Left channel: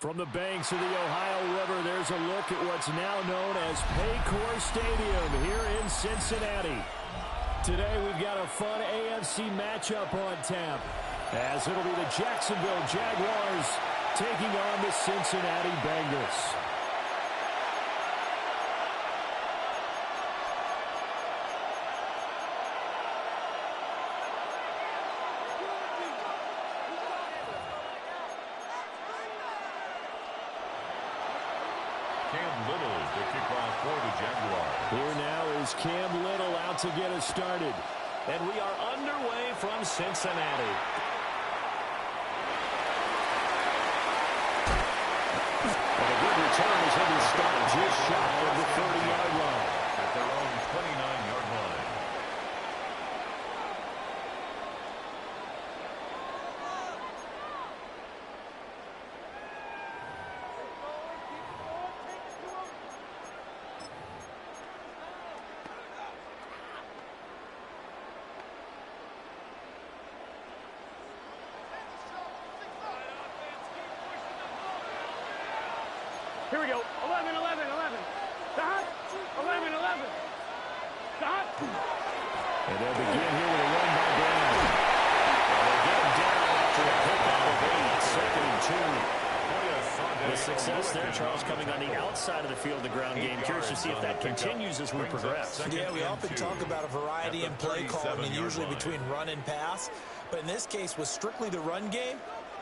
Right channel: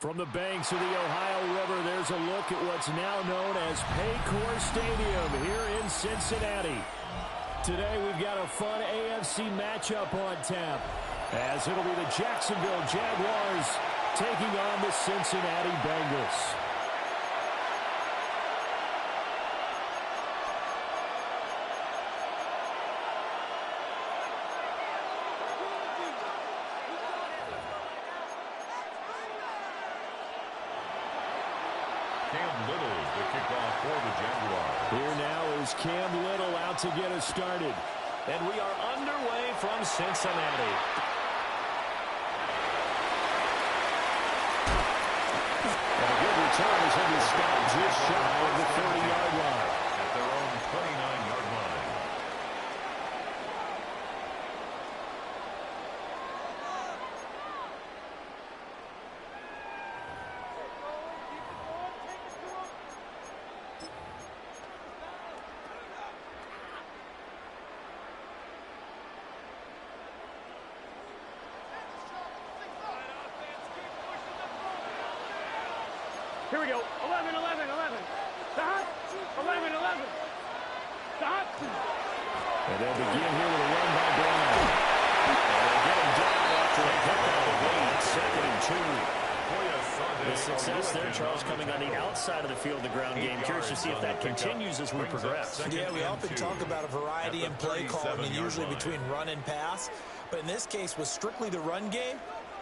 From the banks of the Ohio River, there's a look at what's now known as Paycor Stadium here in Cincinnati. Today we've got a fun AFC matchup on tap, as it'll be the Jacksonville Jaguars taking on the Cincinnati Bengals. Cam Little to kick off for the Jaguars. Here now is Cam Little out to get us started. And we are underway from Cincinnati. And a good return as he'll be stopped just shy of the 30-yard line. At their own 29-yard line. Here we go. 11, 11, 11. Stop. 11, 11. Stop. And they'll begin here with a run by Brown. And they'll get him down after a pickup of 8, 2nd and 2. The success there, Charles, coming on the outside of the field, the ground game. Curious to see if that continues as we progress. Yeah, we often talk about a variety in play calling and usually between run and pass. But in this case, with strictly the run game,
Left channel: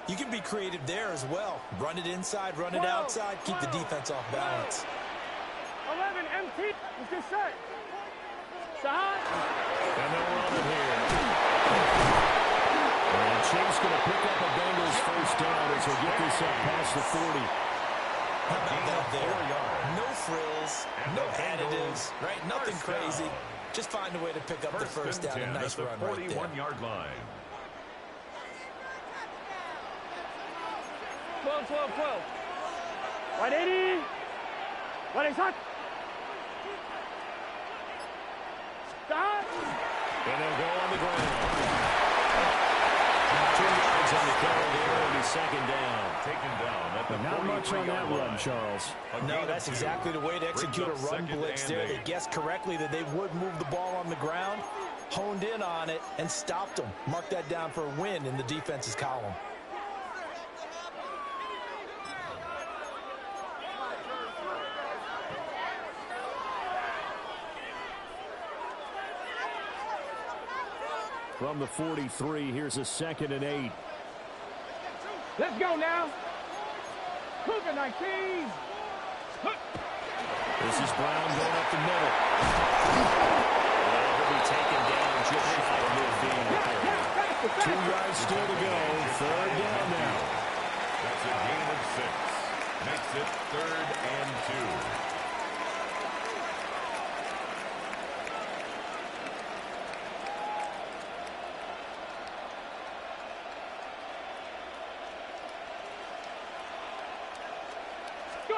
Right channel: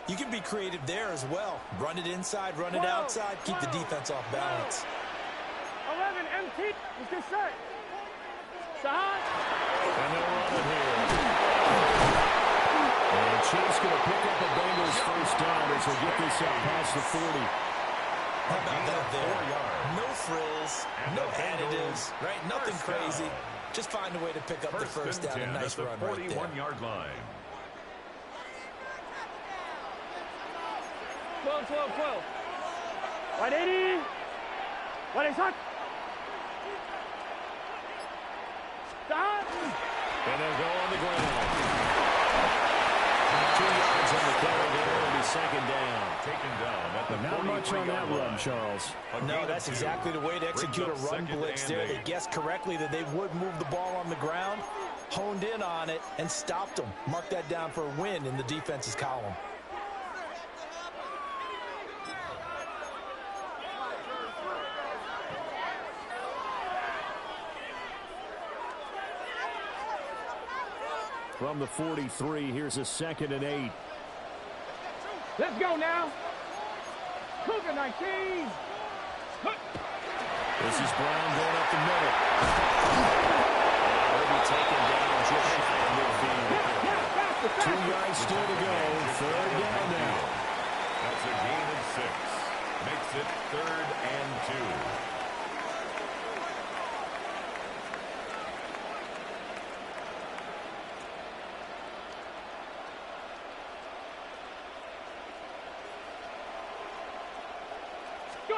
you can be creative there as well. Run it inside, run it outside, keep the defense off balance. 11, MT. Let's get set. Stop. And they'll run it here. And Chase going to pick up a Bengals first down as he'll get this up past the 40. How about that there? No frills, no additives, right? Nothing crazy. Just find a way to pick up the first down. A nice run right there. 41-yard line. 12, 12, 12. 180. 180. Stop. And they'll go on the ground. 2 yards on the carry there. It'll be second down. Taken down at the Not much on that run, Charles. No, that's exactly the way to execute a run blitz there. They guessed correctly that they would move the ball on the ground, honed in on it, and stopped them. Mark that down for a win in the defense's column. From the 43, here's a 2nd and 8. Let's go now. Cougar 19. This is Brown going up the middle. And he'll be taken down just shy of midfield. 2 yards still to go. Third down now. That's a gain of 6. Makes it 3rd and 2. Go.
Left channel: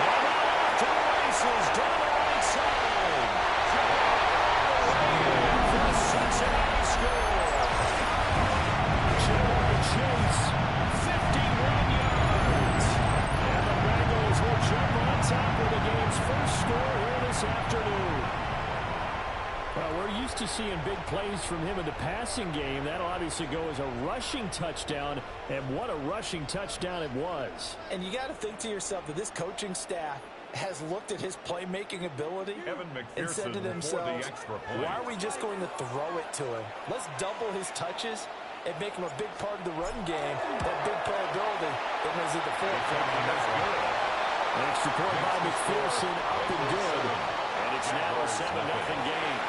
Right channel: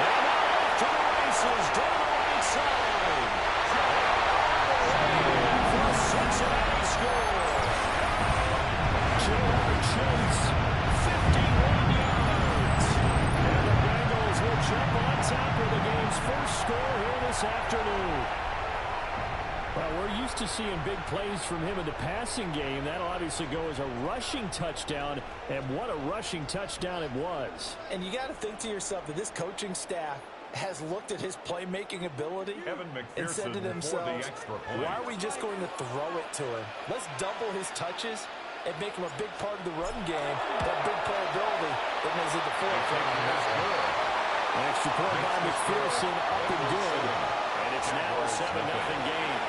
And off to the races down the right side. The Cincinnati score. Jamar Chase, 51 yards. And the Bengals will jump on top of the game's first score here this afternoon. Well, we're used to seeing big plays from him in the passing game. That'll obviously go as a rushing touchdown, and what a rushing touchdown it was. And you got to think to yourself that this coaching staff has looked at his playmaking ability and said to themselves, why are we just going to throw it to him? Let's double his touches and make him a big part of the run game. That big playability that was at the forefront on that one. An extra point by McPherson, up and good. And it's now a 7-0 game.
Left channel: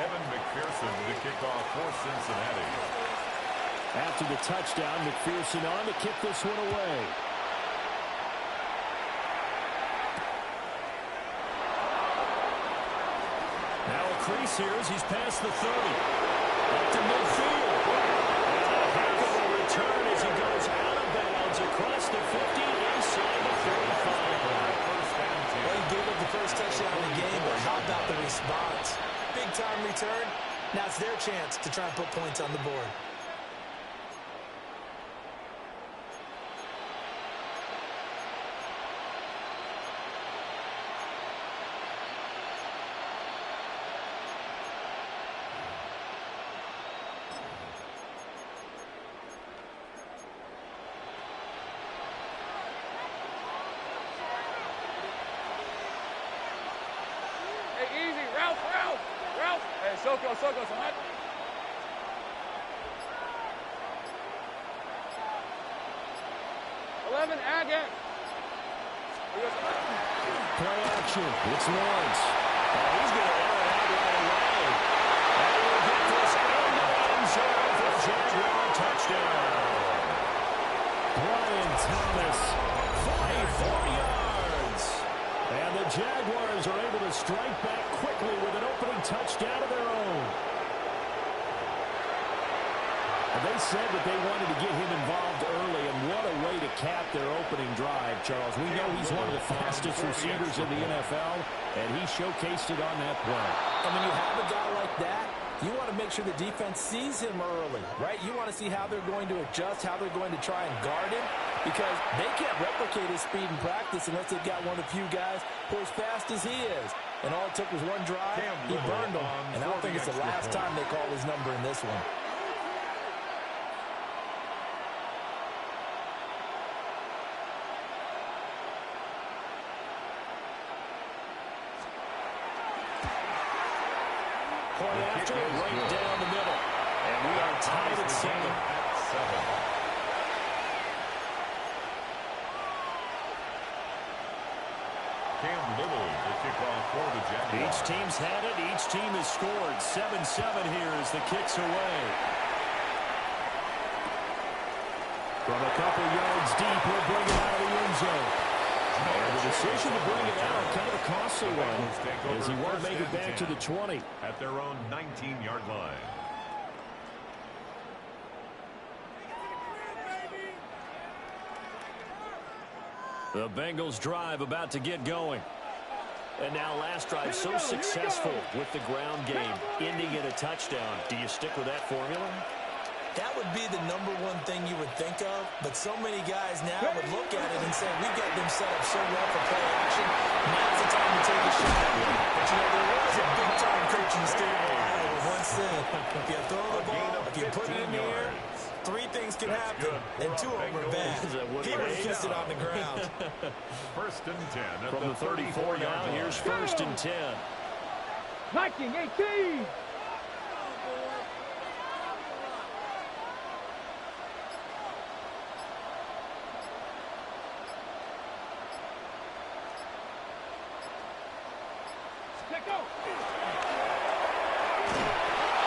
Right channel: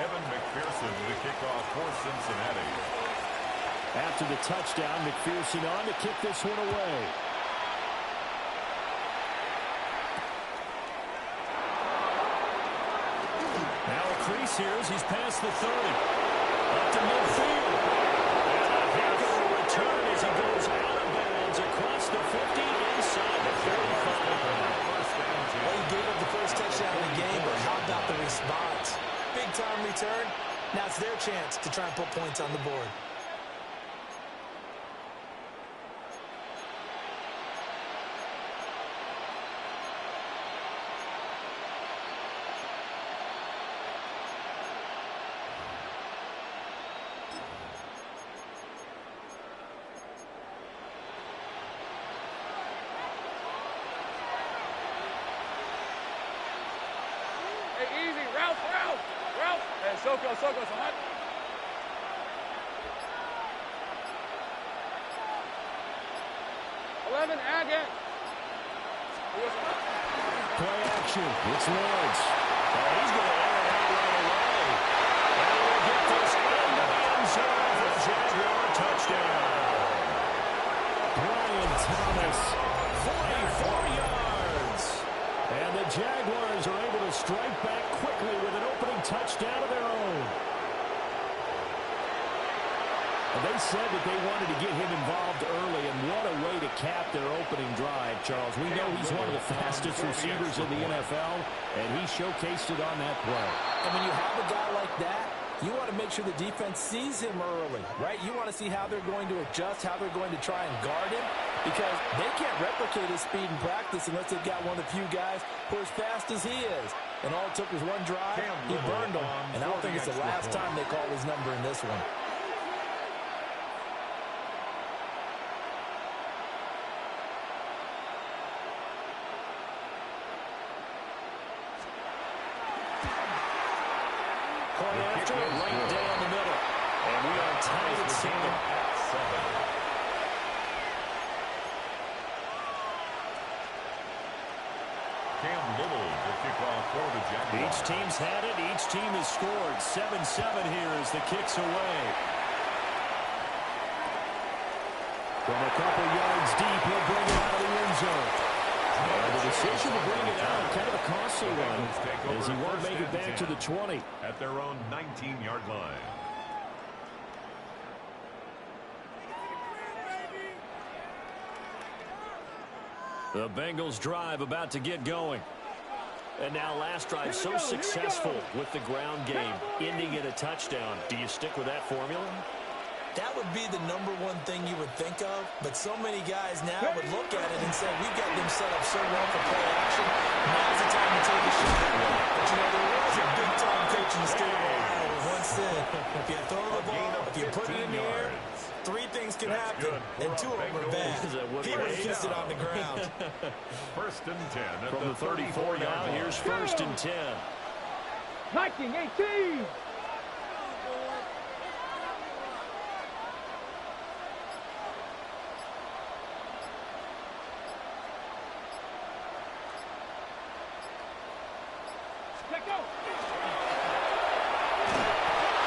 Evan McPherson to kick off for Cincinnati. After the touchdown, McPherson on to kick this one away. Now a crease here as he's past the 30. Up to midfield. And here's 50, inside the 45. Well, he gave up the first touchdown in the game, but how about the response? Big-time return. Now it's their chance to try and put points on the board. Hey, easy. Ralph. Hey, Soko, son. 11, Agate. Play action. It's Lawrence. Oh, he's going to air it out right away. And we'll get this into the end zone for Jaguar touchdown. Brian Thomas, 44 yards. And the Jaguars are able to strike back quickly with an opening touchdown of their own. And they said that they wanted to get him involved early, and what a way to cap their opening drive, Charles. We know he's one of the fastest receivers in the NFL, and he showcased it on that play. And when you have a guy like that, you want to make sure the defense sees him early, right? You want to see how they're going to adjust, how they're going to try and guard him, because they can't replicate his speed in practice unless they've got one of the few guys who are as fast as he is. And all it took was one drive, he burned them. And I don't think it's the last time they call his number in this one. Point after, right down the middle. And we are tied at 7. Cam Little to kick off for the Jaguars. Each team's had it. Each team has scored. 7-7 here as the kick's away. From a couple yards deep, he'll bring it out of the end zone. And the decision to bring it out, kind of a costly one, as he won't make it back to the 20. At their own 19-yard line. The Bengals drive about to get going. And now last drive so successful with the ground game, ending in a touchdown. Do you stick with that formula? That would be the number one thing you would think of, but so many guys now would look at it and say, we've got them set up so well for play action, now's the time to take a shot. But, you know, there was a big-time coach in the state of Ohio who once said, if you throw the ball, if you put it in the air, 3 things can happen, and 2 of them are bad. He would have kissed it on the ground. First and 10 at From the 34 now, here's first and 10. Viking 18. Let go.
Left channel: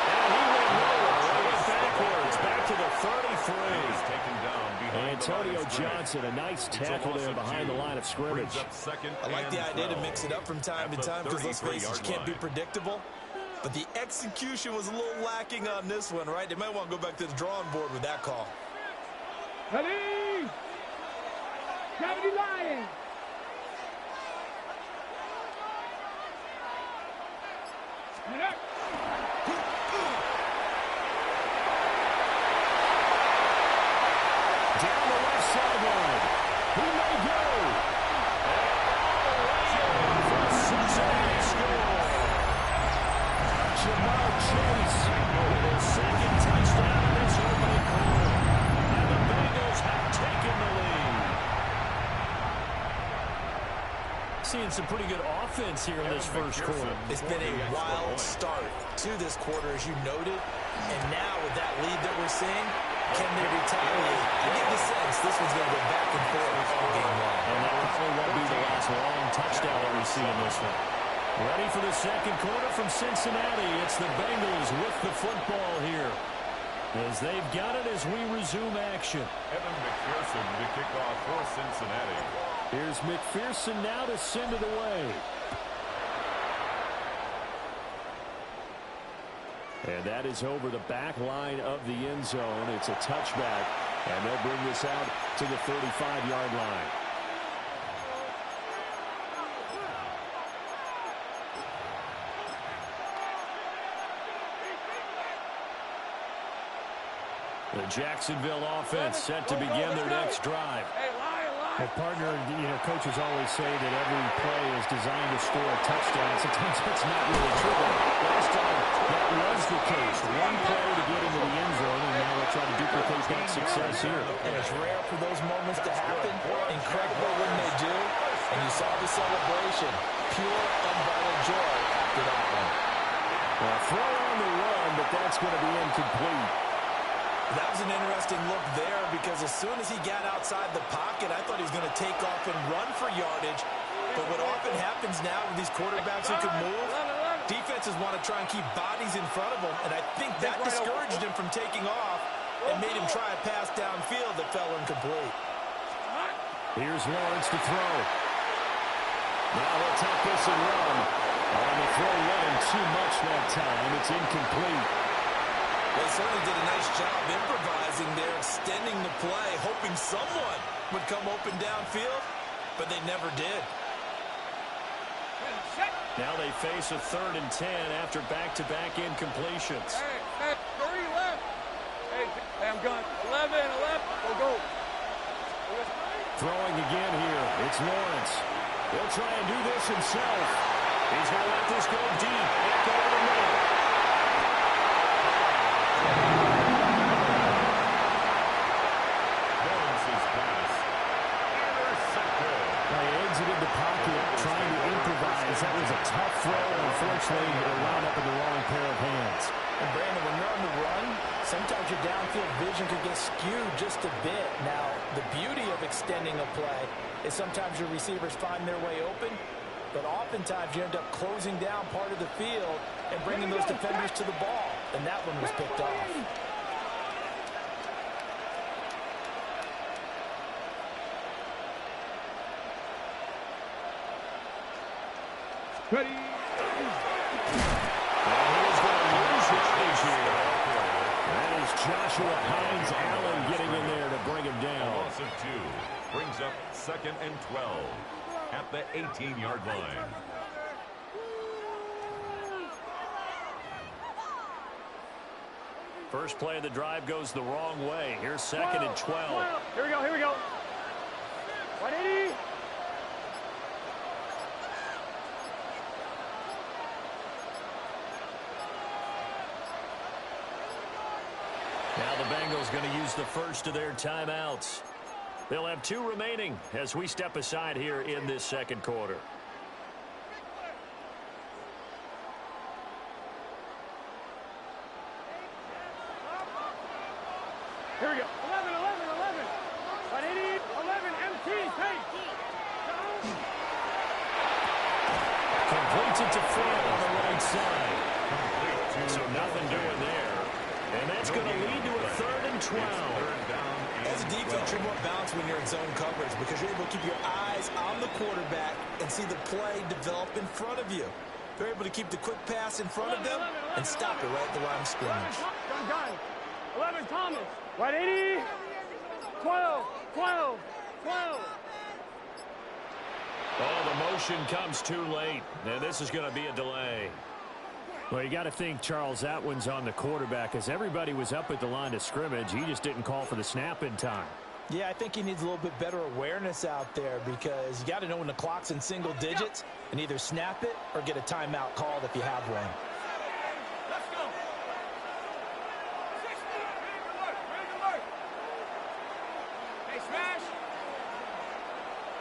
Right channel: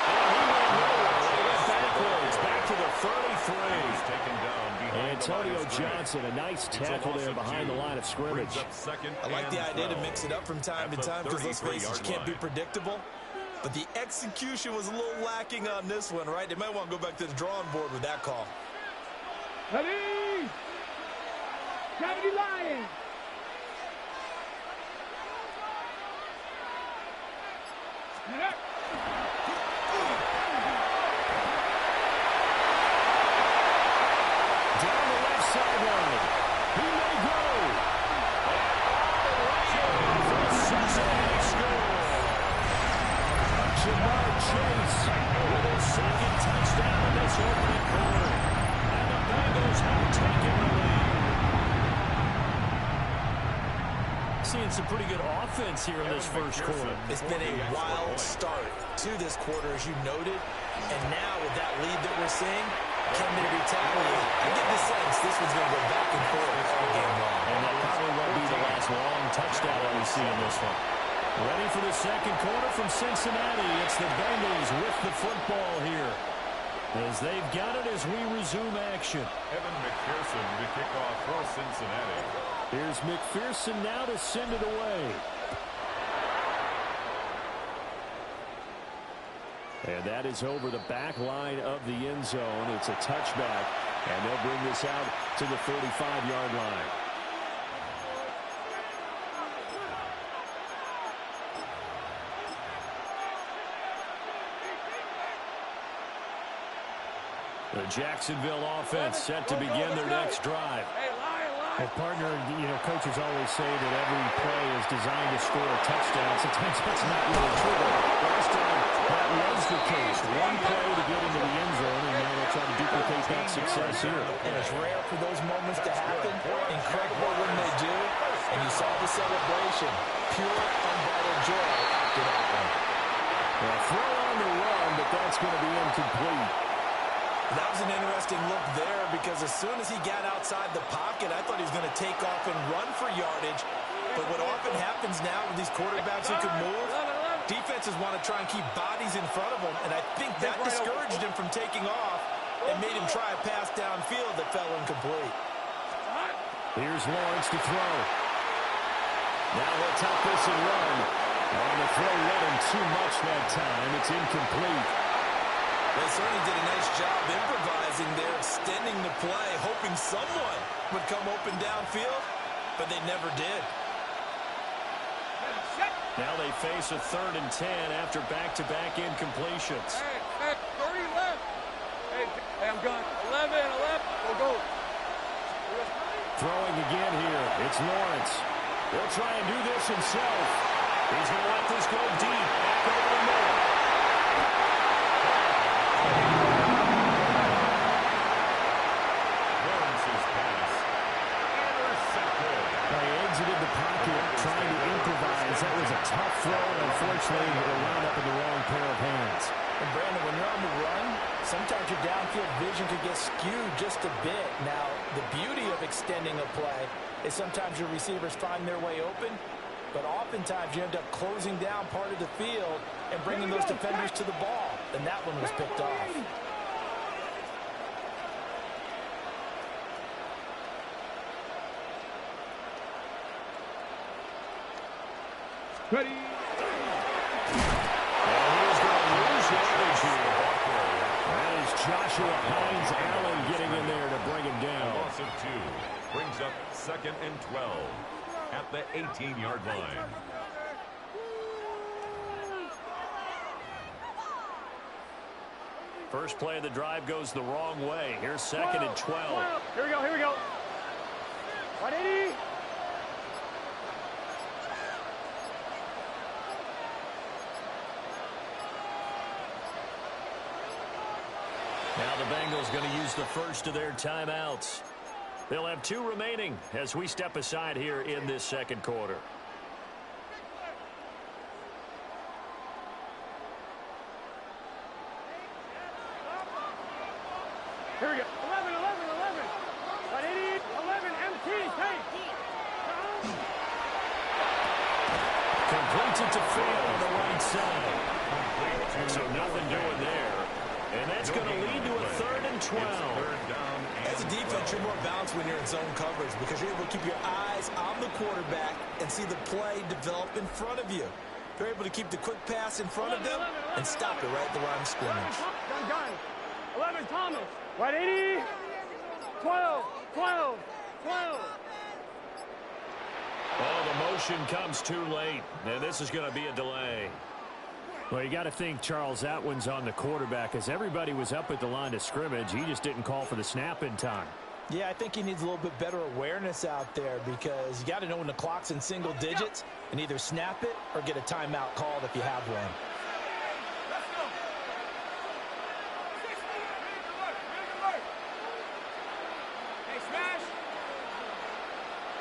And he went nowhere. They went backwards, back to the 33. He's taken down behind Antonio Johnson, a nice tackle there behind the line of scrimmage. I like the idea to mix it up from time to time because, let's face it, you can't be predictable. But the execution was a little lacking on this one, right? They might want to go back to the drawing board with that call. Ready? 70 Lions. Down the left sideline. He may go. And all the way in for a Cincinnati score. Jamar Chase With his second touchdown in this opening quarter. And the Bengals have taken the lead. Seeing some pretty good offense here in this first quarter. It's been a wild start to this quarter, as you noted. And now with that lead that we're seeing, can they retaliate? I get the sense this one's going to go back and forth all game long. And that probably won't be the last long touchdown that we see in this one. Ready for the second quarter from Cincinnati. It's the Bengals with the football here, as they've got it as we resume action. Evan McPherson to kick off for Cincinnati. Here's McPherson now to send it away. And that is over the back line of the end zone. It's a touchback. And they'll bring this out to the 35-yard line. The Jacksonville offense set to begin their next drive. Well, partner, coaches always say that every play is designed to score a touchdown. Sometimes that's not really true, but last time that was the case. One play to get into the end zone, and now they'll try to duplicate that success here. And it's rare for those moments to happen. Incredible when they do. And you saw the celebration. Pure, unbridled joy after that one. Well, throw on the run, but that's going to be incomplete. That was an interesting look there because as soon as he got outside the pocket, I thought he was going to take off and run for yardage. But what often happens now with these quarterbacks who can move, defenses want to try and keep bodies in front of them, and I think that discouraged him from taking off and made him try a pass downfield that fell incomplete. Here's Lawrence to throw. Now he'll tuck this and run. On the throw, led him too much that time. It's incomplete. They certainly did a nice job improvising there, extending the play, hoping someone would come open downfield, but they never did. Now they face a 3rd and 10 after back-to-back incompletions. Hey, 30 left. Hey, I'm gone. 11, go. Throwing again here. It's Lawrence. He'll try and do this himself. He's going to let this go deep. Back over the middle. Lawrence's pass intercepted. They exited the pocket trying to improvise. That was a tough throw, and unfortunately, it wound up in the wrong pair of hands. And Brandon, when you're on the run, sometimes your downfield vision could get skewed just a bit. Now, the beauty of extending a play is sometimes your receivers find their way open, but oftentimes you end up closing down part of the field and bringing those defenders to the ball. And that one was picked off. Ready. And he is going to lose yardage here. That is Joshua Hines Allen getting in there to bring him A down. loss of 2 brings up 2nd and 12 at the 18-yard line. First play of the drive goes the wrong way. Here's 2nd and 12. Here we go. 180. Now the Bengals going to use the first of their timeouts. They'll have 2 remaining as we step aside here in this second quarter. Here we go. 11. 180. 11. MT. Take. Completes it to Fant on the right side. So nothing doing there. And that's going to lead to a 3rd and 12. As a defense, you're more balanced when you're in zone coverage because you're able to keep your eyes on the quarterback and see the play develop in front of you. They're able to keep the quick pass in front of them and stop it right at the line of scrimmage. Gun. 11, Thomas. 180. 12. Oh, the motion comes too late. And this is going to be a delay. Well, you got to think, Charles, that one's on the quarterback as everybody was up at the line of scrimmage. He just didn't call for the snap in time. Yeah, I think he needs a little bit better awareness out there because you got to know when the clock's in single digits and either snap it or get a timeout called if you have one. Let's go. 60. Alert. Hey, smash.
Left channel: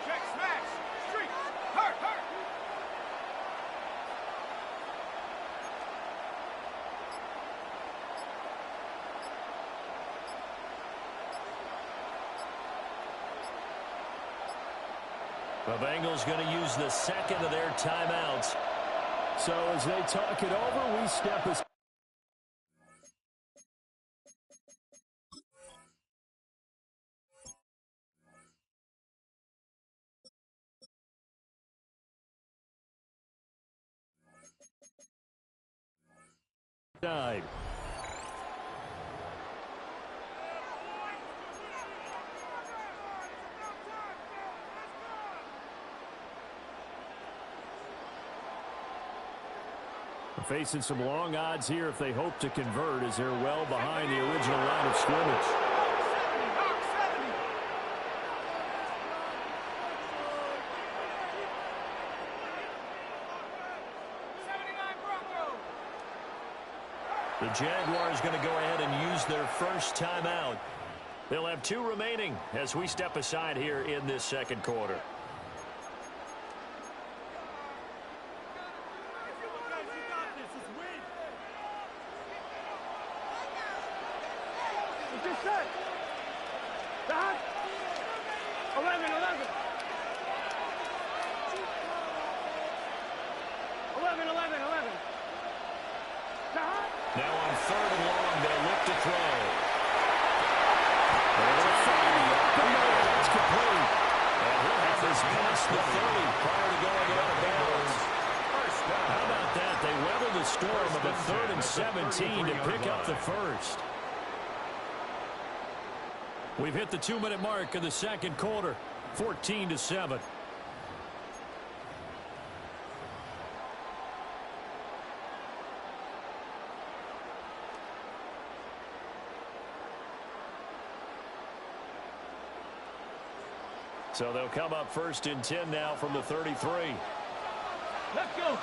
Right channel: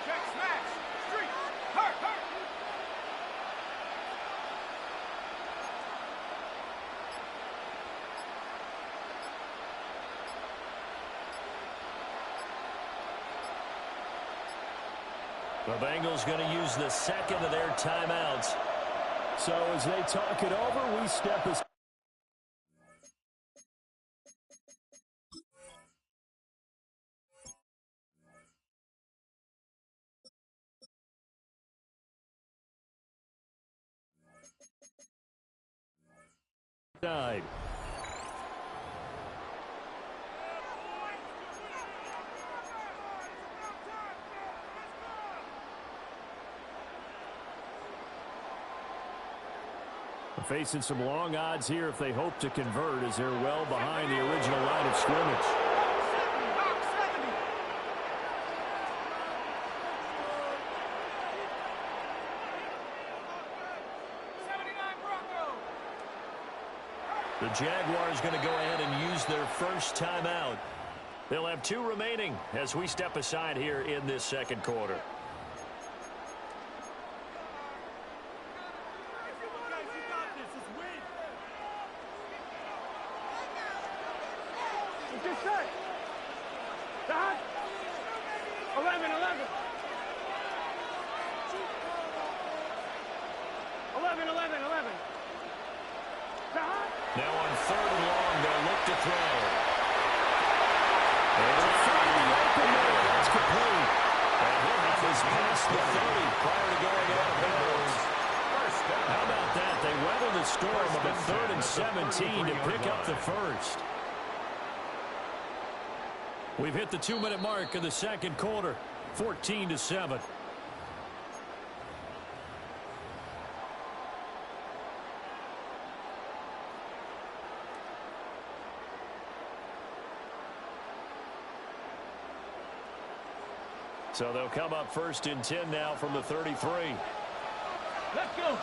Check, smash. Street. Hurt. The Bengals going to use the second of their timeouts. So as they talk it over, we step aside. facing some long odds here if they hope to convert, as they're well behind the original line of scrimmage. The Jaguars going to go ahead and use their first timeout. They'll have 2 remaining as we step aside here in this second quarter. Just set. Stop. 11, 11. 11, 11, 11. Stop. Now on 3rd and long, they'll look to throw. And to find the open man. It's complete. And he'll have this past the 30 prior to going out of bounds. How about that? They weather the storm of a 3rd and 17 to pick up the first. We've hit the 2-minute mark of the second quarter, 14-7. So they'll come up 1st and 10 now from the 33. Let's go.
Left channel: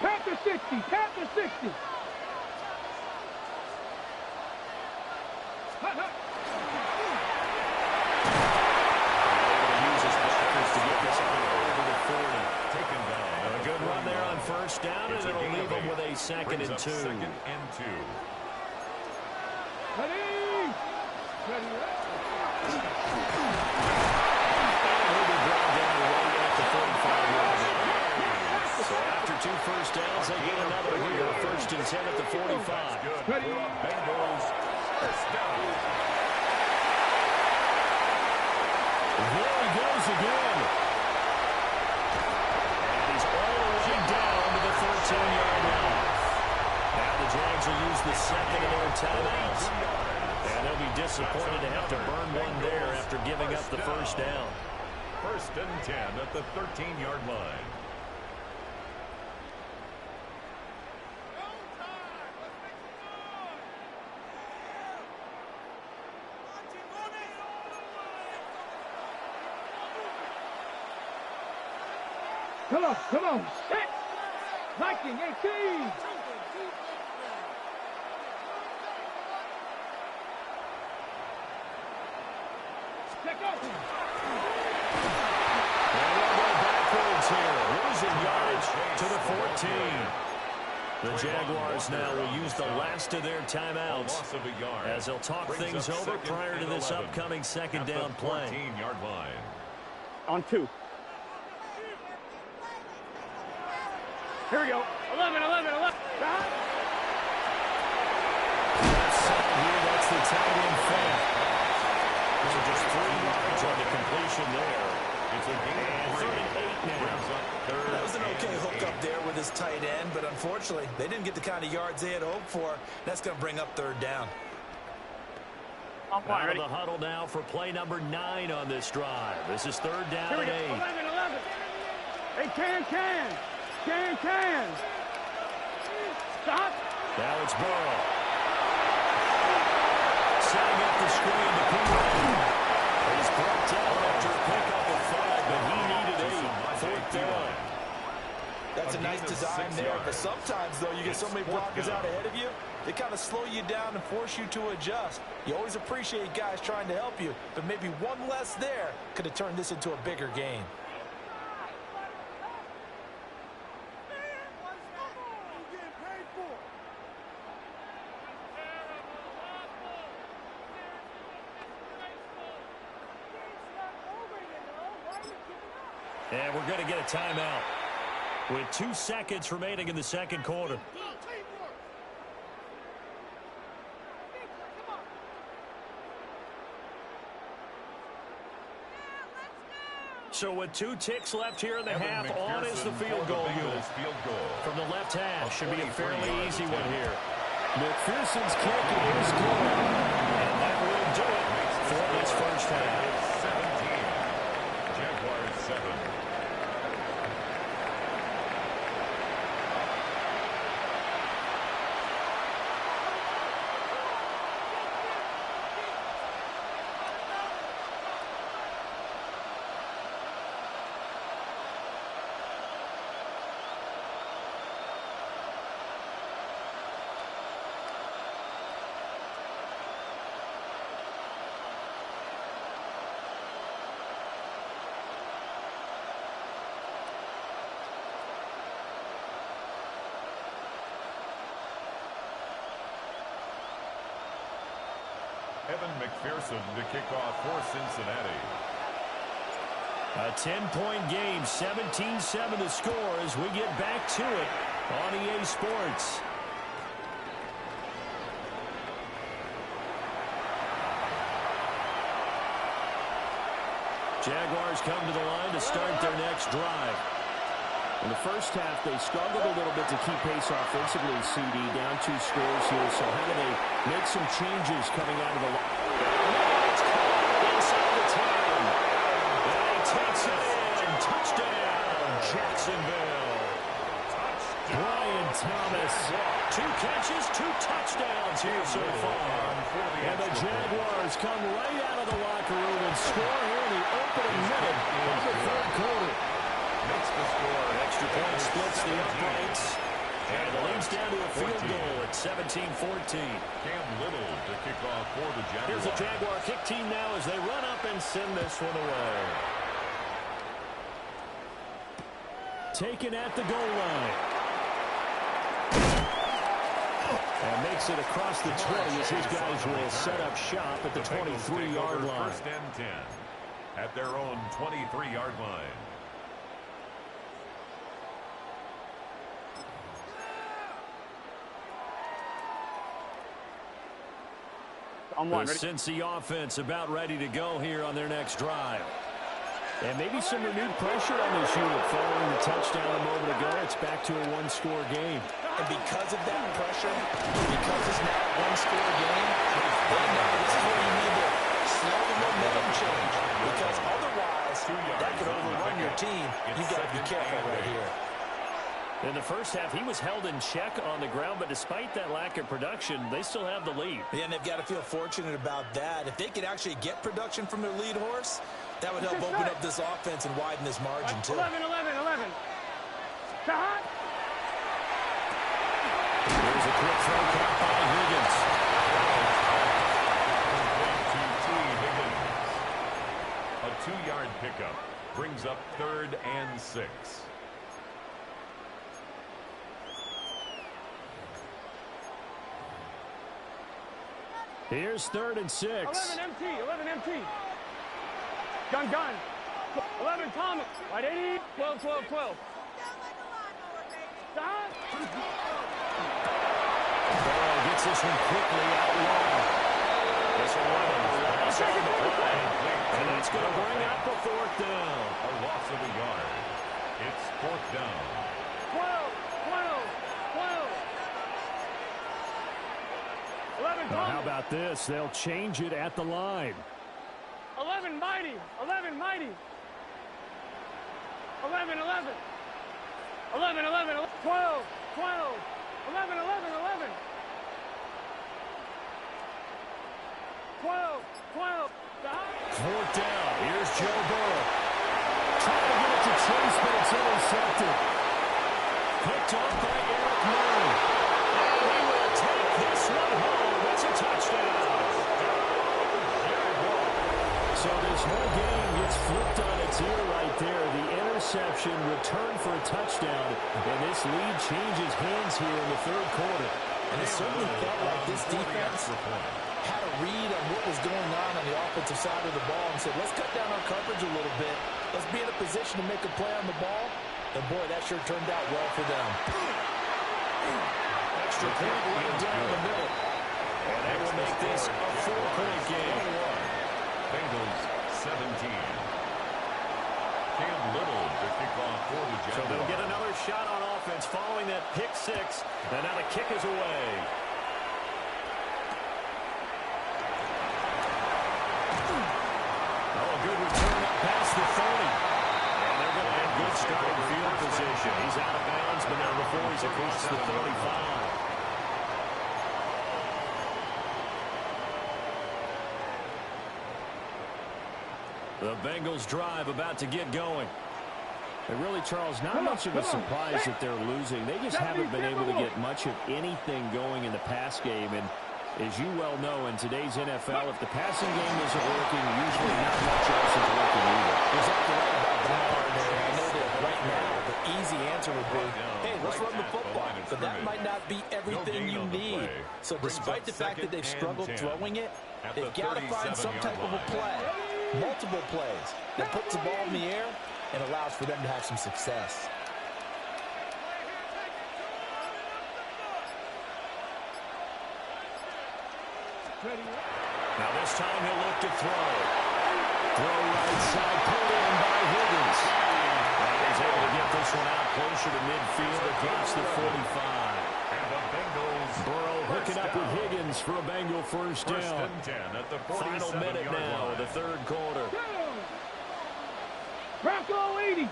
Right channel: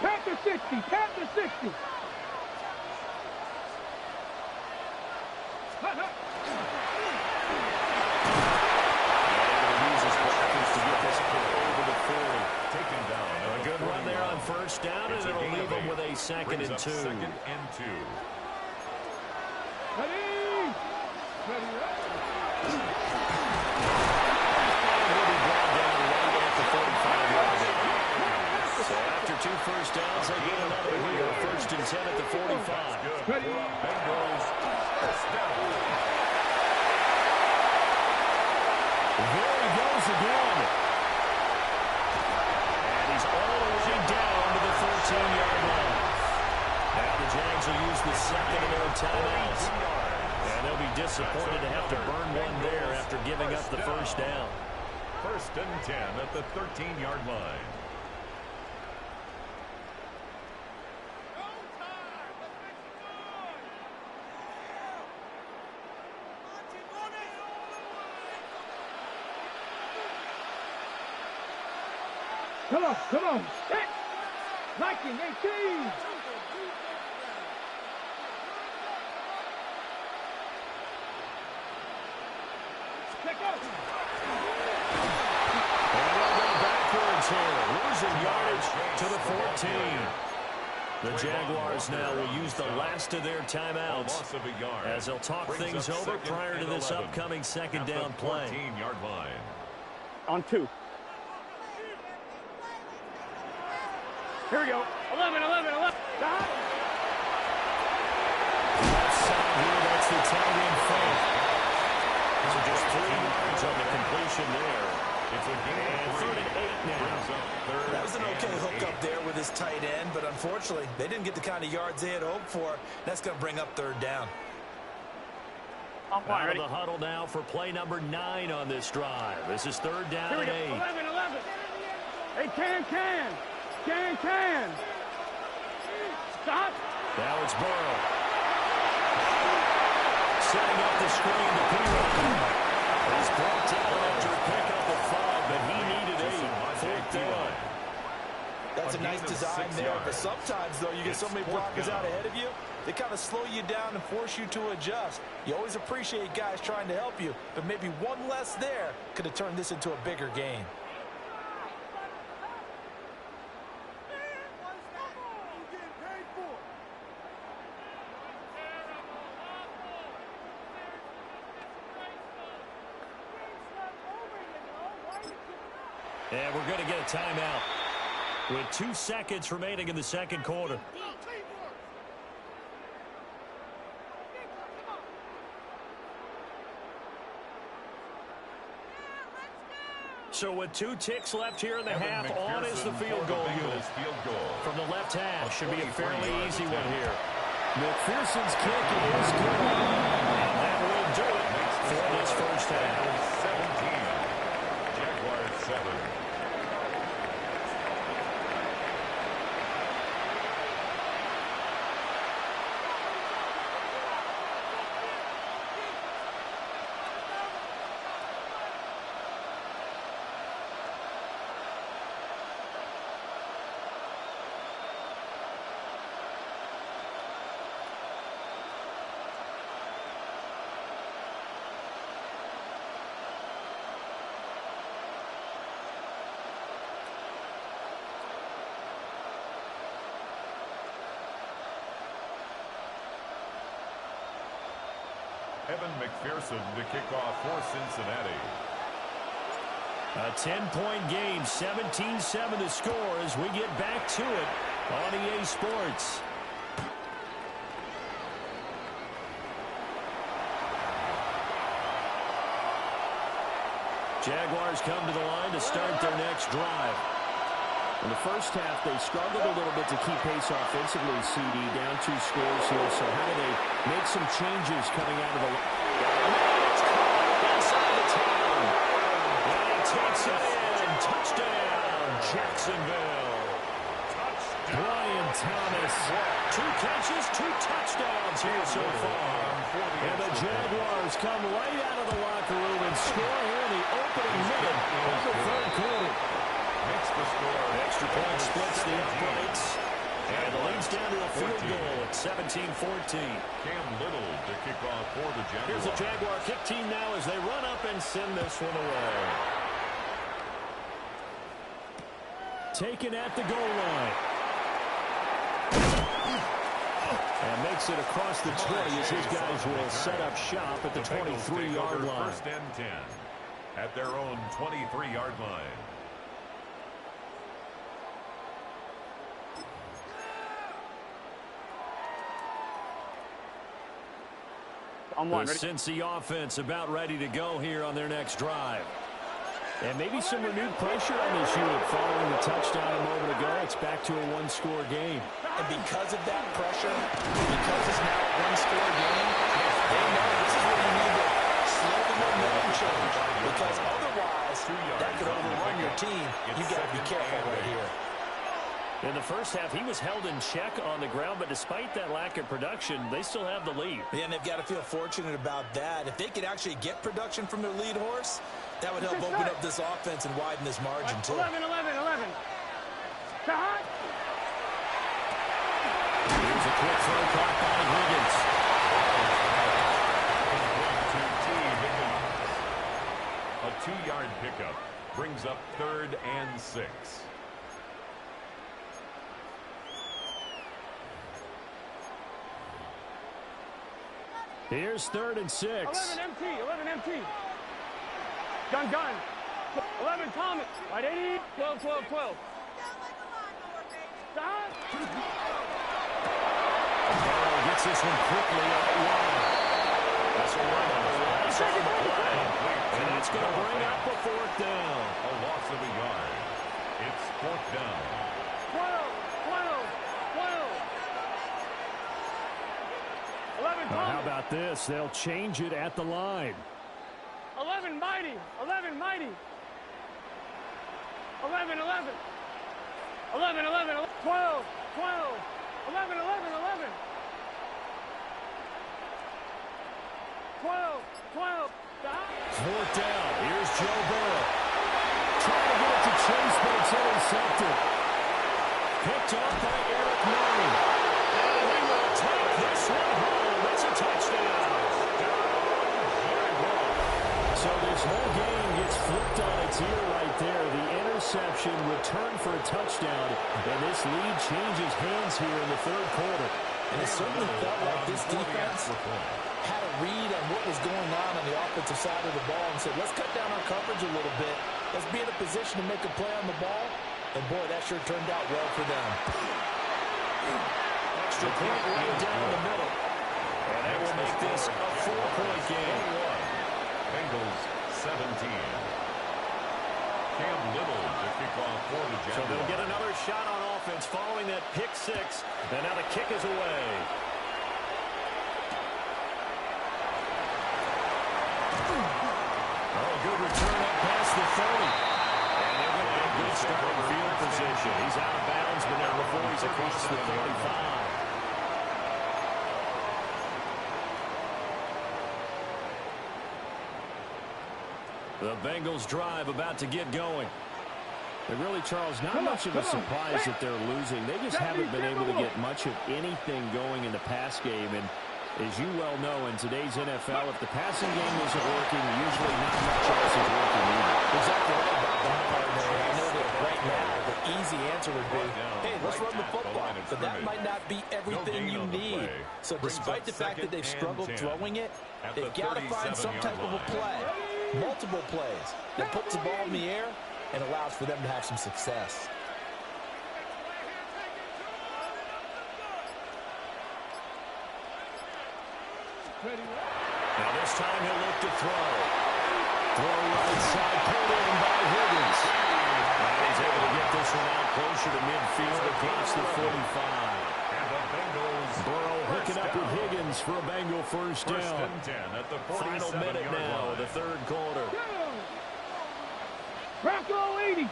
Panther 60. Panther 60. To get this over the 40. Taken down. A good run there on 1st down, and it'll leave them with a 2nd and 2. 2nd and 2. Ready. Ready. And he'll be brought down right at the 45-yard line. So after 2 first downs, they get another here. 1st and 10 at the 45. Ready. Bengals. 1st down. There he goes again. And he's all the way down to the 13-yard line. Now the Jags will use the 2nd of their timeouts. And they'll be disappointed to have to burn one there after giving up the 1st down. 1st and 10 at the 13-yard line. Come on, set. Viking 18. Check out. And they'll go backwards here, losing yardage to the 14. The Jaguars now will use the last of their timeouts as they'll talk things over prior to this upcoming 2nd down play. 14-yard line. On 2. Here we go. 11, 11, 11. Left side here, that's the tight end fake. So just 3 yards on the completion there. It's a gain of 3. 3rd and 8 now. That was an okay hookup there with his tight end, but unfortunately, they didn't get the kind of yards they had hoped for. That's going to bring up 3rd down. Out of the huddle now for play number 9 on this drive. This is 3rd down and 8. 11, 11. Hey, can. Stop. Now it's Burrow. Setting up the screen to P1. He's brought down after a pickup of 5, but he needed 8. 4th down. That's a nice design there, but sometimes, though, you get so many blockers out ahead of you, they kind of slow you down and force you to adjust. You always appreciate guys trying to help you, but maybe one less there could have turned this into a bigger game. And we're going to get a timeout with 2 seconds remaining in the second quarter. So with 2 ticks left here in the half, on is the field goal unit. From the left hash, should be a fairly easy one here. McPherson's kick is good. And that will do it for this first half. 17. Jaguars 7. Evan McPherson to kick off for Cincinnati. A 10-point game, 17-7 to score as we get back to it on EA Sports. Jaguars come to the line to start their next drive. In the first half, they struggled a little bit to keep pace offensively, CD, down 2 scores here. So how do they make some changes coming out of the line? Man, it's caught inside the 10. And he takes it in. Touchdown, Jacksonville. Touchdown. Brian Thomas. 2 catches, 2 touchdowns here so far. And the Jaguars come right out of the locker room and score here in the opening minute of the third quarter. Makes the score. Extra point splits the uprights. And the lead's down to a field goal at 17-14. Cam Little to kick off for the Jaguars. Here's the Jaguar kick team now as they run up and send this one away. Taken at the goal line. And makes it across the 20 as his guys will set up shop at the 23-yard line. First and 10 at their own 23-yard line. The Cincy offense about ready to go here on their next drive. And maybe some renewed pressure on this unit following the touchdown a moment ago. It's back to a 1-score game. And because of that pressure, because it's now a 1-score game, they know this is where you need to slow the momentum change. Because otherwise, that could overrun your team. You've got to be careful right here. In the first half, he was held in check on the ground, but despite that lack of production, they still have the lead. Yeah, and they've got to feel fortunate about that. If they could actually get production from their lead horse, that would help open up this offense and widen this margin, too. 11. Shot. Here's a quick throw caught by Higgins. Complete to T. Higgins. A 2-yard pickup brings up 3rd and 6. Here's 3rd and 6. 11 empty. Gun. 11 Thomas. Right 80. 12. Stop. Burrow gets this one quickly out wide. This will run a loss on the play. And that's going to bring up a 4th down. A loss of a yard. It's 4th down. 12. 11 Now, Thomas. how about this? They'll change it at the line. 11 mighty. 11. 11. 12. 11. 12. Stop. 4th down. Here's Joe Burrow. Trying to get it to Chase, but it's intercepted. Picked off by Eric Murray. And he will take this one home. It's a touchdown. So this whole game gets flipped on its ear right there. The interception returned for a touchdown. And this lead changes hands here in the 3rd quarter. And it certainly felt like this defense had a read on what was going on the offensive side of the ball and said, let's cut down our coverage a little bit. Let's be in a position to make a play on the ball. And, boy, that sure turned out well for them. Extra point right down the middle. And that will make this a 4-point game. Bengals 17. Cam Little to kick off for the Jaguars. So they'll get another shot on offense following that pick 6. And now the kick is away. Oh, a good return up past the 30. And they're going to have good starting field position. He's out of bounds, but now before he's across the 35. The Bengals drive about to get going. And really, Charles, not much of a surprise that they're losing. They just haven't been able to get much of anything going in the pass game. And As you well know, in today's NFL, if the passing game isn't working, usually not much else is working either. Exactly right about that part. I know that right now the easy answer would be, hey, let's run the football. But that might not be everything you need. So despite the fact that they've struggled throwing it, they've got to find some type of a play, multiple plays, that puts the ball in the air and allows for them to have some success. Now this time he'll look to throw. Throw right side, pulled in by Higgins. And he's able to get this one out closer to midfield across the 45. And the Bengals Burrow hooking up with Higgins for a Bengal first down. First and 10 at the Final minute now of the third quarter. Bronco 80.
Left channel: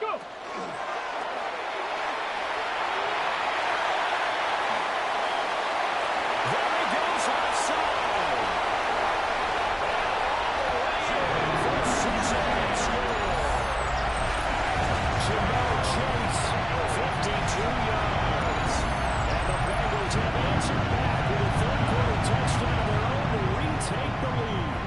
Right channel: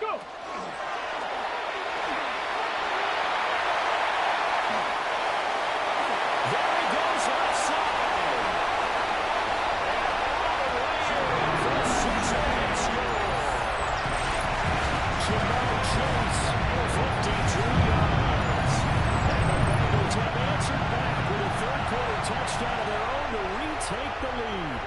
Go. There he goes left side. And all the way in for a 6-8 score. Jamel Chase, 52 yards. And the Bengals have answered back with a third quarter touchdown of their own to retake the lead.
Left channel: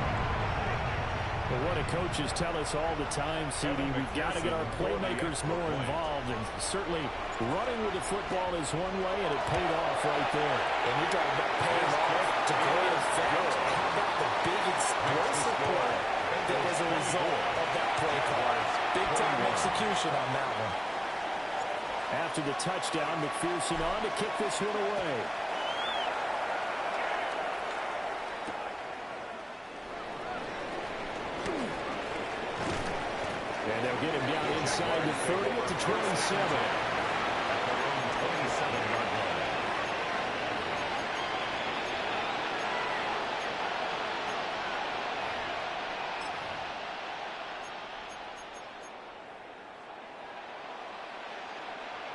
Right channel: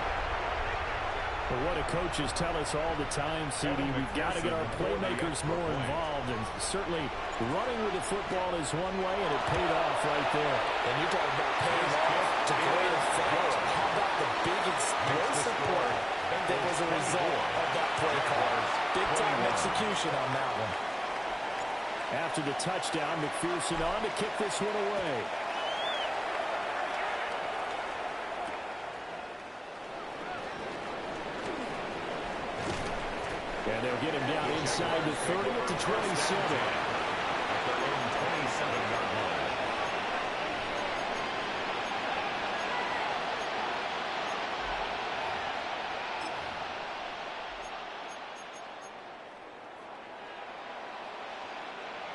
Well, what do coaches tell us all the time, CD? We've got to get our playmakers more involved, and certainly running with the football is one way, and it paid off right there. And you're talking about paying off to great effect. How about the big explosive play that was a result of that play call? Big-time execution on that one. After the touchdown, McPherson on to kick this one away. And they'll get him down inside the 30 at the 27. At their own 27-yard line.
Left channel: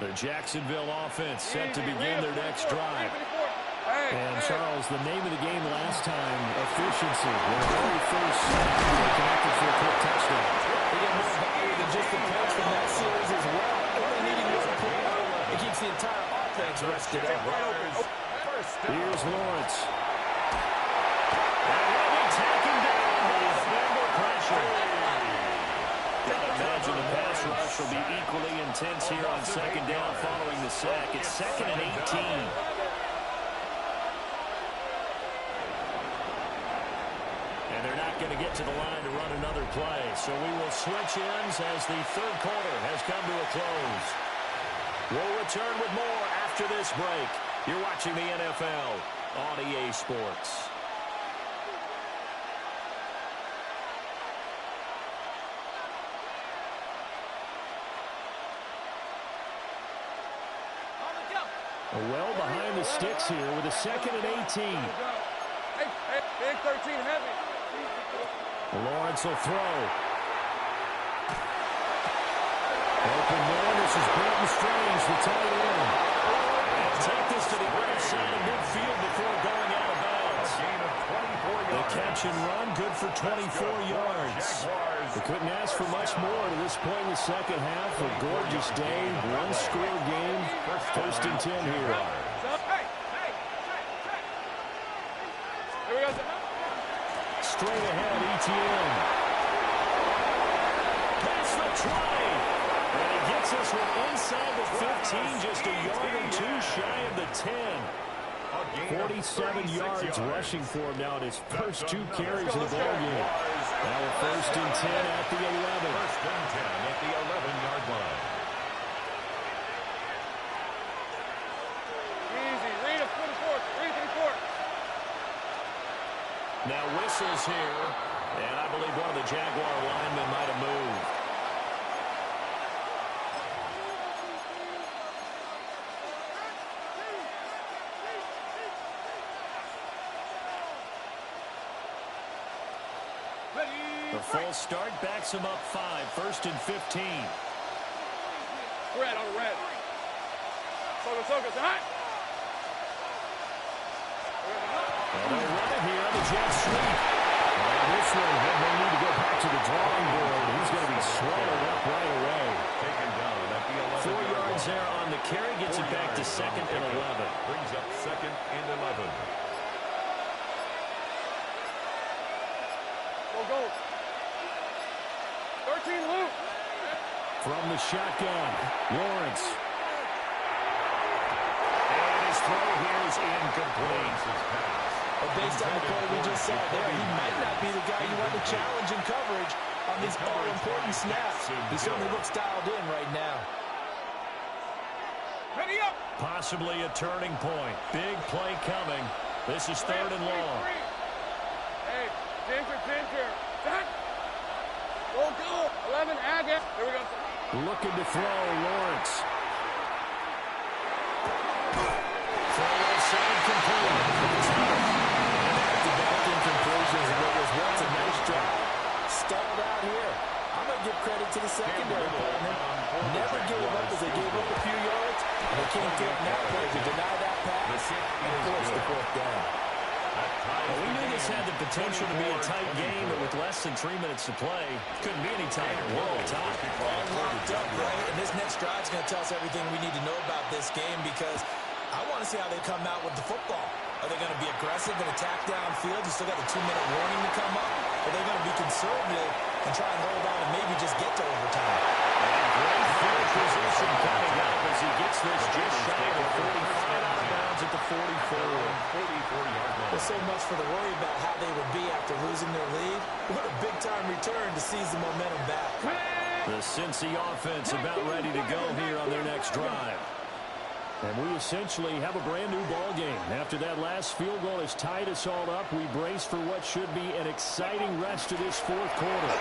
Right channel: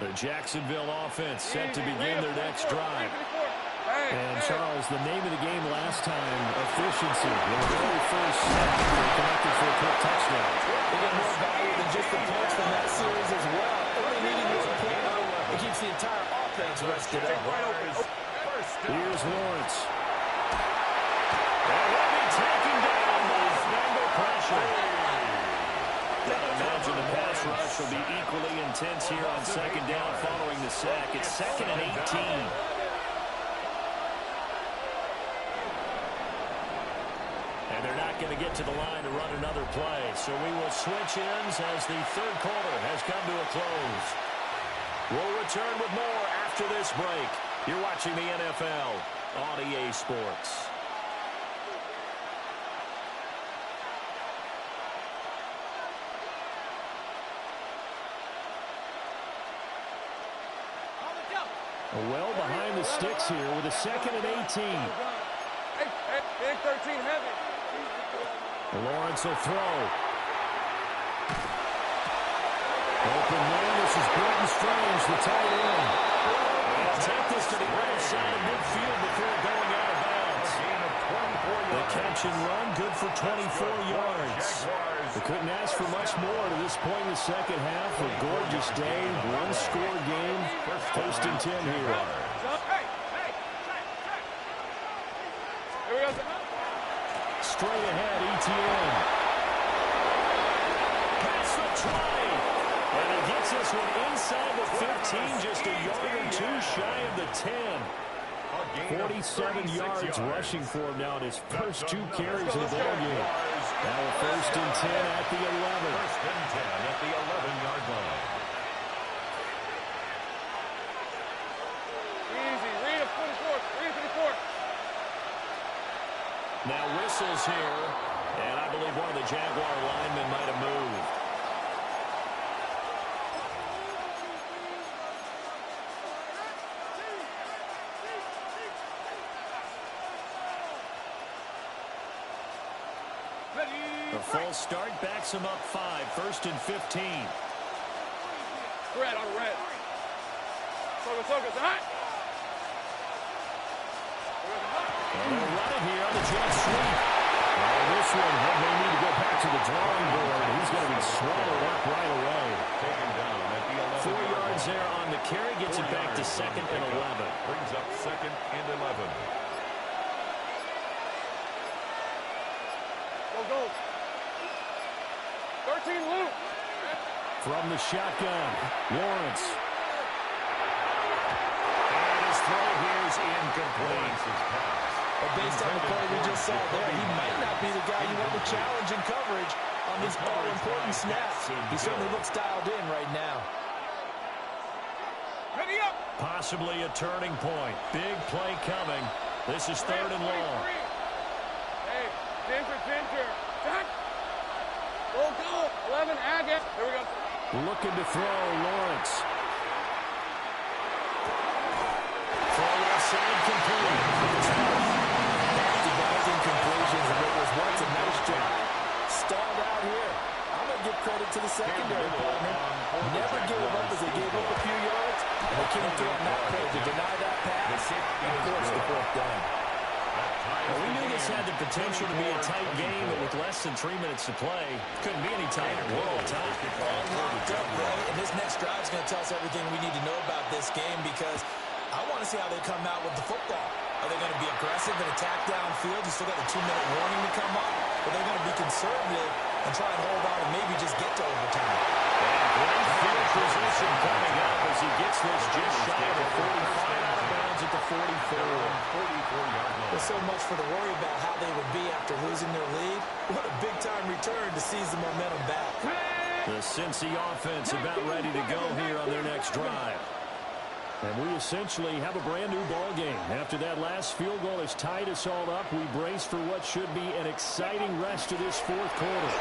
The Jacksonville offense set to begin their next drive. And, Charles, the name of the game last time, efficiency. Their very first snap, they connected for a quick touchdown. They get more value than just the points from that series as well. Only needing one play, it keeps the entire offense rested up. Here's Lawrence. And he'll be taken down with Bengal pressure. Gotta imagine the pass rush will be equally intense here on second down following the sack. It's 2nd and 18. And they're not going to get to the line to run another play. So we will switch ends as the third quarter has come to a close. We'll return with more after this break. You're watching the NFL on EA Sports. Well behind the sticks here with a 2nd and 18. Big 13 heavy. Lawrence will throw. Open man, this is Brenton Strange, the tight end. And take this to the right side of midfield before going out of bounds. A gain of 24 yards. The catch and run, good for 24 yards. They couldn't ask for much more to this point in the second half. A gorgeous day, one-score game. 1st and 10 here. Straight ahead, Etienne. Past the 20. And he gets this one inside the 15, just a yard or two shy of the 10. 47 yards rushing for him now in his first 2 carries of the ballgame. Now a 1st and 10 at the 11. 1st and 10 at the 11-yard line. Easy. Read a 44. Read 54. Now whistles here, and I believe one of the Jaguar linemen might have moved. The full start backs him up 5, 1st and 15. Red on red. Soga, hot. Well, they'll run it here on the jet sweep. Oh, this one may need to go to the drawing board. He's going to be swallowed up right away. Taken down at the 11. 4 yards there on the carry. Gets it back to 2nd and 11. Brings up 2nd and 11. Go. 13 loop. From the shotgun, Lawrence. And his throw here is incomplete. Well, based on the play we just saw there, he might not be the guy you want to challenge in coverage on these all-important snaps. He certainly looks dialed in right now. Ready up. Possibly a turning point. Big play coming. This is 3rd and long. Hey, ginger. Back. Go. 11, add it. There we go. Looking to throw, Lawrence. Throw left side complete. Back-to-back incompletions, and what was once a nice drive stalled out here. I'm going to give credit to the secondary partner. Never gave up as they gave up a few yards, and they came through on that play to deny that pass and force the 4th down. Well, we knew this had the potential to be a tight game, but with less than 3 minutes to play, couldn't be any tighter. Whoa, tie. All locked up, right? And this next drive is going to tell us everything we need to know about this game, because I want to see how they come out with the football. Are they going to be aggressive and attack downfield? You still got the 2-minute warning to come up. Or are they going to be conservative and try and hold on and maybe just get to overtime? And great field position coming up as he gets this just shy of 45 out of bounds at the 44. 44-yard line. There's so much for the worry about how they would be after losing their lead. What a big-time return to seize the momentum back. The Cincy offense about ready to go here on their next drive. And we essentially have a brand-new ball game. After that last field goal has tied us all up, we brace for what should be an exciting rest of this 4th quarter.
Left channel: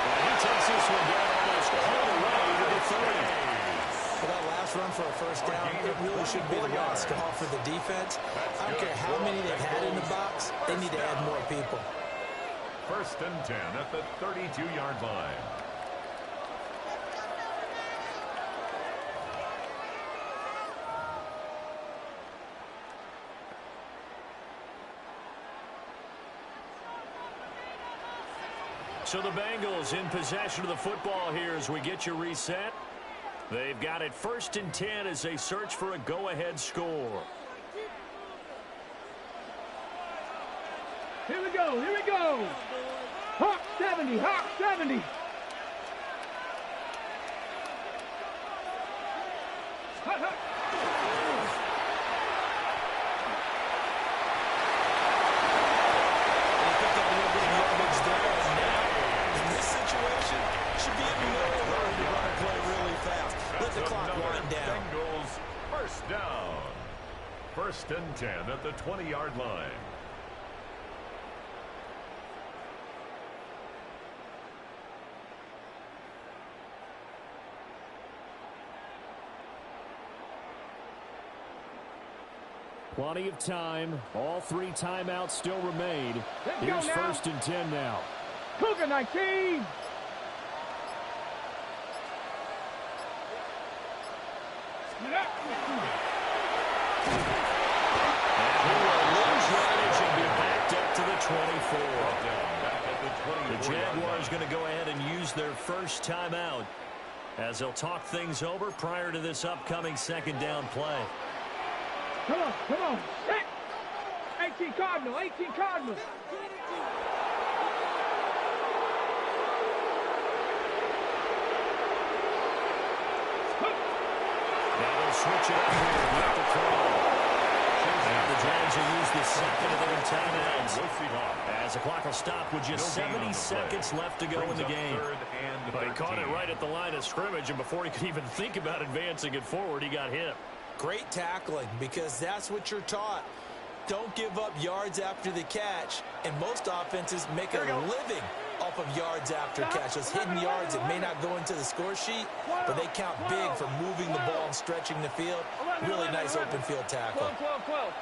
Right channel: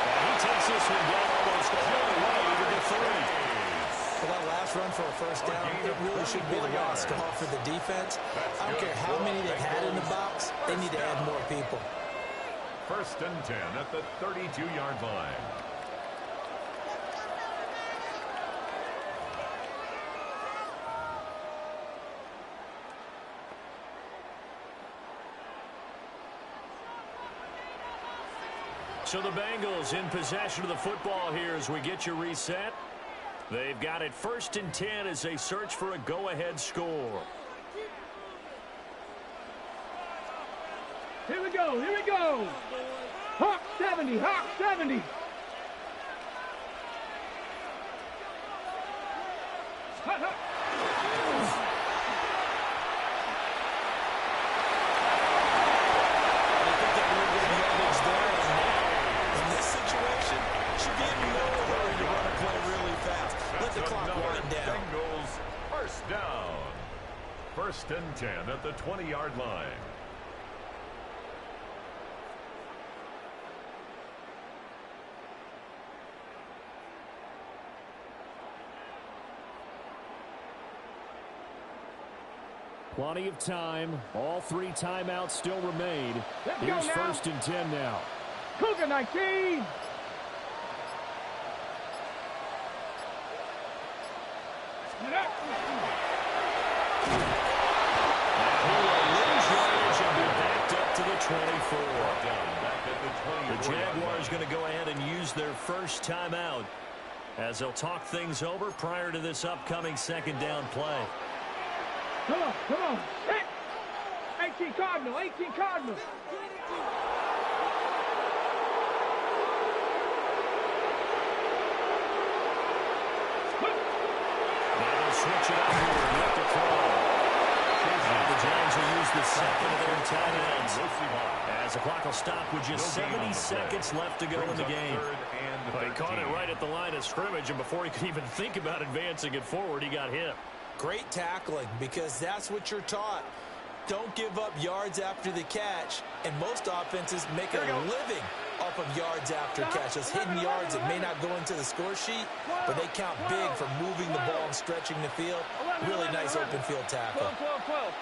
And he takes this one down almost all the way to the 30. Well, that last run for a first down, it really should be the last call for the defense. I don't care how many they've had in the box, they need to add more people. 1st and 10 at the 32-yard line. So the Bengals in possession of the football here as we get you reset. They've got it 1st and 10 as they search for a go-ahead score. Here we go. Hawk 70. Hut. They picked up a little bit of yardage there, and now, in this situation, should be in no hurry to run a play really fast. Let the clock wind down. Bengals 1st down. 1st and 10 at the 20-yard line. Plenty of time. All 3 timeouts still remain. Here's 1st and 10 now. Cougar 19. Get up. And he will lose yardage and be backed up to the 24. The Jaguars going to go ahead and use their first timeout as they'll talk things over prior to this upcoming 2nd down play. Come on. Set. 18 Cardinal. Now they'll switch it up here. Left to throw. And the Giants will use the 2nd of their timeouts as the clock will stop with just 70 seconds left to go in the game. But he caught it right at the line of scrimmage, and before he could even think about advancing it forward, he got hit. Great tackling, because that's what you're taught. Don't give up yards after the catch, and most offenses make a living off of yards after catch. Those hidden yards that may not go into the score sheet, but they count big for moving the ball and stretching the field. Really nice open field tackle. 12.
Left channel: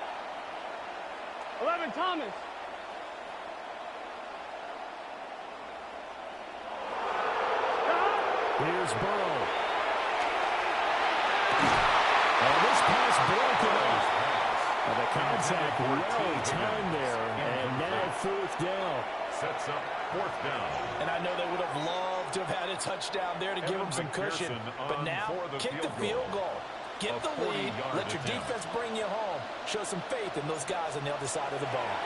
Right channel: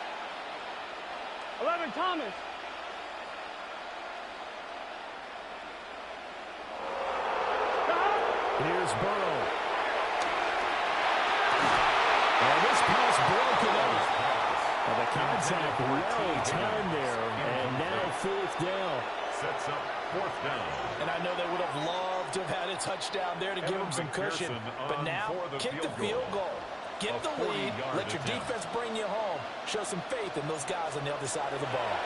11 Thomas. Here's Burrow. And this pass broken up. The contact well timed there, and now fourth down. Sets up fourth down. And I know they would have loved to have had a touchdown there to give them some cushion. But now, kick the field goal. Get the lead, let your defense bring you home. Show some faith in those guys on the other side of the ball.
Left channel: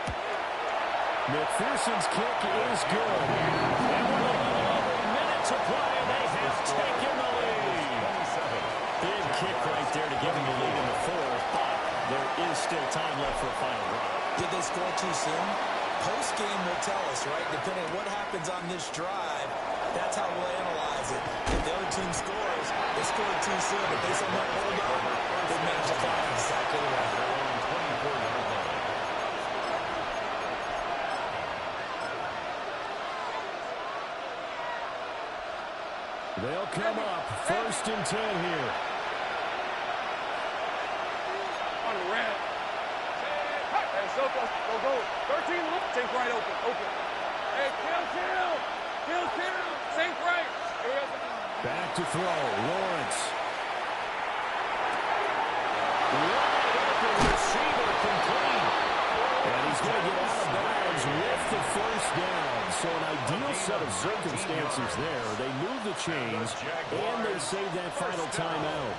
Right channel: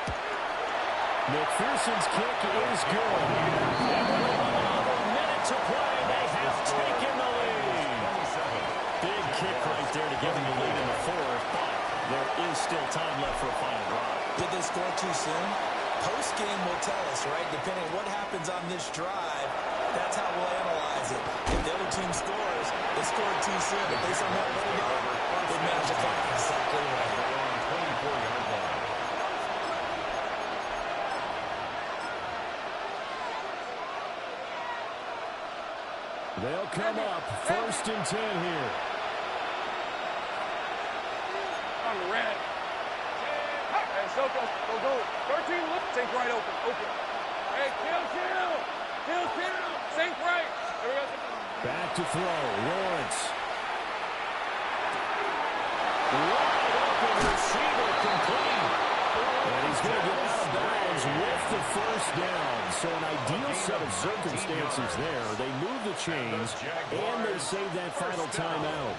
McPherson's kick is good. And with a little over a minute to play, they have taken the lead. Big kick right there to give them the lead in the fourth, but there is still time left for a final drive. Did they score too soon? Post-game will tell us, right? Depending on what happens on this drive, that's how we'll analyze it. If the other team scores, they scored too soon. If they somehow hold on, they managed the clock exactly right. Their own 24-yard line. They'll come up first and 10 here. On red. Hey, Soko, go. 13, look. Sink right open. Hey, kill. Sink right. Here we go. Back to throw. Lawrence. Wide open receiver complete. And he's going to get out of bounds with the first down. So an ideal set of circumstances there. They move the chains, and they save that final timeout.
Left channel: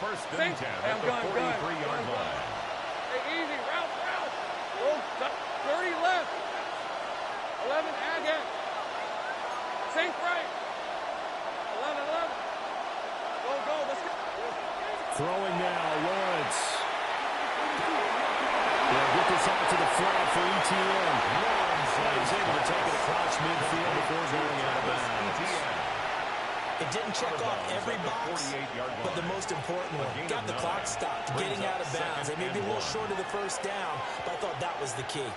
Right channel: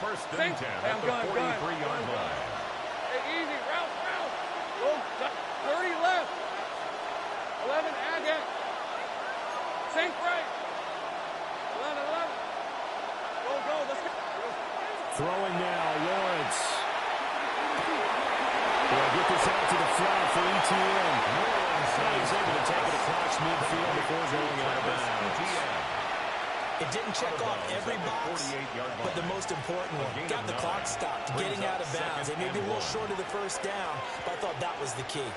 First and 10 at the 43-yard line. Hey, easy. Route. Go. 30 left. 11, Agate. Sink right. 11. Go. Let's go. Throwing now, Lawrence. They'll get this out to the flat for ETN. Lawrence is able to take it across midfield before going out of bounds. It didn't check off every box, but the most important one. Got the clock stopped, getting out of bounds. They may be a little short of the first down, but I thought that was the key.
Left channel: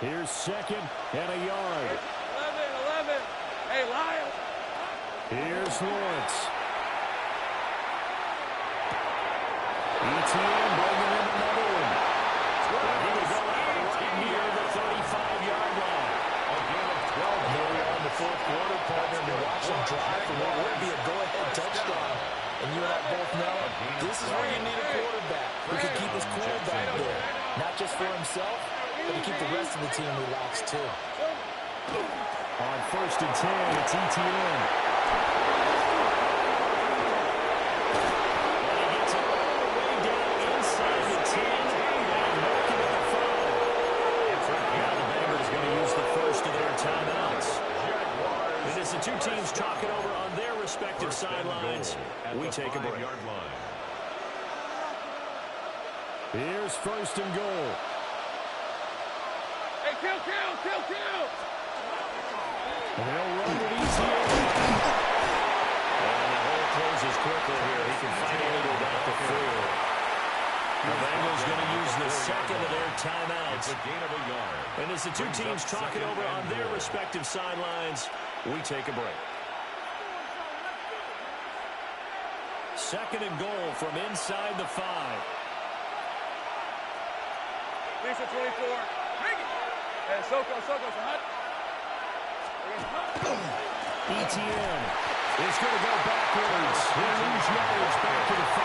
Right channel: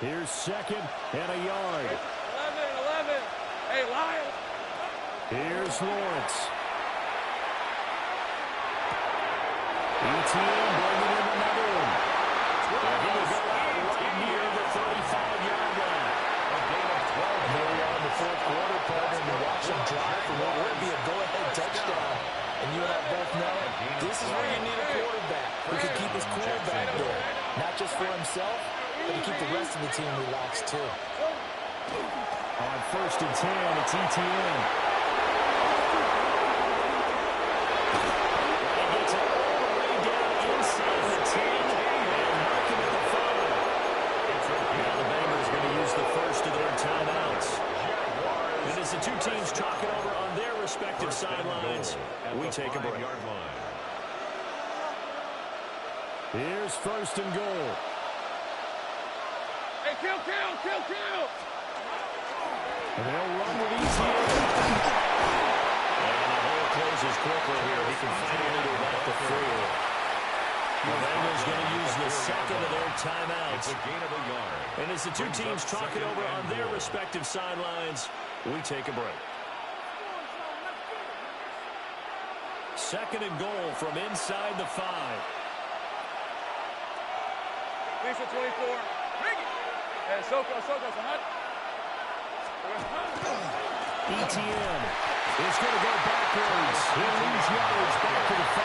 Here's second and a yard. 11. Hey, Lyle. Here's Lawrence. ETN bringing in another one. And he will go out right near the 35-yard line. A gain of 12. And here we are in the fourth quarter, partner, to watch them drive for what would be a go-ahead touchdown. And you and I both know this is where you need a quarterback who can keep his cool back there. Not just for himself, but to keep the rest of the team relaxed, too. On first and 10, it's ETN. And he gets it all the way down inside the 10 and mark him at the 5. Now the Bengals are going to use the first of their timeouts. And as the two teams talk it over on their respective sidelines, we take a break. Here's first and goal. Hey, kill. And they'll run with ETN. And the hole closes quickly here. He can fight only to about the 4. The Bengals going to use the second of their timeouts. It's a gain of a yard. And as the two teams talk it over on their respective sidelines, we take a break. Second and goal from inside the 5. Lisa 24. Hey, Soko, hot. ETN is going to go backwards. He'll lose yards back to the 5.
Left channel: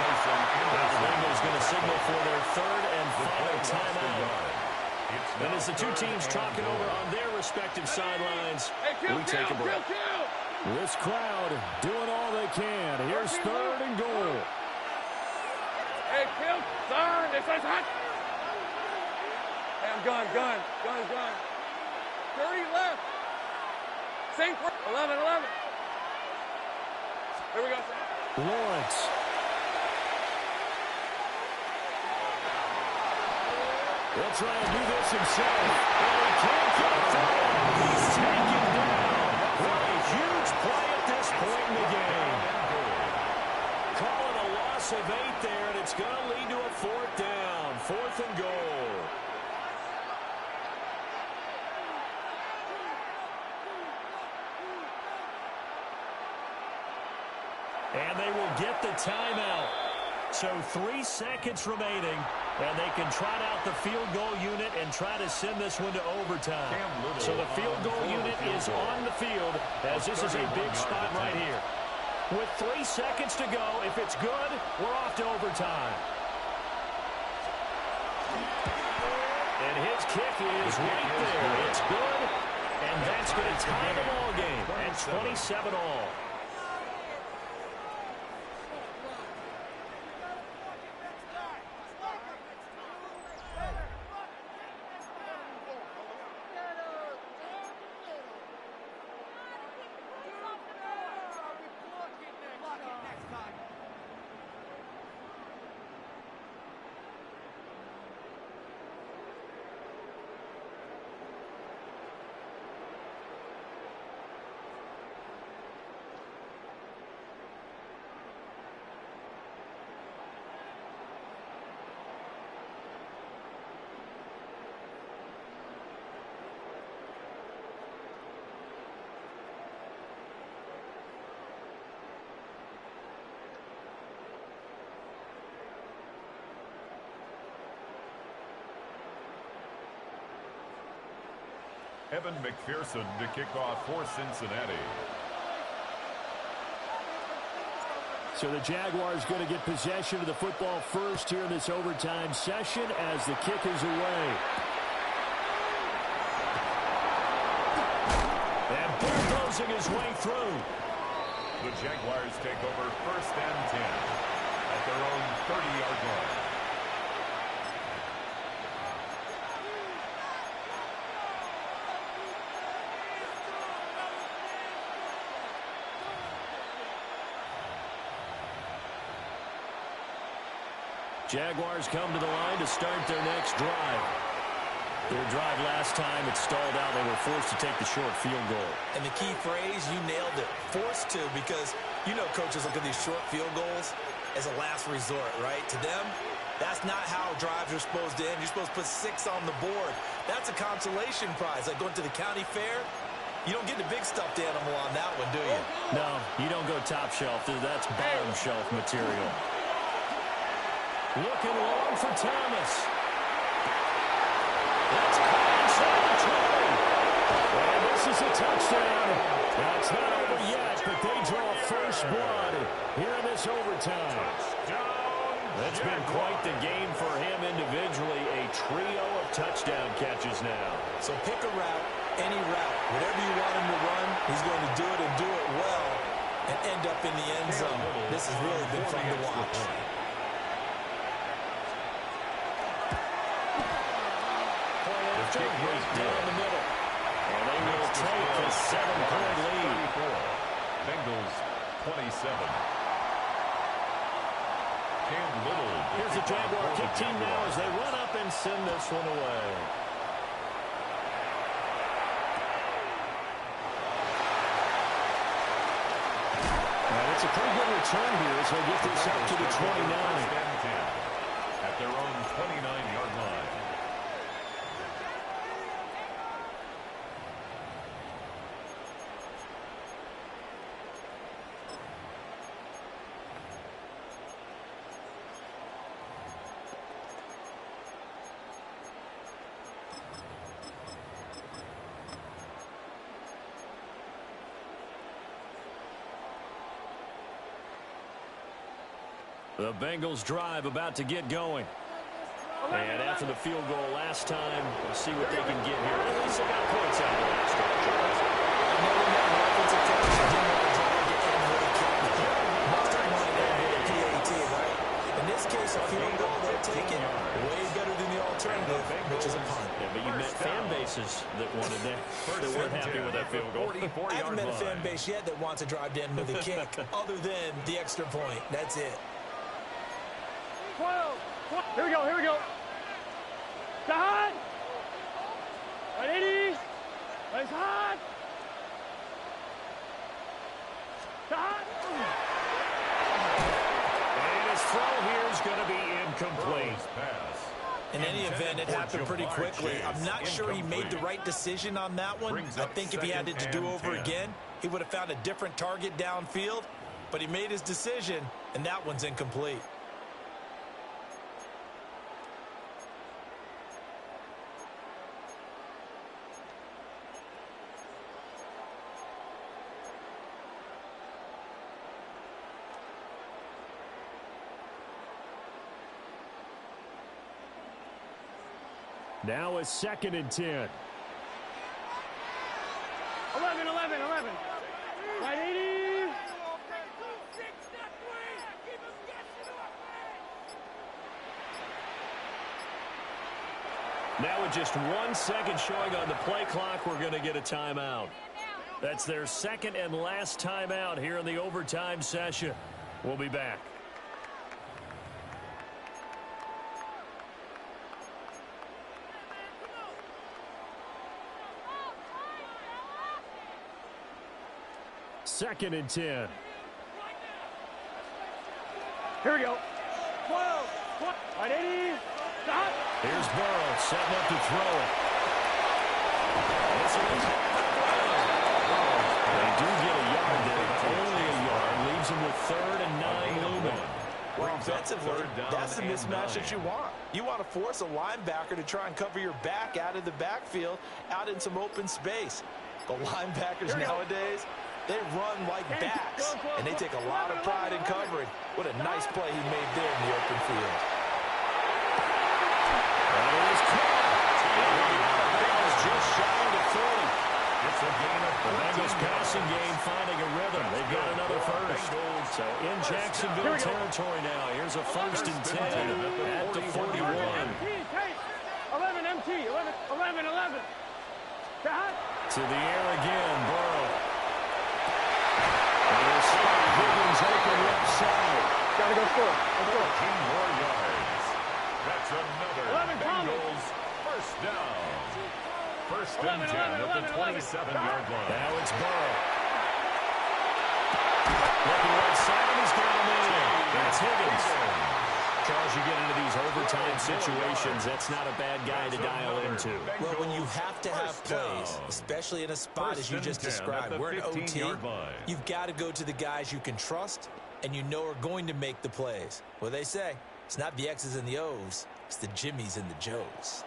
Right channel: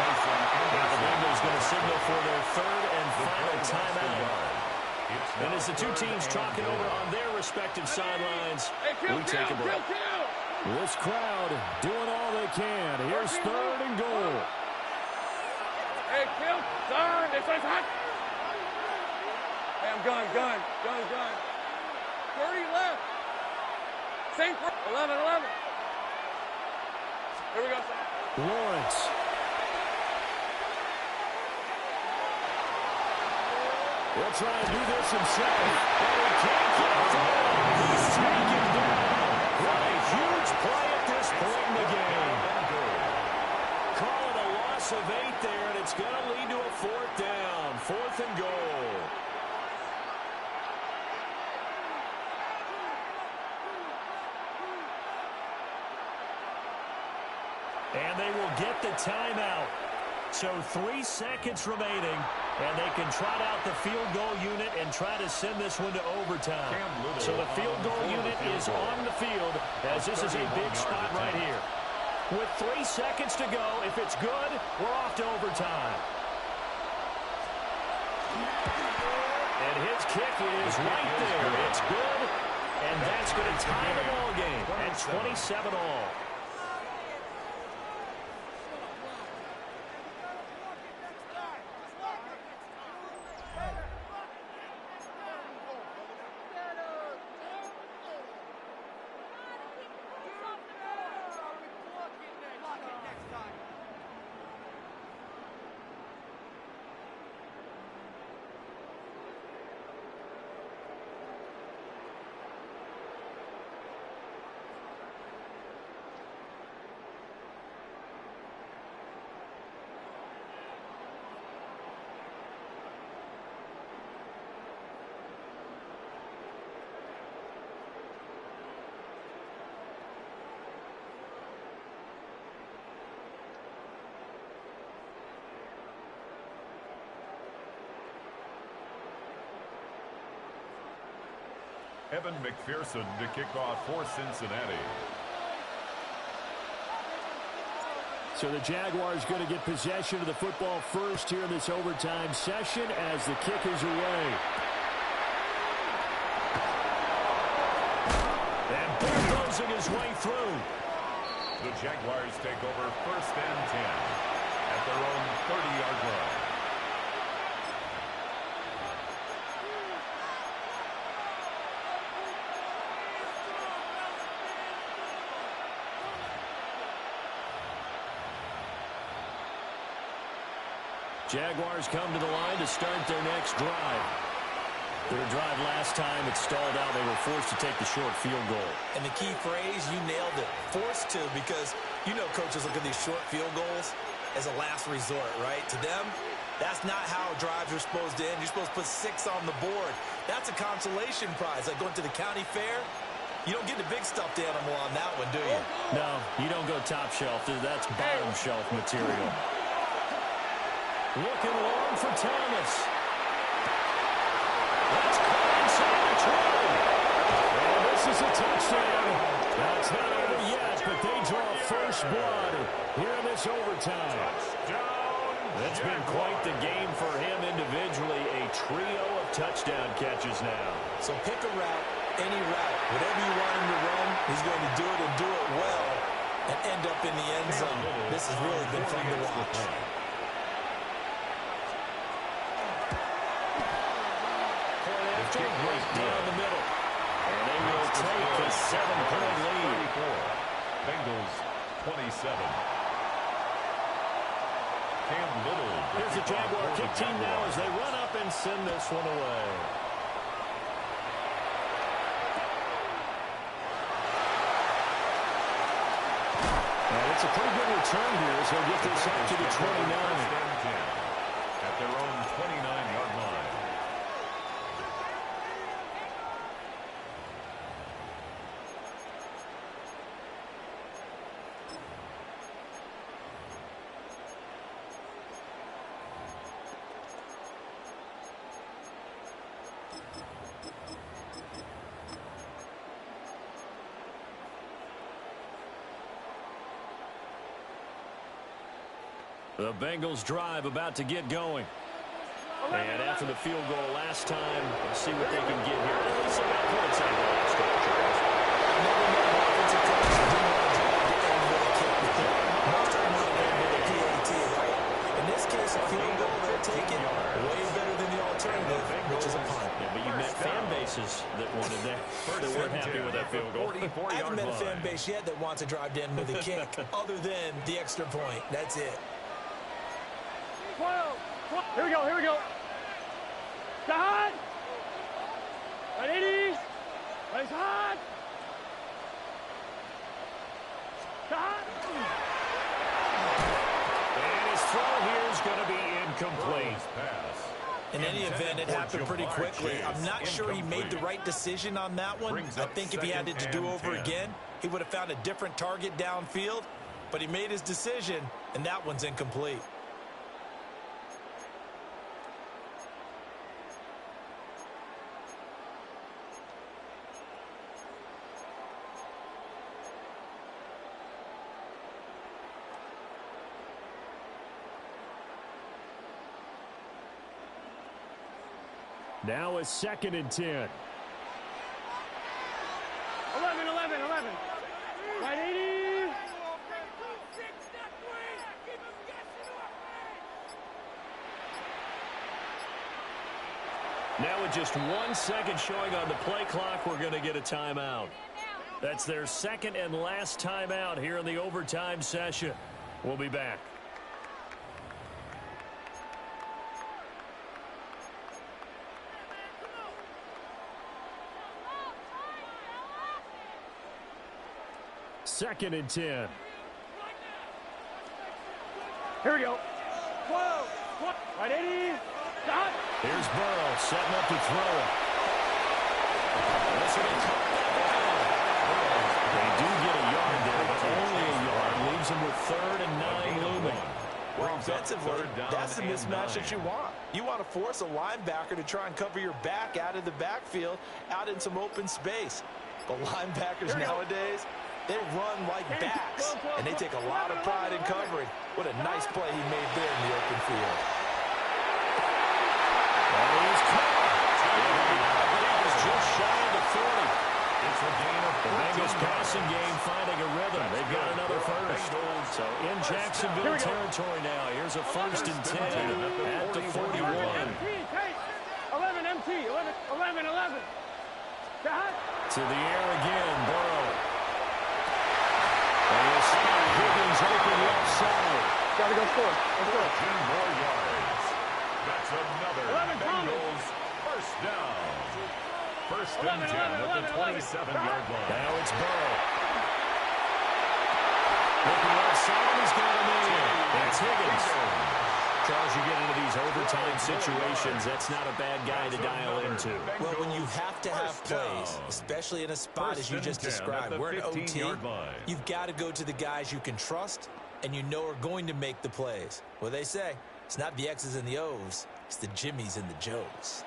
Now the Bengals going to signal for their third and final timeout. And as the two teams talk it over on their respective sidelines, we take a break. This crowd doing all they can. Here's third and goal. Hey, kill, third. It's hot. Hey, I'm gun. 30 left. Sink 11. Here we go, son. Lawrence. He'll try and do this himself. And he can't get a throw. He's taken down. What a huge play at this point in the game. Call it a loss of 8 there, and it's going to lead to a fourth down. Fourth and goal. And they will get the timeout. So 3 seconds remaining, and they can trot out the field goal unit and try to send this one to overtime. So the field goal unit is on the field as this is a big spot right here. With 3 seconds to go, if it's good, we're off to overtime. And his kick is right there. It's good, and that's going to tie the ball game at 27 all. Evan McPherson to kick off for Cincinnati. So the Jaguars going to get possession of the football first here in this overtime session as the kick is away. And bulldozing his way through. The Jaguars take over 1st and 10 at their own 30-yard line. Jaguars come to the line to start their next drive. Their drive last time, it stalled out. They were forced to take the short field goal. And the key phrase, you nailed it, forced to, because you know coaches look at these short field goals as a last resort, right? To them, that's not how drives are supposed to end. You're supposed to put 6 on the board. That's a consolation prize, like going to the county fair. You don't get the big stuffed animal on that one, do you? No, you don't go top shelf. That's bottom shelf material. Looking long for Thomas. That's caught inside the 20. And this is a touchdown. Now, it's not over yet, but they draw first blood here in this overtime. That's been quite the game for him individually. A trio of touchdown catches now. So pick a route, any route. Whatever you want him to run, he's going to do it and do it well and end up in the end zone. This has really been fun to watch. Right down the middle. And they will take a 7-point lead. Bengals 27. Cam Little. Here's the Jaguar kick team now as they run up and send this one away. And it's a pretty good return here as they'll get this up to the 29. At their own 29-yard line. The Bengals drive about to get going. And after the field goal last time, let's see what they can get here. At least they got points out of the last drive, Charles. I've never met an offensive coach who didn't want to drive to end with a kick. Most of them want to end with a PAT, right? In this case, a field goal, they'll take it way better than the alternative, which is a punt. Yeah, but you met fan bases that wanted that weren't happy with that field goal. I haven't met a fan base yet that wants to drive to end with a kick, other than the extra point. That's it. 12. Here we go, here we go. Got. Ready? Raise hard. Got. And his throw here is going to be incomplete. In any event, it happened pretty quickly. I'm not sure he made the right decision on that one. I think if he had it to do over again, he would have found a different target downfield. But he made his decision, and that one's incomplete. Now a 2nd and 10. 11. Right, 80. Now with just 1 second showing on the play clock, we're going to get a timeout. That's their 2nd and last timeout here in the overtime session. We'll be back. Second and 10. Here we go. 12. Right, 80. Stop. Here's Burrow setting up to throw it. This will be caught by Brown. They do get a yard there, but only a yard. Leaves them with 3rd and 9 looming. Well, offensively, that's the mismatch that you want. You want to force a linebacker to try and cover your back out of the backfield, out in some open space. But linebackers nowadays, they run like backs, and they take a lot of pride in covering. What a nice play he made there in the open field. That is caught. That is just shy of the 40. It's a gain of the Bengals passing game finding a rhythm. They've got another first. So in Jacksonville territory now. Here's a 1st and 10 at the 41. 11 MT. 11. To the air again, Burrow. And he'll spot Higgins open left side. Gotta go score. 14 more yards. That's another Bengals first down. 1st and 10 at the 27-yard line. Now it's Burrow. Looking right side, and he's got him in. That's Higgins. Charles, you get into these overtime situations, that's not a bad guy to dial into. Well, when you have to have plays, especially in a spot as you just described, we're in OT, you've got to go to the guys you can trust and you know are going to make the plays. Well, they say, it's not the X's and the O's, it's the Jimmies and the Joes.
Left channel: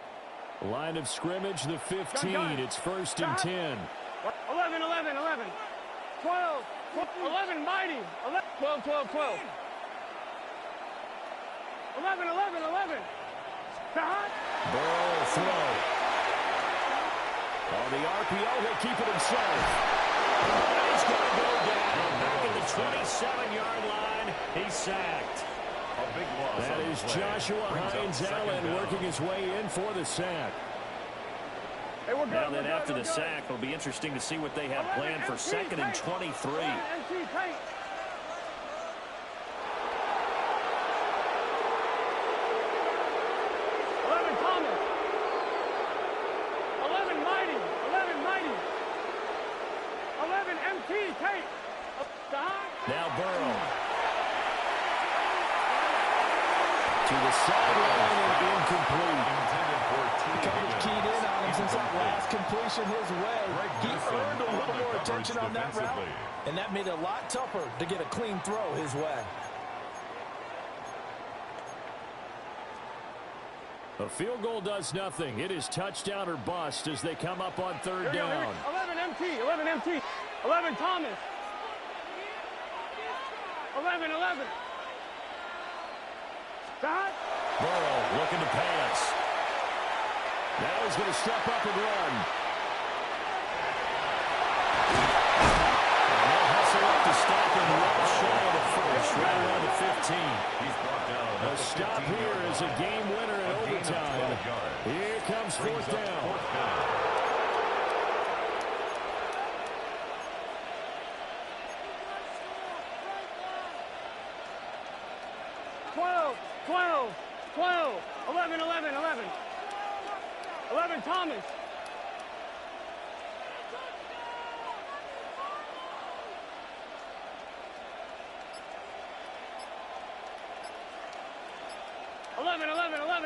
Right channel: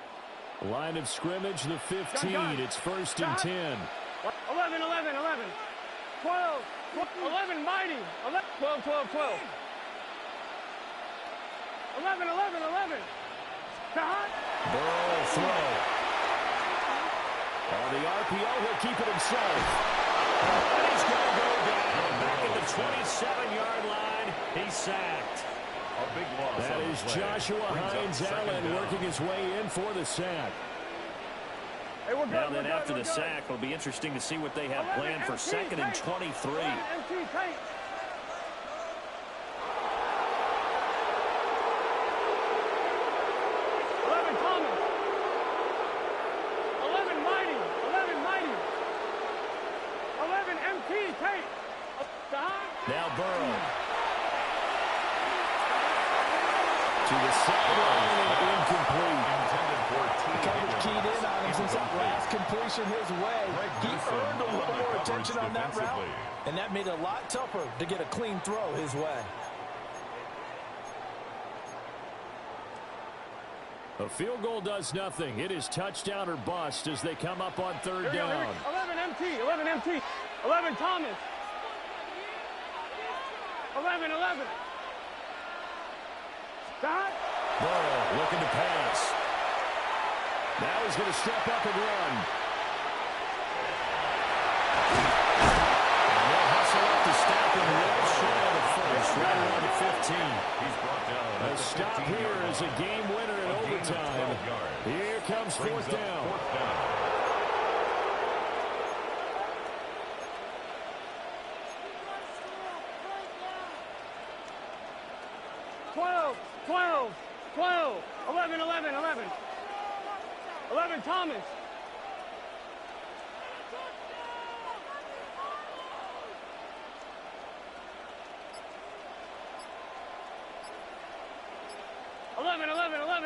Line of scrimmage, the 15. It's 1st and 10. 11. 12. 11, mighty. 12. 11. Burrow will throw. On the RPO, he'll keep it himself. And he's going to go down. Back at the 27-yard line. He's sacked. A big loss. That is Joshua Hines-Allen working his way in for the sack. Hey, we're good, now then, after the sack, it'll be interesting to see what they have planned for 2nd and 23. 11 Thomas. 11 mighty. 11 MT. Tate. Now Burrow. To the sideline and incomplete. Intended for the coverage keyed in on him since that last completion his way. He earned a little more attention on that route, and that made it a lot tougher to get a clean throw his way. A field goal does nothing. It is touchdown or bust as they come up on 3rd down. 11 MT. 11 Thomas. 11. Burrow looking to pass. Now he's going to step up and run. And they'll hustle up to stop him well shy of the first, right around the 15. He's brought down. A stop here is a game winner in overtime. Here comes 4th down. 12. 11 Thomas.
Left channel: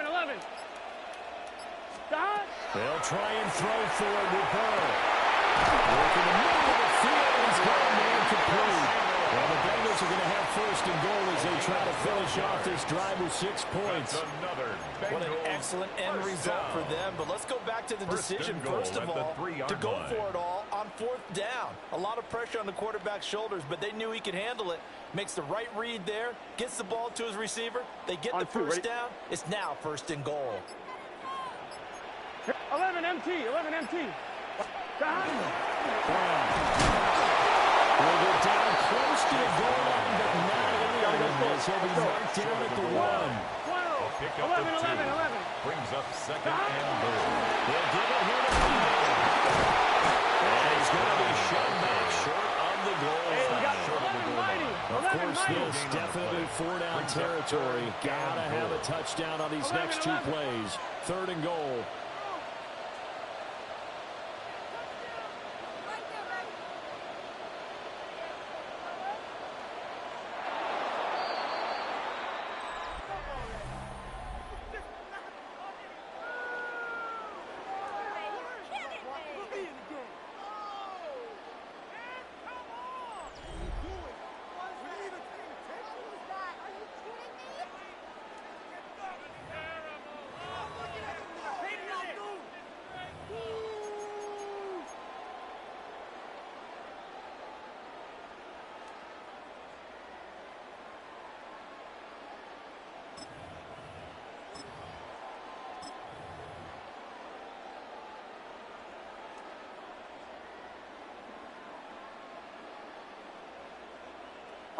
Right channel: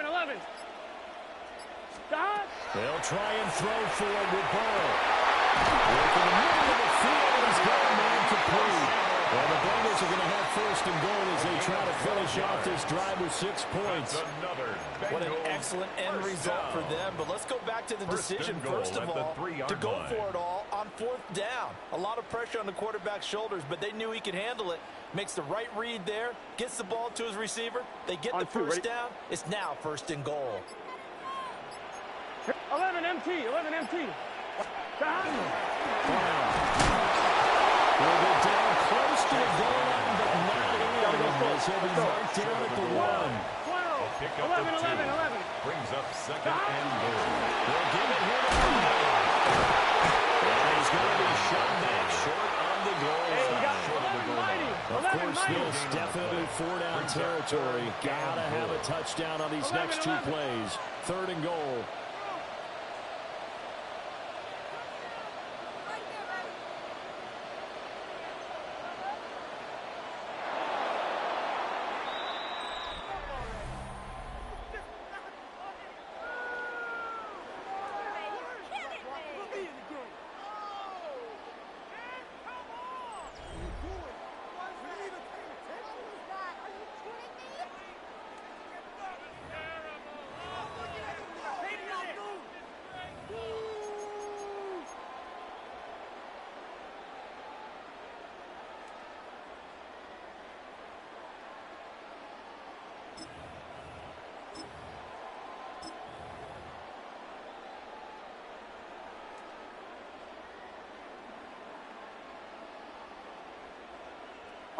11. Stop. They'll try and throw for it with Burrow. Working the middle of the field. He's got a man complete. Well, the Bengals are going to have 1st and goal as they try to finish off this drive with 6 points. What an excellent end result for them. But let's go back to the decision, first of all, to go for it all on 4th down. A lot of pressure on the quarterback's shoulders, but they knew he could handle it. Makes the right read there, gets the ball to his receiver. They get the first down. It's now 1st and goal. 11 MT. 11 MT. Brown will get down close to the goal line, but not in the as he'll be marked down at the 1. 12. 11. Brings up second and goal. They'll give it here to Brown. And he's going to be shot back short of the goal line. Of course, this definitely 4-down territory. Got to have a touchdown on these next 2 plays. 3rd and goal.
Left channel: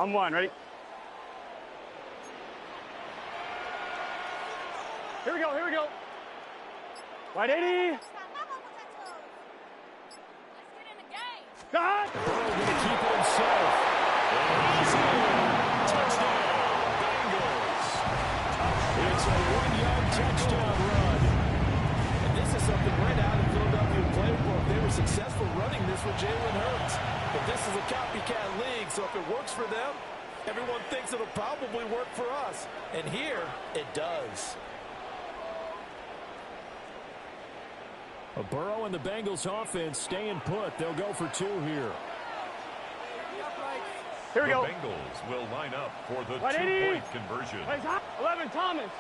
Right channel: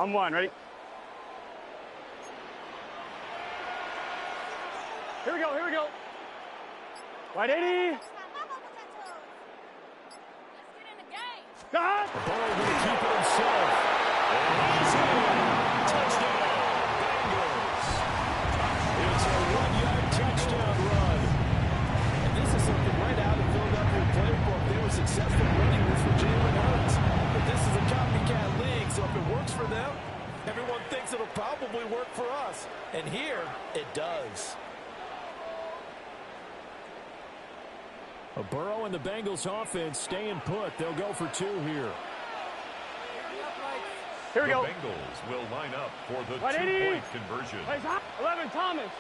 I'm 1. Ready? Here we go. Wide 80. Let's get in the game. God! Burrow going to keep it himself. And he's in. Touchdown, Bengals. It's a 1-yard touchdown run. And this is something right out of the Philadelphia playbook. They were successful running this with Jalen Hurts. But this is a copycat league, so if it works for them, everyone thinks it'll probably work for us. And here, it does. Burrow and the Bengals offense staying put. They'll go for 2 here. Here we go. The Bengals will line up for the 180. 2-point conversion. 11 Thomas.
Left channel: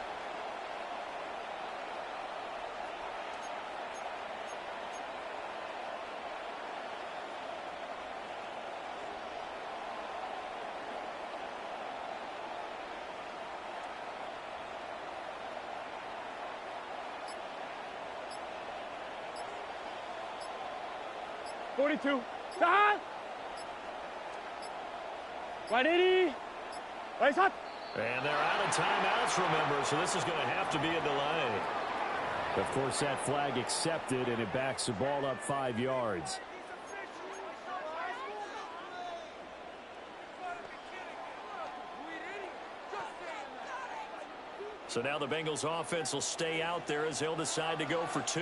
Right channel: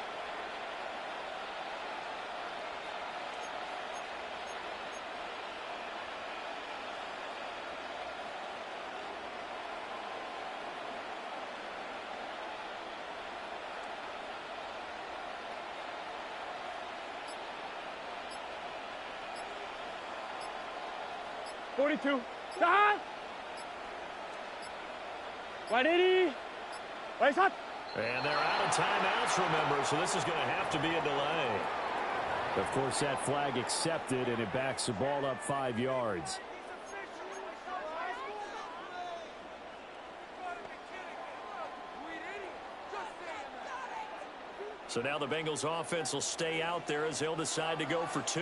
.42. Right 80. Right shot. And they're out of timeouts, remember, so this is going to have to be a delay. Of course, that flag accepted, and it backs the ball up 5 yards. So now the Bengals offense will stay out there as they'll decide to go for 2.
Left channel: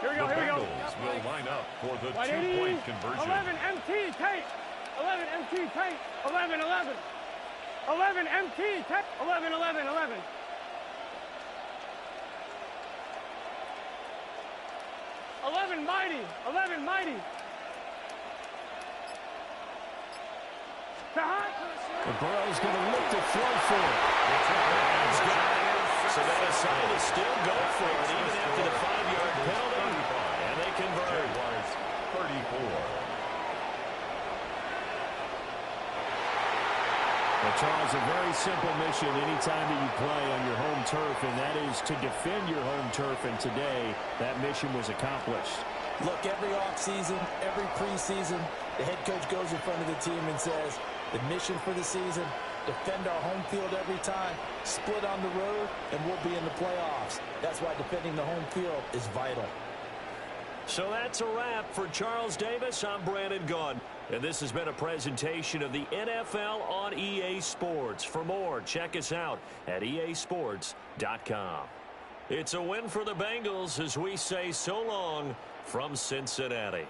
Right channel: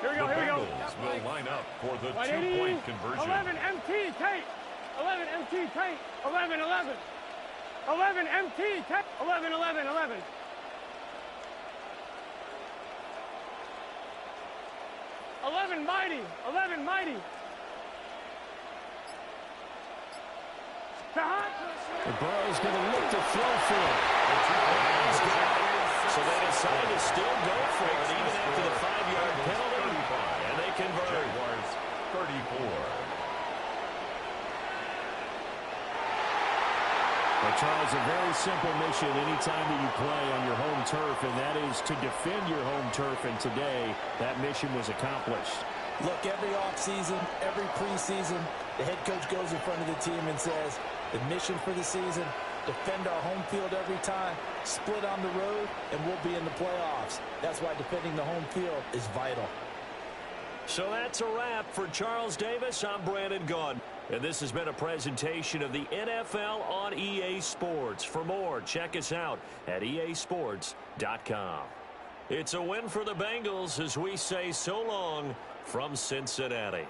Here we go. The Bengals will line up for the 2-point conversion. 11 MT tape. 11 MT tape. 11. 11 MT tape. 11. 11 mighty. 11 mighty. And Burrow's going to look to throw for it. And he's got it. So they decide to still go for it even after the 5-yard penalty. And they convert. Jaguars 34. Well, Charles, a very simple mission anytime that you play on your home turf, and that is to defend your home turf. And today, that mission was accomplished. Look, every offseason, every preseason, the head coach goes in front of the team and says, the mission for the season, defend our home field every time, split on the road, and we'll be in the playoffs. That's why defending the home field is vital. So that's a wrap for Charles Davis. I'm Brandon Gaudin. And this has been a presentation of the NFL on EA Sports. For more, check us out at easports.com. It's a win for the Bengals as we say so long from Cincinnati.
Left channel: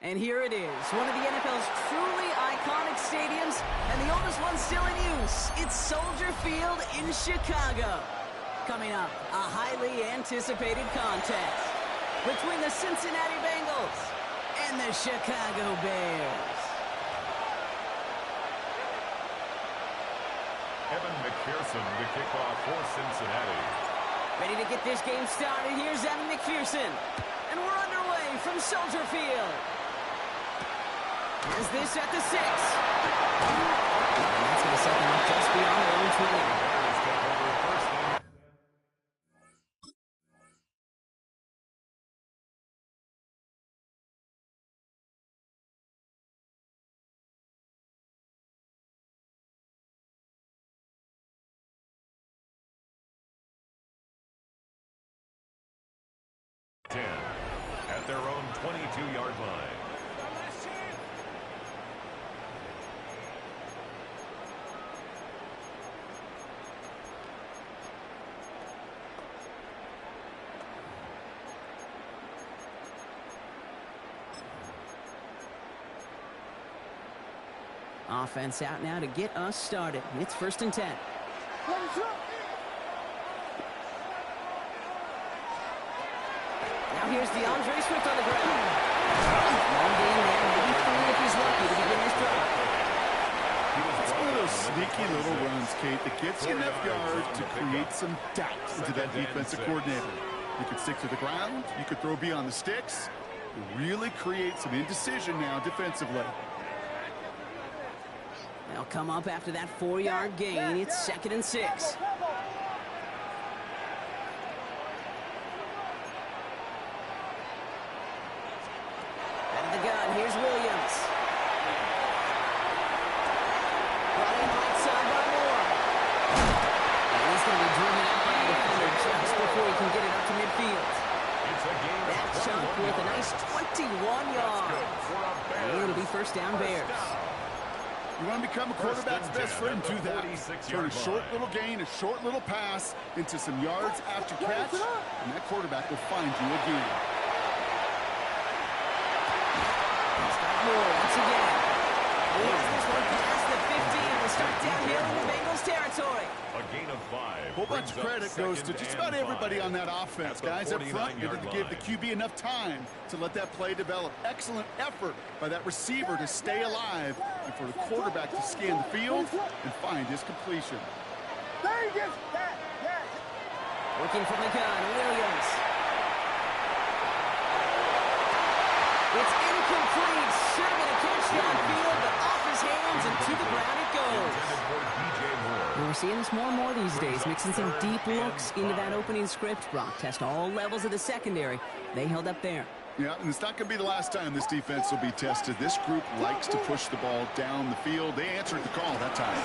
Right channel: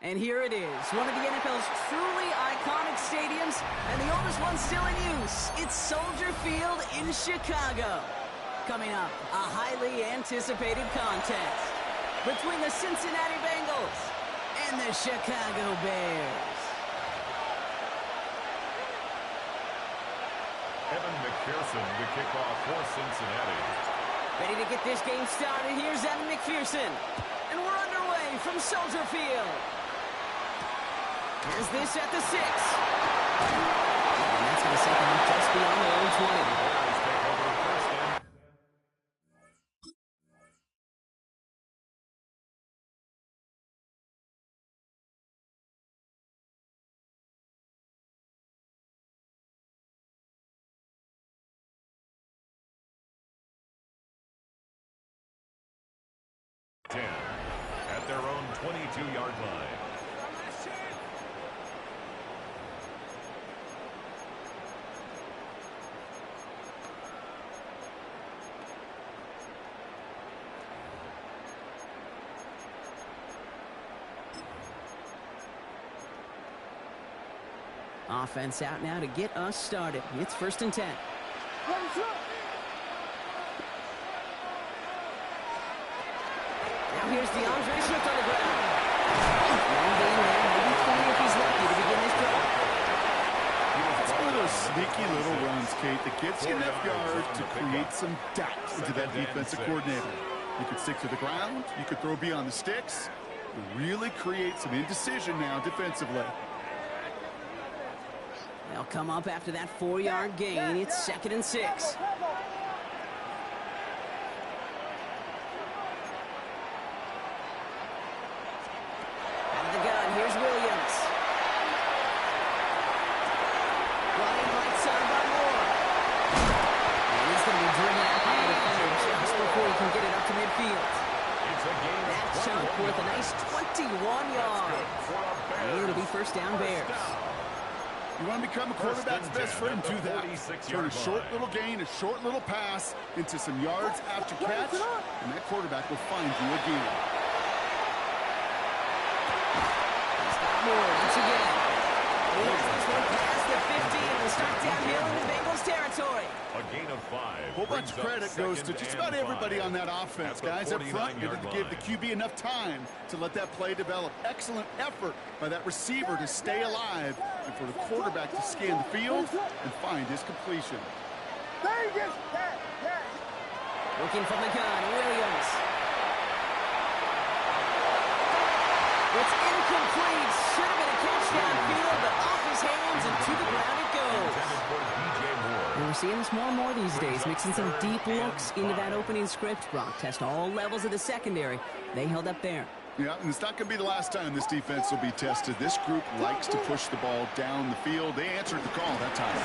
And here it is, one of the NFL's truly iconic stadiums, and the oldest one still in use. It's Soldier Field in Chicago. Coming up, a highly anticipated contest between the Cincinnati Bengals and the Chicago Bears. Evan McPherson to kick off for Cincinnati. Ready to get this game started. Here's Evan McPherson. And we're underway from Soldier Field. Here's this at the 6. And that's going to set them up just beyond their own 20. The Bears take over first and at their own 22-yard line. Offense out now to get us started. It's 1st and 10. Now here's DeAndre Swift on the ground. Long game there, maybe 3 if he's lucky to begin this drive. It's one of those sneaky little runs, Kate, that gets you enough yards to create some doubt into that defensive coordinator. You could stick to the ground, you could throw beyond the sticks, really create some indecision now defensively. They'll come up after that 4-yard gain. It's 2nd and 6. Out of the gun, here's Williams. Brought in right side by Moore. And he's going to be driven out by the defender just before he can get it up to midfield. That chunk with a nice 21 yards. And it'll be 1st down Bears. You want to become a quarterback's best friend, do that. Turn a short little gain, a short little pass into some yards after catch, and that quarterback will find you again. He's got more once again. He has this one past the 50 and will start downhill in the Bengals territory. A gain of 5. Whole bunch of credit goes to just about everybody on that offense. Guys up front, you have to give the QB enough time to let that play develop. Excellent effort by that receiver to stay alive and for the quarterback to scan the field and find his completion. Working from the gun, Williams. It's incomplete. Should have been a catch downfield, but off his hands and to the ground it goes. And we're seeing this more and more these days, mixing some deep looks into that opening script. Brock test all levels of the secondary. They held up there. Yeah, and it's not going to be the last time this defense will be tested. This group likes to push the ball down the field. They answered the call that time.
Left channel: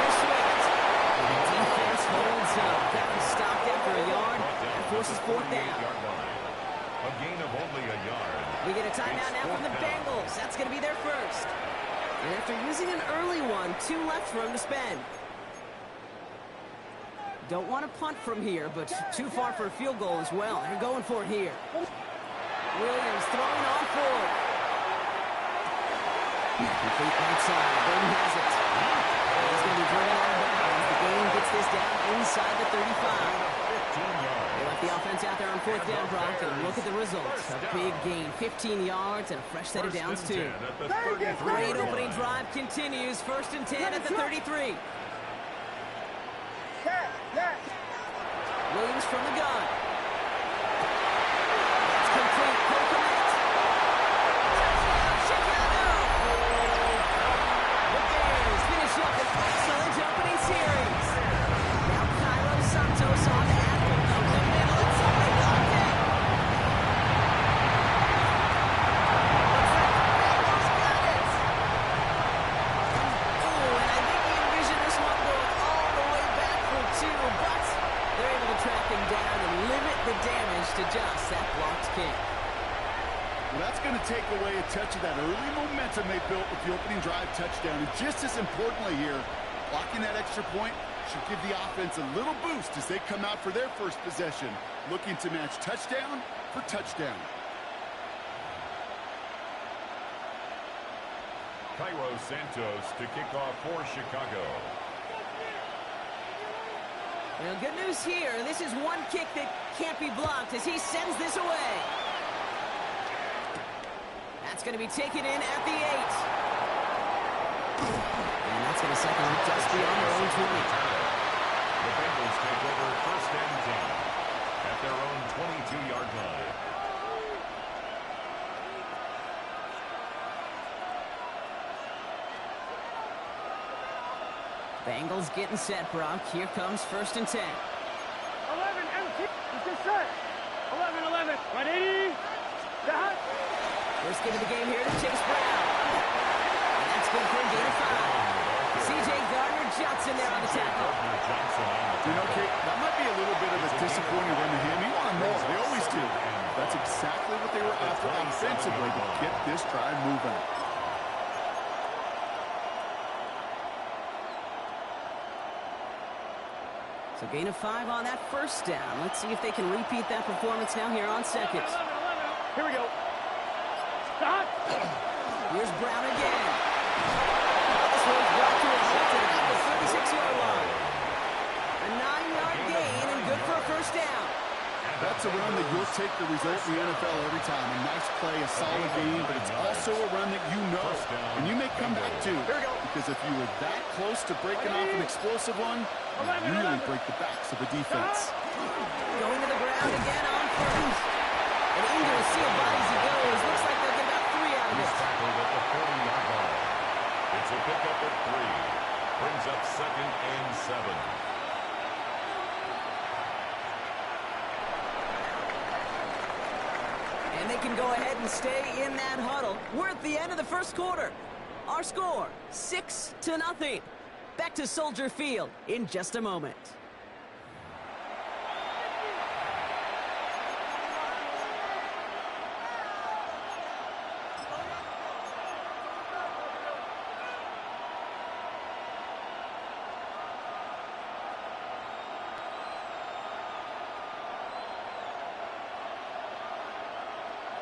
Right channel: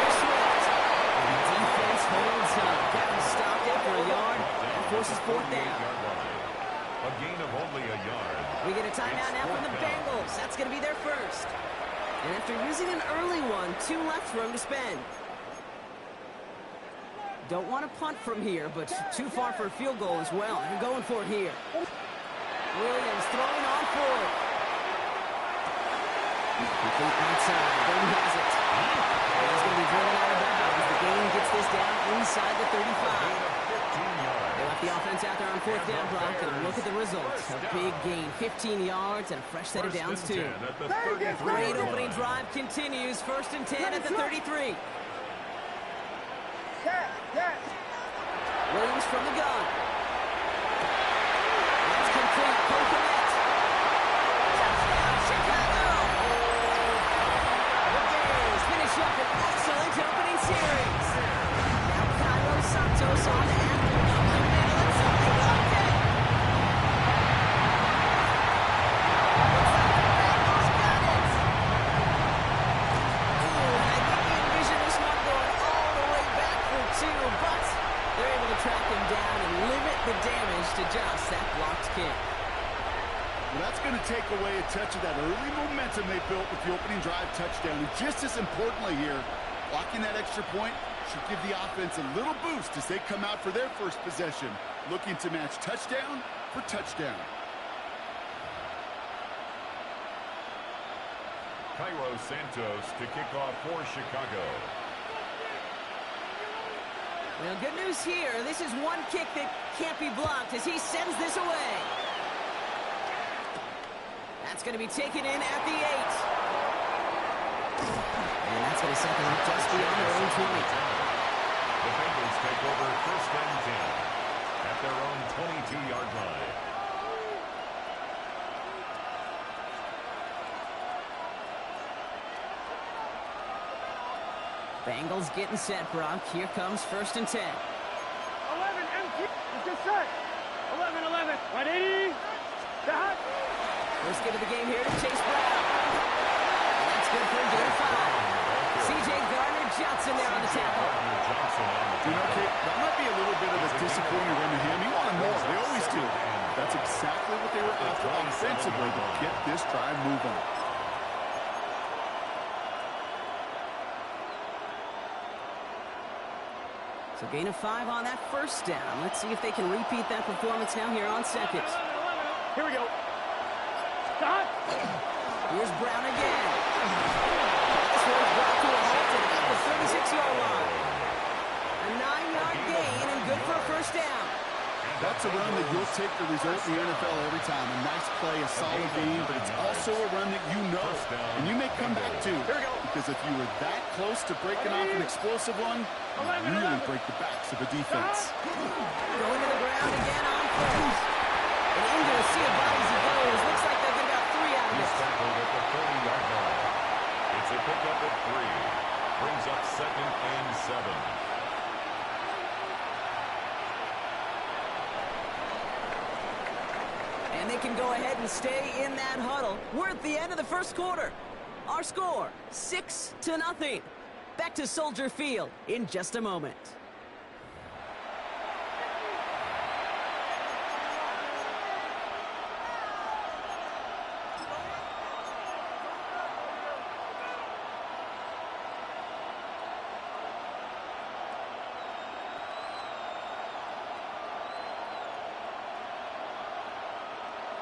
Here's Swift. The defense holds up. Got him stopped after a yard. That forces 4th down. A gain of only a yard. We get a timeout now from the Bengals. That's going to be their first. And after using an early one, 2 left for him to spend. Don't want to punt from here, but too far for a field goal as well. They're going for it here. Williams throwing on forward. Complete right side. Burton has it. And he's going to be driven out of bounds. The gain gets this down inside the 35. They left the offense out there on 4th down, Brock, and look at the results. A big gain, 15 yards, and a fresh set of downs, too. Great opening drive continues. 1st and 10 at the 33. Williams from the gun. That's complete. Kokomet. Touchdown, Chicago! The Bears finish up an excellent opening series. Now Cairo Santos on after up the middle, and somebody blocked it. Looks like the Bengals got it. Ooh, and I think he envisioned this one going all the way back for 2, but they're able to track him down and limit the damage to just that blocked kick. Well, that's going to take away a touch of that early momentum they built with the opening drive touchdown. And just as importantly here, blocking that extra point should give the offense a little boost as they come out for their first possession, looking to match touchdown for touchdown. Cairo Santos to kick off for Chicago. Well, good news here. This is one kick that can't be blocked as he sends this away. That's going to be taken in at the 8. And that's going to set them up just beyond their own 20. The Bengals take over 1st and 10 at their own 22-yard line. Bengals getting set, Brock. Here comes 1st and 10. 11, empty. It's just set. 11, 11. 180. Dot. First give of the game here to Chase Brown. And that's good for a gain of 5. C.J. Gardner-Johnson there on the tackle. You know, Kate, that might be a little bit of a disappointing run to him. He wanted more. They always do. That's exactly what they were after offensively to get this drive moving. So gain of 5 on that first down. Let's see if they can repeat that performance now here on 2nd. 11, 11. Here we go. Dot. Here's Brown again. This one's brought to a halt at about the 36-yard line. A 9-yard gain and good for a first down. That's a run that you'll take the result in the NFL every time. A nice play, a solid game, but it's also a run that you know and you may come back to. Because if you were that close to breaking off an explosive one, you really break the backs of a defense. Going to the ground again on 1st. And into a sea of bodies he goes. Looks like they'll get about 3 out of He's this. tackled at the 40-yard line. It's a pickup at 3. Brings up 2nd and 7. And they can go ahead and stay in that huddle. We're at the end of the first quarter. Our score, 6-0. Back to Soldier Field in just a moment.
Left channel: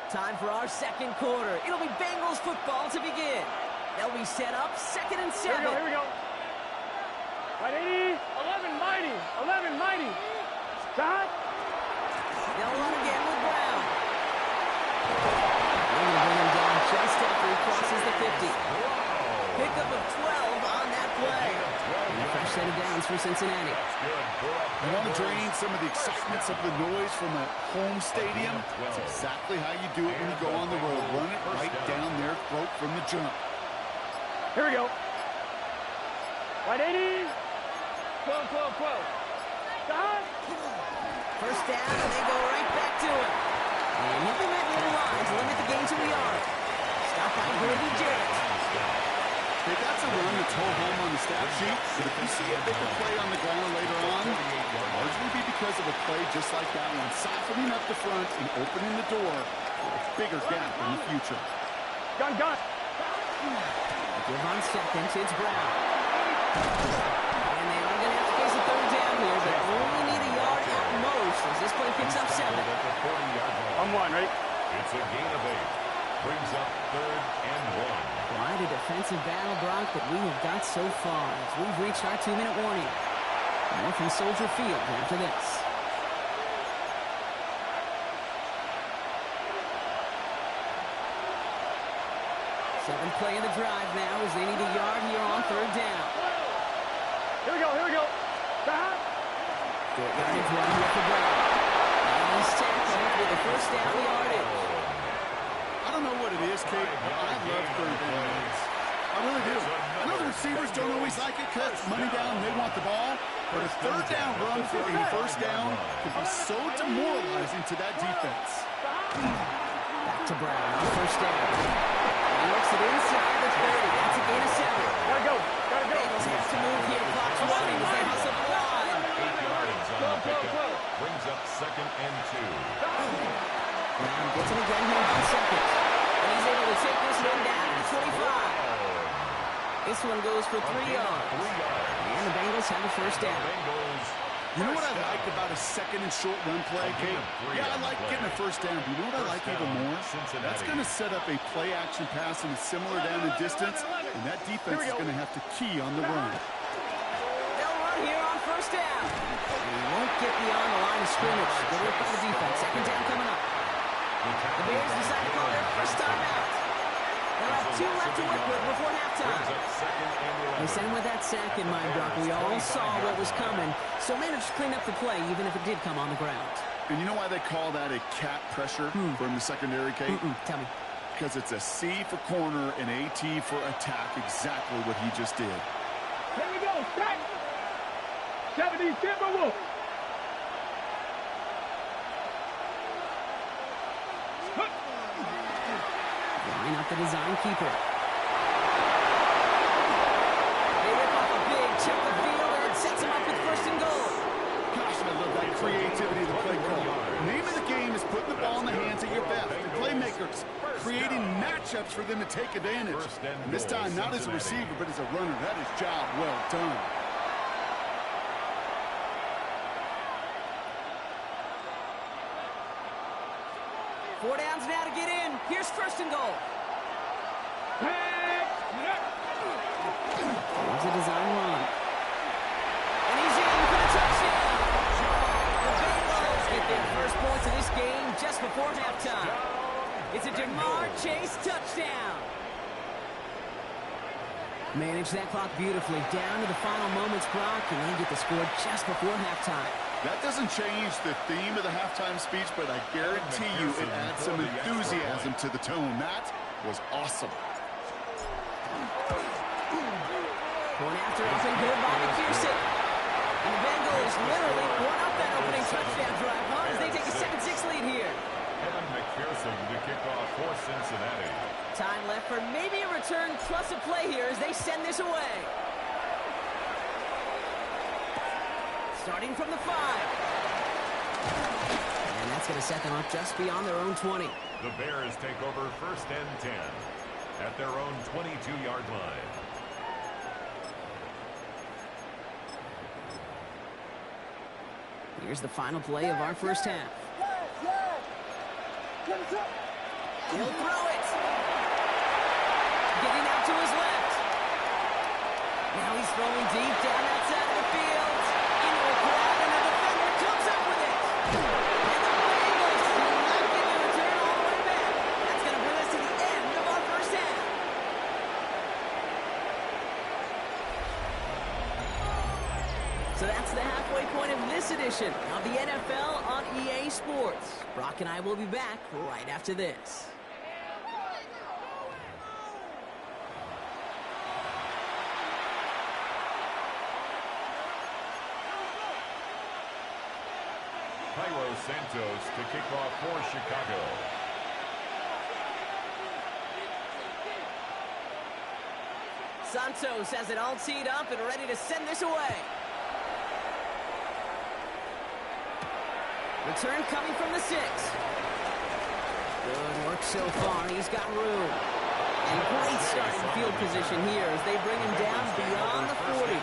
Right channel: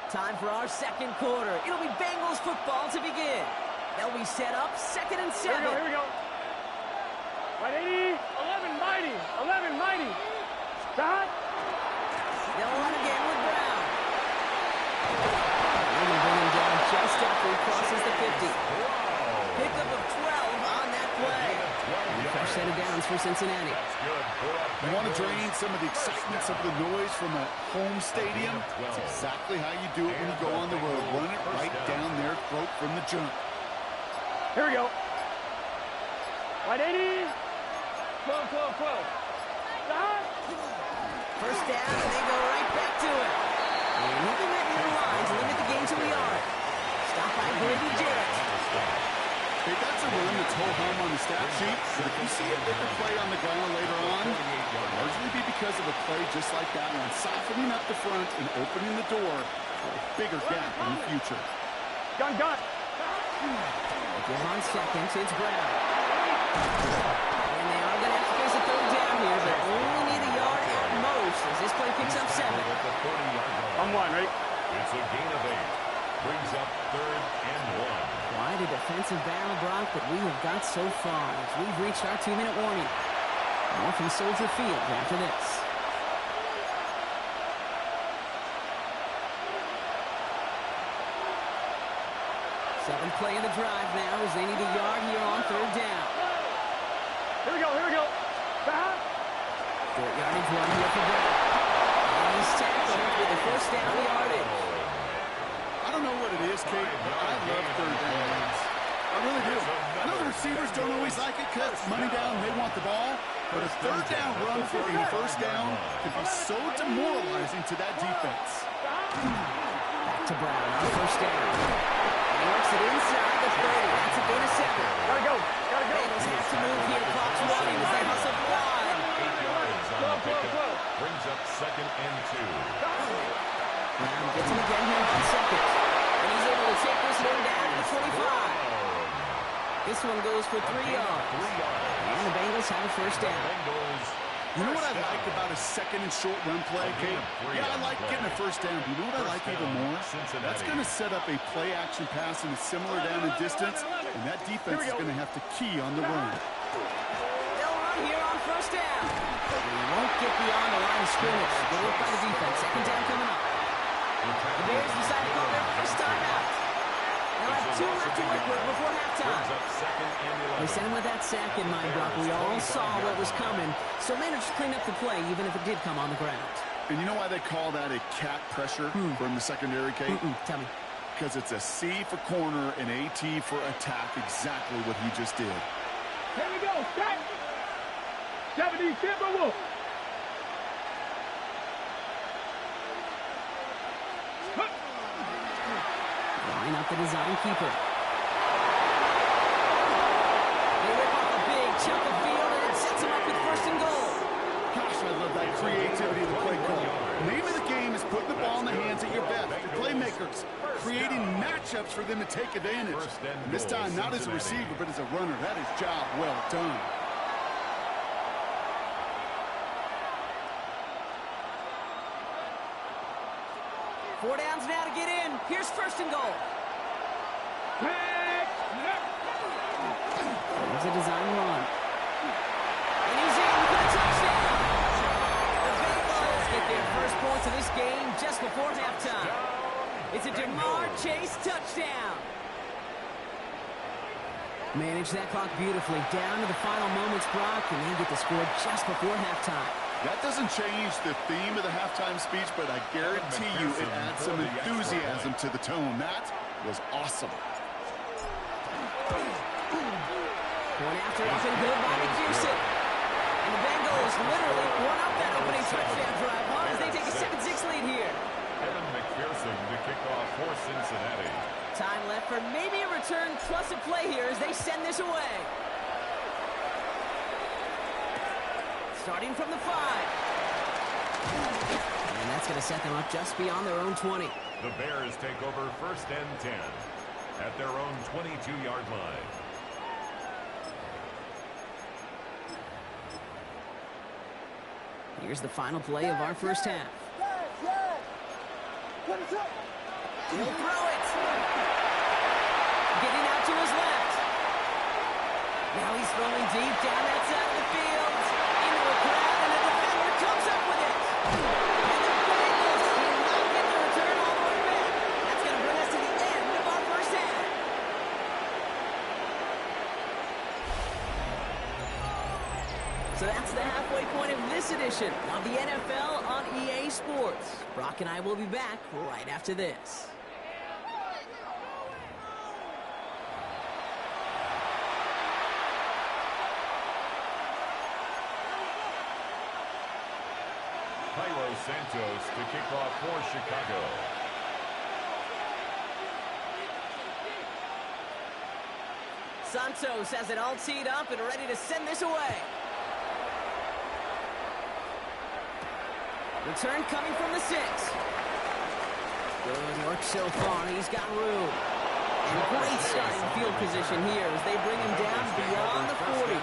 Time for our second quarter. It'll be Bengals football to begin. They'll be set up 2nd and 7. Here we go. 180. 11 mighty. 11 mighty. Dot. They'll run again with Brown. They're going to bring him down just after he crosses the 50. Pickup of 12 on that play. And a fresh set of downs for Cincinnati. You want to drain some of the excitement, some of the noise from a home stadium? It's exactly how you do it when you go on the road. Run it right down their throat from the jump. Here we go. 180. 12, 12, 12. Dot. First down, and they go right back to it. And he'll be met near the line to limit the gain to a yard. Stopped by Grady Jarrett. Hey, that's a run that's whole home on the stat sheet, but if you see a bigger play on the ground later on, it'll largely be because of a play just like that one, softening up the front and opening the door for a bigger gap in the future. Gun. Give on 2nd, it's Brown. And they are going to have to face a 3rd down here, but only need a yard at most as this play picks up 7. I'm 1, right? It's a gain of 8. Brings up 3rd and 1. Quite a defensive battle, Brock, that we have got so far as we've reached our 2-minute warning. More from Soldier Field after this. Seventh play of the drive now as they need a yard here on 3rd down. Here we go. Stop. Short yardage run here for Brown. And he's tackled with the first down yardage. I don't know what it is, Kate, but I love 3rd down runs. I really do. I know the receivers don't always like it because money down, they want the ball. But a 3rd down run for a first down can be so demoralizing to that defense. Back to Brown on 1st down. And he works it inside the 30. That's a gain of 7. Gotta go. Bengals have to move here. Clock's running as they hustle the line. 8 yards on the pickup. Brings up 2nd and 2. Brown gets him again here on 2nd. And he's able to take this one down to the 25. This one goes for 3 yards. And the Bengals have a first down. Bengals You know what I like about a second and short run play, Kate? Yeah, I like getting a first down. But you know what I like even more? That's going to set up a play-action pass in a similar down and distance, and that defense is going to have to key on the run. They'll run here on first down. He won't get beyond the line of scrimmage. Good work by the defense. Second down coming up. The Bears decide to call their first timeout. They'll have 2 left to work with before halftime. They sent him with that sack in mind, Brock. We all saw what was coming, so managed to clean up the play, even if it did come on the ground. And you know why they call that a cat pressure from the secondary, Kate? Tell me. Because it's a C for corner and a T for attack, exactly what he just did. Here we go, start. 70 Timberwolves. Line up the design keeper. They rip off a big chunk of field, and it sets him up with first and goal. Gosh, I love that creativity of the play call. Name of the game is putting the ball in the hands of your best, the playmakers, creating matchups for them to take advantage. And this time, not as a receiver, but as a runner. That is job well done. Four downs now to get in. Here's first and goal. Here's a design run. And he's in for the touchdown. The Bengals get their first points of this game just before halftime. It's a Jamar Chase touchdown. Manage that clock beautifully. Down to the final moments, Brock, and they get the score just before halftime. That doesn't change the theme of the halftime speech, but I guarantee you it adds some enthusiasm to the tone. That was awesome. Going after up and good by McPherson. And the Bengals literally won up that opening touchdown drive, as they take a 7-6 lead here. Evan McPherson to kick off for Cincinnati. Time left for maybe a return plus a play here as they send this away. Starting from the 5. And that's going to set them up just beyond their own 20. The Bears take over first and 10 at their own 22-yard line. Here's the final play of our first half. He'll throw it. Getting out to his left. Now he's throwing deep down that side of the field. Into a crowd, and a defender comes up with it. And the Bengals do not get the return all the way back. That's going to bring us to the end of our first half. So that's the halfway point of this edition of the NFL on EA Sports. Brock and I will be back right after this. Cairo Santos to kick off for Chicago. Santos has it all teed up and ready to send this away. Return coming from the 6. Good work so far. He's got room. And great starting field position here as they bring him down beyond the 40.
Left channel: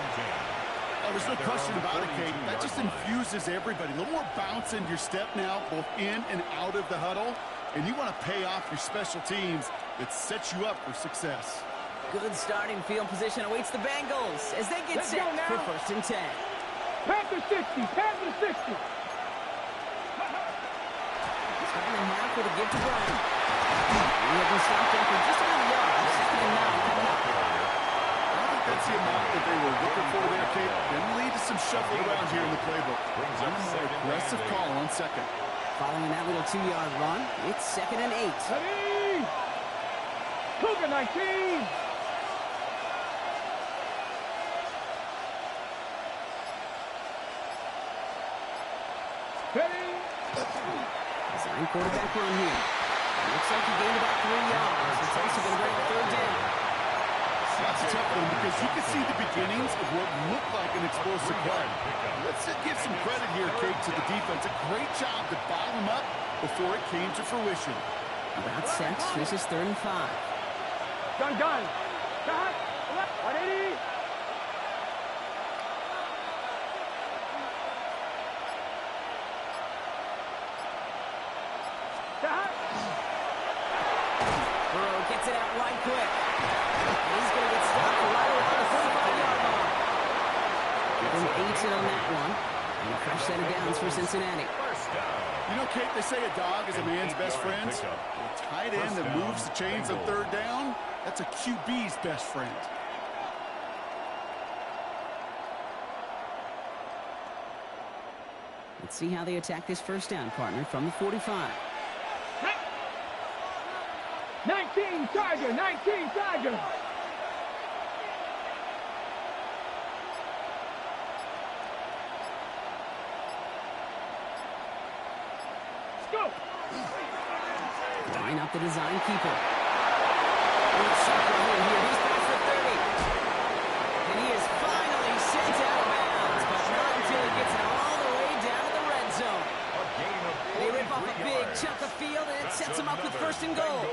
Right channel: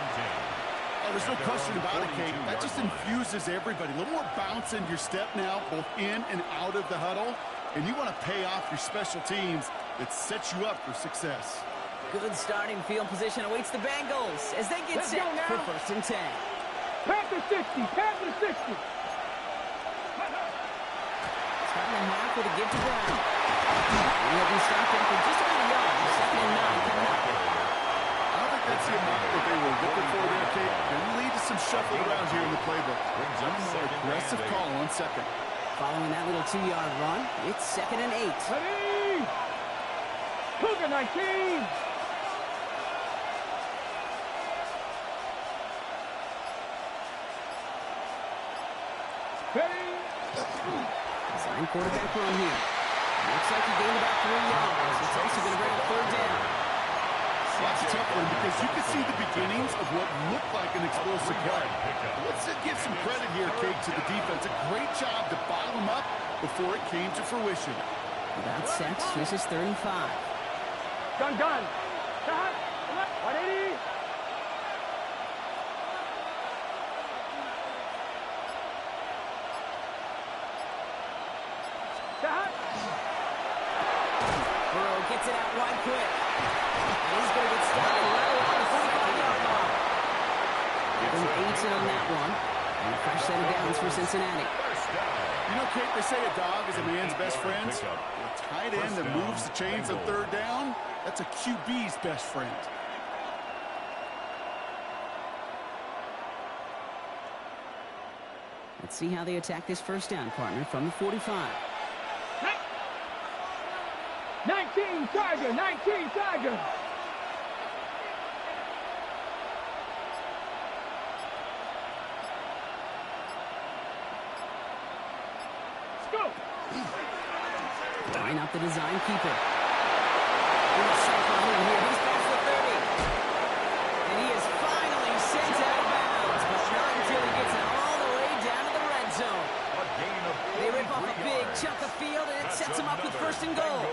Oh, there's no question about it, Kate. That just infuses everybody. A little more bounce in your step now, both in and out of the huddle. And you want to pay off your special teams that sets you up for success. Good starting field position awaits the Bengals as they get set for first and 10. Panther 60, Panther 60. Starting the half with a give to Brown. He'll be stopped after just about a yard. Second and 9 coming up. I don't think that's the amount that they were looking for there, Kate. Can lead to some shuffling around here in the playbook. On a more aggressive call on second. Following that little 2-yard run, it's second and 8. Ready? Cougar 19. Ready? Design quarterback run here. Looks like he gained about 3 yards. It's also going to bring a third down. That's a tough one because you can see the beginnings of what looked like an explosive play. Let's give some credit here, Kate, to the defense. A great job to bottle them up before it came to fruition. About set. This is third and 5. Gun. Shot. 180. it out wide quick. And he's going to get stopped right around the 45-yard line. Give him 8 on that one. And a fresh set of downs for Cincinnati. You know, Kate, they say a dog is a man's best friend. A tight end that moves the chains on third down, that's a QB's best friend. Let's see how they attack this first down, partner, from the 45. 19 Tiger, 19 Tiger. Go. Line up the design keeper. Sharp run in here. He's past the 30. And he is finally sent out of bounds, but not until he gets it all the way down to the red zone. They rip off a big chunk of field, and it sets them up with first and goal.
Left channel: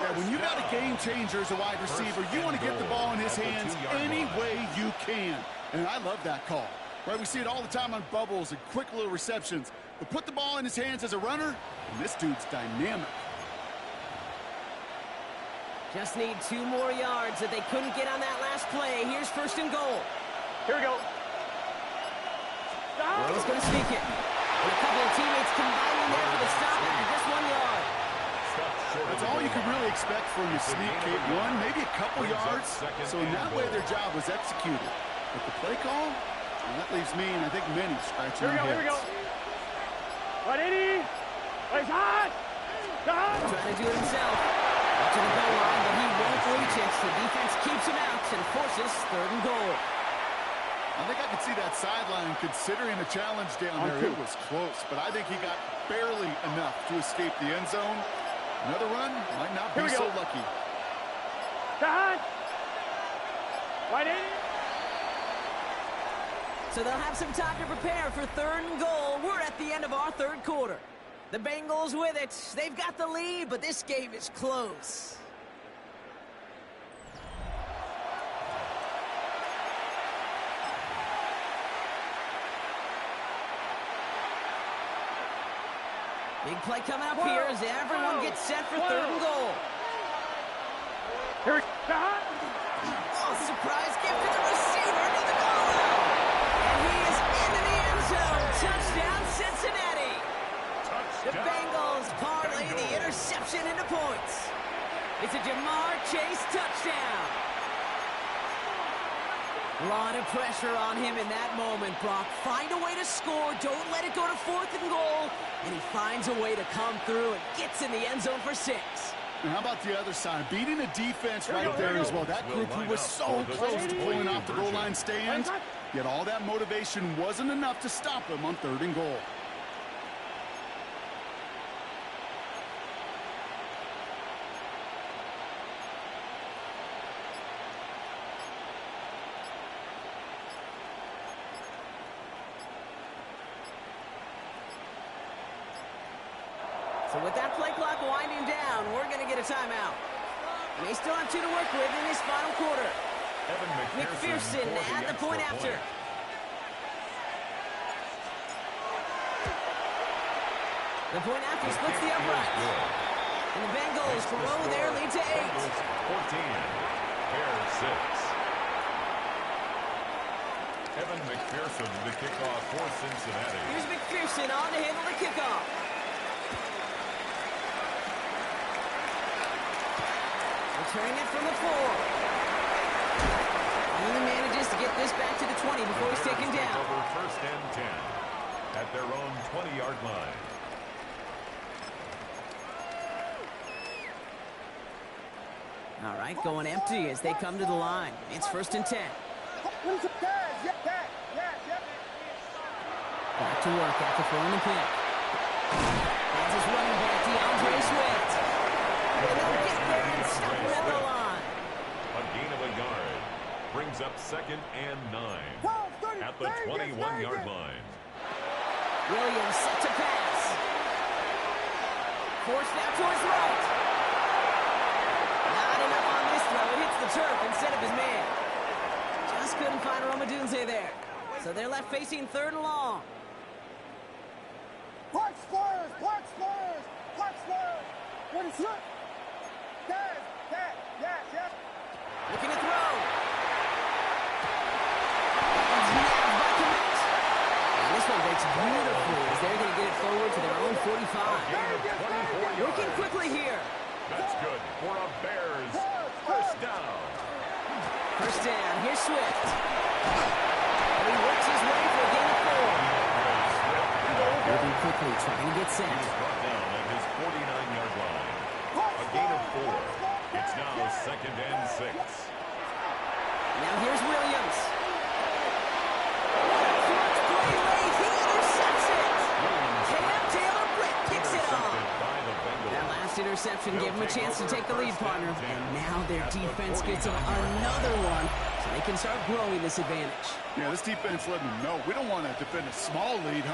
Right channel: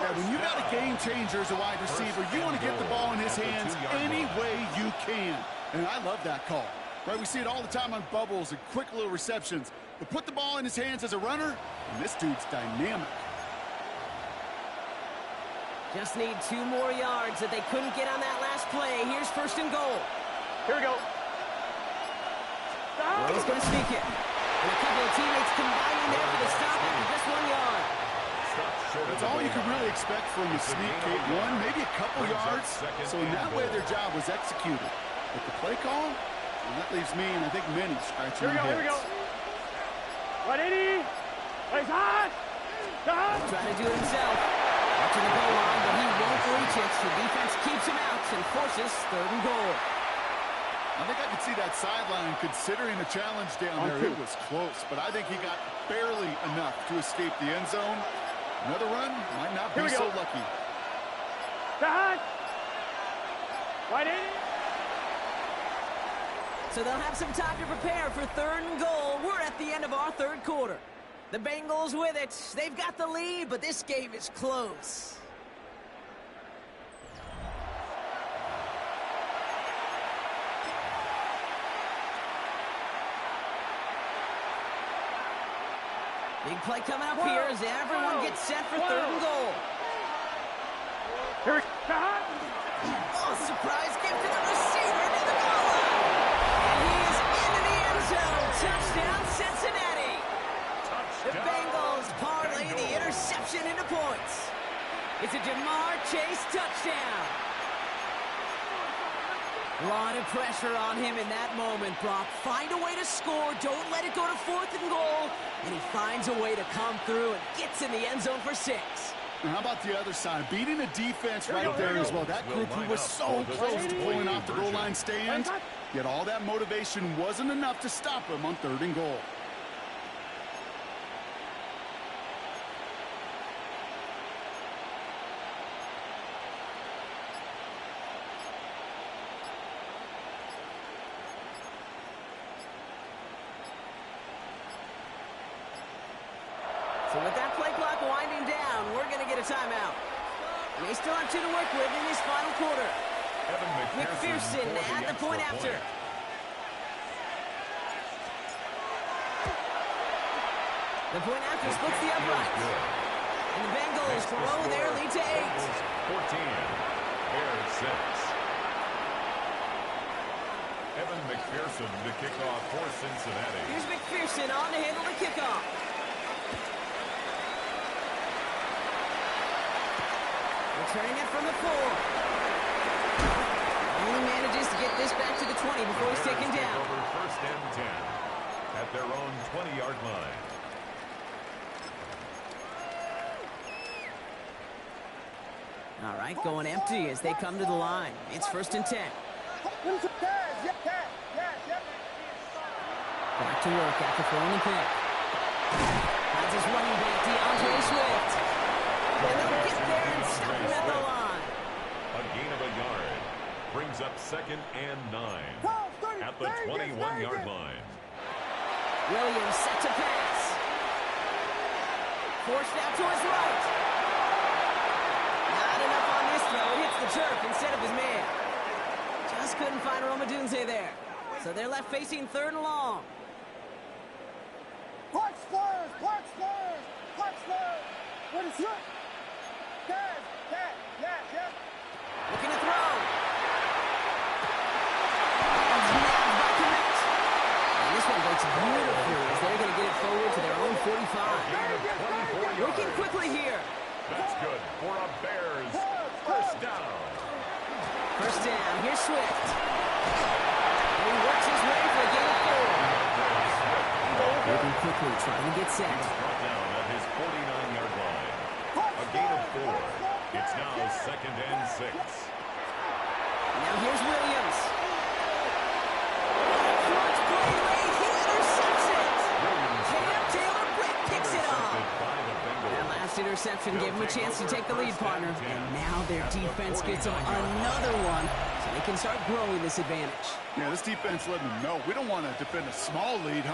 Yeah, when you got a game changer as a wide receiver, you want to get the ball in his hands any way you can. And I love that call. Right, we see it all the time on bubbles and quick little receptions. But put the ball in his hands as a runner, and this dude's dynamic. Just need 2 more yards that they couldn't get on that last play. Here's first and goal. Here we go. He's going to sneak it. And a couple of teammates combining there for the stop after just 1 yard. That's all you could really expect from the sneak, Kate. 1, maybe a couple yards. So in that way, their job was executed. But the play call, well, that leaves me, and I think many, scratching their heads. Here we go. 180. He's hot. Trying to do it himself. Watching the goal line, but he won't reach it. The defense keeps him out and forces third and goal. I think I could see that sideline considering a challenge down there. It was close, but I think he got barely enough to escape the end zone. Another run might not be so lucky. Hot. 180. So they'll have some time to prepare for third and goal. We're at the end of our third quarter. The Bengals with it. They've got the lead, but this game is close. Big play coming up here as everyone gets set for third and goal. Here, oh, surprise gift to the receiver near the goal line. And he is into the end zone. Touchdown, Cincinnati. The Bengals parlay the interception into points. It's a Jamar Chase touchdown. A lot of pressure on him in that moment, Brock. Find a way to score. Don't let it go to fourth and goal. And he finds a way to come through and gets in the end zone for 6. And how about the other side? Beating a defense right there as well. That group who was so close to pulling off the goal line stand, yet all that motivation wasn't enough to stop him on third and goal. So with that play clock winding down, we're going to get a timeout. And they still have 2 to work with in this final quarter. McPherson at the point after. The point after splits the uprights. And the Bengals grow their lead to 8. 14, Bears 6. Evan McPherson to kick off for Cincinnati. Here's McPherson on to handle the kickoff. Returning it from the 4. Only manages to get this back to the 20 before he's taken down. Over first and 10 at their own 20-yard line. All right, going empty as they come to the line. It's first and 10. Back to work after throwing the pick. Finds his running back, DeAndre Swift. And they'll get there and stop him at the line. A gain of a yard. Brings up second and 9 at the 21-yard line. Williams set to pass. Forced out to his right. Not enough on this throw. It hits the turf instead of his man. Just couldn't find Romadunze there. So they're left facing third and long. Park Spurs! Park Spurs! Park Spurs! What is it? Guys, Looking to throw. One's nabbed by Komet. And this one breaks beautifully as they're going to get it forward to their own 45. Working quickly here. That's good for a Bears first down. First down. Here's Swift. And he works his way for a gain of 4. Moving quickly, trying to get set. He's brought down at his 49-yard line. A gain of 4. It's now 2nd and 6. Now here's Williams. What a clutch play late. He intercepts it. Cam Taylor-Britt picks it off. That last interception gave him a chance to take the lead, partner. And now their defense gets them another one, so they can start growing this advantage. Yeah, this defense let them know we don't want to defend a small lead.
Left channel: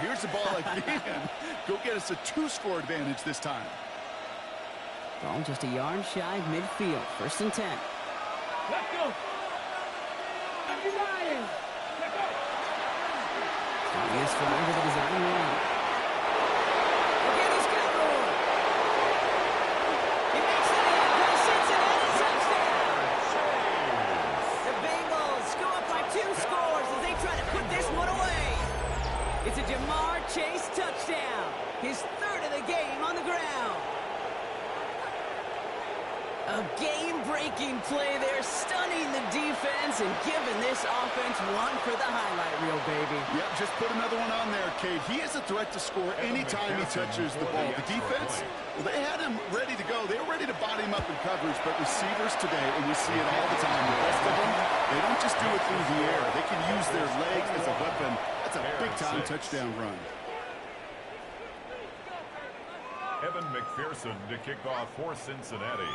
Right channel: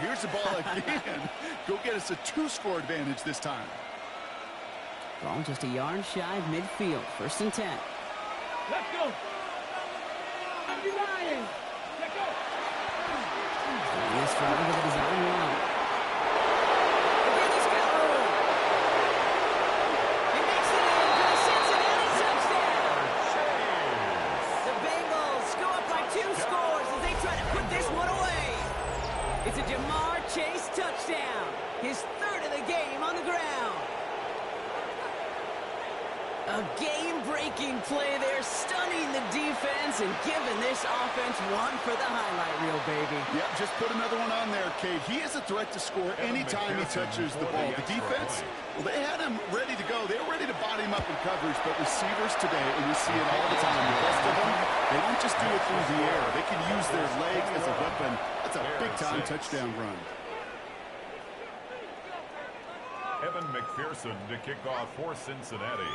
Here's the ball again. Go get us a 2-score advantage this time. Ball just a yard shy of midfield. 1st and 10. Let's go. Starting this drive with a design run. Again, he's got room. He makes it in for the Cincinnati touchdown. The Bengals go up by 2 scores as they try to put this one away. It's a Jamar Chase touchdown. His 3rd of the game on the ground. A game-breaking play there, stunning the defense and giving this offense one for the highlight reel, baby. Yep, just put another one on there, Kate. He is a threat to score anytime he touches the ball. The defense, well, they had him ready to go. They were ready to body him up in coverage, but receivers today, and we see it all the time, the best of them, they don't just do it through the air. They can use their legs as a weapon. That's a big-time touchdown run. Evan McPherson to kick off for Cincinnati.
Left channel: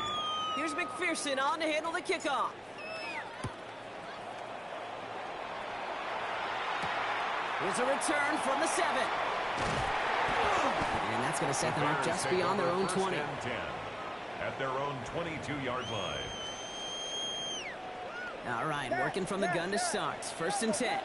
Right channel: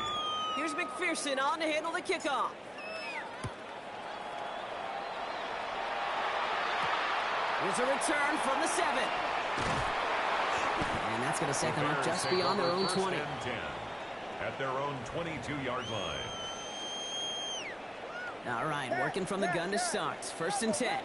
Here's McPherson on to handle the kickoff. Here's a return from the 7. And that's going to set them up just beyond their own 20. 10 at their own 22-yard line. All right, working from the gun to start. 1st and 10.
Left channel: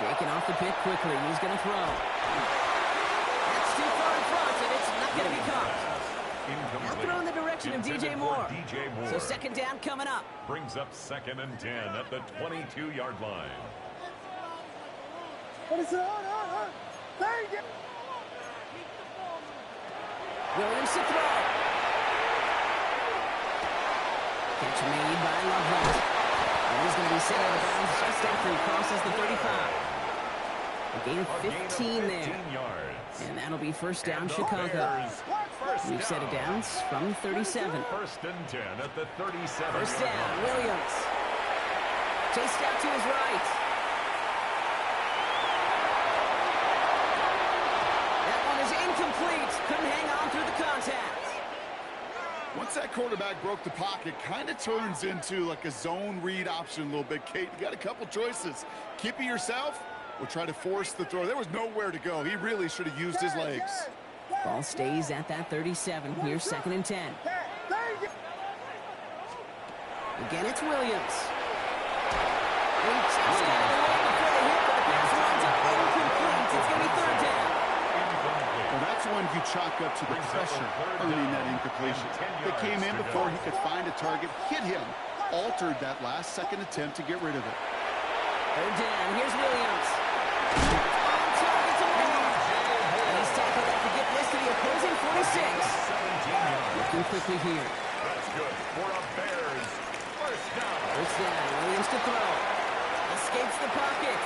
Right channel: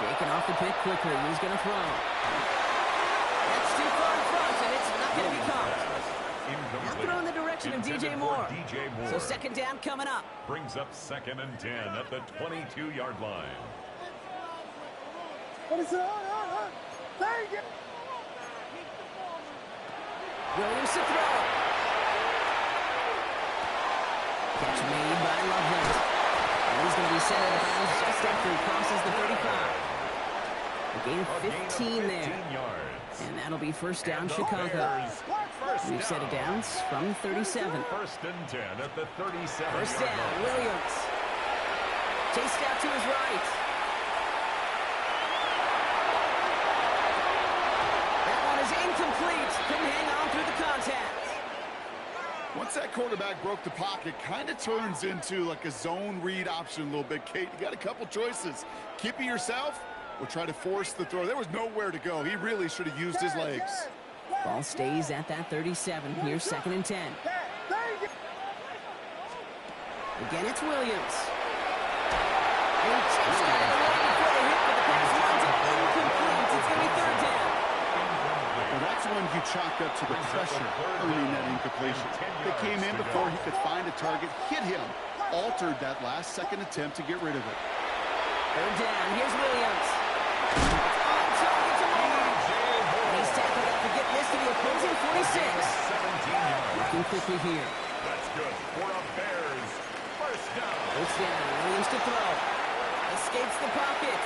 Shaking off the pick quickly. He's going to throw. That's too far in front, and it's not going to be caught. Now throw in the direction of DJ Moore. So 2nd down coming up. Brings up 2nd and 10 at the 22-yard line. Williams to throw. Catch made by Loveland. And he's going to be set out of bounds just after he crosses the 35. A gain of 15 there. And that'll be 1st down Chicago. We've set it down from 37. 1st and 10 at the 37. 1st down, Williams. Chased out to his right. That one is incomplete. Couldn't hang on through the contact. Once that quarterback broke the pocket, kind of turns into like a zone read option a little bit, Kate. You got a couple choices. Keep it yourself or try to force the throw. There was nowhere to go. He really should have used his legs. Ball stays at that 37. Here's 2nd and 10. Again, it's Williams. He just got it away before the hit, but the pass winds up incomplete. It's going to be 3rd down. Well, that's when you chalk up to the pressure earning that incompletion. They came in before he could find a target, hit him, altered that last 2nd attempt to get rid of it. 3rd down. Here's Williams. On target to Moore. And he's tackled after getting this to the opposing 46. 17 yards. Working quickly here. That's good for a Bears 1st down. 1st down. Williams to throw. Escapes the pocket.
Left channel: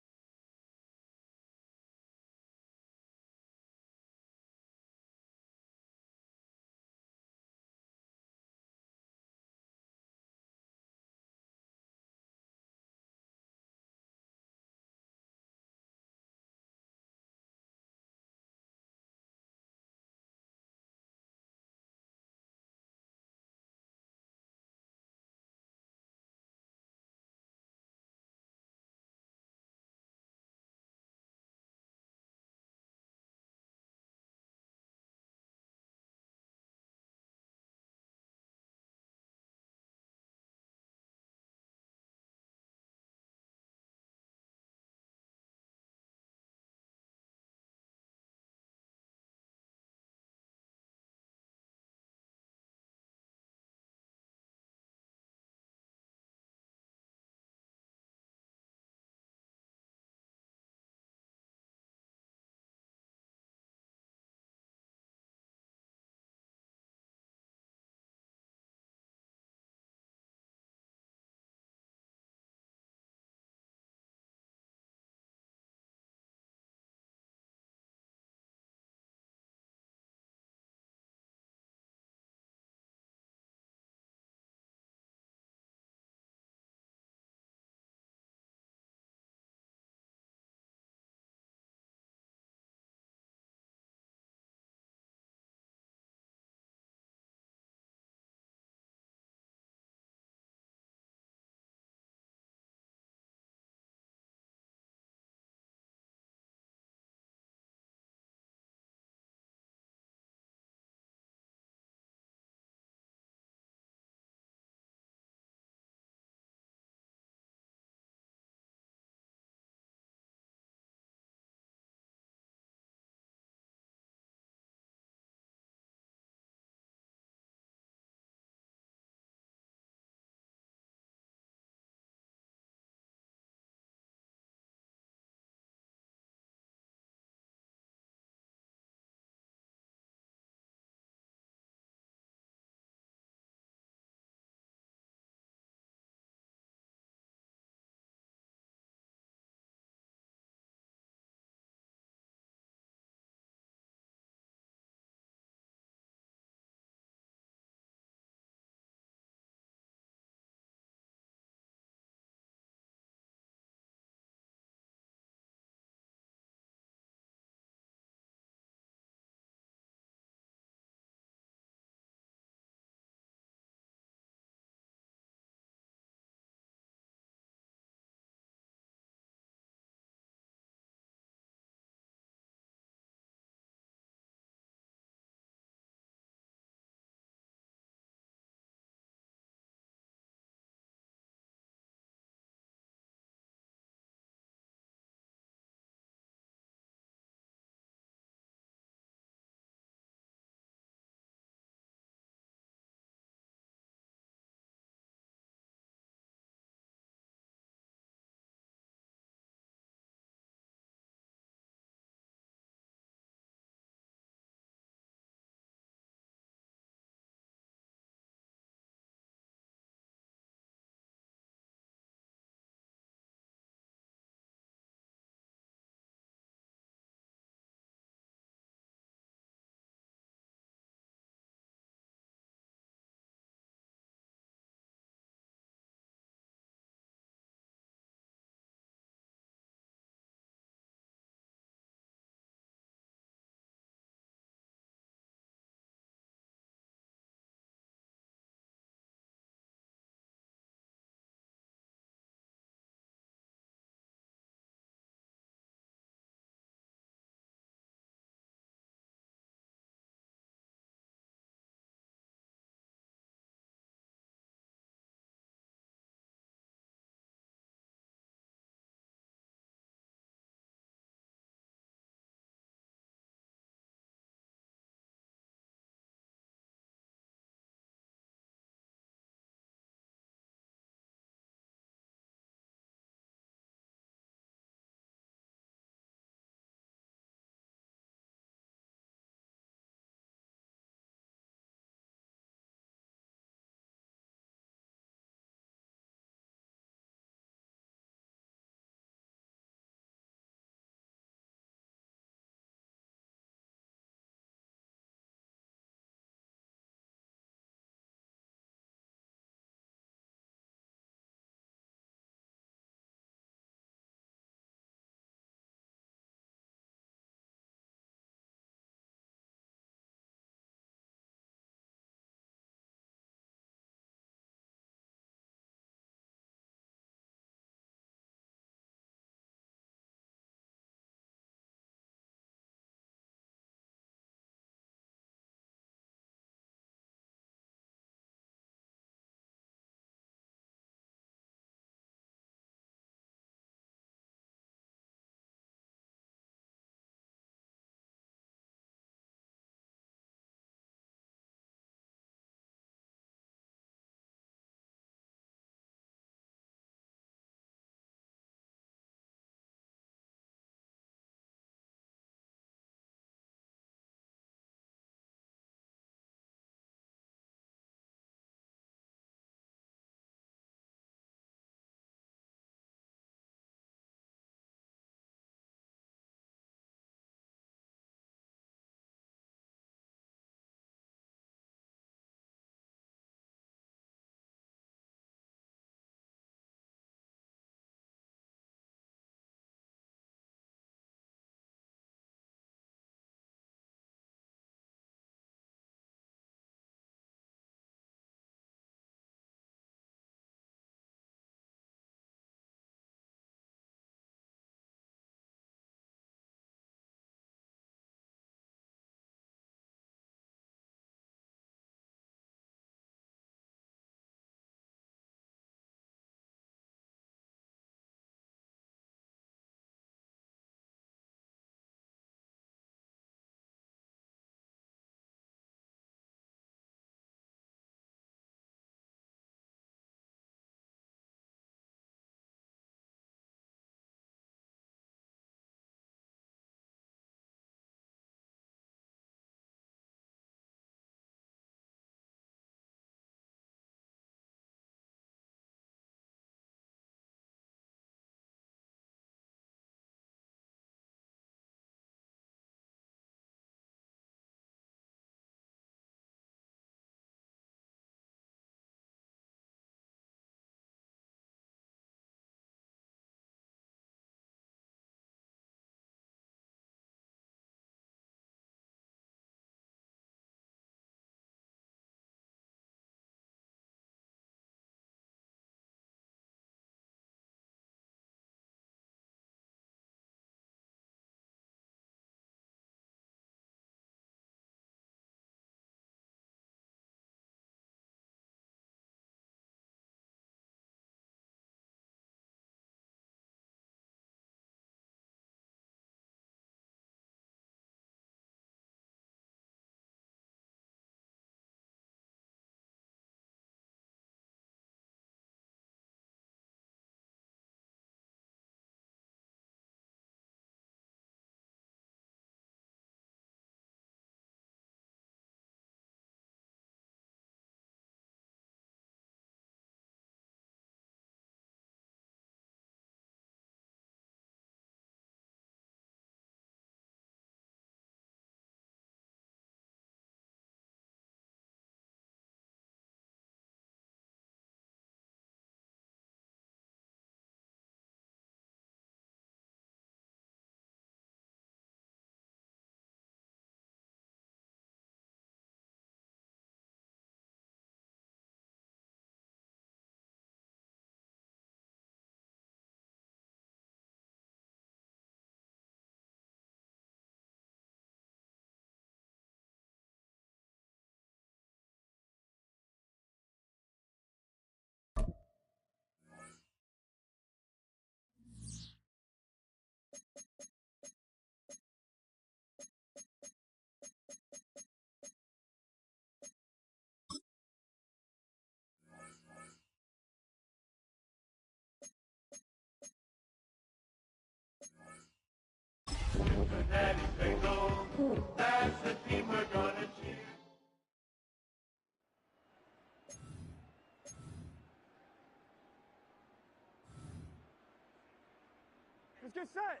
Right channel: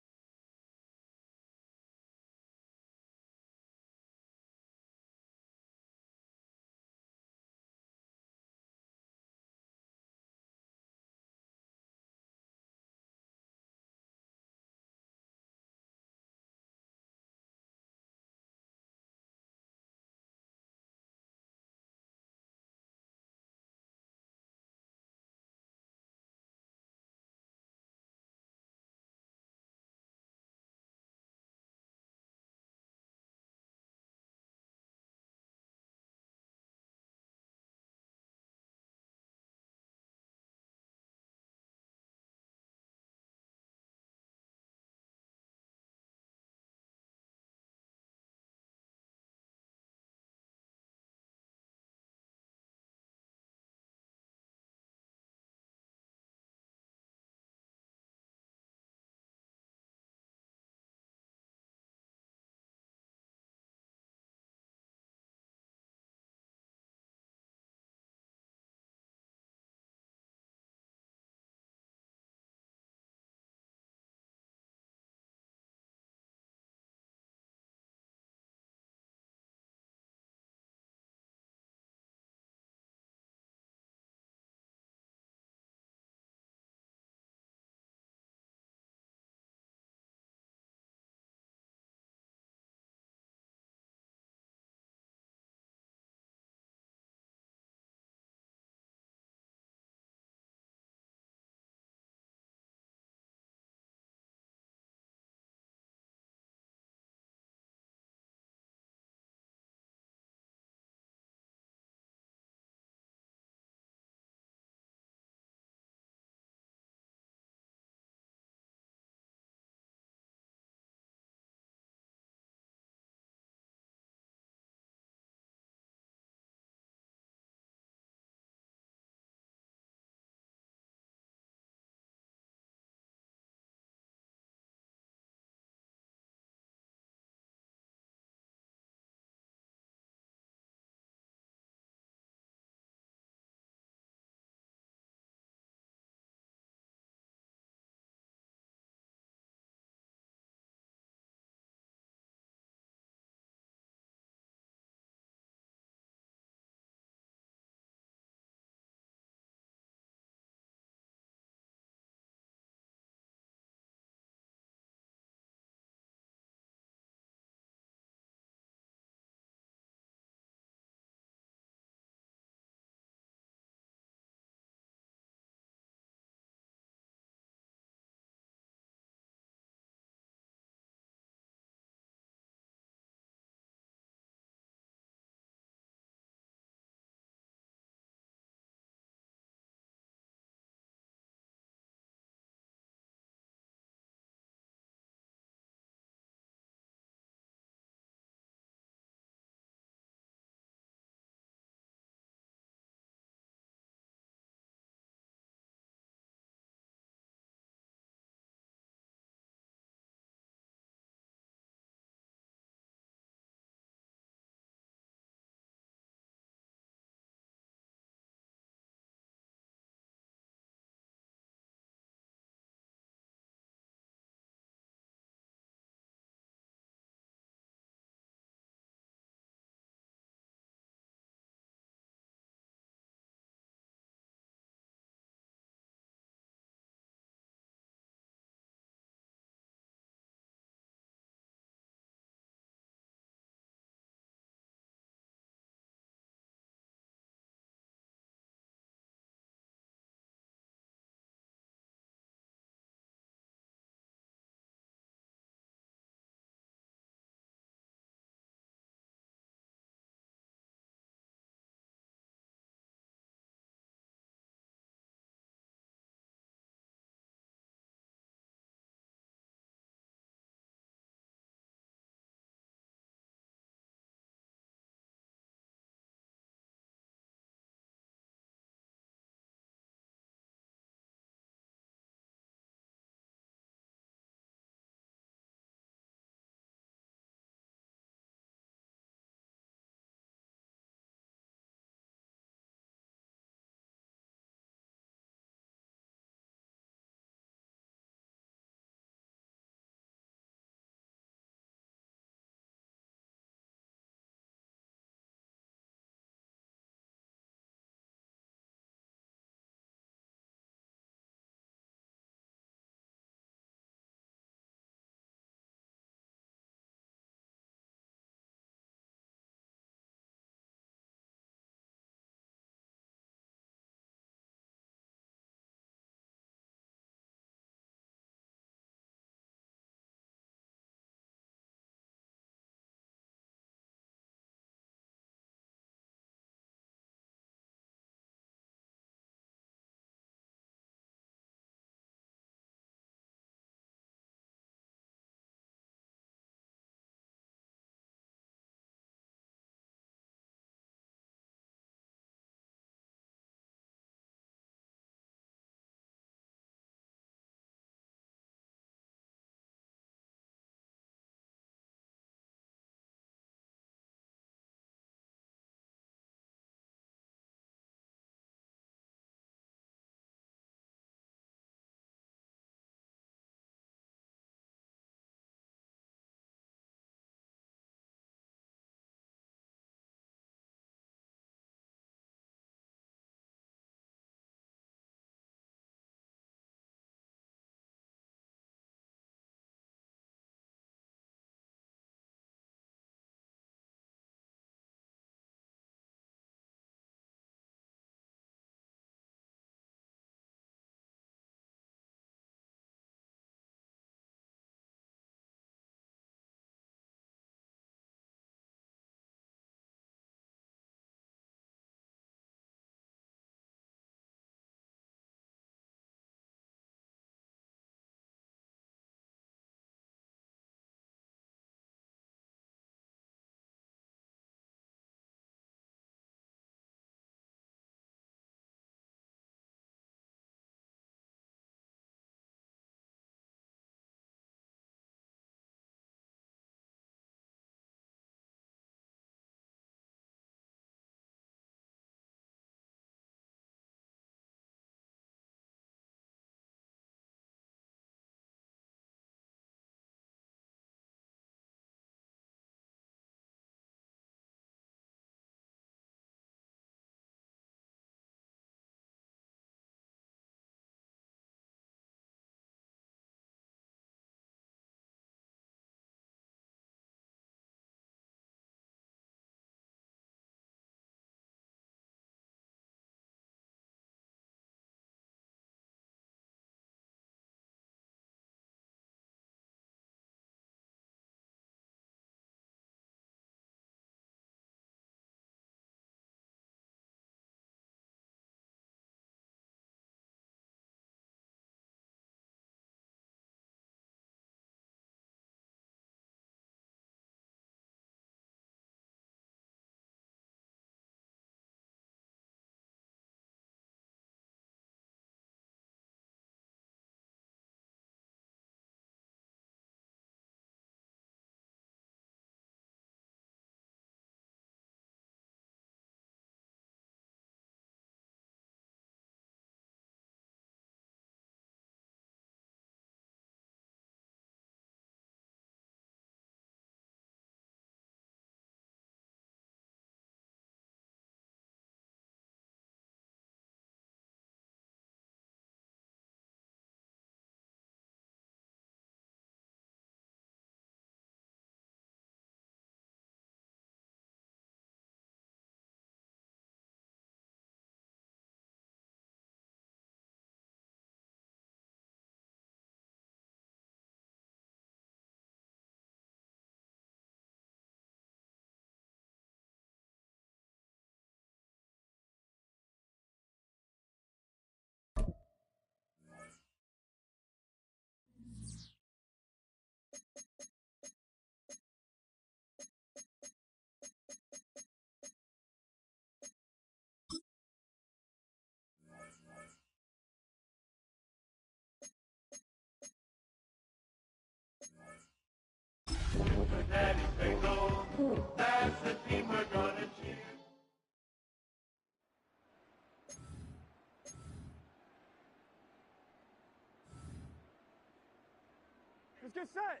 Let's get set.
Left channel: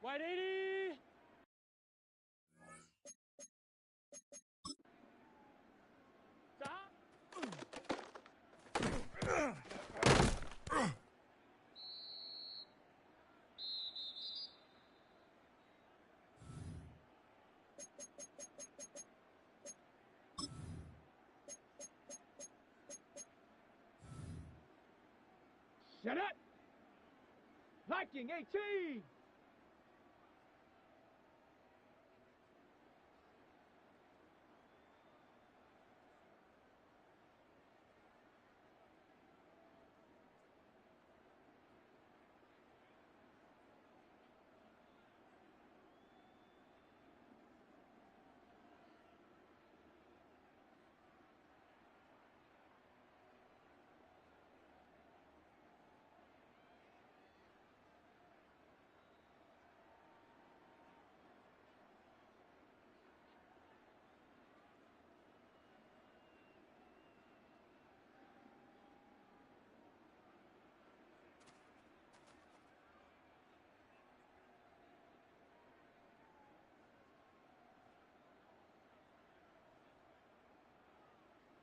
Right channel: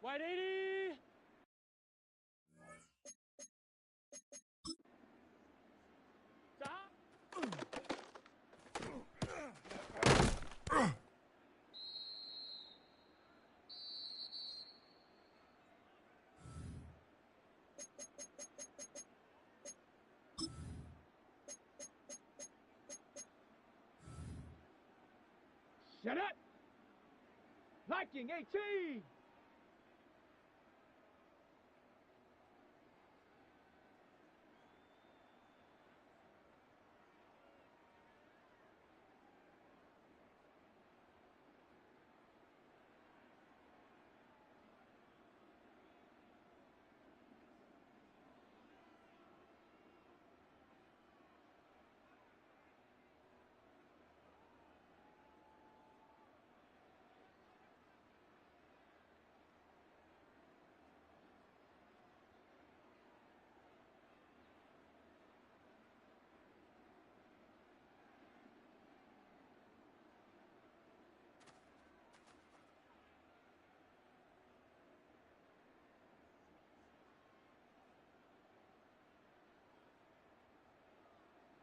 White 80. Stop. Shut up. Viking 18.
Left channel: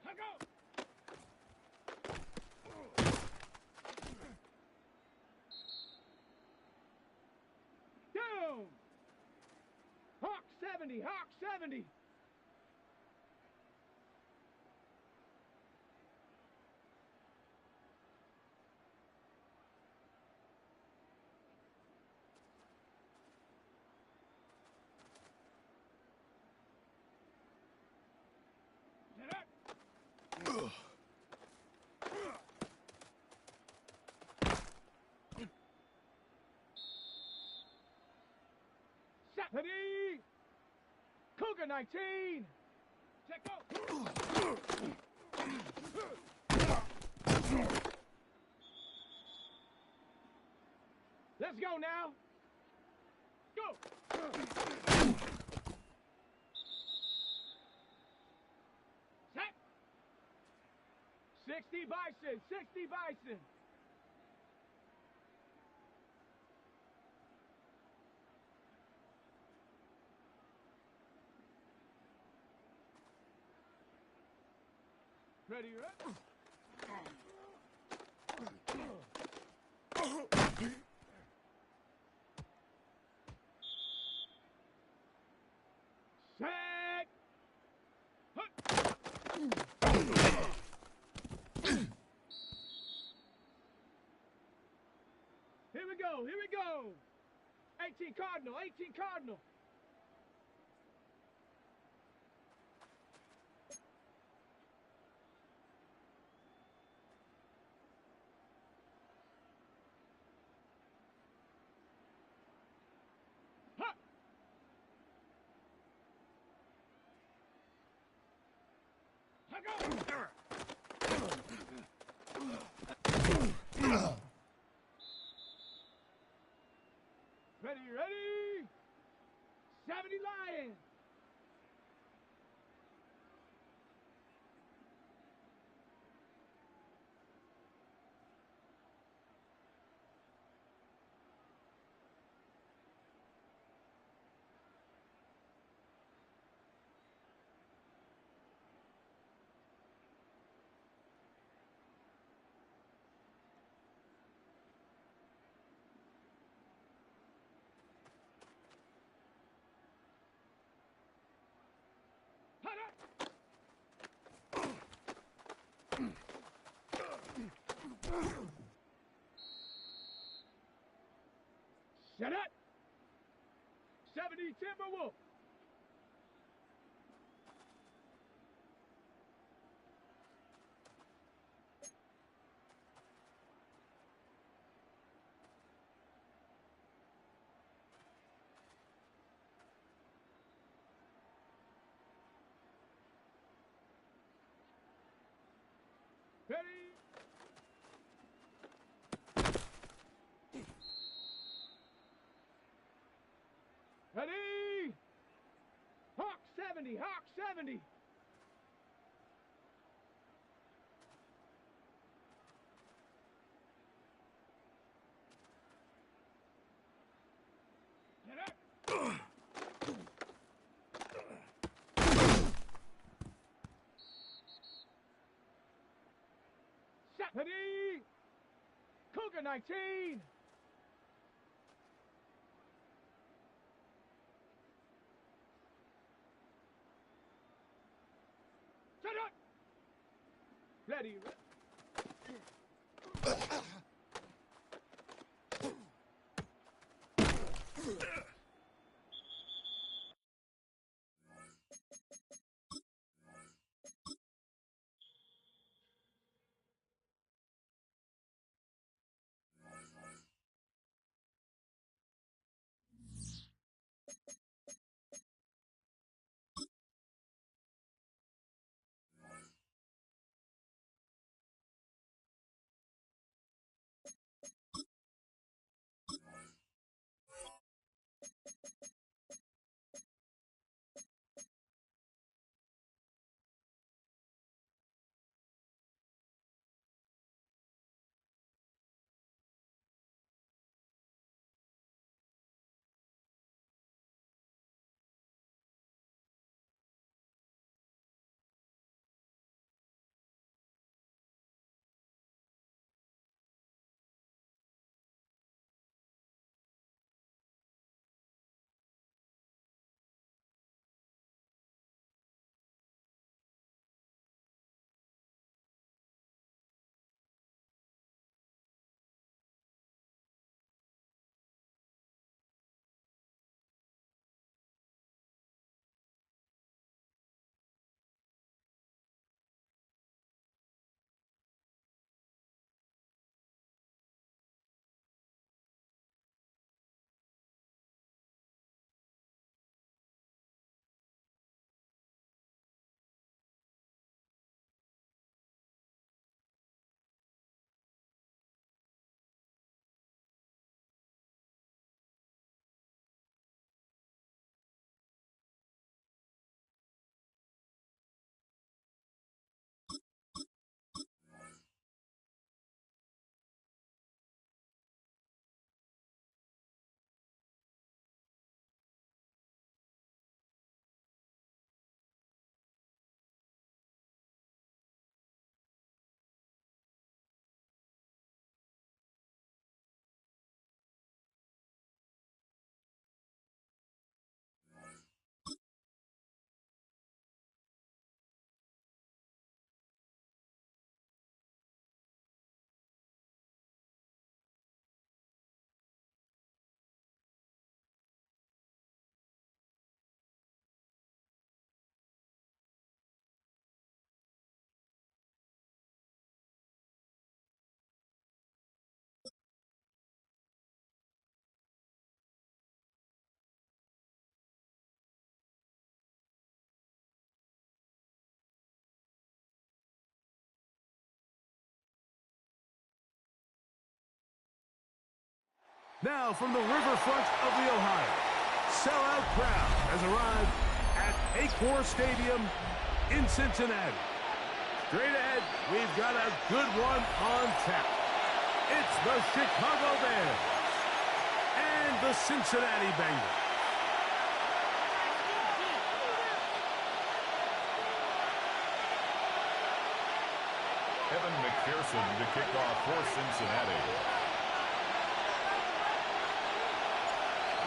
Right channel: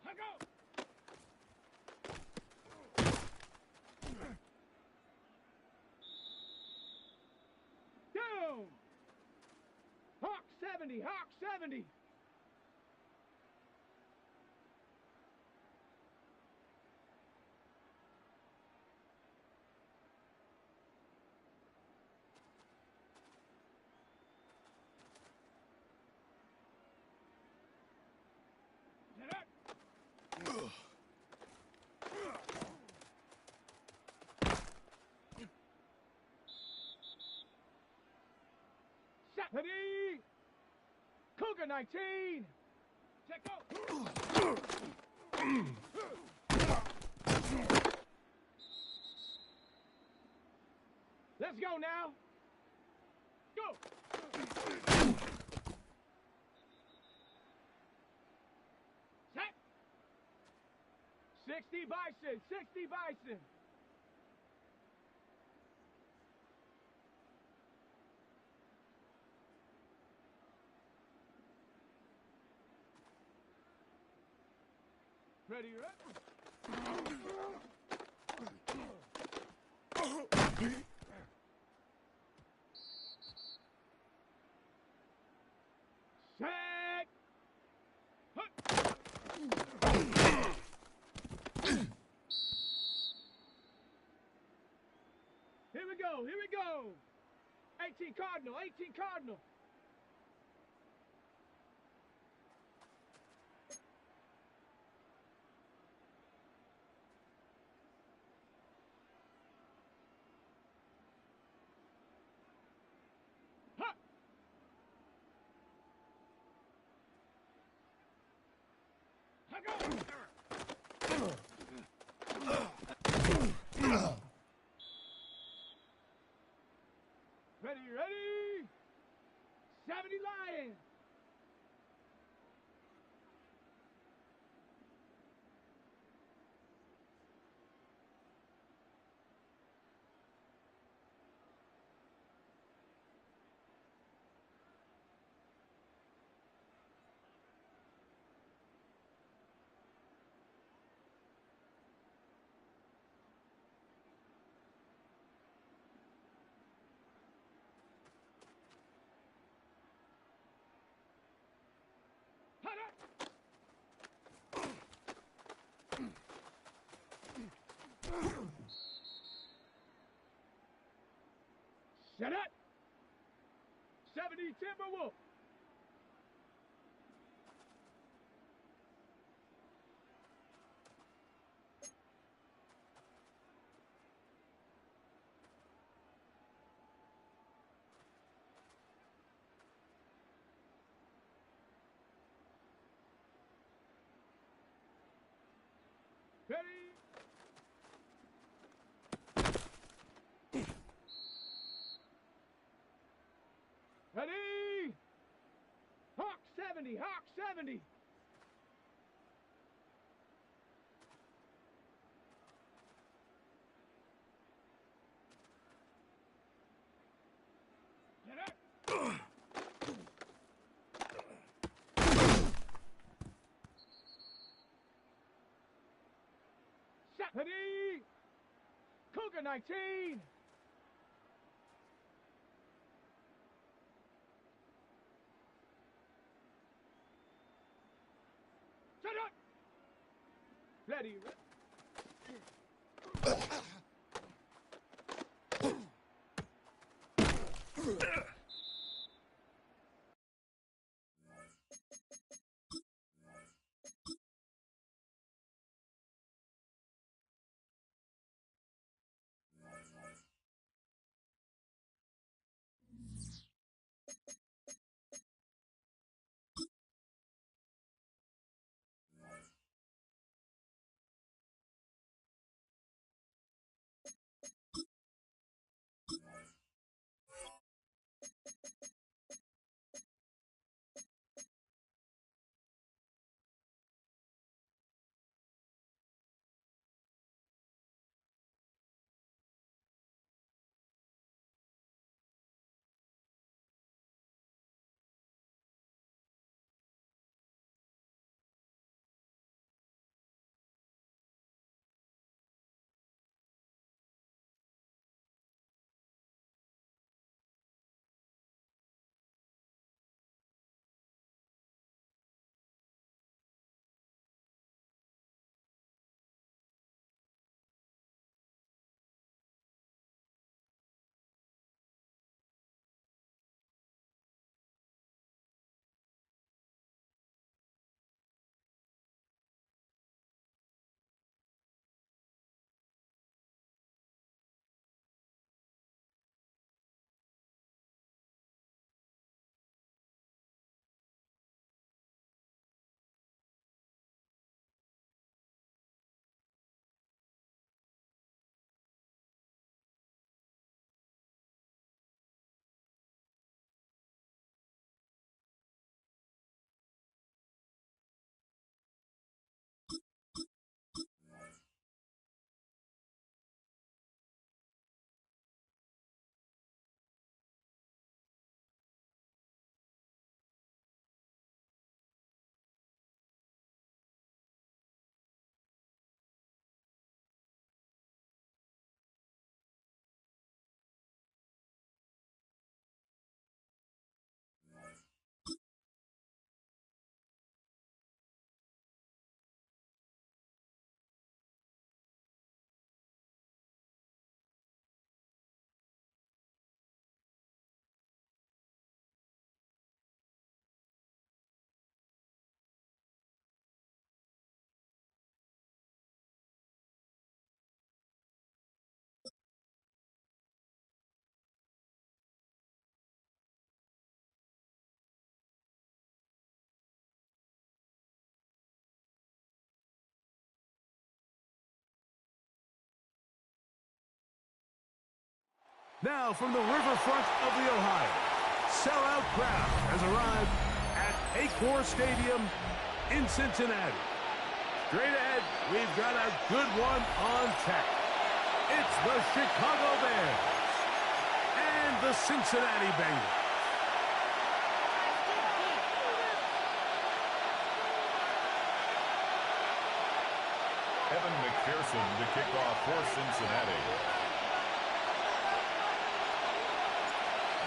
Let go. Down. Hawk 70. Hawk 70. Get up. Ready? Cougar 19. Check go. Let's go now. Go. Set. 60 Bison. 60 Bison. Ready, right? Set. Here we go. Here we go. 18 Cardinal. 18 Cardinal. Ready, ready! 70 Lions! Shut up! 70 Timberwolf! Ready? Ready? Hawk 70, Hawk 70. Ready? Cougar 19. Shut up. Ready. Now from the riverfront of the Ohio, sellout crowd has arrived at Acor Stadium in Cincinnati. Straight ahead, we've got a good one on tap. It's the Chicago Bears and the Cincinnati Bengals. Evan McPherson to kick off for Cincinnati.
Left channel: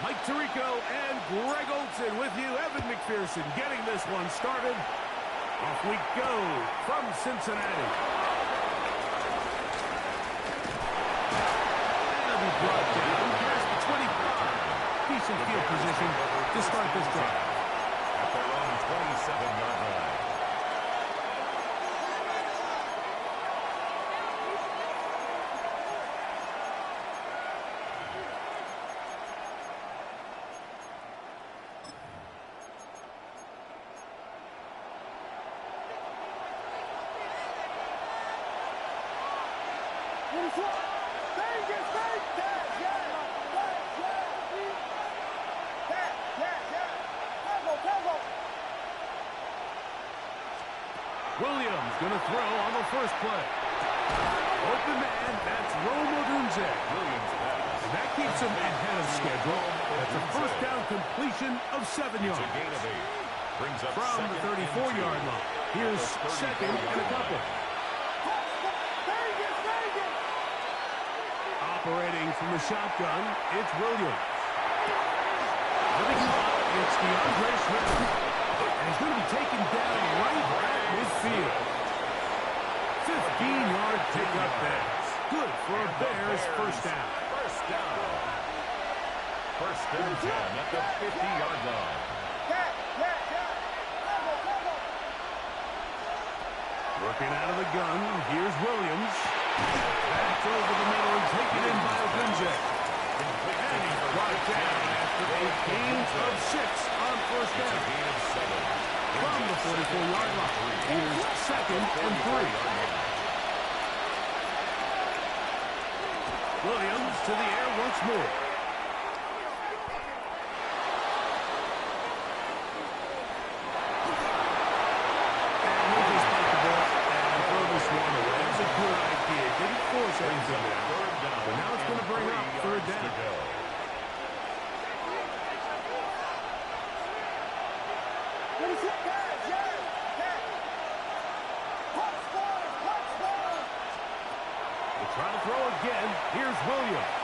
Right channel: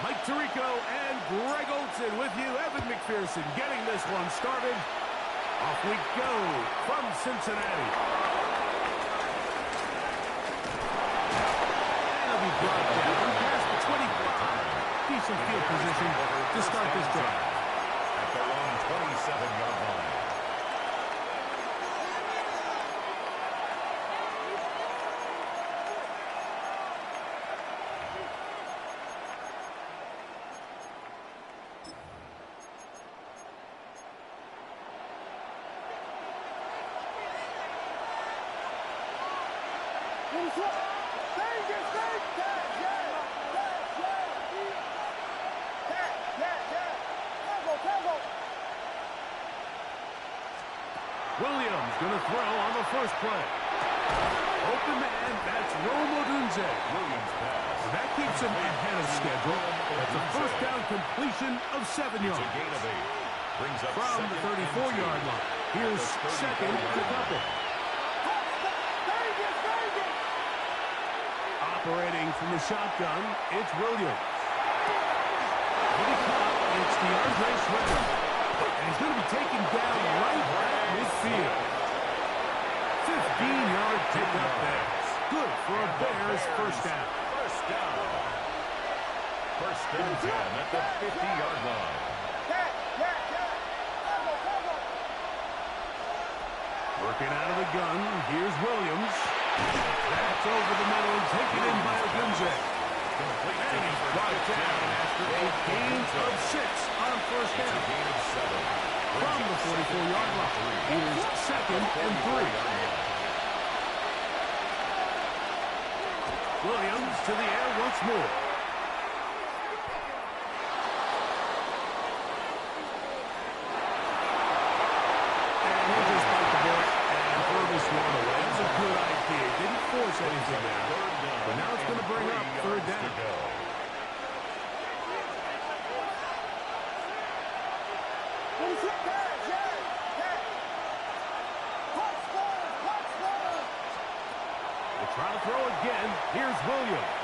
Mike Tirico and Greg Olson with you. Evan McPherson getting this one started. Off we go from Cincinnati. And it'll be brought down past the 25. Decent field position to start this drive. At their own 27-yard line. Williams going to throw on the first play. Open man, that's Rome Odunze. Williams pass. And that keeps him ahead of schedule. That's a first down completion of 7 yards. It's a gain of 8. Brings up from the 34-yard line. Here's second and a couple. Operating from the shotgun, it's Williams. With the clock, it's DeAndre Swift. And he's going to be taken down right at midfield. 15-yard pickup there. Good for a Bears first down. First down. First and 10 at the 50-yard line. Working out of the gun, here's Williams. That's over the middle and taken in by Ogunze. And he's brought down after a gain of 6 on first down. From the 44-yard line, here's second and 3. Williams to the air once more. And he'll just bite the ball and throw this one away. It was a good idea. Didn't force anything there. But now it's going to bring up third down. They're trying to throw again. Here's Williams.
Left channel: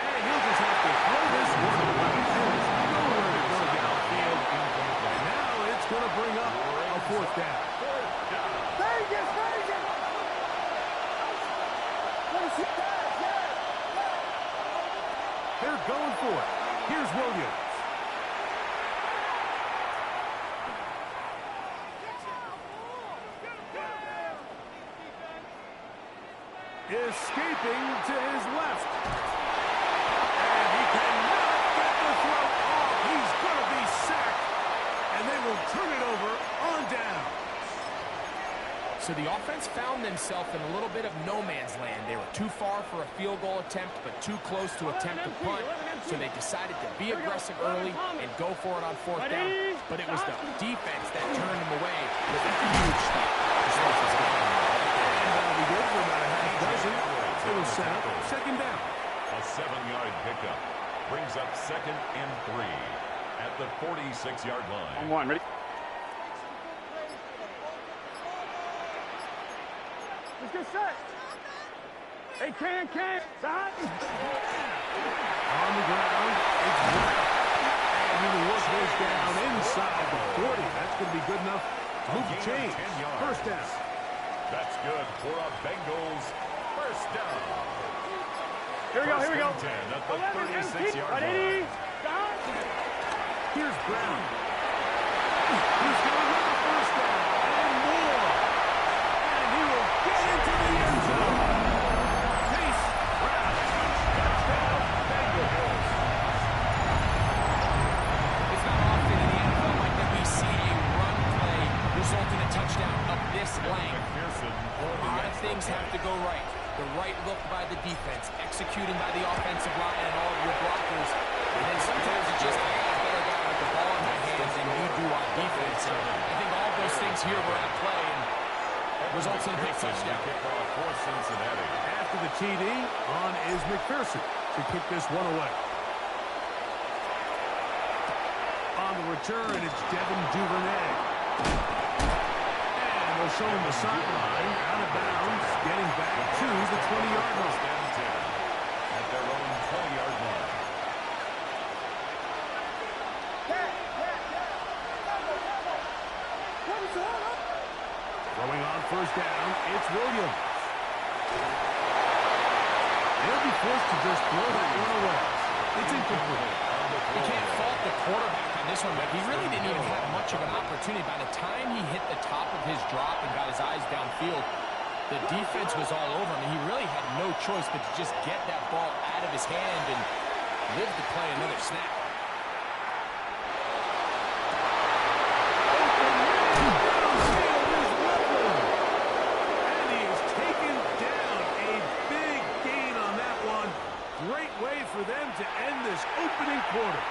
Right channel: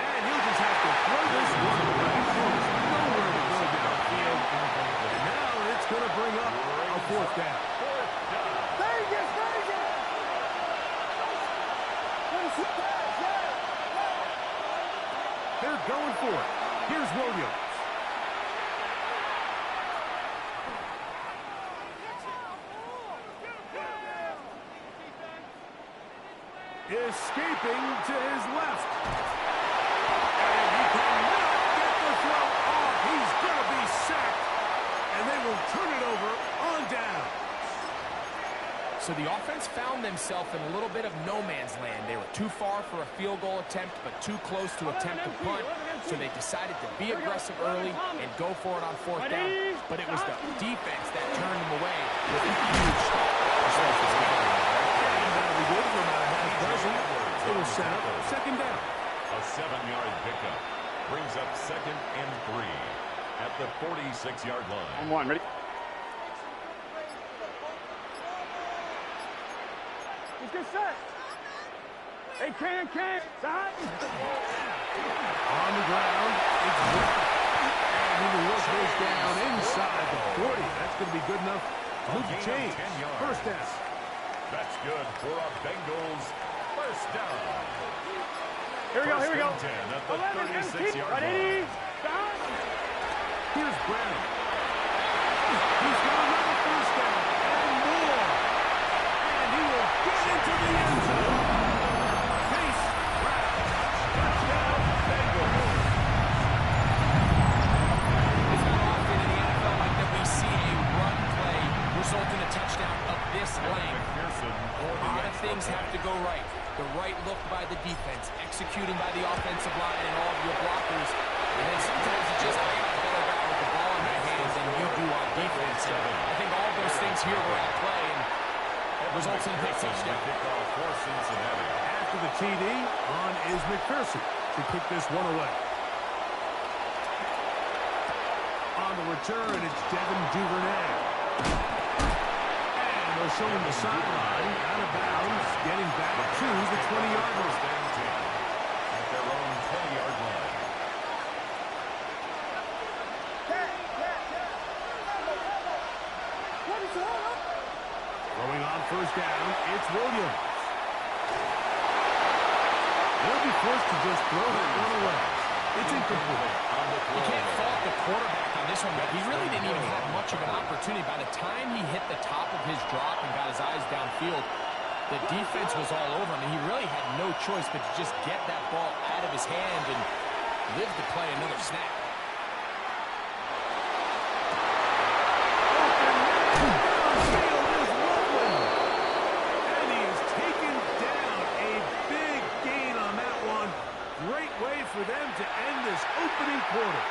And he'll just have to throw this one away. There's nowhere to go downfield. And now it's going to bring up a fourth down. They're going for it. Here's Williams. Escaping to his left. And he cannot get the throw off. He's going to be sacked. And they will turn it over on down. So the offense found themselves in a little bit of no man's land. They were too far for a field goal attempt, but too close to attempt a punt. So they decided to be aggressive early and go for it on fourth down. But it was the defense that turned them away with a huge stop to start this game. And that'll be good for about a half dozen. It'll set up second down. A 7-yard pickup brings up second and 3 at the 46-yard line. On one, ready? Let's get set. Hey, can. Side. On the ground, it's Brown. And he will work this down inside the 40. That's going to be good enough to move the chains. First down. That's good for a Bengals first down. Here we go. 10 at the 36-yard line. Here's Brown. He's got another first down and more. And he will get into the end zone. Chase Brown. Touchdown, Bengals. It's not often in the NFL like that we see a run play result in a touchdown of this length. A lot of things have to go right. The right look by the defense, executing by the offensive line and all of your blockers. And then sometimes it's just, I got a better guy with the ball in my hands than you do on defense. And I think all those things here were at play and results in a big touchdown. After the TD, on is McPherson to kick this one away. On the return, it's Devin Duvernay. And they'll show him the sideline, out of bounds, getting back to the 20-yard line. At their own 20-yard line. Throwing on first down, it's Williams. They'll be forced to just throw that one away. It's incomplete. You can't fault the quarterback on this one, but he really didn't even have much of an opportunity. By the time he hit the top of his drop and got his eyes downfield, the defense was all over him, and he really had no choice but to just get that ball out of his hand and live to play another snap. Downfield is Loveland. And he has taken down a big gain on that one. Great way for them to end this opening quarter.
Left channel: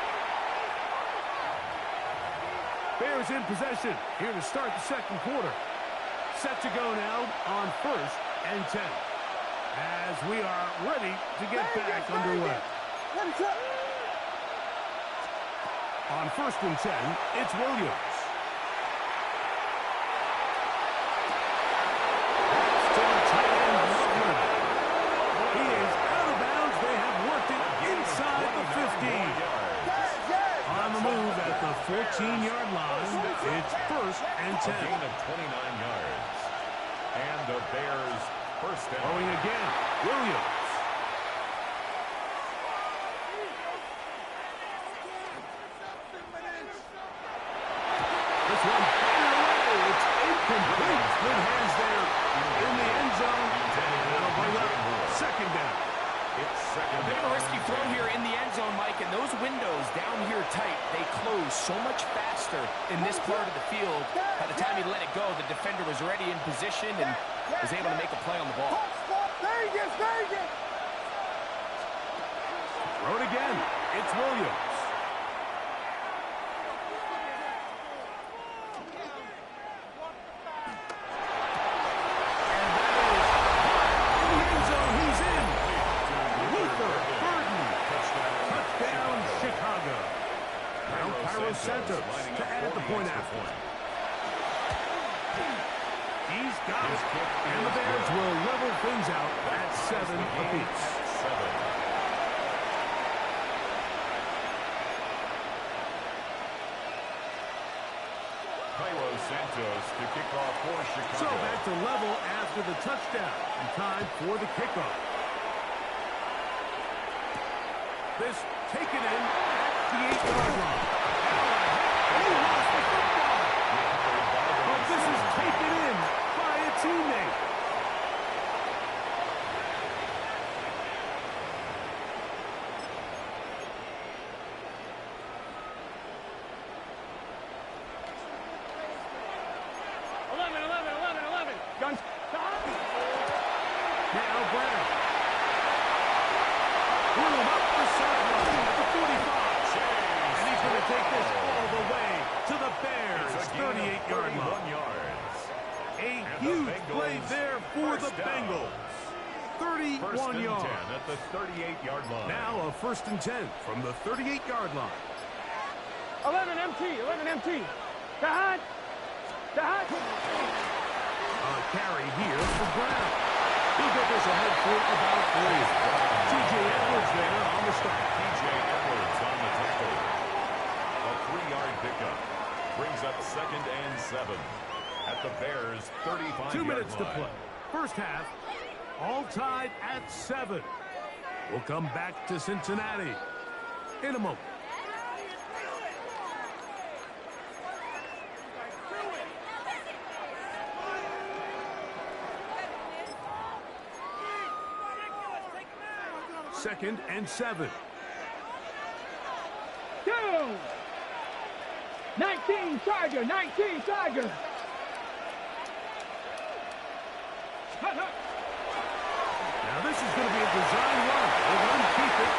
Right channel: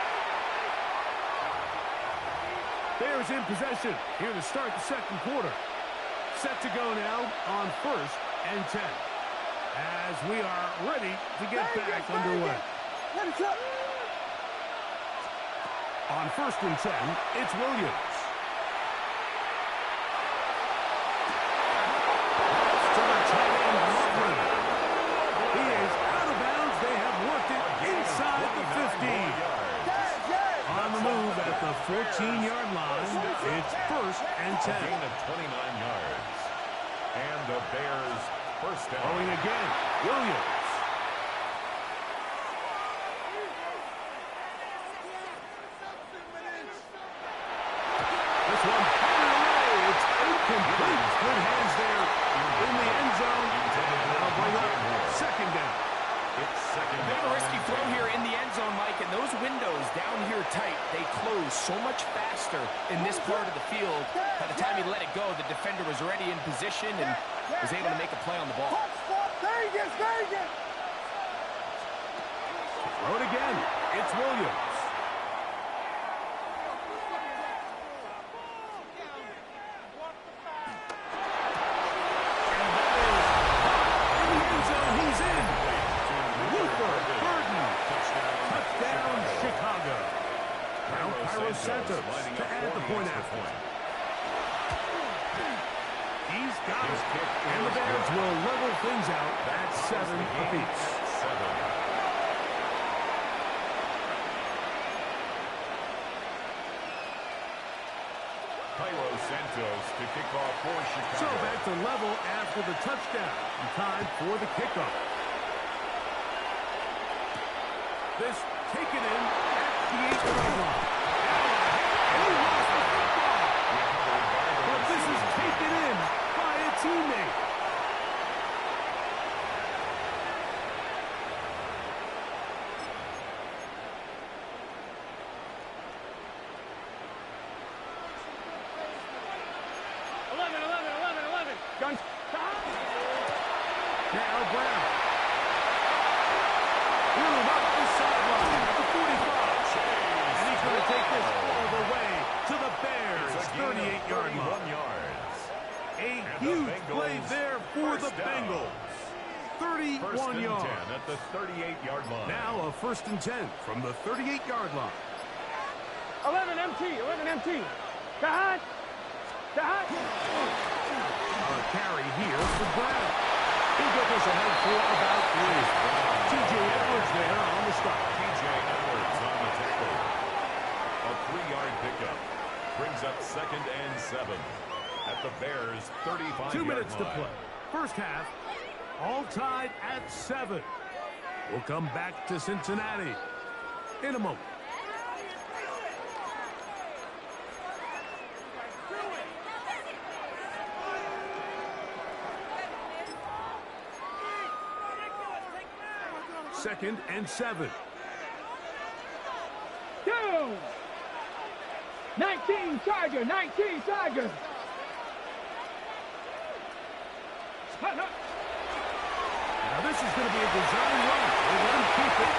Bears in possession here to start the second quarter. Set to go now on first and 10. As we are ready to get back underway. On first and 10, it's Williams. That's to the tight end, Loveland. He is out of bounds. They have worked it inside the 15. On the move at the 14-yard line, it's 1st and 10. A gain of 29 yards. And the Bears first down. Throwing again, Williams. This one fired away. It's incomplete. Good hands there in the end zone. That'll bring up 2nd down. It's 2nd down. A bit of a risky throw here in the end zone, Mike, and those windows down here tight, they close so much faster in this part of the field. By the time he let it go, the defender was already in position and was able to make a play on the ball. Throw it again. It's Williams. And that is caught in the end zone. He's in. Luther Burden. Touchdown, Chicago. Now Cairo Santos to add the point after. He's got it. And the Bears will level things out at 7 apiece. Cairo Santos to kick off for Chicago. So back to level after the touchdown. And time for the kickoff. This taken in at the 8-yard line. And he lost the football. But this is taken in by a teammate. Guns. Now Brown. Room up the sideline at the 45. And he's going to take this all the way to the Bears' 38-yard line. A huge play there for the Bengals. 31 yards. At the 38-yard line. Now a 1st and 10 from the 38-yard line. 11 MT. Kahan. A carry here for Brown. He'll get this ahead for about 3. T.J. Edwards there on the stop. T.J. Edwards on the tackle. A 3-yard pickup. Brings up 2nd and 7 at the Bears' 35-yard line. 2 minutes to play. First half, all tied at 7. We'll come back to Cincinnati in a moment. Second and 7. 19 Tiger. Now this is going to be a design run. We'll let him keep it.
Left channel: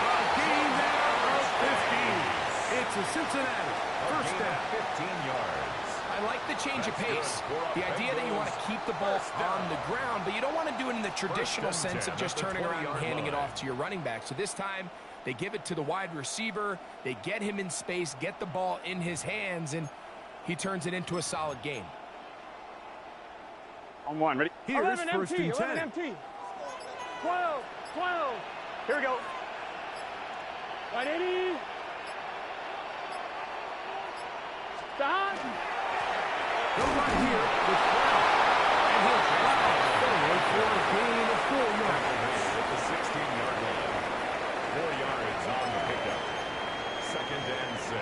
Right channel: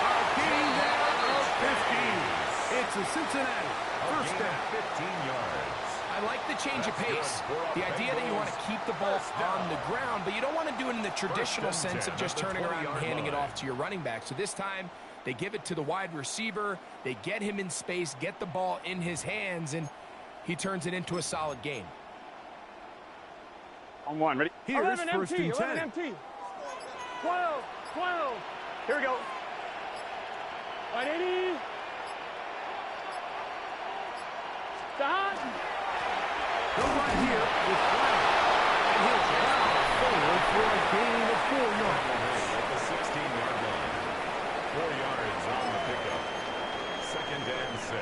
A gain there of 15. It's a Cincinnati first down. 15 yards. I like the change of pace. The idea that you want to keep the ball on the ground, but you don't want to do it in the traditional sense of just turning around and handing it off to your running back. So this time, they give it to the wide receiver. They get him in space, get the ball in his hands, and he turns it into a solid gain. On one, ready? Here is 1st and 10. 11 12. Here we go. 180. Stop. Go right here with Brown. And he'll plow forward for a gain of 4 yards. At the 16-yard line. 4 yards on the pickup. 2nd and 6.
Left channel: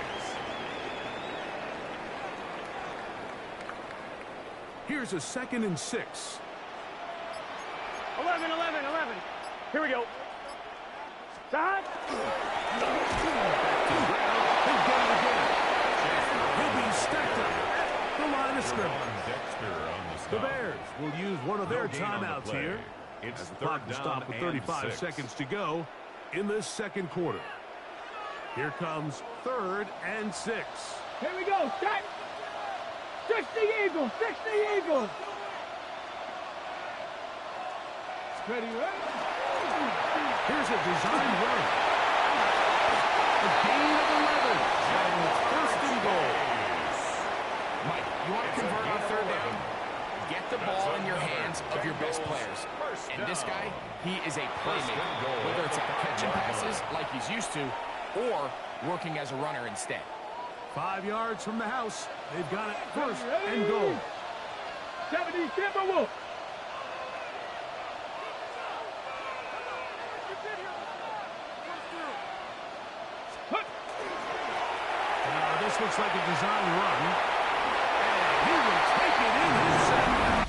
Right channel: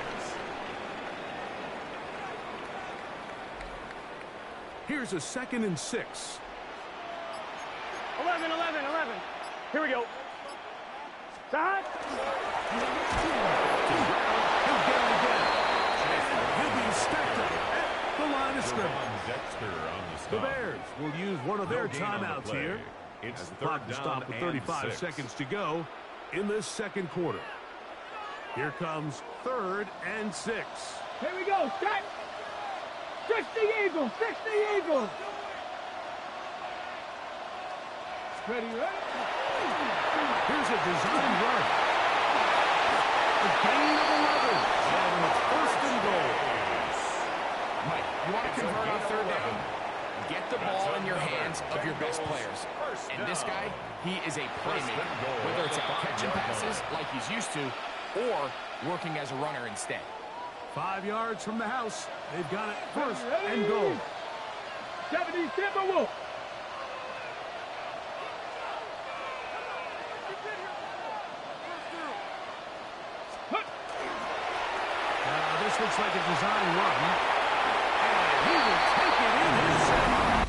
Here's a 2nd and 6. 11. Here we go. Stop. To Brown. He'll get it again. And he'll be stacked up at the line of scrimmage. Dexter on the stop. The Bears will use one of their No gain on the timeouts play. here. It's As the 3rd clock will down stop with and 35 6. seconds to go in the 2nd quarter. Here comes 3rd and 6. Here we go. Start. 60 Eagles. Ready, right? Here's a design run. A gain of 11. And it's 1st and goal. Mike, you want to convert on 3rd down? Get the ball in your hands of your best players. And this guy, he is a playmaker. Whether it's out catching passes like he's used to or working as a runner instead. 5 yards from the house. They've got it first and goal. 70, Timberwolves. This looks like a design run. And he will take it in himself.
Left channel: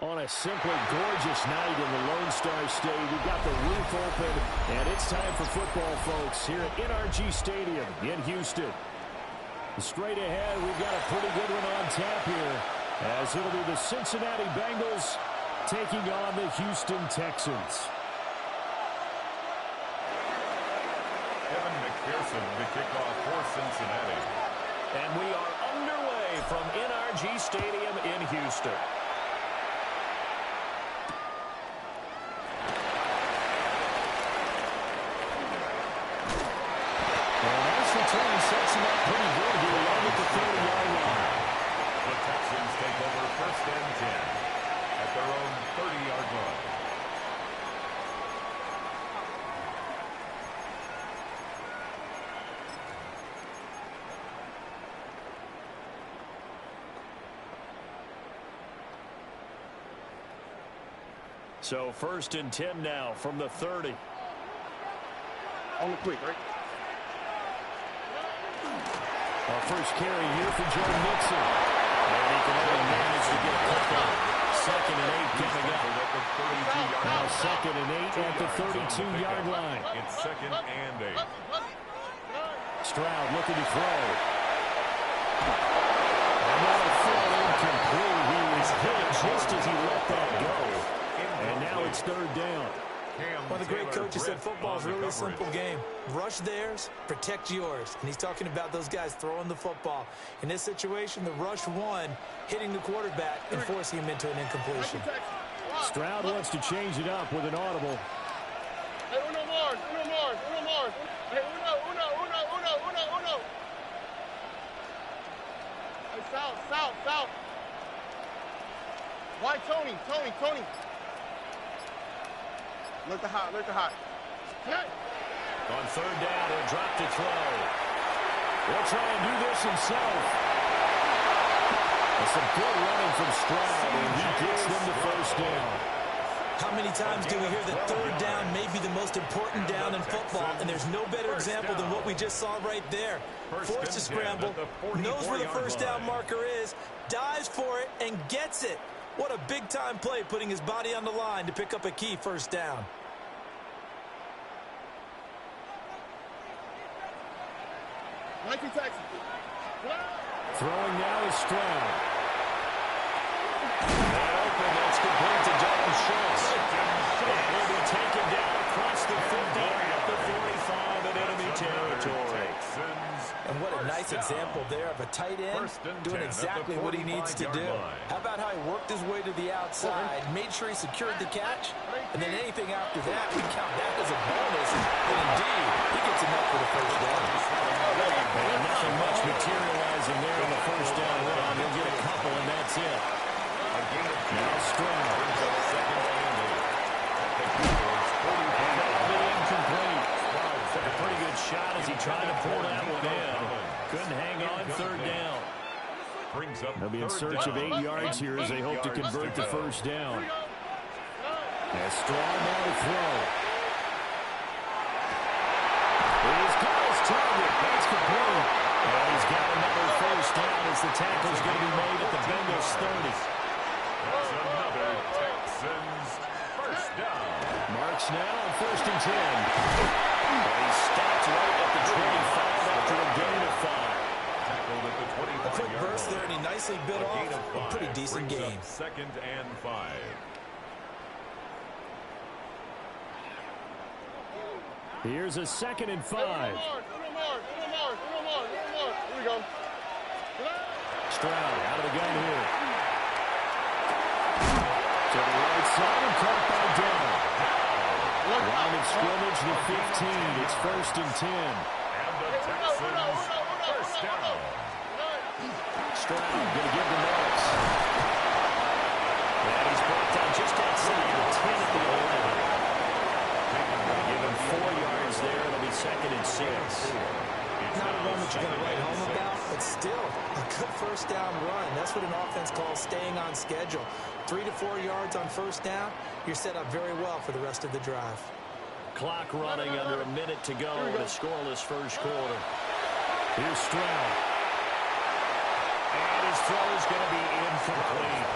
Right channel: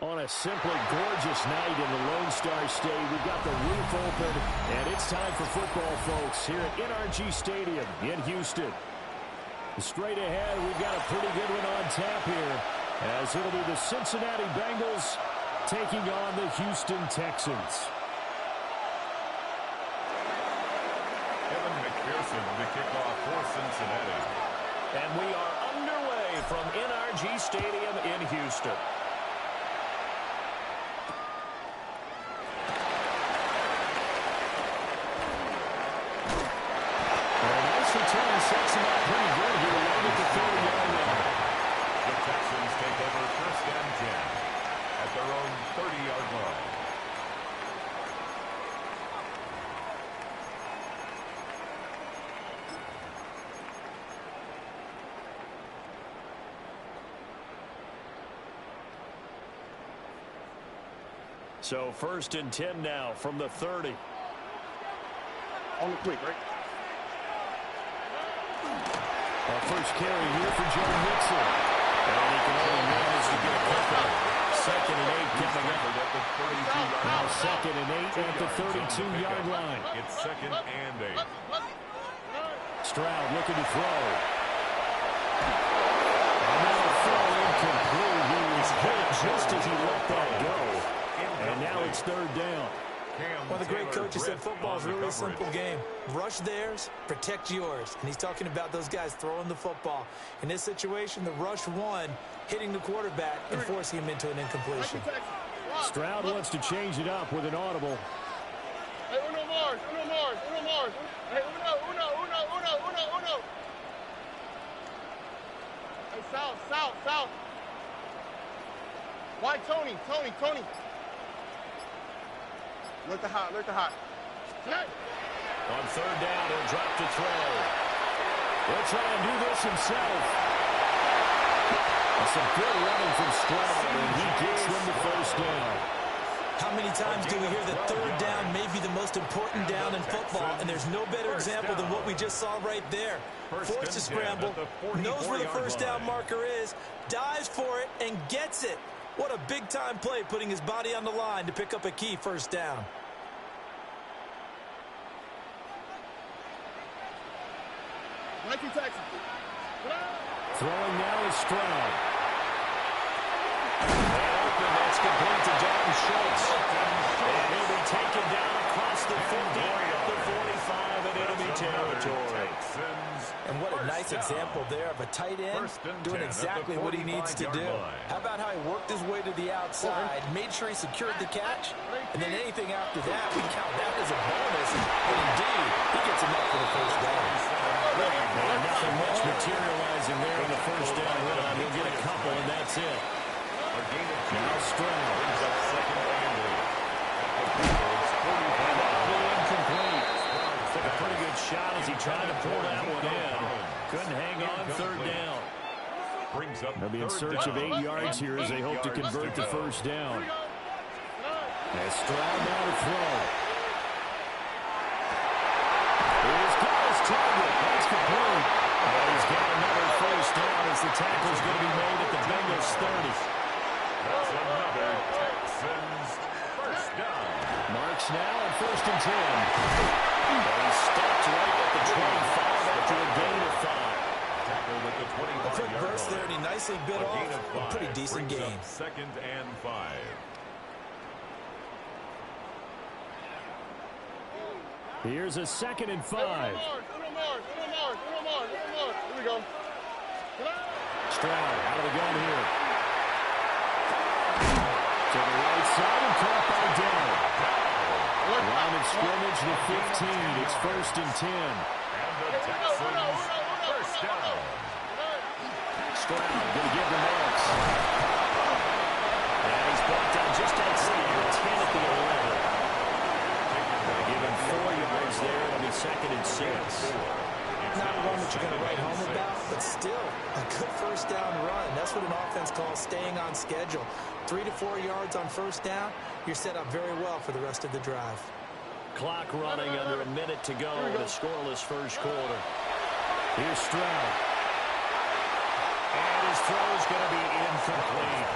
On a simply gorgeous night in the Lone Star State, we've got the roof open, and it's time for football, folks, here at NRG Stadium in Houston. Straight ahead, we've got a pretty good one on tap here, as it'll be the Cincinnati Bengals taking on the Houston Texans. Kevin McPherson, the kickoff for Cincinnati. And we are underway from NRG Stadium in Houston. Return sets him up pretty good here along at the 30-yard line. The Texans take over first and 10 at their own 30-yard line. So first and 10 now from the 30. On the quick, right? Our first carry here for Joe Mixon. And he can only manage to get a couple. Second and 8 coming up. Now second and 8 at the 32-yard line. It's second and 8. Stroud looking to throw. And that'll fall incomplete. He was hit just as he let that go. And now it's third down. One of the great coaches said football is really a simple game. Rush theirs, protect yours. And he's talking about those guys throwing the football. In this situation, the rush one, hitting the quarterback and forcing him into an incompletion. Stroud wants to change it up with an audible. Hey, uno more. Hey, uno. Hey, south. Why Tony? Tony. Look the hot. On third down, he'll drop to throw. He'll try and do this himself. That's some good running from Stroud, and he gets them the first down. How many times do we hear that third down may be the most important down in football, and there's no better example than what we just saw right there. Forced to scramble, knows where the first down marker is, dives for it, and gets it. What a big-time play, putting his body on the line to pick up a key first down. Throwing now is Stroud. And open, that's complete to Dalton Schultz. And he'll be taken down across the 50, up the 45 in enemy territory. And what a nice example there of a tight end doing exactly what he needs to do. How about how he worked his way to the outside, made sure he secured the catch, and then anything after that, we count that as a bonus. And indeed, he gets enough for the first down. And nothing much materializing there on the first down run. He'll get a couple, and that's it. Now Stroud brings up second and 8. And that'll be incomplete. Took a pretty good shot as he tried to pull that one in. Couldn't hang on third down. They'll be in search of 8 yards here as they hope to convert the first down. As Stroud now to throw. He's got his target. That's complete. And he's got another first down as the tackle's going to be made at the Bengals 30. That's another Texans first down. Marks now on 1st and 10. And he stopped right at the 25 after a gain of 5. Tackled at the 25-yard line. A quick burst there, and he nicely bit off a pretty decent game. Second and 5. Here's a 2nd and 5. Here we go. Stroud out of the gun here. To the right side and caught by Dell. Line of scrimmage, the 15. It's 1st and 10. And the Texans first down. Stroud going to give the Marks. And he's brought down just outside the 10 at the 11. Give him 4 yards there. It'll be 2nd and 6. Not a run that you're going to write home about, but still a good first down run. That's what an offense calls staying on schedule. 3 to 4 yards on first down, you're set up very well for the rest of the drive. Clock running under a minute to go in a scoreless first quarter. Here's Stroud. And his throw's going to be incomplete.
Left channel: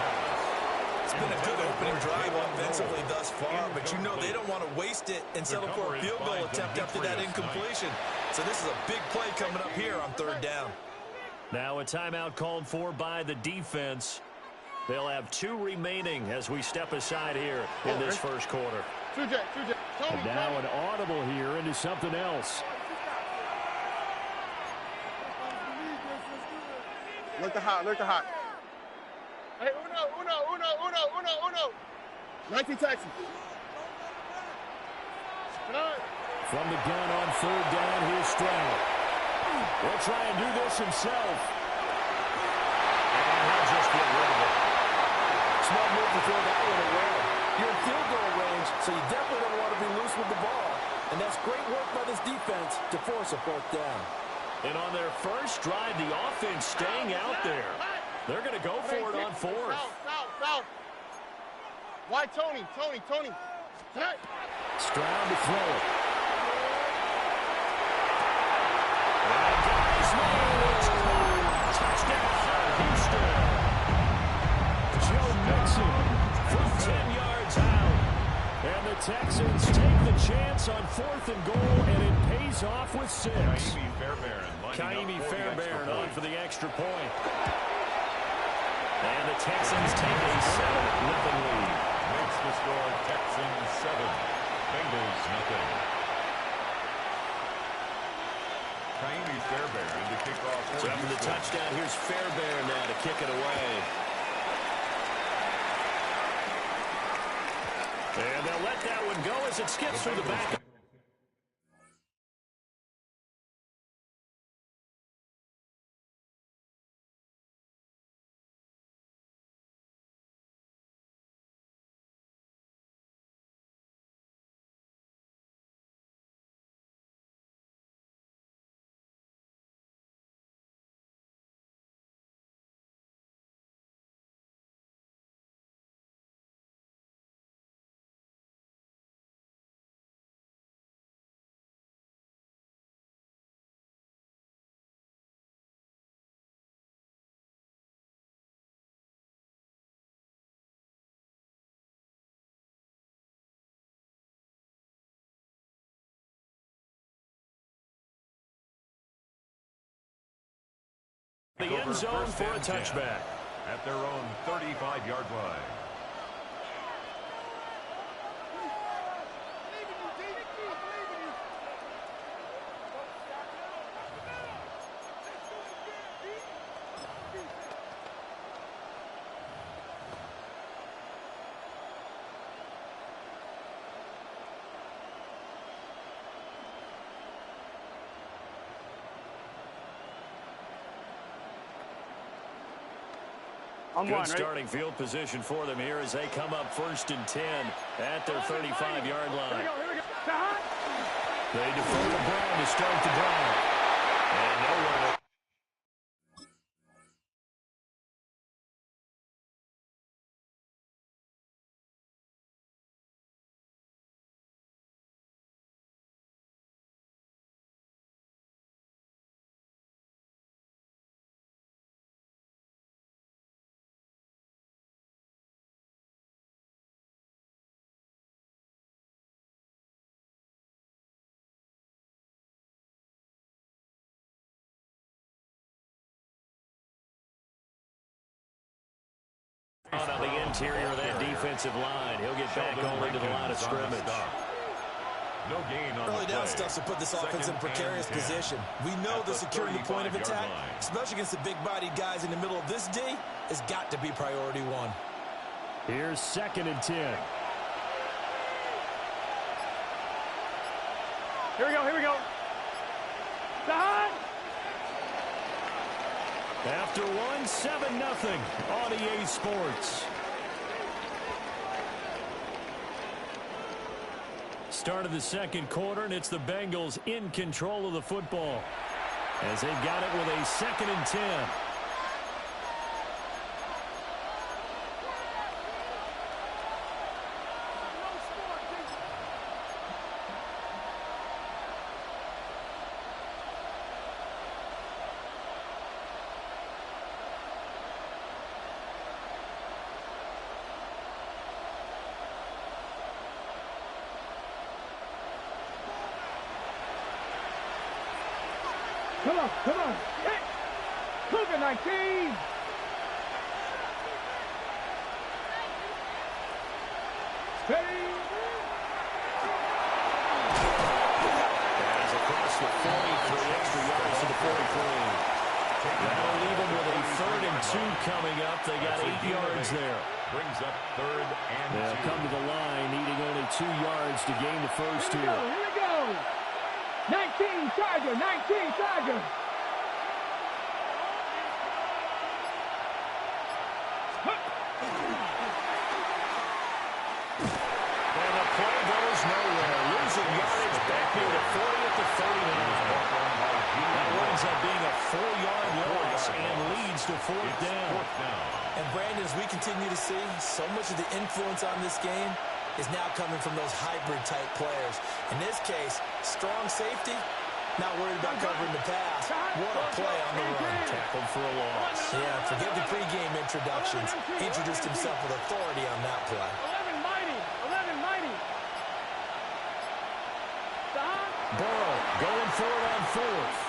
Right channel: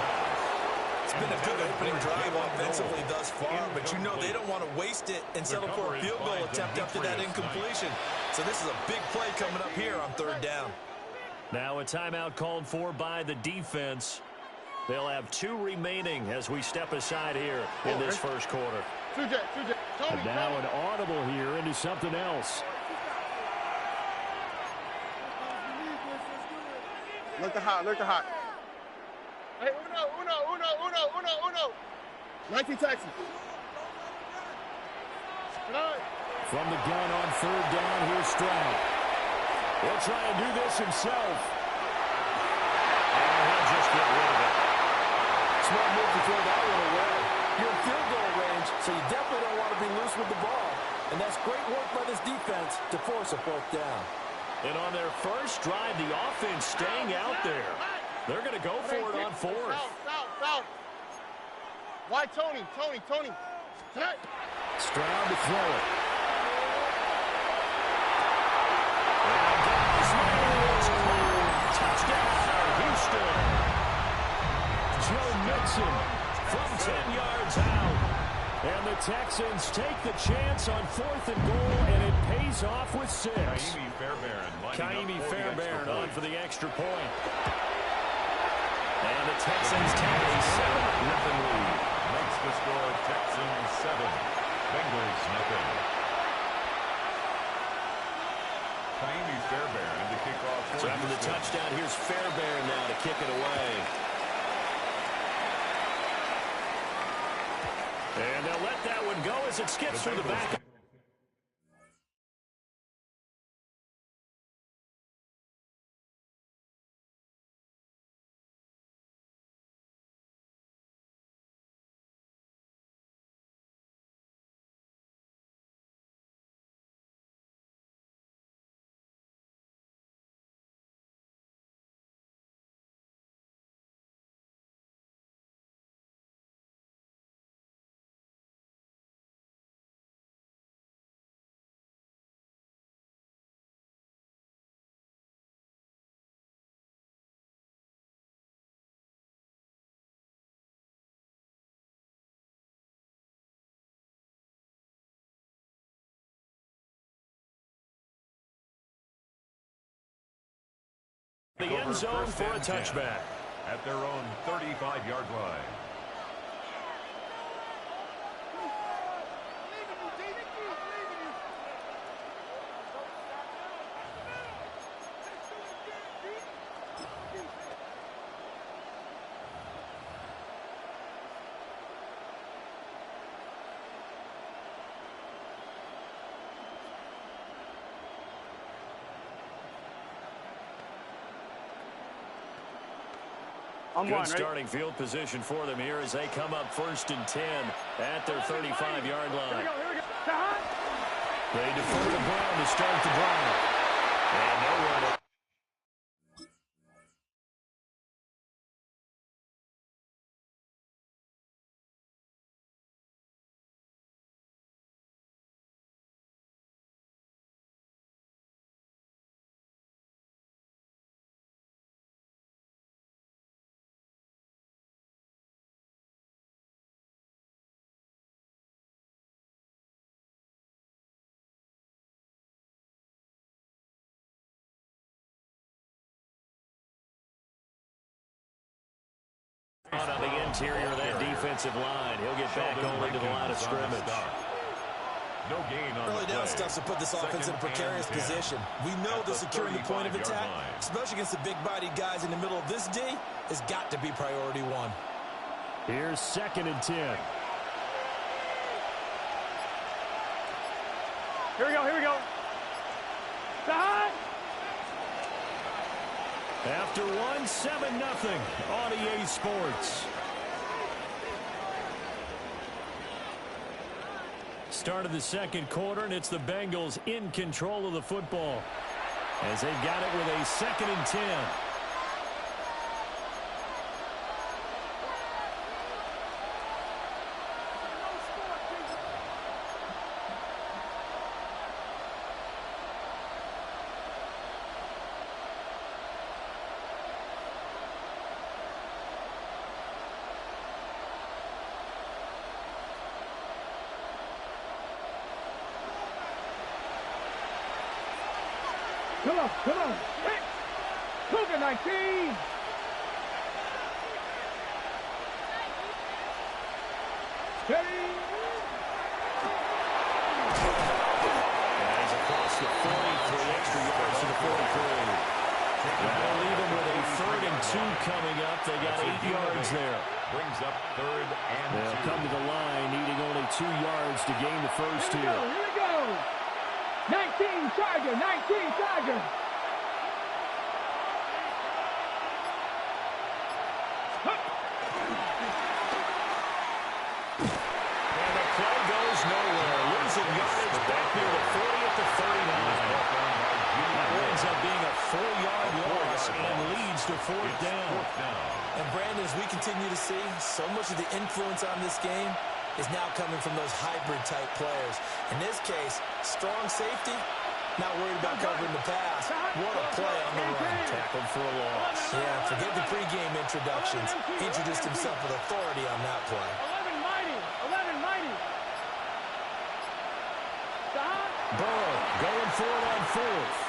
It's been a good opening drive offensively thus far, but you know they don't want to waste it and settle for a field goal attempt after that incompletion. So this is a big play coming up here on third down. Now a timeout called for by the defense. They'll have 2 remaining as we step aside here in this first quarter. And now an audible here into something else. Look the hot. Hey, uno. 19 Texans. From the gun on third down, here's Stroud. He'll try and do this himself. And he'll just get rid of it. Smart move to throw that one away. You're in field goal range, so you definitely don't want to be loose with the ball. And that's great work by this defense to force a 4th down. And on their first drive, the offense staying out there. They're going to go for it on 4th. Foul. Why Tony? Stroud to throw it. And guys, it's caught. Touchdown, Houston. Joe Mixon from 10 yards out. And the Texans take the chance on 4th and goal, and it pays off with 6. Kaimi Fairbairn on for the extra point. And the Texans take a 7-0 lead. Makes the score Texans 7, Bengals nothing. Kaimi Fairbairn to kick off. So after the touchdown, here's Fairbairn now to kick it away. And they'll let that one go as it skips through the back. The end zone for a touchback. At their own 35-yard line. Good starting field position for them here as they come up 1st and 10 at their 35-yard line. They defer to Brown to start the drive. And nowhere to... On the interior of that defensive line. He'll get back only to the line of scrimmage. No gain on early down stuff to put this offense in a precarious position. We know that securing the point of attack, especially against the big-bodied guys in the middle of this D, has got to be priority one. Here's 2nd and 10. Here we go, here we go. Side. After 1, 7-0 on EA Sports. Start of the 2nd quarter, and it's the Bengals in control of the football as they've got it with a 2nd and 10. Come on, come on. Hey, Cougar 19. Steady. As across the 40, 3 extra yards to the 43. That'll leave them with a 3rd and 2 coming up. They got 8 yards there. Brings up 3rd and 2. They'll come to the line, needing only 2 yards to gain the first here. Here we go. 19 Charger, 19 Charger. And the play goes nowhere. Losing yardage back near the 40 at the 39. That winds up being a 4-yard loss and leads to 4th down. And Brandon, as we continue to see, so much of the influence on this game is now coming from those hybrid-type players. In this case, strong safety, not worried about covering the pass. What a play on the run. Tackled for a loss. Yeah, forget the pregame introductions. He introduced himself with authority on that play. 11 mighty, 11 mighty. Burrow going for it on 4th.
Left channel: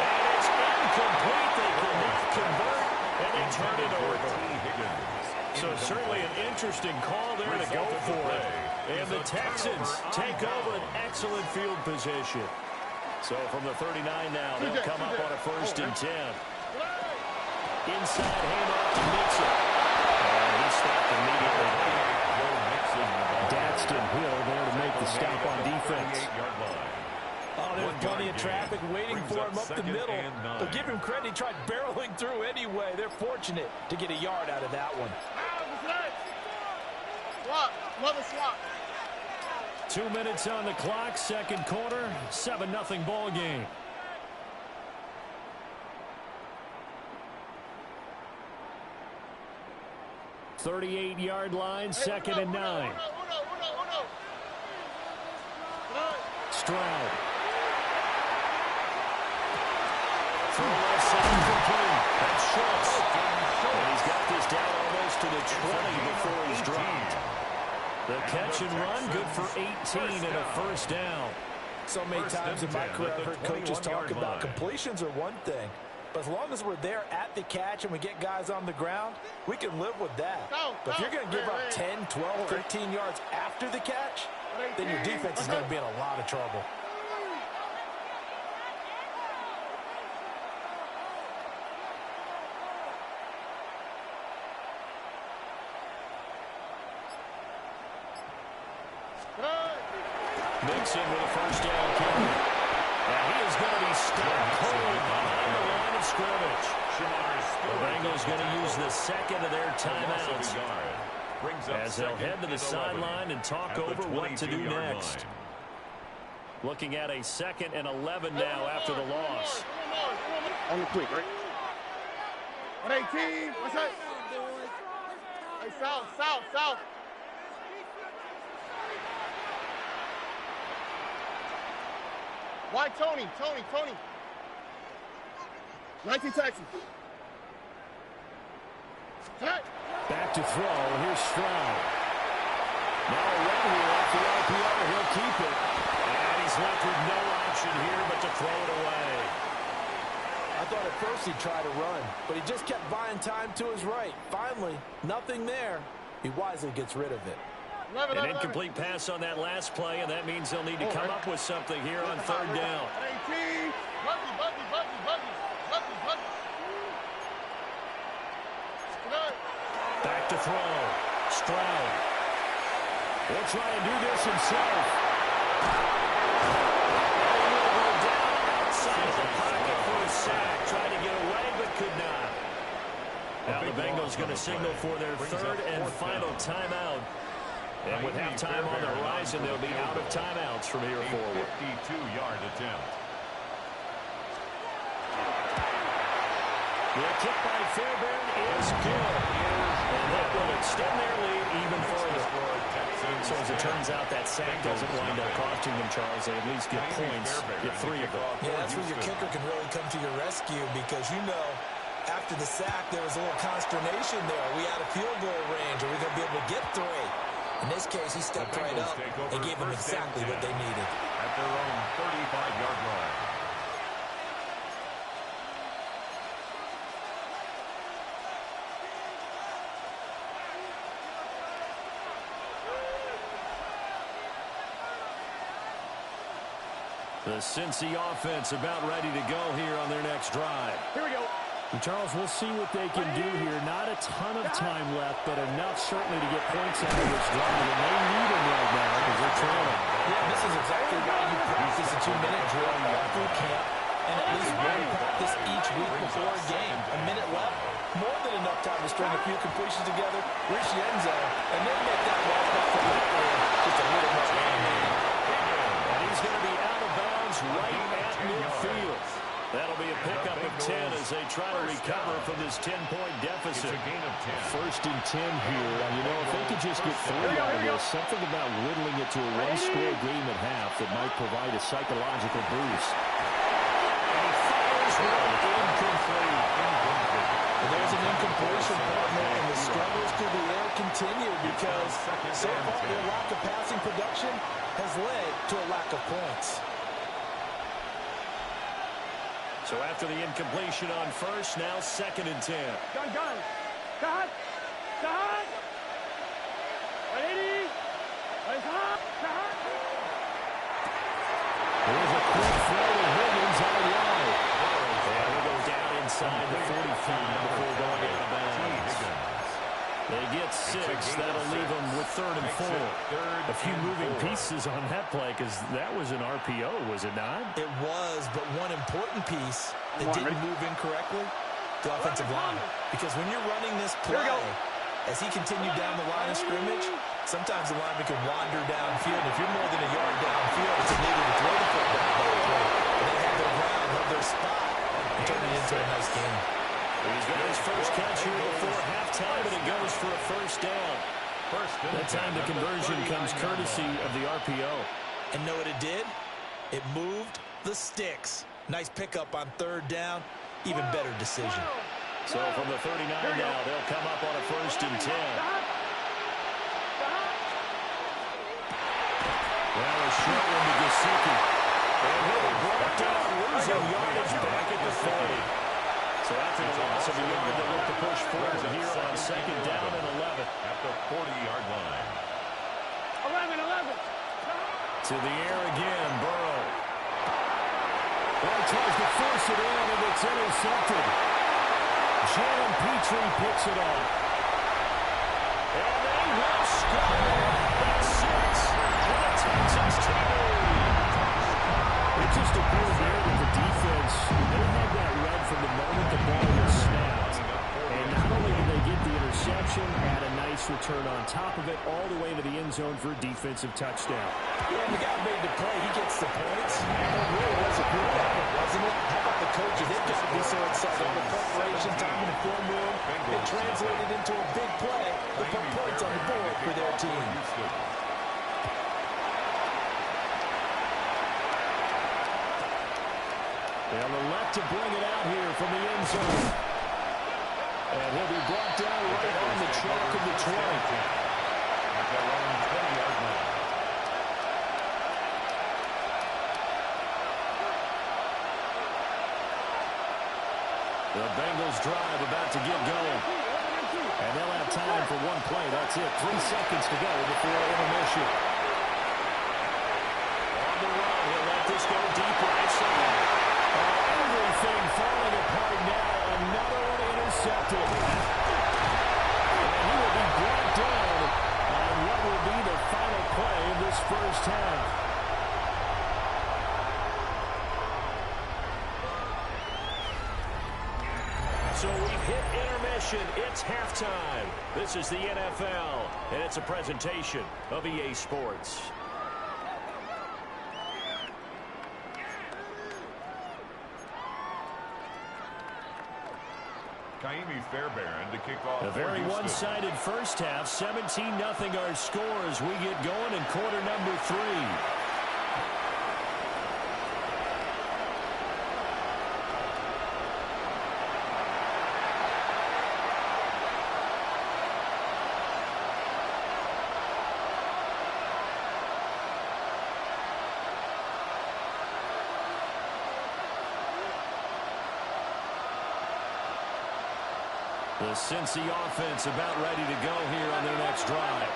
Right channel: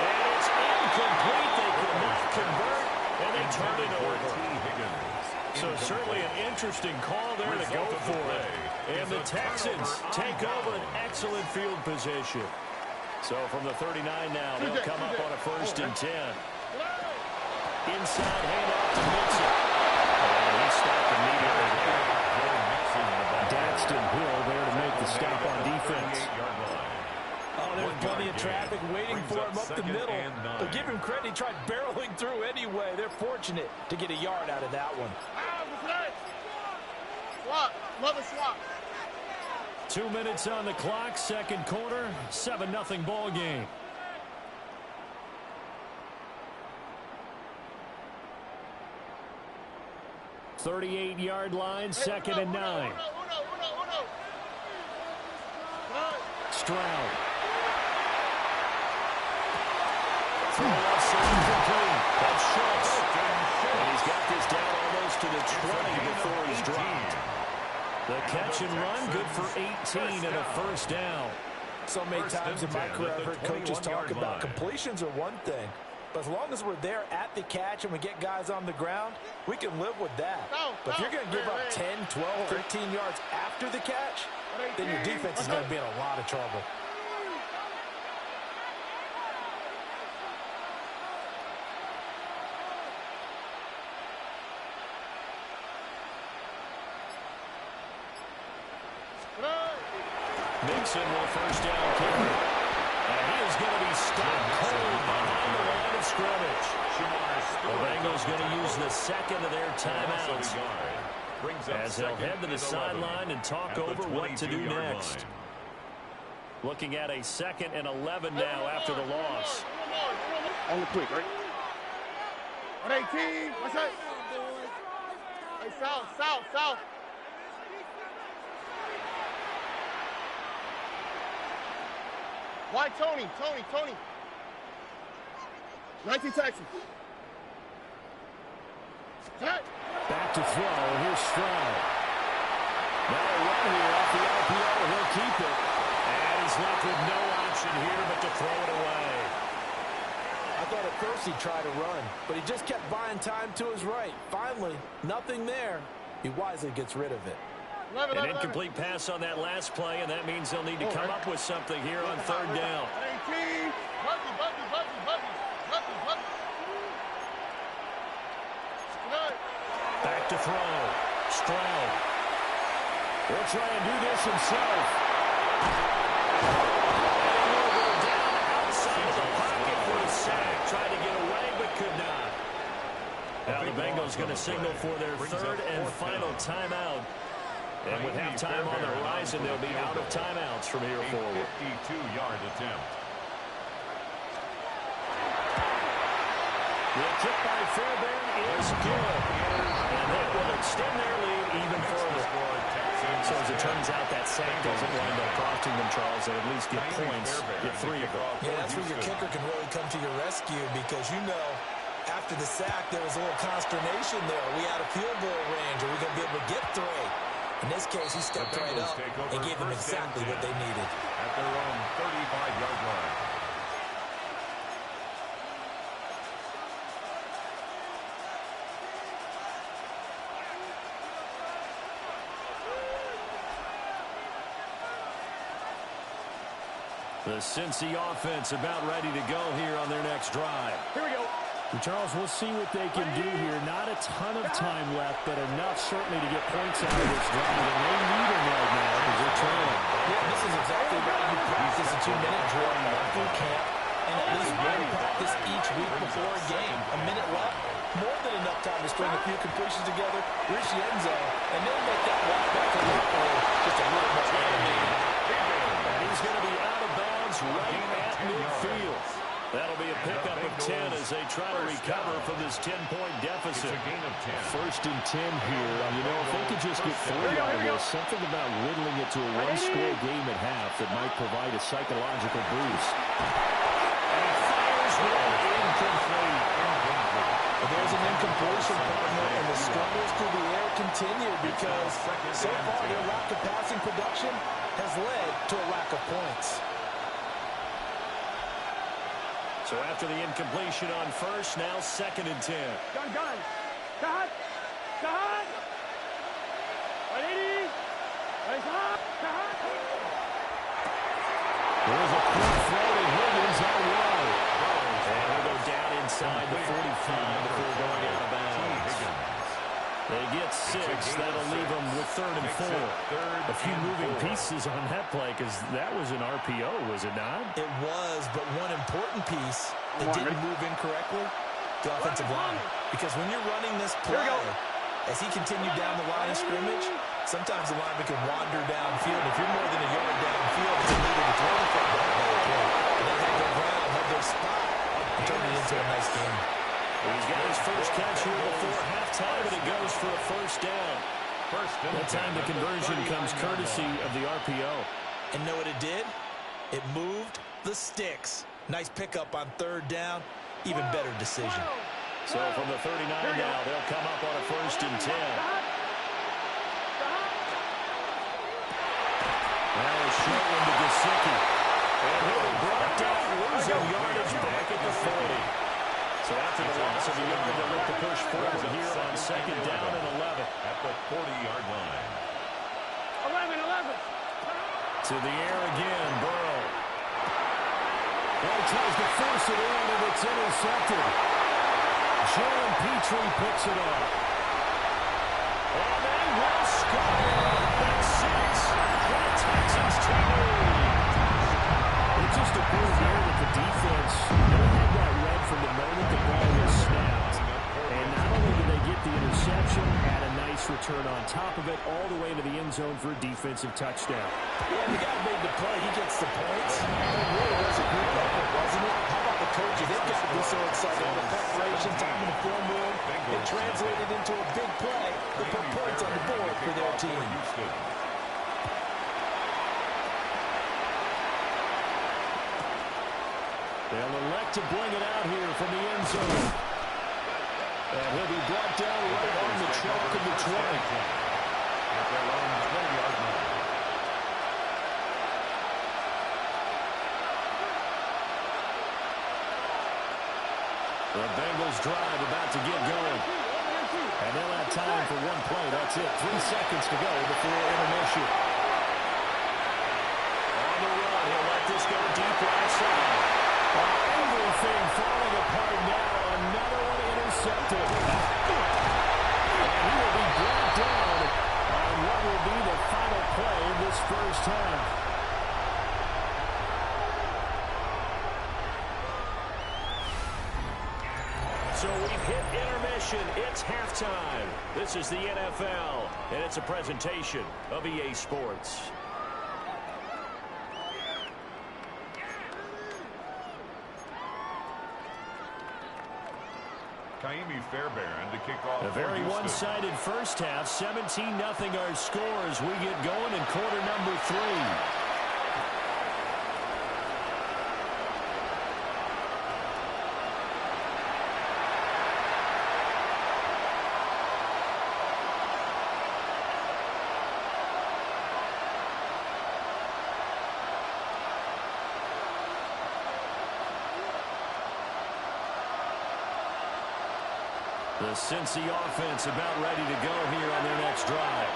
And it's incomplete. They could not convert, and they turn it over. So certainly an interesting call there to go for it. And the Texans take over an excellent field position. So from the 39 now, they'll come up on a 1st and 10. Inside handoff to Mixon. And he stopped immediately there. Daxton Hill there to make the stop on defense. Oh, there's plenty of traffic waiting for him up the middle. But give him credit, he tried barreling through anyway. They're fortunate to get a yard out of that one. Swap, mother swap. 2 minutes on the clock, 2nd quarter, 7-0 ball game. $38-yard line, 2nd and 9. Stroud. Throw left side complete. That's Schultz. And he's got this down almost to the 20 before he's dropped. The catch and run, good for 18 and a 1st down. So many times in my career I've heard coaches talk about completions are one thing, But as long as we're there at the catch and we get guys on the ground, we can live with that. But if you're going to give up 10, 12, 13 yards after the catch, then your defense is going to be in a lot of trouble. Mixon with a first down carry. And he is going to be stopped cold behind the line of scrimmage. The Bengals going to use the second of their timeouts as they'll head to the sideline and talk over what to do next. Looking at a 2nd and 11 now after the loss. On the quick, right? 118. What's that? Hey, south. Why Tony? 19 Texans. Back to throw. Here's Stroud. Now a run here off the RPO. He'll keep it. And he's left with no option here but to throw it away. I thought at first he'd try to run, but he just kept buying time to his right. Finally, nothing there. He wisely gets rid of it. An incomplete pass on that last play, and that means they'll need to come up with something here on 3rd down. Back to throw. Stroud. He'll try and do this himself. And he will go down outside of the pocket for a sack. Tried to get away, but could not. Now the Bengals going to signal for their 3rd and final timeout. And with halftime on the horizon, they'll be out of timeouts from here forward. 52-yard attempt. The kick by Fairbairn is good. And that will extend their lead even further. So as it turns out, that sack doesn't wind up costing them, Charles. They at least get points, get 3 of them. Yeah, that's where your kicker can really come to your rescue because, you know, after the sack, there was a little consternation there. Are we out of field goal range? Are we going to be able to get 3? In this case, he stepped right up and gave them exactly what they needed. At their own 35-yard line. The Cincy offense about ready to go here on their next drive. Here we go. Charles, we'll see what they can do here. Not a ton of time left, but enough certainly to get points out of this drive. And they need them right now because they're trailing. Yeah, this is exactly why you practice a 2-minute drill all through camp and at least one practice each week before a game. A minute left, more than enough time to string a few completions together, reach the end zone, and then make that walk back to the field just a little more animated. And he's going to be out of bounds right at midfield. That'll be a pickup of 10 as they try to recover from this 10-point deficit. It's a gain of 10. 1st and 10 here. You know, if they could just get 3 out of this, something about whittling it to a one-score game at half that might provide a psychological boost. And he fires one incomplete. Well, there's an incompletion, partner, and the struggles through the air continue because so far their lack of passing production has led to a lack of points. So after the incompletion on 1st, now 2nd and 10. Gun. Cut. 180. There's a quick throw to Higgins out wide. And he'll go down inside the 45 before going out of bounds. They get 6. That'll leave them with 3rd and 4. A few moving pieces on that play because that was an RPO, was it not? It was, but one important piece that didn't move incorrectly, the offensive line. Because when you're running this play, as he continued down the line of scrimmage, sometimes the lineman can wander downfield. If you're more than a yard downfield, it's illegal to throw the football at that point. But they had their ground, held their spot, and turned it into a nice game. He's got his first catch here before halftime, and it goes for a 1st down. That time the conversion comes courtesy of the RPO. And know what it did? It moved the sticks. Nice pickup on 3rd down. Even better decision. So from the 39 now, they'll come up on a 1st and 10. Now a short one to Gesicki. And he'll be brought down, losing yardage back at the 40. So after the loss of a yard, they'll look to push forward here on second down and 11. At the 40-yard line. 11. To the air again, Burrow. Well, he tries to force it in, and it's intercepted. Jalen Petrie picks it off. And they will score. That's 6 for the Texans to lead. It just appeared there that the defense, they had that read from the moment the ball was snapped. And not only did they get the interception, add a nice return on top of it, all the way to the end zone for a defensive touchdown. Yeah, the guy made the play. He gets the points. It really was a good effort, wasn't it? How about the coaches? They've got to be so excited. All the preparation time in the film room, it translated into a big play to put points on the board for their team. They'll elect to bring it out here from the end zone. And he'll be brought down right on the chalk of the 20. At their own 20-yard line. The Bengals drive about to get going. And they'll have time for one play. That's it. 3 seconds to go before intermission. On the run, he'll let this go deep right side. Everything falling apart now. Another one intercepted. And he will be brought down on what will be the final play of this first half. So we've hit intermission. It's halftime. This is the NFL, and it's a presentation of EA Sports. Kaimi Fairbairn to kick off. A very one-sided first half. 17-0 our score as we get going in quarter number 3. The Cincy offense about ready to go here on their next drive.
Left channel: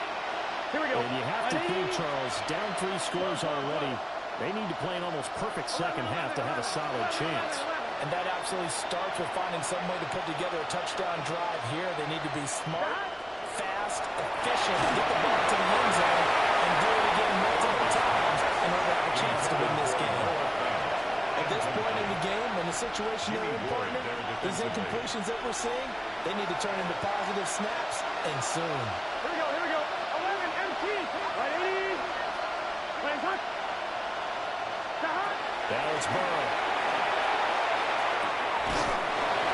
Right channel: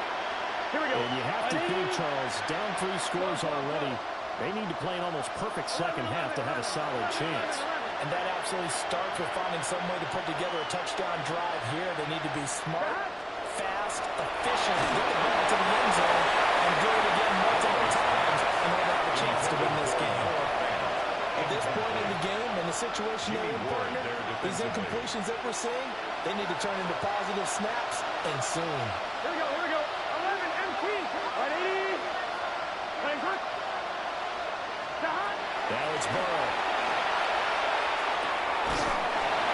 Here we go. And you have to think, Charles, down 3 scores already. They need to play an almost perfect second half to have a solid chance. And that absolutely starts with finding some way to put together a touchdown drive here. They need to be smart, fast, efficient, get the ball to the end zone, and do it again multiple times in order to have a chance to win this game. At this point in the game, in the situation they're in, partner, these incompletions that we're seeing, they need to turn into positive snaps, and soon. Here we go. 11, MT. Right, 80. Playing hot. Now it's Burrow.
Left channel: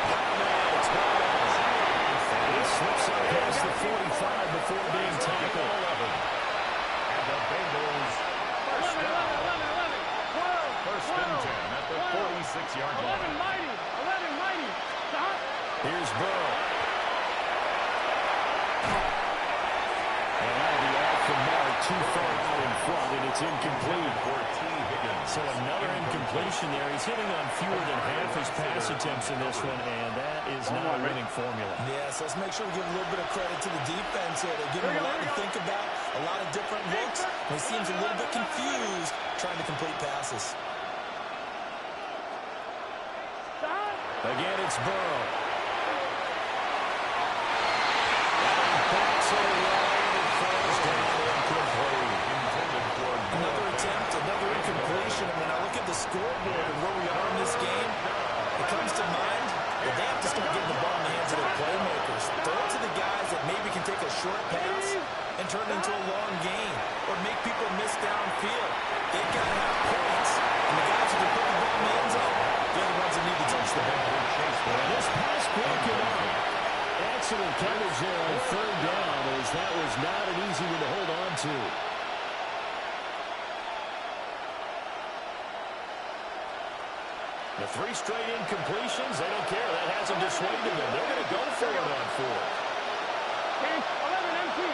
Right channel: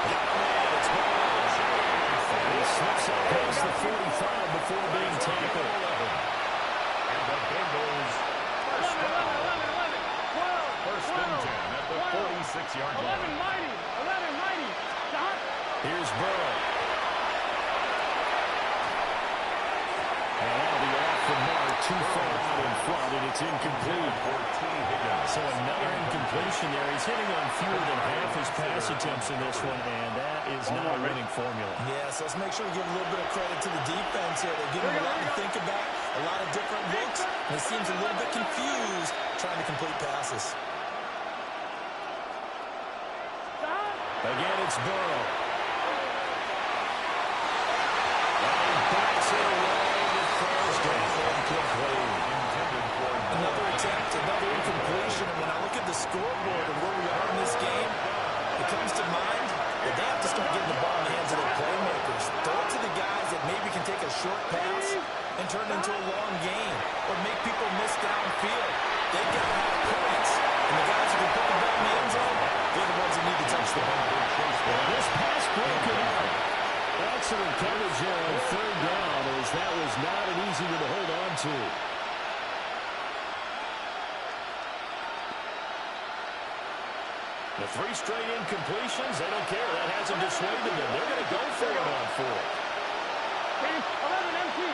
Got a man, it's Burrow. And he slips up past the 45 before being tackled. And the Bengals first down. 12. First and 10 at the 46-yard line. 11 mighty. Here's Burrow. And that'll be off the mark, too far out in front, and it's incomplete. So another incompletion there. He's hitting on fewer than half his pass attempts in this one, and that is not a winning formula. Yes, let's make sure we give a little bit of credit to the defense here. They're giving him a lot to think about, a lot of different looks, and he seems a little bit confused trying to complete passes. Again, it's Burrow. And he bats it away, and it falls down incomplete. Intended for another attempt, another incompletion, and when I look at the scoreboard and where we are in this game, it comes to mind that they have to start getting the ball in the hands of their playmakers. Throw it to the guys that maybe can take a short pass and turn it into a long gain or make people miss downfield. They've got to have points, and the guys who can put the ball in the end zone, they're the ones that need to touch the ball. This pass broken up. Excellent coverage there on third down, as that was not an easy one to hold on to. The 3 straight incompletions, they don't care. That hasn't dissuaded them. They're going to go for it on 4. 11 MT. 11.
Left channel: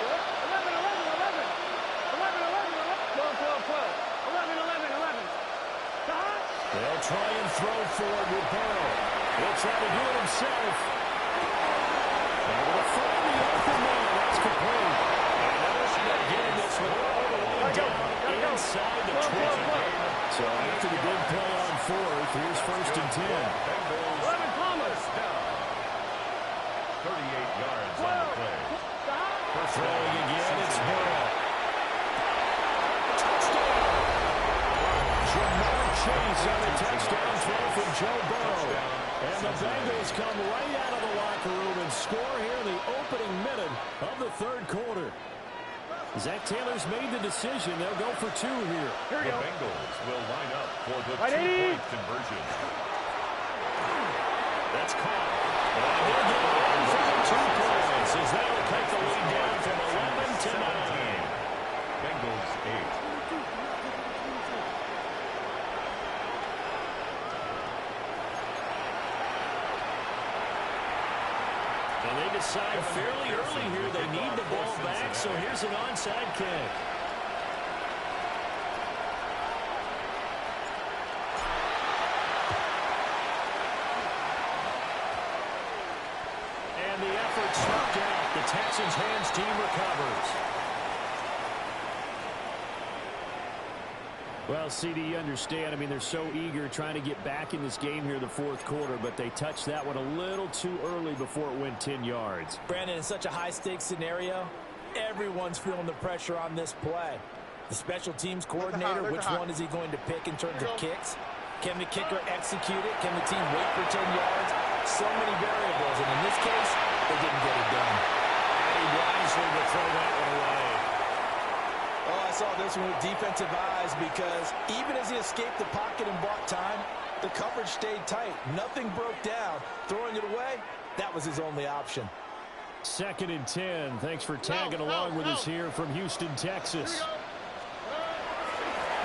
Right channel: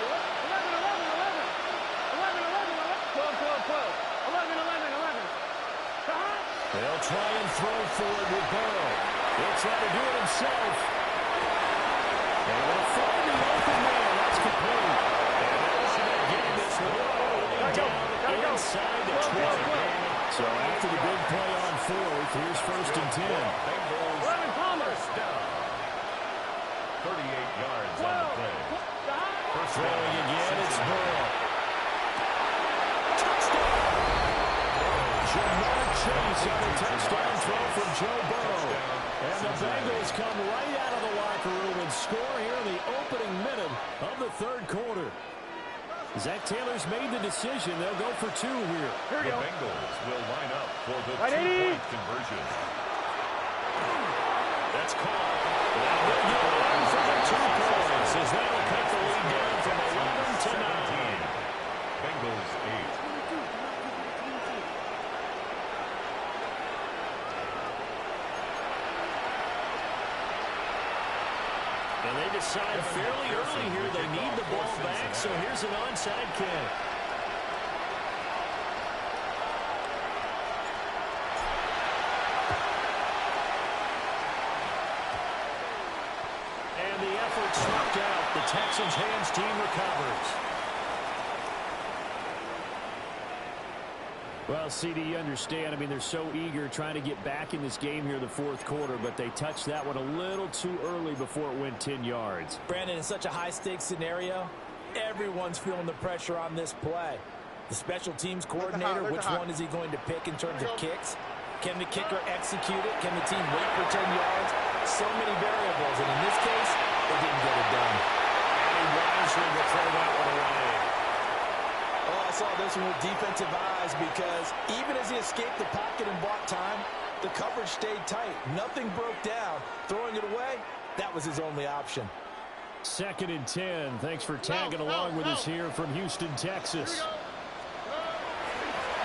12. 11. They'll try and throw for it with Burrow. He'll try to do it himself. Able to find the open man. That's complete. And they'll get this one all the way down inside the 20. So after the big play on fourth, here's 1st and 10. Bengals 11 Palmer. first down. 38 yards on the play. First Throwing down, again, it's Cincinnati. Burrow. Touchdown! Jamar Chase on a touchdown throw from Joe Burrow. And the Bengals come right out of the locker room and score here in the opening minute of the third quarter. Zach Taylor's made the decision. They'll go for 2 here. The Bengals will line up for the 2-point conversion. That's caught. And he'll get in for the 2 points as that'll cut the lead down from 11 to 9. Bengals 8. And they decide fairly early here they need the ball back, so here's an onside kick. And the effort snuffed out. The Texans' hands team recovers. Well, CD, you understand. I mean, they're so eager trying to get back in this game here in the fourth quarter, but they touched that one a little too early before it went 10 yards. Brandon, in such a high-stakes scenario, everyone's feeling the pressure on this play. The special teams coordinator, which one is he going to pick in terms of kicks? Can the kicker execute it? Can the team wait for 10 yards? So many variables, and in this case, they didn't get it done. And he wisely would throw that one away. Oh, I saw this one with defensive eyes because even as he escaped the pocket and bought time, the coverage stayed tight. Nothing broke down. Throwing it away, that was his only option. 2nd and 10. Thanks for tagging along with us here from Houston, Texas.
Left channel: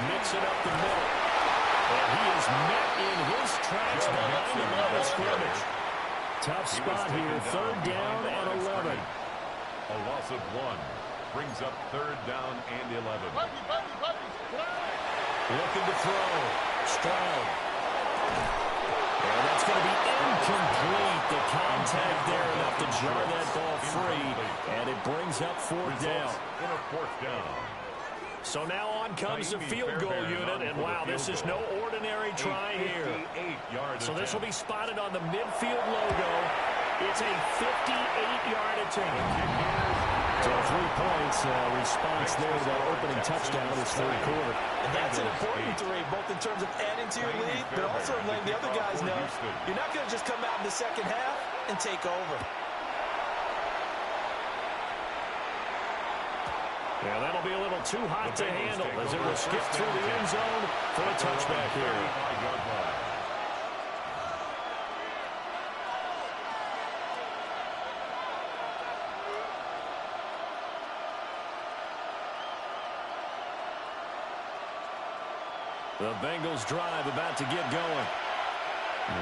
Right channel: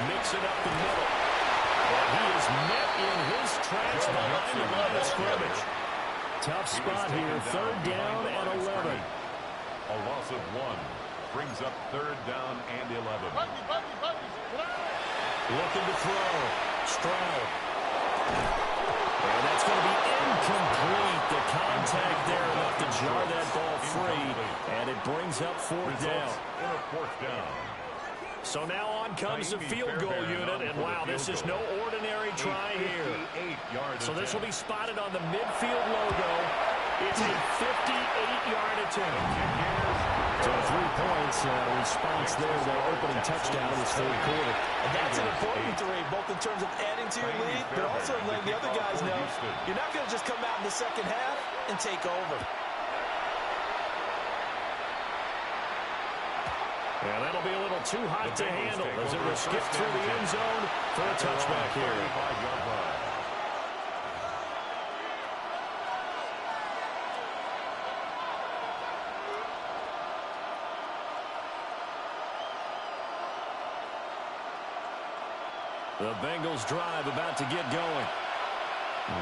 Mixing up the middle. And he is met in his tracks behind the line of scrimmage. Tough spot here. 3rd down and 11. A loss of 1. Brings up 3rd down and 11. Looking to throw. Stroud. And that's going to be incomplete. The contact there enough to jar that ball free. And it brings up 4th down. In a 4th down. So now on comes the field goal unit. And wow, this is no ordinary try here. So this will be spotted on the midfield logo. It's a 58-yard attempt. So 3 points response there to that opening touchdown of this third quarter. And that's an important 3, both in terms of adding to your lead, but also letting the other guys know you're not going to just come out in the second half and take over. Yeah, that'll be a little too hot to handle as it will skip through the end zone for a touchback here. The Bengals drive about to get going.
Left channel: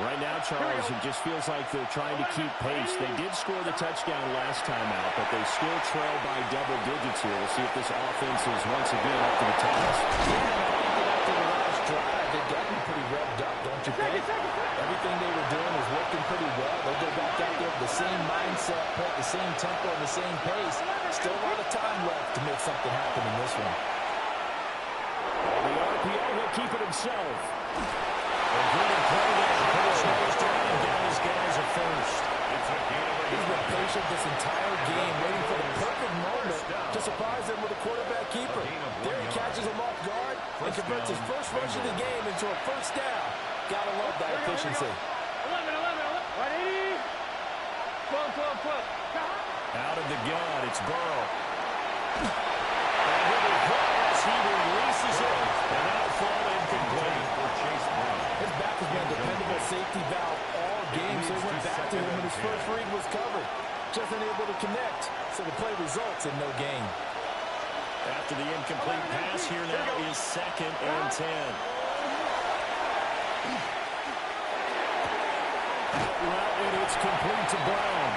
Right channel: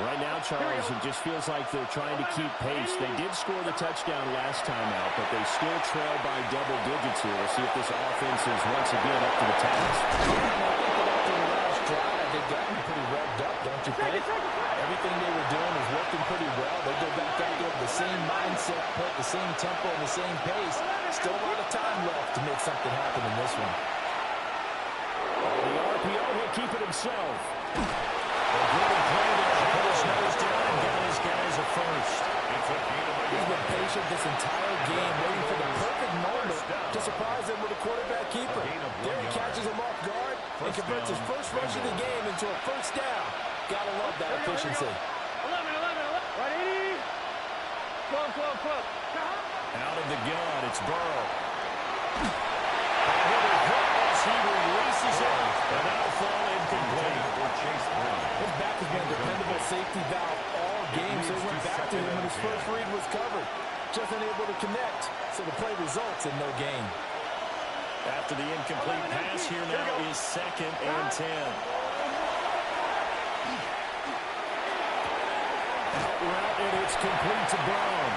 Right now, Charles, it just feels like they're trying to keep pace. They did score the touchdown last time out, but they still trail by double digits here. We'll see if this offense is once again up to the task. Yeah, and I think that after the last drive, they've gotten pretty revved up, don't you think? Everything they were doing was working pretty well. They go back out there with the same mindset, play at the same tempo and the same pace. Still a lot of time left to make something happen in this one. The RPO will keep it himself. A good play there. Put his nose down and got his guys a first. He's been patient this entire game, waiting for the perfect moment to surprise them with a quarterback keeper. There he catches him off guard and converts his first rush of the game into a first down. Gotta love that efficiency. 11. 180. 12. Out of the gun, it's Burrow. And he'll be caught as he releases it, and that'll fall incomplete. His back has been a dependable safety valve all game, so he went back to him when his first read was covered. Just unable to connect, so the play results in no gain. After the incomplete pass, here now is 2nd and 10. Out route, and it's complete to Brown.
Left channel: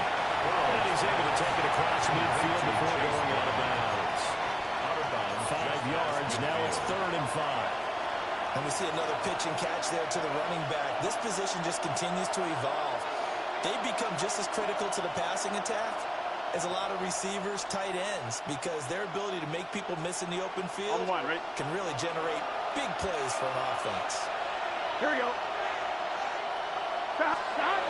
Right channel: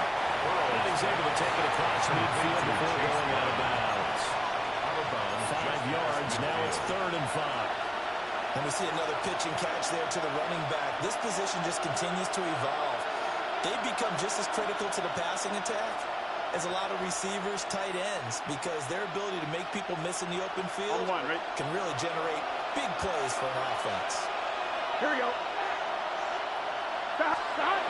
And he's able to take it across midfield before going out of bounds. 5 yards, now it's 3rd and 5. And we see another pitch and catch there to the running back. This position just continues to evolve. They've become just as critical to the passing attack as a lot of receivers, tight ends, because their ability to make people miss in the open field can really generate big plays for an offense. Here we go. Stop.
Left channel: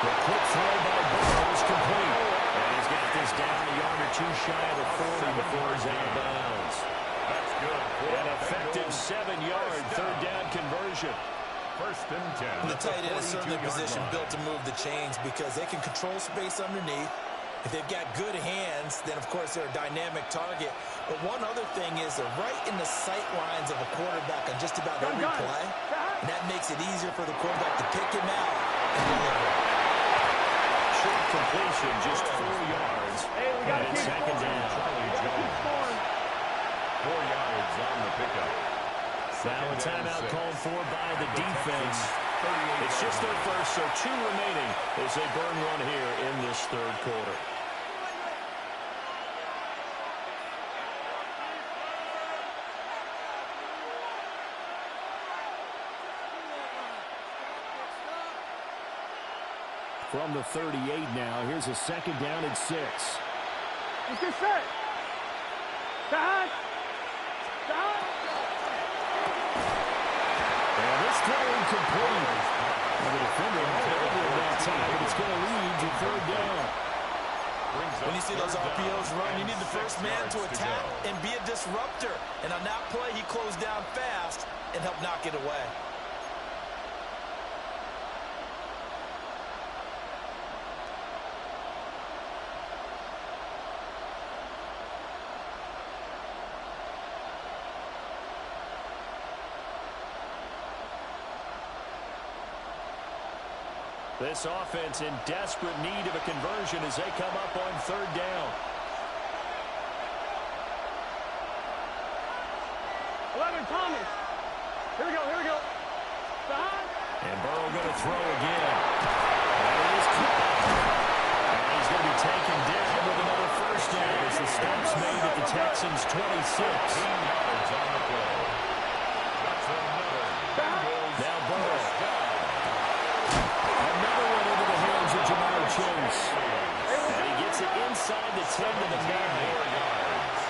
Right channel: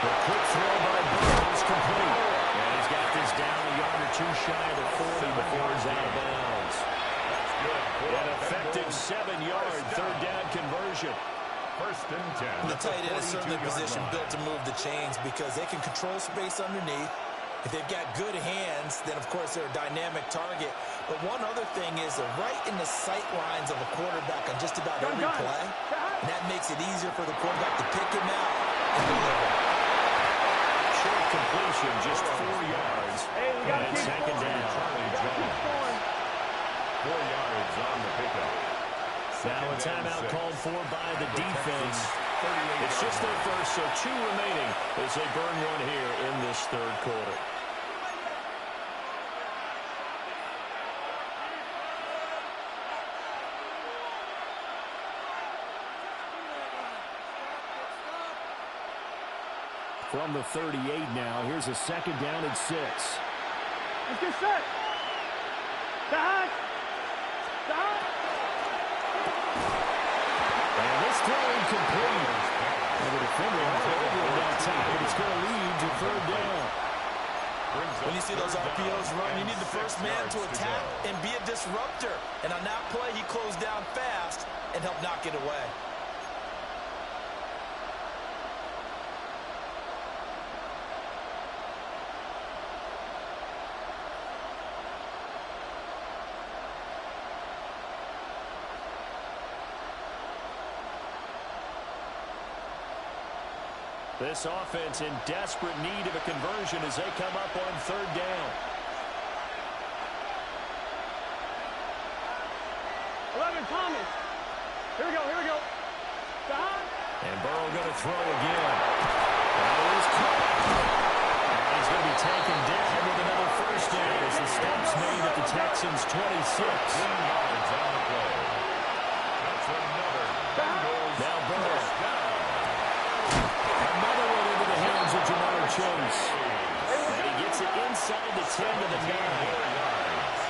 The quick throw by Burrow is complete. And he's got this down a yard or two shy of the 40 before he's out of bounds. That's good. An effective 7-yard third down conversion. First and 10. The tight end is certainly a position built to move the chains because they can control space underneath. If they've got good hands, then, of course, they're a dynamic target. But one other thing is they're right in the sight lines of a quarterback on just about every play. And that makes it easier for the quarterback to pick him out and deliver. Short completion, just 4 yards. Hey, we got to keep second down. Charlie Jones. 4 yards on the pickup. Now a timeout called for by the defense. It's just their first, so 2 remaining as they burn one here in this third quarter. From the 38 now, here's a second down and 6. Let's get set. Stop. And this throw incomplete. And the defender all over him that time, but it's going to lead to third down. When you see those RPOs run, you need the first man to attack and be a disruptor. And on that play, he closed down fast and helped knock it away. This offense in desperate need of a conversion as they come up on third down. 11, Thomas. Here we go. Stop. And Burrow going to throw again. That is caught. And he's going to be taken down with another first down as the stop's made at the Texans' 26. 15 yards on the play. That's another Bengals now Burrow. first down. Another one into the hands of Jamar Chase. And he gets it inside the 10 to the 9.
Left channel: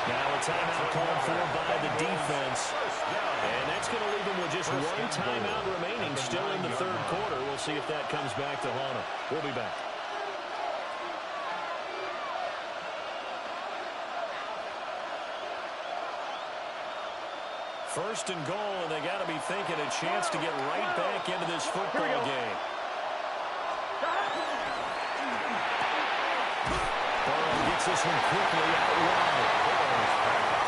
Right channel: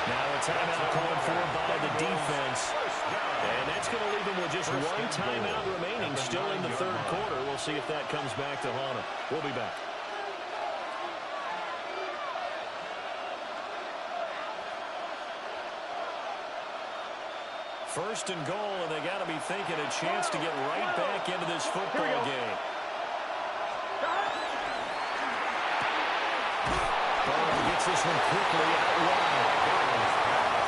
Now a timeout called for by the defense. And that's going to leave him with just one timeout remaining still in the third quarter. We'll see if that comes back to haunt him. We'll be back. First and goal, and they got to be thinking a chance to get right back into this football game. Burrow gets this one quickly out wide.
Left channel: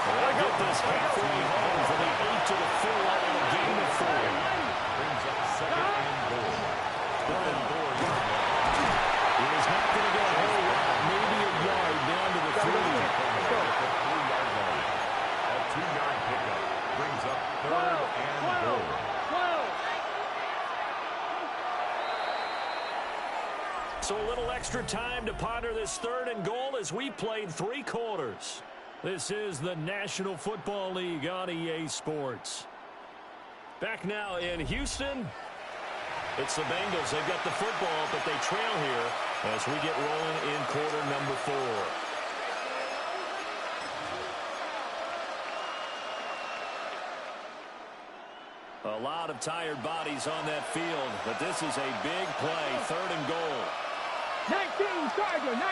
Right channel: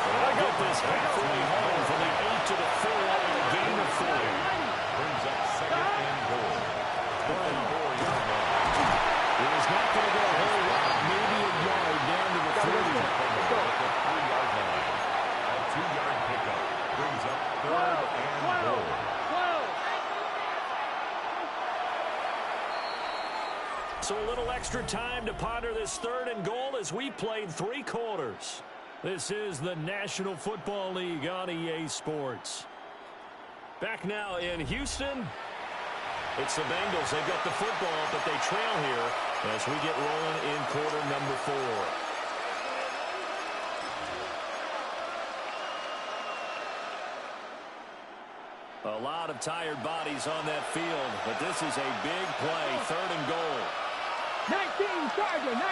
They'll get this halfway home from the 8 to the 4 in a gain of 4. Brings up second and goal. Brown. He is not going to go a whole lot, maybe a yard down to the 3. At the 3-yard line. A 2-yard pickup brings up third and goal. So a little extra time to ponder this third and goal as we played 3 quarters. This is the National Football League on EA Sports. Back now in Houston. It's the Bengals. They've got the football, but they trail here as we get rolling in quarter number 4. A lot of tired bodies on that field, but this is a big play, third and goal. 19 Charger. And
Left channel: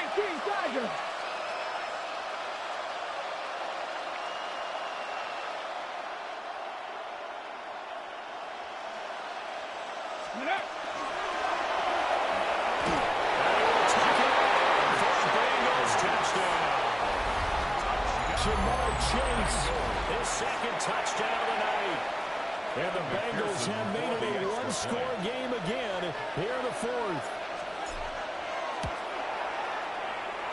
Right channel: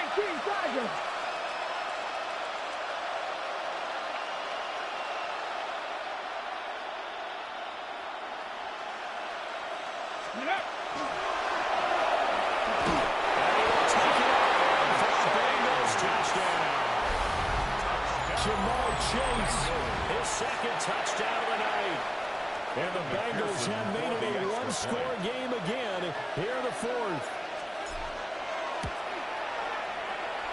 he will take it on for a Bengals touchdown. Jamar Chase, his second touchdown of the night. And the Bengals have made it a one-score game again here in the 4th.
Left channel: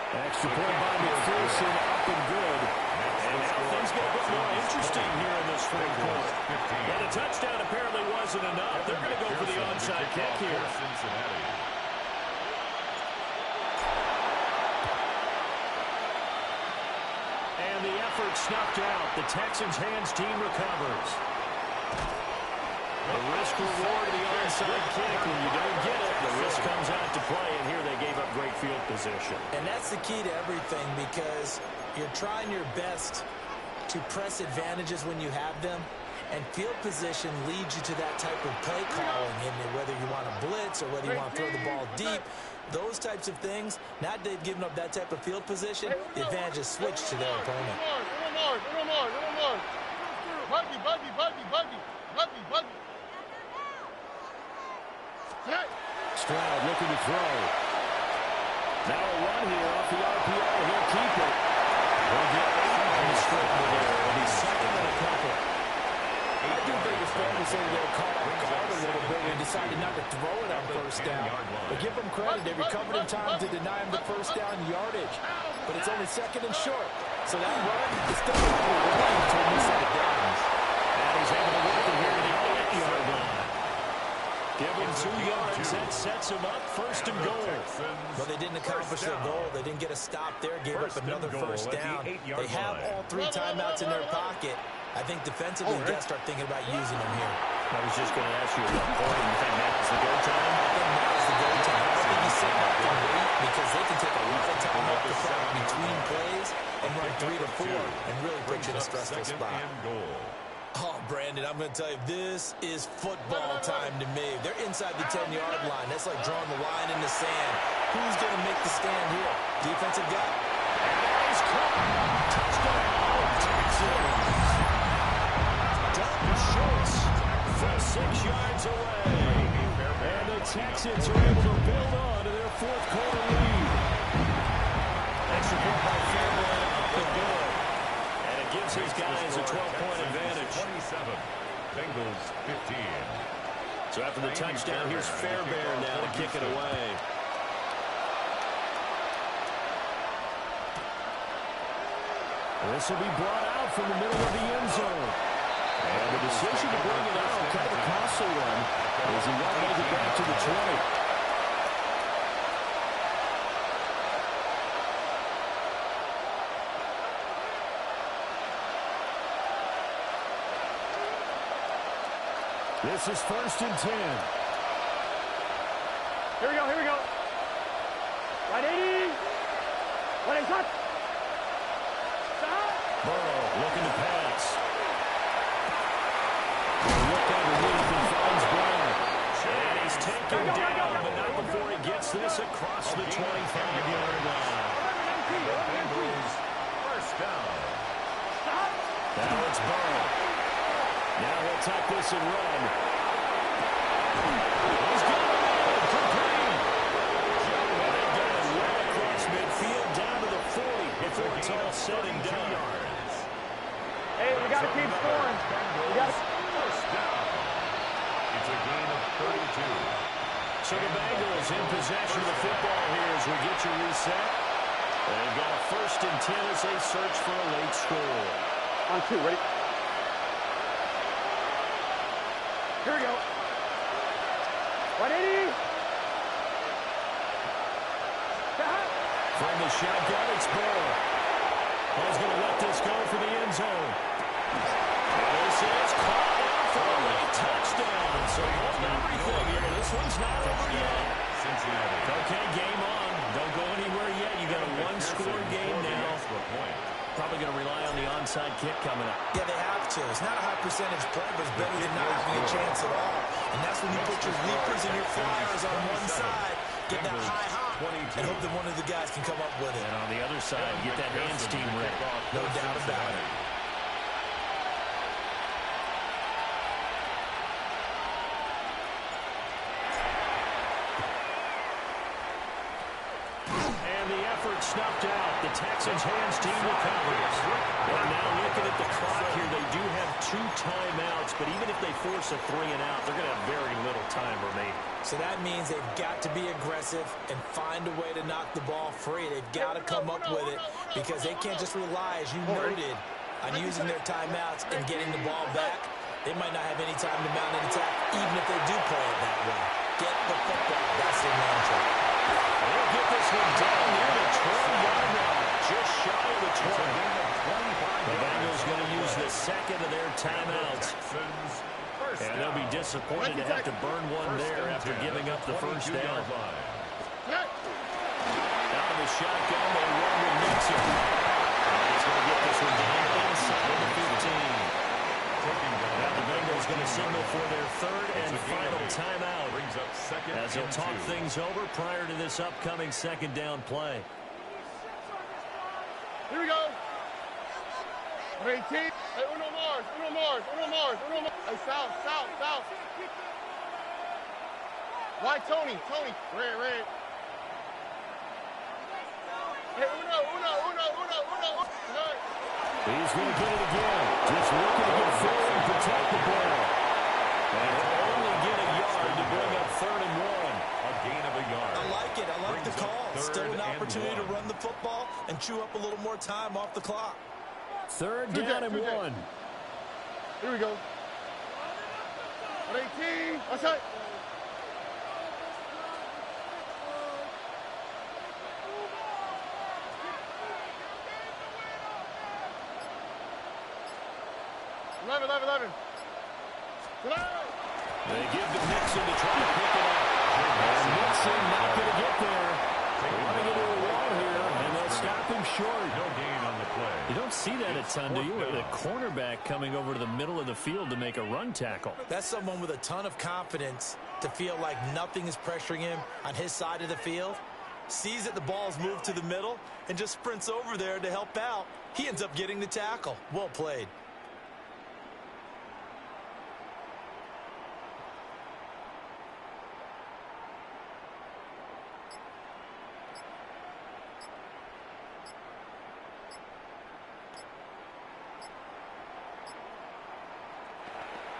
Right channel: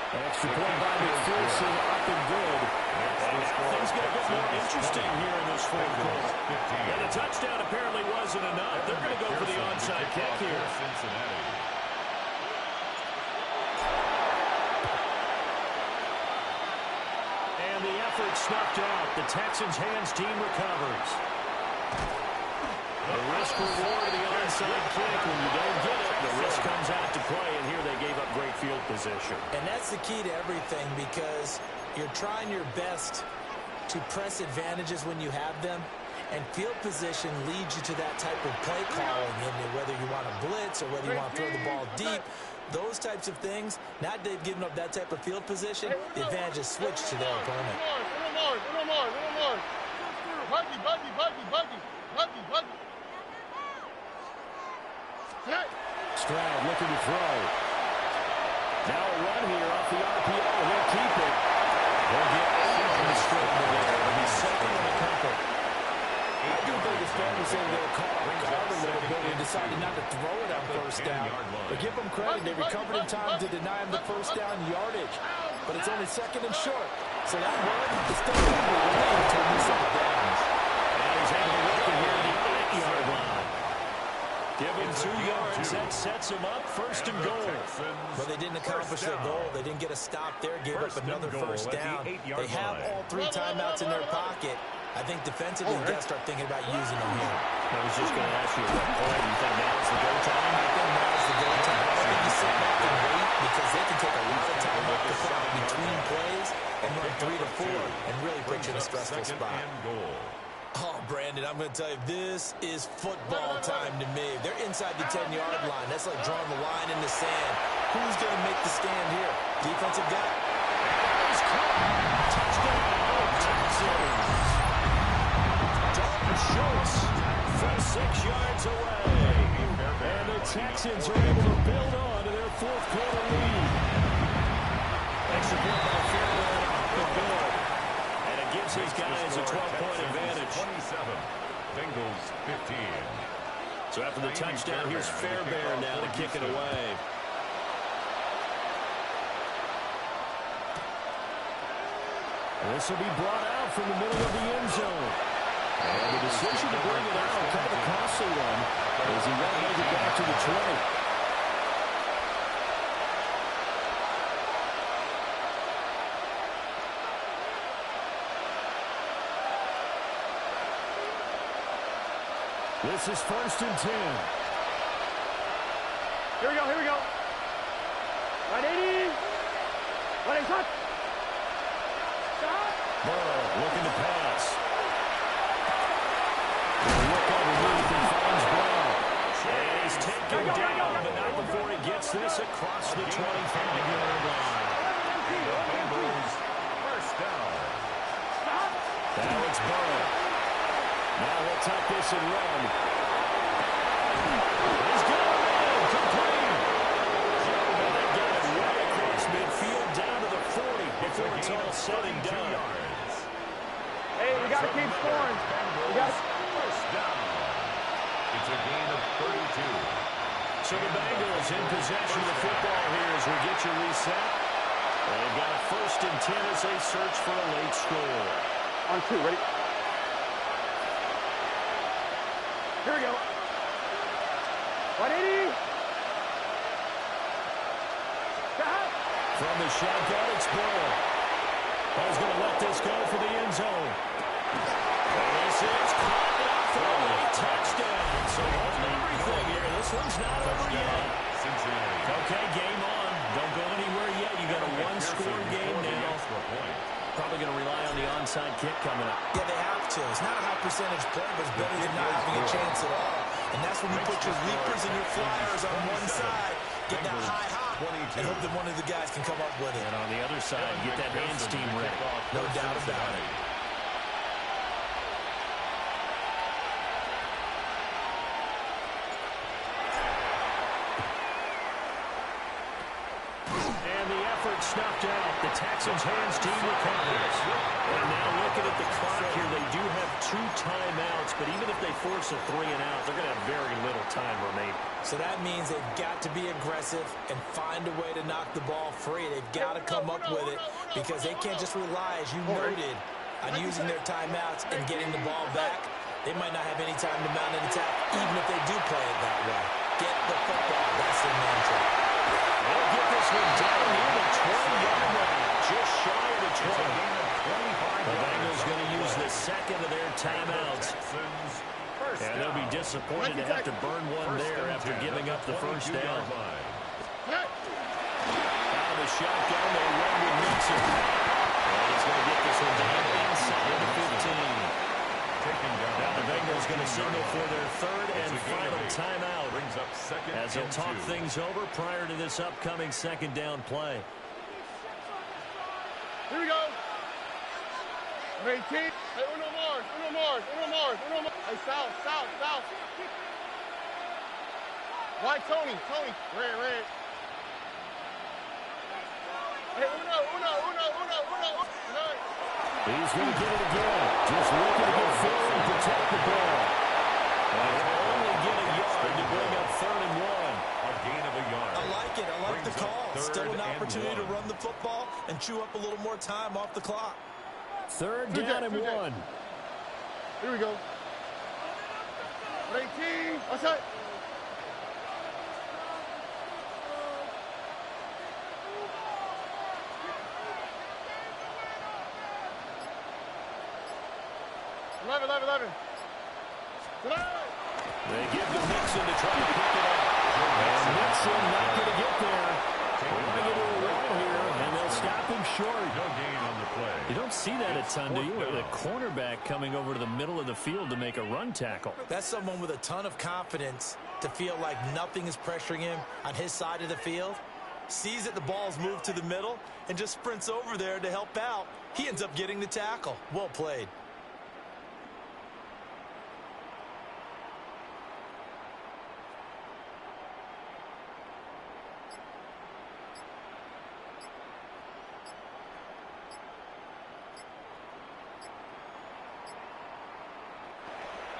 Extra point by McPherson, up and good. And now things get a bit more interesting here in this 4th quarter. And the touchdown apparently wasn't enough. They're going to go for the onside kick here. And the effort snuffed out. The Texans' hands team recovers. The risk reward of the onside kick. When you don't get it, the risk comes out to play, and here they gave up great field position. And that's the key to everything, because you're trying your best to press advantages when you have them, and field position leads you to that type of play calling, and whether you want to blitz or whether you want to throw the ball deep, those types of things. Now that they've given up that type of field position, the advantage is switched to their opponent. Stroud looking to throw. Now a run here off the RPO. He'll keep it. He'll get 8 on the scramble there. It'll be second and a couple. I do think it's fair to say they were caught off guard a little bit and decided not to throw it on first down. But give them credit. They recovered in time to deny him the first down yardage. But it's only second and short. So that run is still probably relieved to a new set of downs. And he's able to work it here to the 8-yard line. Give him 2 yards. That sets him up first and goal. But they didn't accomplish their goal. They didn't get a stop there. Gave up another first down. They have all 3 timeouts in their pocket. I think defensively, you got to start thinking about using them here. I was just going to ask you at what point you think now's the go time? I think now's the go time. I don't think you sit back and wait, because they can take a lot of time off the clock between plays and run 3 to 4 and really put you in a stressful spot. Oh, Brandon, I'm going to tell you, this is football time to me. They're inside the 10-yard line. That's like drawing the line in the sand. Who's going to make the stand here? Defensive guy? And he's caught. Touchdown, Texans. Dalton Schultz from 6 yards away. And the Texans are able to build on to their fourth-quarter lead. Extra point by Fairbairn, up and good. And it gives his guys a 12-point advantage. 27, Bengals 15. So after the touchdown, here's Fairbairn now to kick it away. And this will be brought out from the middle of the end zone. And the decision to bring it out, kind of a costly one, as he won't make it back to the 20. This is 1st and 10. Here we go, here we go. Right 80. Right shot. Stop. Burrow looking to pass. Look underneath and finds Brown. And he's taken down, but not before he gets this across the 25-yard line. The Bengals first down. Stop. Now it's Burrow. Now he'll tuck this and run. He's got him in. Complete. And they get it way across midfield down to the 40 before it's all said and done. Hey, we got to keep scoring. We got to... First down. It's a gain of 32. So the Bengals in possession of the football here as we get you reset. They've got a 1st and 10 as they search for a late score. On 2, ready? Here we go. 180. From the shotgun, it's Burrow. He's going to let this go for the end zone. And this is caught now for a late touchdown. So hold everything here. This one's not over yet. Cincinnati. Okay, game on. Don't go anywhere yet. You got a 1-score game now. Probably going to rely on the onside kick coming up. Yeah, they have to. It's not a high percentage play, but it's better than not having a chance at all. And that's when you put your leapers and your flyers on one side, get that high hop, and hope that one of the guys can come up with it. And on the other side, get that hands team ready. No doubt about it. Snuffed out. The Texans' hands team recovers. And now looking at the clock here, they do have 2 timeouts, but even if they force a 3-and-out, they're going to have very little time remaining. So that means they've got to be aggressive and find a way to knock the ball free. They've got to come up with it because they can't just rely, as you noted, on using their timeouts and getting the ball back. They might not have any time to mount an attack, even if they do play it that way. Get the football. That's their mantra. They'll get this one down near the 20-yard line, just shy of the 20. The Bengals going to use the second of their timeouts. And they'll be disappointed to have to burn one there after giving up the first down. Out of the shotgun, they run with Mixon. And he's going to get this one down inside the 15. Now the Bengals going to signal for their third and final timeout as they'll talk things over prior to this upcoming second down play. Here we go. 18. Hey, uno more. Hey, south. Why, Tony? Red. Hey, uno. He's going to get it again. Just looking to get forward and protect the ball. And he'll only get a yard to bring up 3rd and 1. A gain of a yard. I like it. I like the call. Still an opportunity to run the football and chew up a little more time off the clock. 3rd down and 1. Here we go. 18. Watch out. Eleven. They give to Mixon to try to pick it up. And Mixon not going to get there. They want to get to a wall here, and they'll stop him short. No gain on the play. You don't see that a ton, do you? The cornerback coming over to the middle of the field to make a run tackle. That's someone with a ton of confidence to feel like nothing is pressuring him on his side of the field. Sees that the ball's moved to the middle and just sprints over there to help out. He ends up getting the tackle. Well played.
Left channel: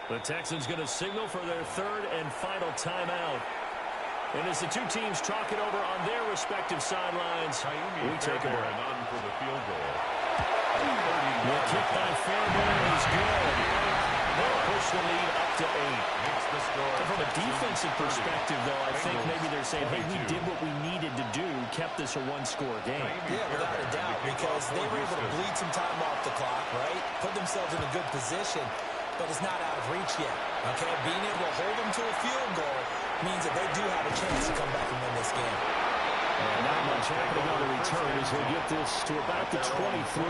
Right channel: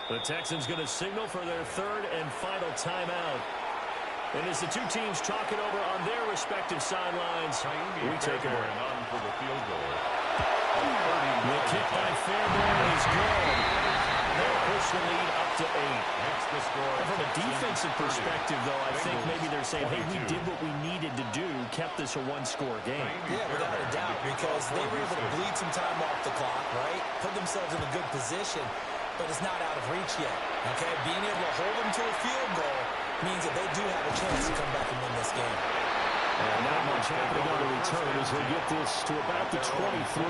The Texans going to signal for their 3rd and final timeout. And as the two teams talk it over on their respective sidelines, we take a break. On for the field goal. The kick by Fairbairn is good. They'll push the lead up to 8. Makes the score. And from a defensive perspective, though, I think maybe they're saying, hey, we did what we needed to do, kept this a one-score game. Yeah, without a doubt, because they were able to bleed some time off the clock, right? Put themselves in a good position. But it's not out of reach yet, okay? Being able to hold them to a field goal means that they do have a chance to come back and win this game. And not much happening on the return as he'll get this to about the 23.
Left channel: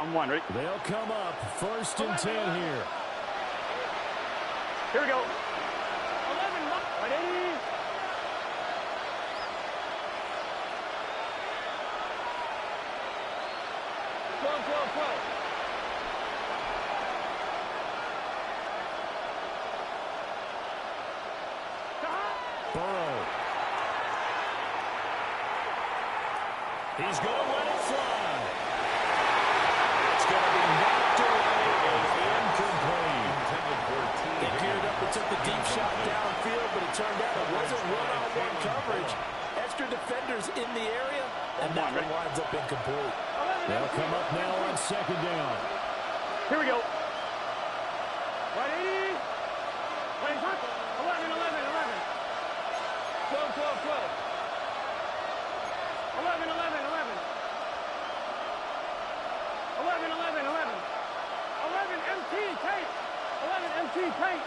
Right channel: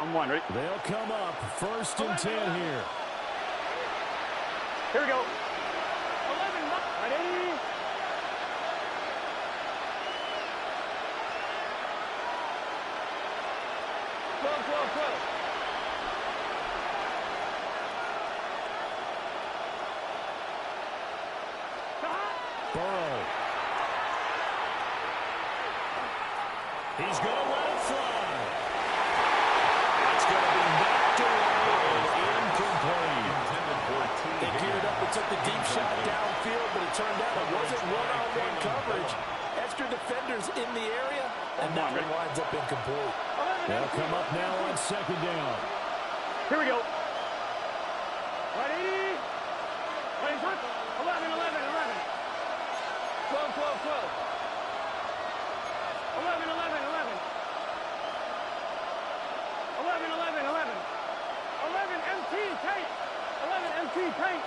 I'm one, right? They'll come up 1st and 10 here. Here we go. 11, right, 80. Burrow. He's going to let it fly. It's going to be knocked away and incomplete. They geared up and took the deep shot downfield, but it turned out it wasn't one-on-one coverage. Extra defenders in the area, and that one winds up incomplete. They'll come up now on 2nd down. Here we go. 180. 11. 12. 11. 11 MT paint. 11 MT paint.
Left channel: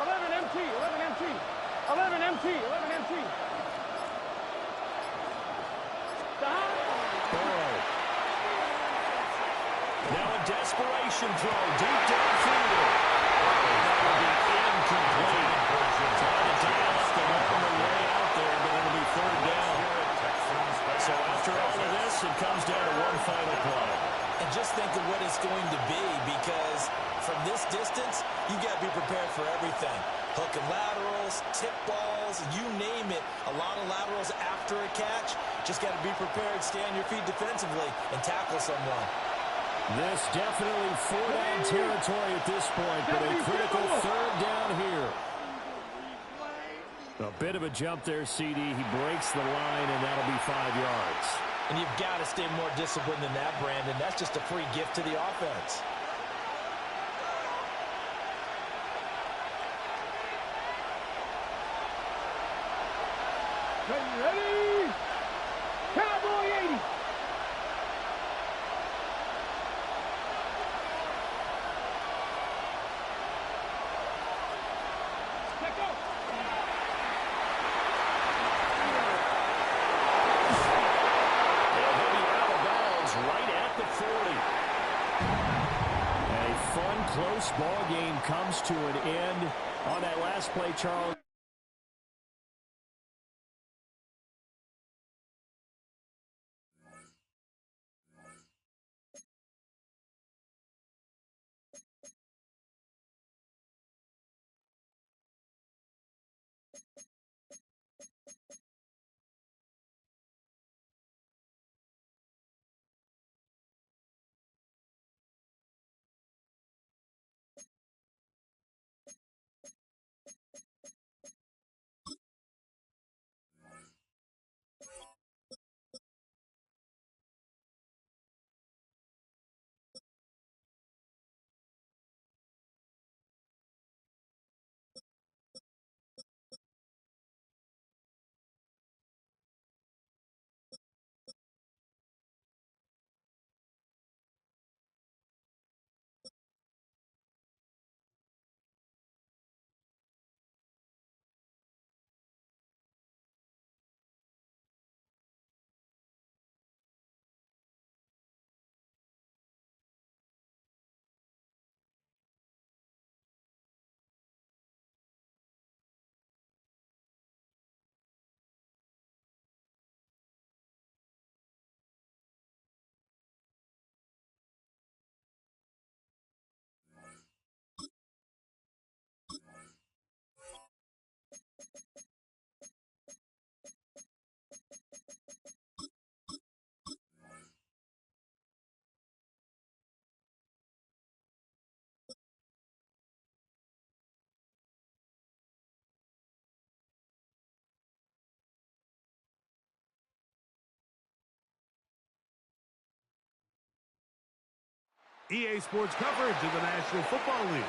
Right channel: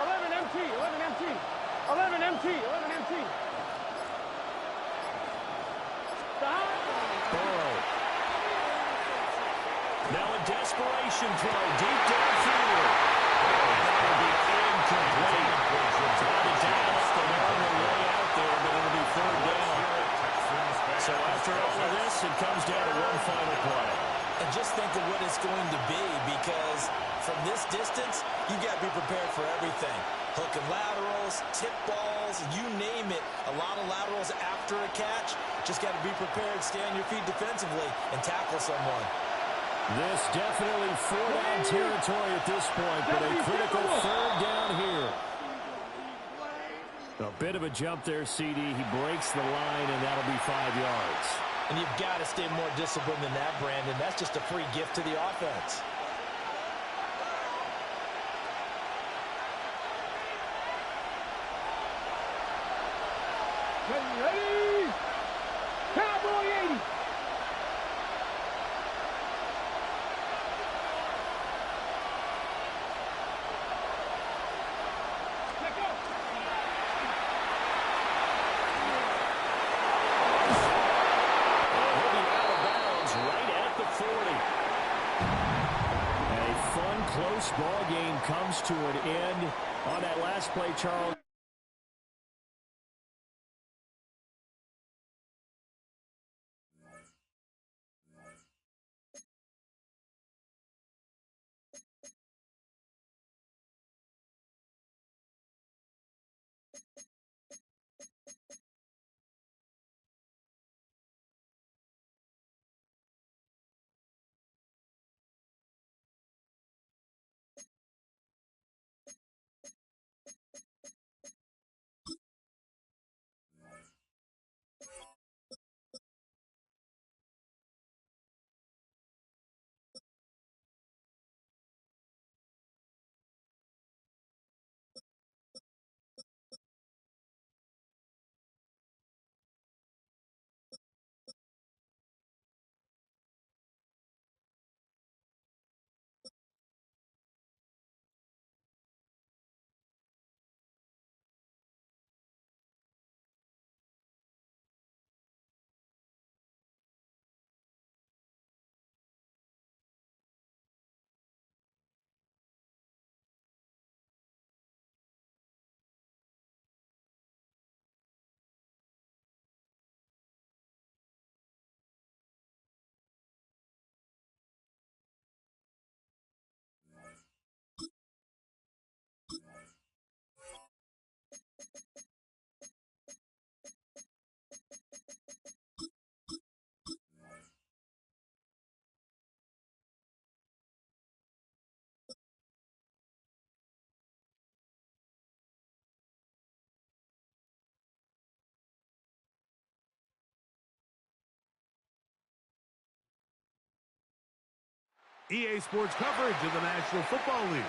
11 MT. 11 MT. 11 MT. 11 MT. Burrow. Now a desperation throw deep downfield. And that will be incomplete. Trying to dial up the longer way out there, but it'll be 3rd down. So after all of this, it comes down to one final play. And just think of what it's going to be, because from this distance, you've got to be prepared for everything. Hook and laterals, tip balls, you name it. A lot of laterals after a catch. Just got to be prepared, stay on your feet defensively, and tackle someone. This definitely 4-down territory at this point, but a critical 3rd down here. A bit of a jump there, CD. He breaks the line, and that'll be 5 yards. And you've got to stay more disciplined than that, Brandon. That's just a free gift to the offense. Ready? Cowboy 80. Let go. And he'll be out of bounds right at the 40. A fun, close ball game comes to an end on that last play, Charles. EA Sports coverage of the National Football League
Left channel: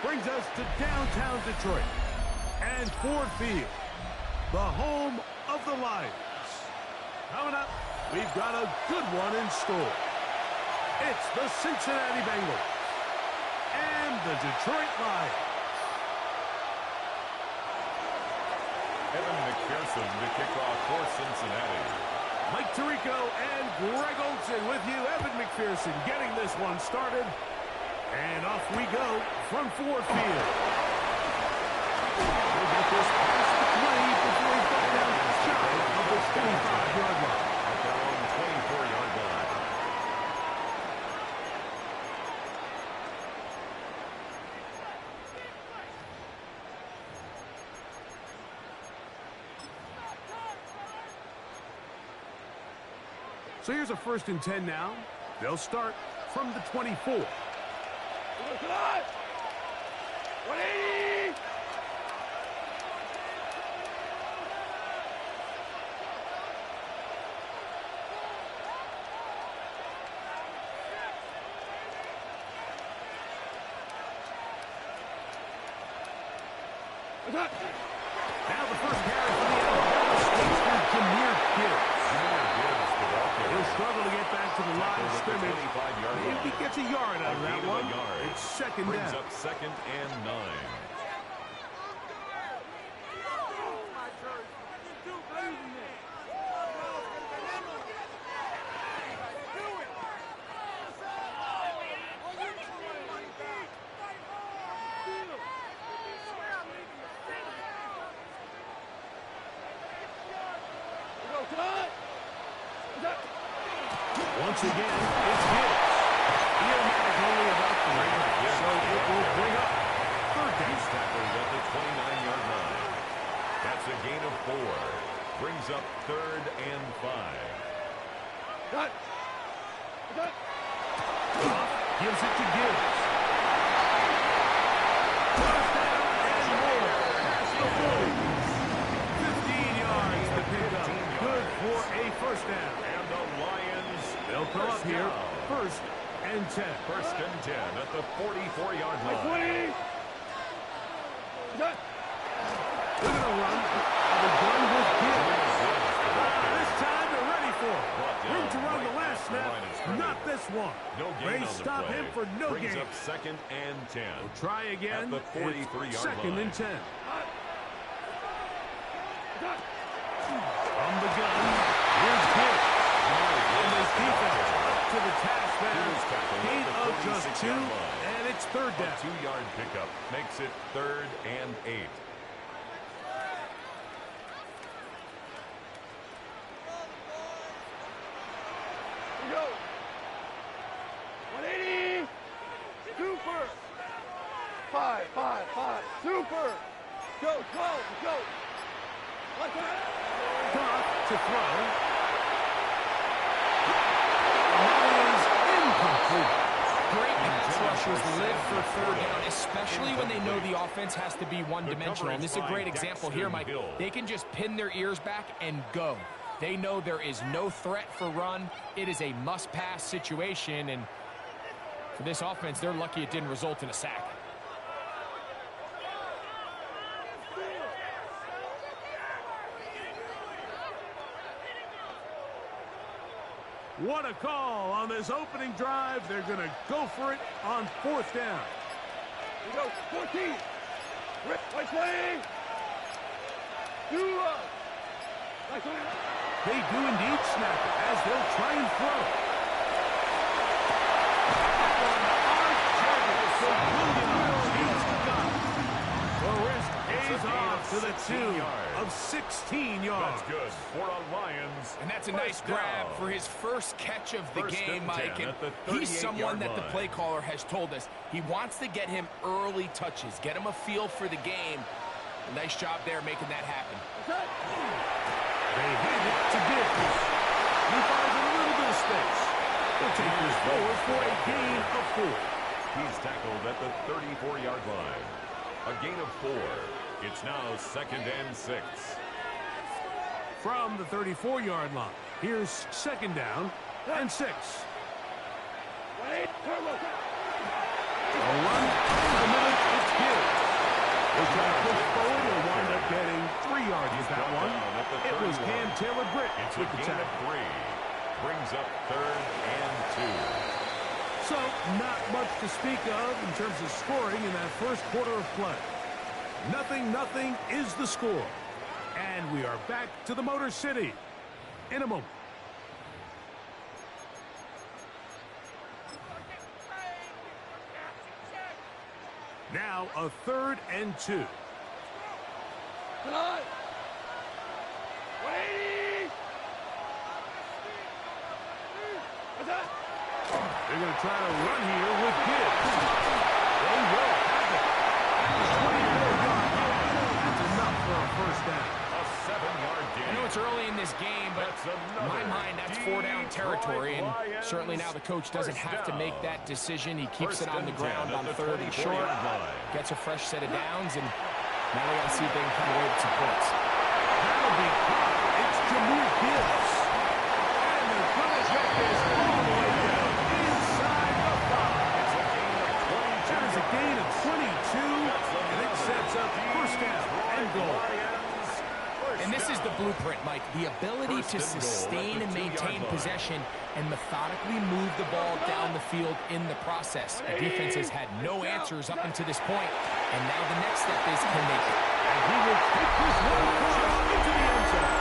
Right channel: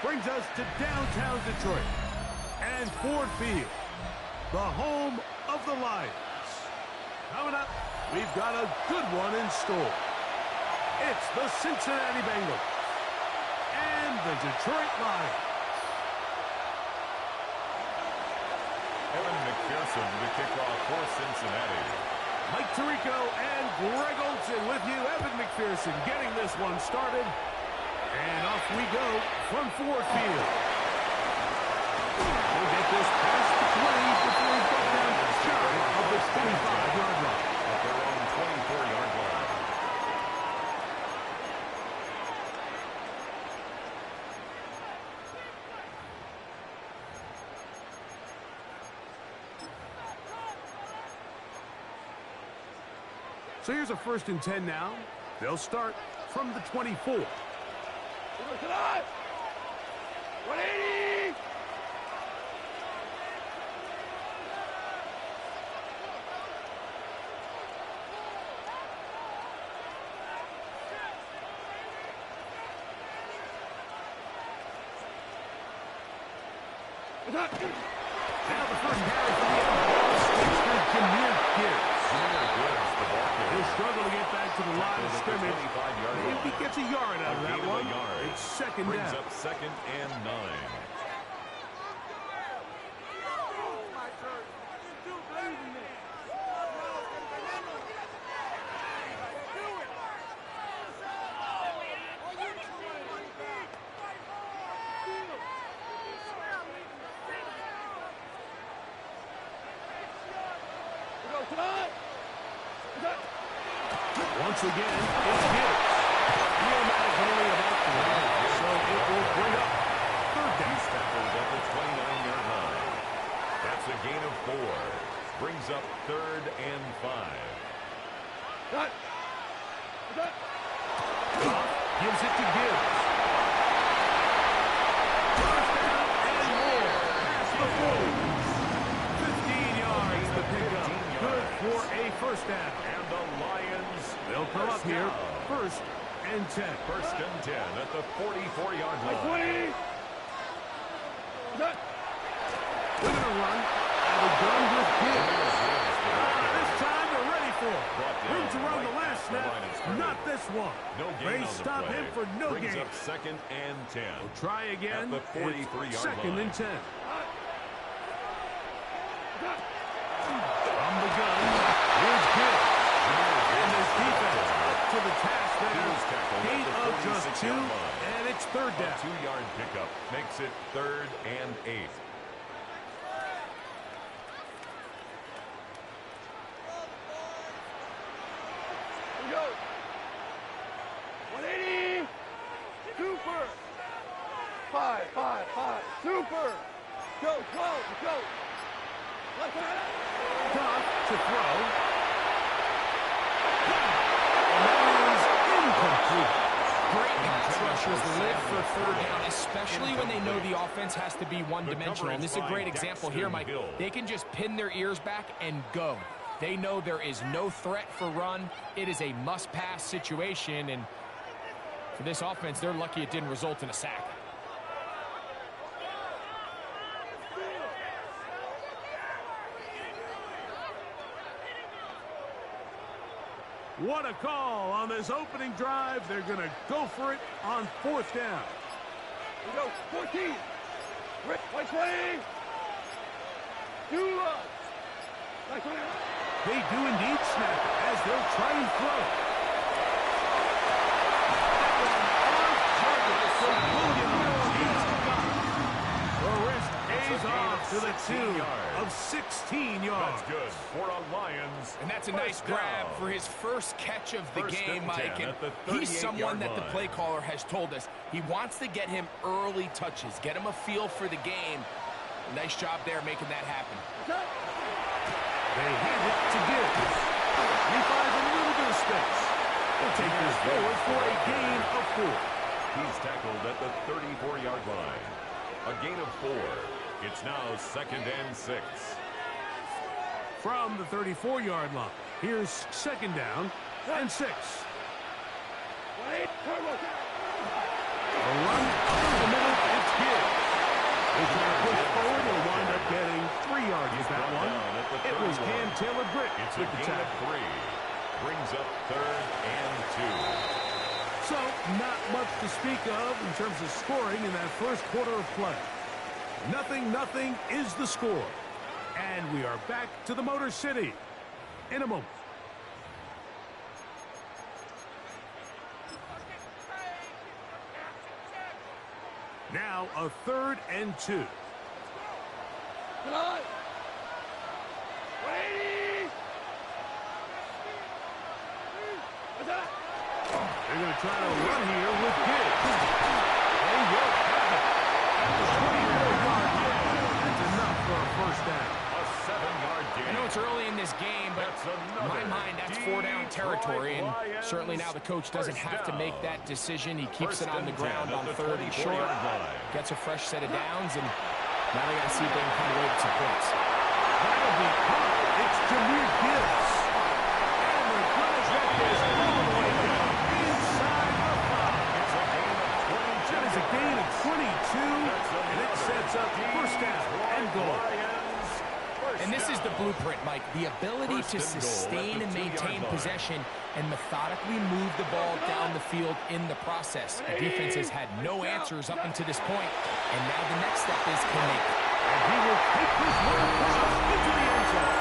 brings us to downtown Detroit and Ford Field, the home of the Lions. Coming up, we've got a good one in store. It's the Cincinnati Bengals and the Detroit Lions. Evan McPherson to kick off for Cincinnati. Mike Tirico and Greg Olsen with you. Evan McPherson getting this one started. And off we go from Ford Field. He'll get this past the 20 before he's brought down shy of the 25-yard line. At their own 24-yard line. So here's a 1st and 10 now. They'll start from the 24. 180. Now the first carry for the Alabama speedster, Jahmyr Gibbs. He'll struggle to get back to the line of scrimmage. Maybe he gets a yard out of that one. It's second Brings down. up 2nd and 9. Once again, it's Gibbs. Neomatic only about 3, so it will bring up 3rd down. He's tackled at the 29-yard line. That's a gain of 4. Brings up 3rd and 5. Cut. Goff gives it to Gibbs. First down and more. Past the 40. 15 yards to pick up. Good for a first down. And And the Lions. They'll come up here. First and 10. First and 10 at the 44-yard line. 20. They're going to run. Have a gun with Gibbs. This time they're ready for it. Room to run the last snap. Not this one. No gain they on stop the play. him for no Brings gain. up second and 10. We'll try again. At the 43-yard second line. and 10. From the gun, here's Gibbs. And his defense up to the task there. Gain of just 2, and it's third down. A 2-yard pickup makes it 3rd and 8. Here we go. 180. Super. 5, 5, 5. Super. Go, go, go. Tough to throw. And that is incomplete. Great pass rushers live for third down, especially when they know the offense has to be one-dimensional. And this is a great example here, Mike. They can just pin their ears back and go. They know there is no threat for run. It is a must-pass situation, and for this offense, they're lucky it didn't result in a sack. What a call on this opening drive. They're going to go for it on 4th down. Here we go. 14. Rip. 120. Do up. They do indeed snap it as they'll try and throw. That one on target for Williams. He's got it. The wrist pays off to the tune of 16 yards. That's good for a Lions. And that's a nice grab for his first catch of the game, Mike. And he's someone that the play caller has told us he wants to get him early touches, get him a feel for the game. Nice job there making that happen. They hand it to Gibbs. He finds a little bit of space. He'll take this forward for a gain of 4. He's tackled at the 34-yard line. A gain of 4. It's now 2nd and 6. From the 34-yard line, here's 2nd down and 6. A run up the middle, it's Gibbs. They'll try to push forward and wind up getting 3 yards with that one. It was Cam Taylor-Britt with the tackle. 3. Brings up 3rd and 2. So, not much to speak of in terms of scoring in that first quarter of play. 0-0 is the score. And we are back to the Motor City in a moment. Now a 3rd and 2. Come on. 180. They're going to try to run here with Gibbs. They will have it at the 24-yard line. That's enough for a first down. A 7-yard gain. I know it's early in this game, but in my mind, that's 4-down territory. And certainly now the coach doesn't have to make that decision. He keeps it on the ground on 3rd and short. Gets a fresh set of downs, and now they got to see if they can come away with some points. That'll be caught. It's Jahmyr Gibbs. And they're going to get this all the way down inside the 5. It's a gain of 22. That is a gain of 22, and it sets up first down and goal. And this is the blueprint, Mike. The ability to sustain and maintain possession and methodically move the ball down the field in the process. The defense has had no answers up until this point, and now the next step is, can they? And he will take this one across into the end zone.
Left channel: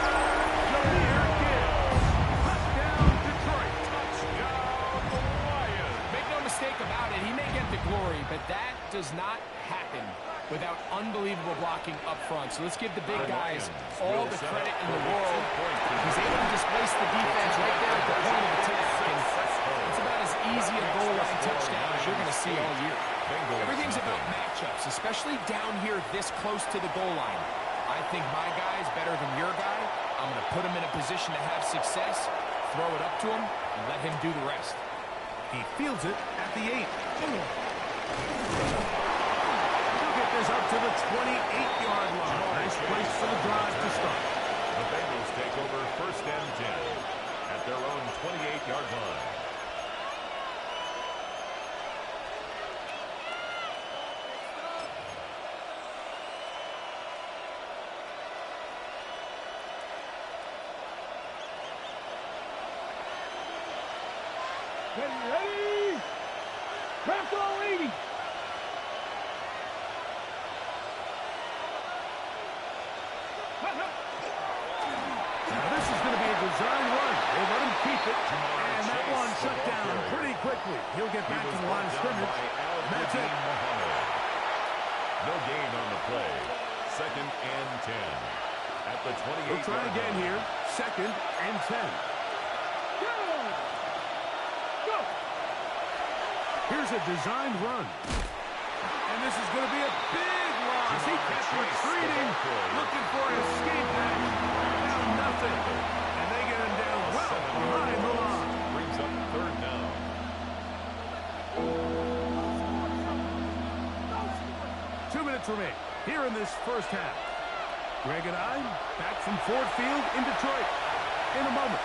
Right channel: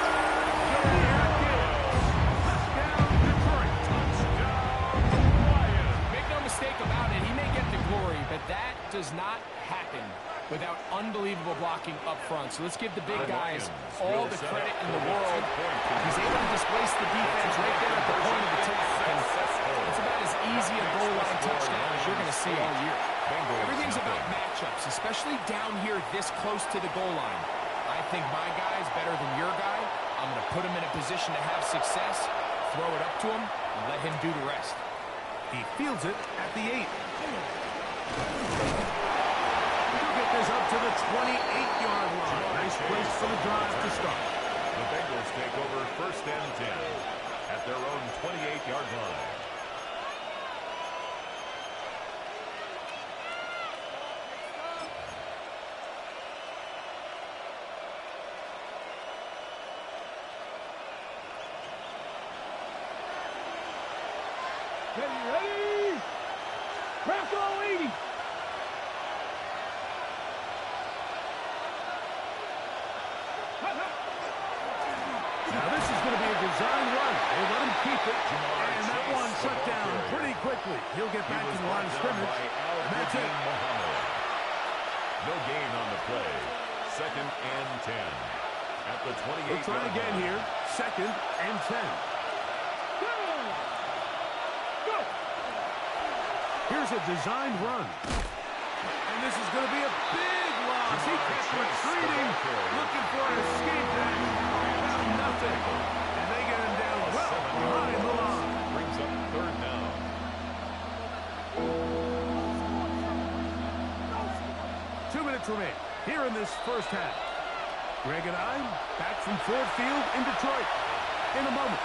Jahmyr Gibbs. Touchdown, Detroit. Touchdown, Lions. Make no mistake about it, he may get the glory, but that does not happen without unbelievable blocking up front. So let's give the big guys all the credit in the world. He's able to displace the defense right there at the point of attack. And it's about as easy a goal line touchdown as you're going to see all year. Everything's about matchups, especially down here this close to the goal line. I think my guy is better than your guy. I'm going to put him in a position to have success, throw it up to him, and let him do the rest. He fields it at the 8. Get this up to the 28-yard line. Nice place for the drive to start. The Bengals take over 1st and 10. at their own 28-yard line. Ready? Rocco 80. Now this is going to be a design run. They let him keep it, and that one shut down pretty quickly. He'll get back to the line of scrimmage, and that's it. No gain on the play. 2nd and 10 at the 28. We'll try again here. 2nd and 10. Go! Here's a designed run. And this is going to be a big loss. He kept retreating, looking for an escape dash. Found nothing. And they get him down well behind the line. Brings up 3rd down. Two minutes remain here in this first half. Greg and I back from Ford Field in Detroit in a moment.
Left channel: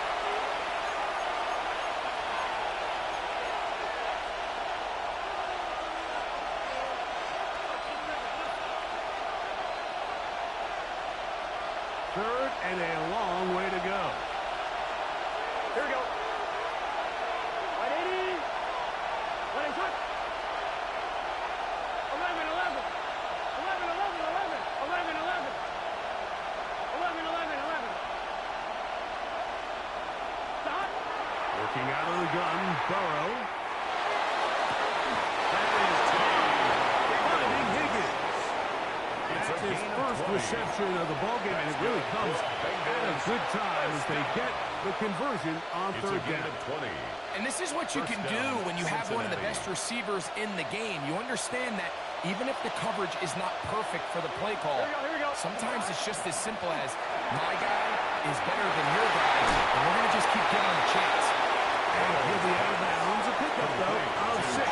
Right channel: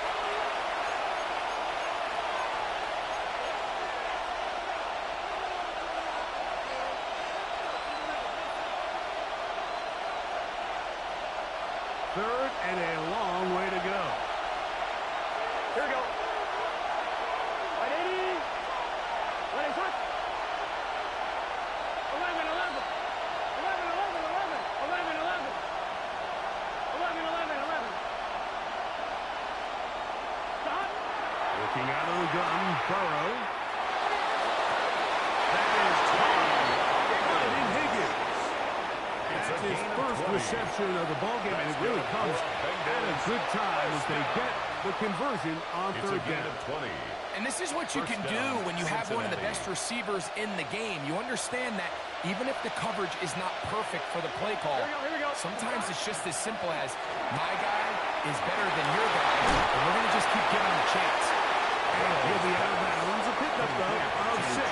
Third and a long way to go. Here we go. Right 80. Let him touch. 11, 11. 11, 11, 11. 11, 11. 11, 11, 11. Stop. Working out of the gun, Burrow. That is finding Higgins. That's his first reception of the ballgame, and it really comes at a good time as they get the conversion on third down. And this is what you can do when you have one of the best receivers in the game. You understand that even if the coverage is not perfect for the play call, sometimes it's just as simple as my guy is better than your guy, and we're going to just keep giving him a chance. And he'll be out of bounds. A pickup, though, of 6.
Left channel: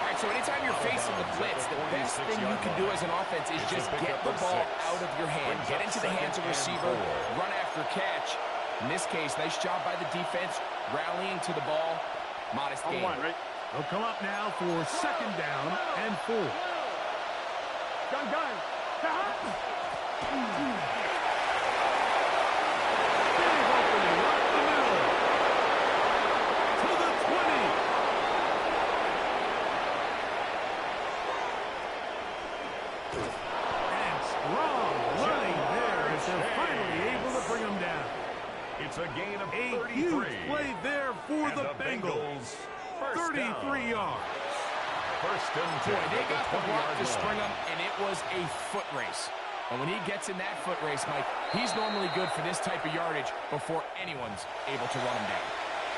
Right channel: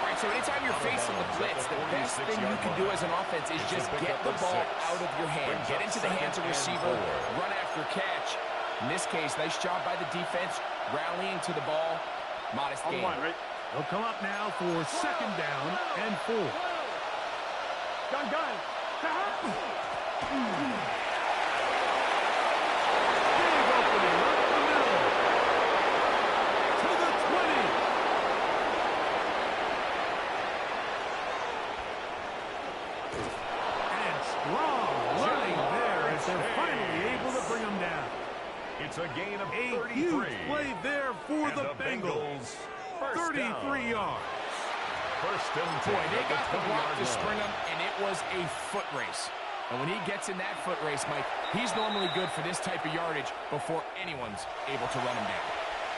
All right, so anytime you're facing the blitz, the best thing you can do as an offense is just get the ball out of your hand. Get into the hands of receiver, run after catch. In this case, nice job by the defense, rallying to the ball. Modest gain. They'll come up now for 2nd down and 4. Gun. Big opening up the middle. To the 20. And strong running there as they're finally able to bring him down. It's a gain of A 33. huge play there for the Bengals. 33 yards. 1st and 10. Boy, they got the block to spring him, and it was a foot race. And when he gets in that foot race, Mike, he's normally good for this type of yardage before anyone's able to run him down.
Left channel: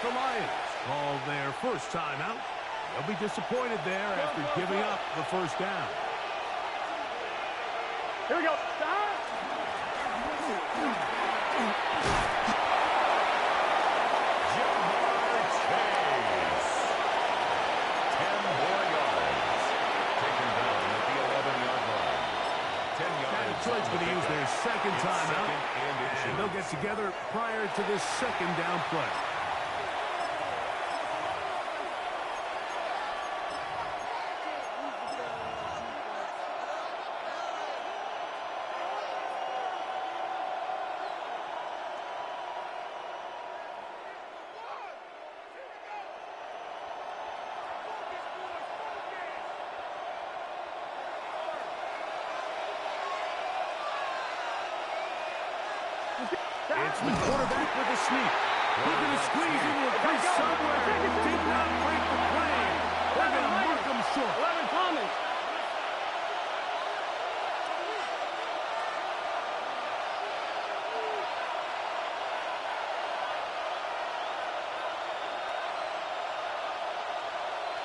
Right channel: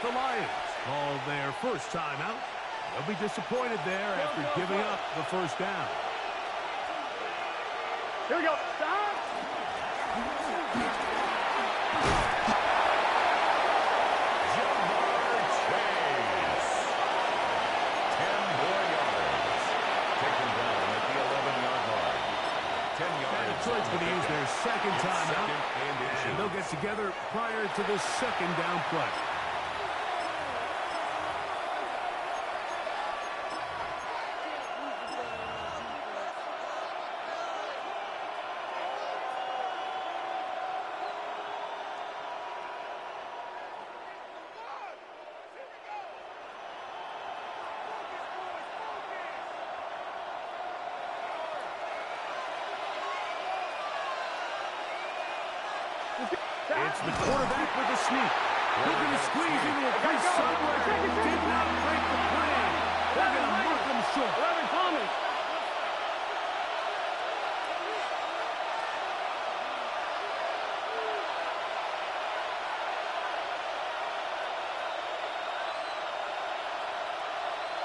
The Lions called their first timeout. They'll be disappointed there after giving up the first down. Here we go. Stop. Detroit's going to use their 2nd timeout, and they'll get together prior to the 2nd down play. It's the quarterback with the sneak. Looking to squeeze into a crease somewhere. Did not break the plane. They're going to mark him short. 11 Thomas.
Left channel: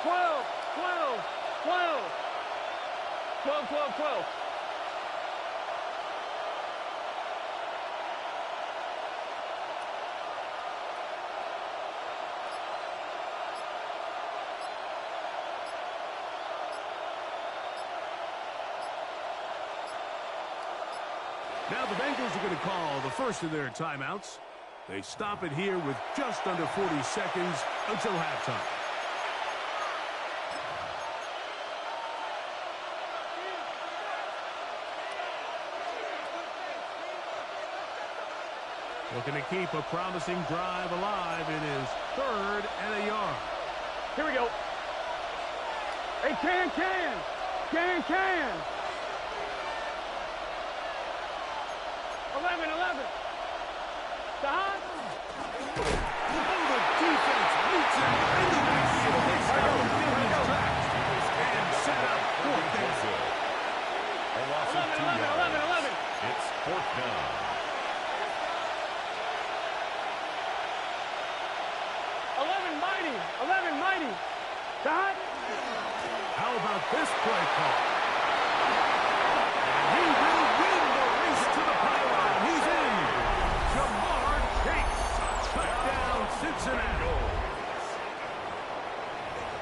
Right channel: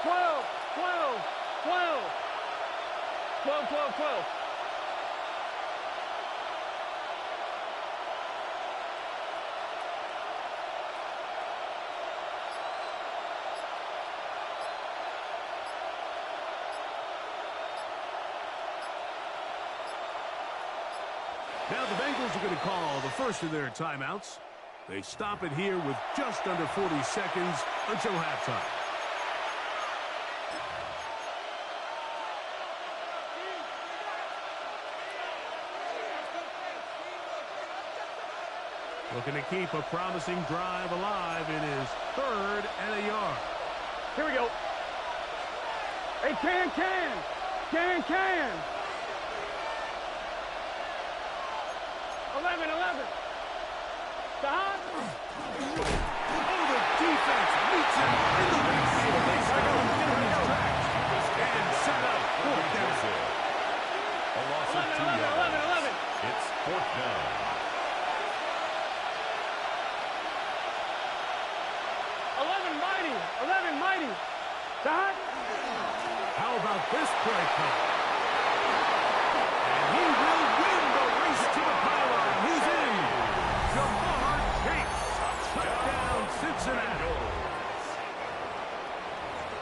Twelve. Now the Bengals are going to call the first of their timeouts. They stop it here with just under 40 seconds until halftime. Looking to keep a promising drive alive. It is 3rd and a yard. Here we go. Hey, can. 11. Stop. Oh, the defense meets him in the backfield. They stop him in his tracks. And set up 4th down. A loss of 2 yards. 11. It's 4th down. 11 mighty. Stop. How about this play call? And he will win the race to the pylon. He's in. Jamar Chase. Touchdown, Cincinnati.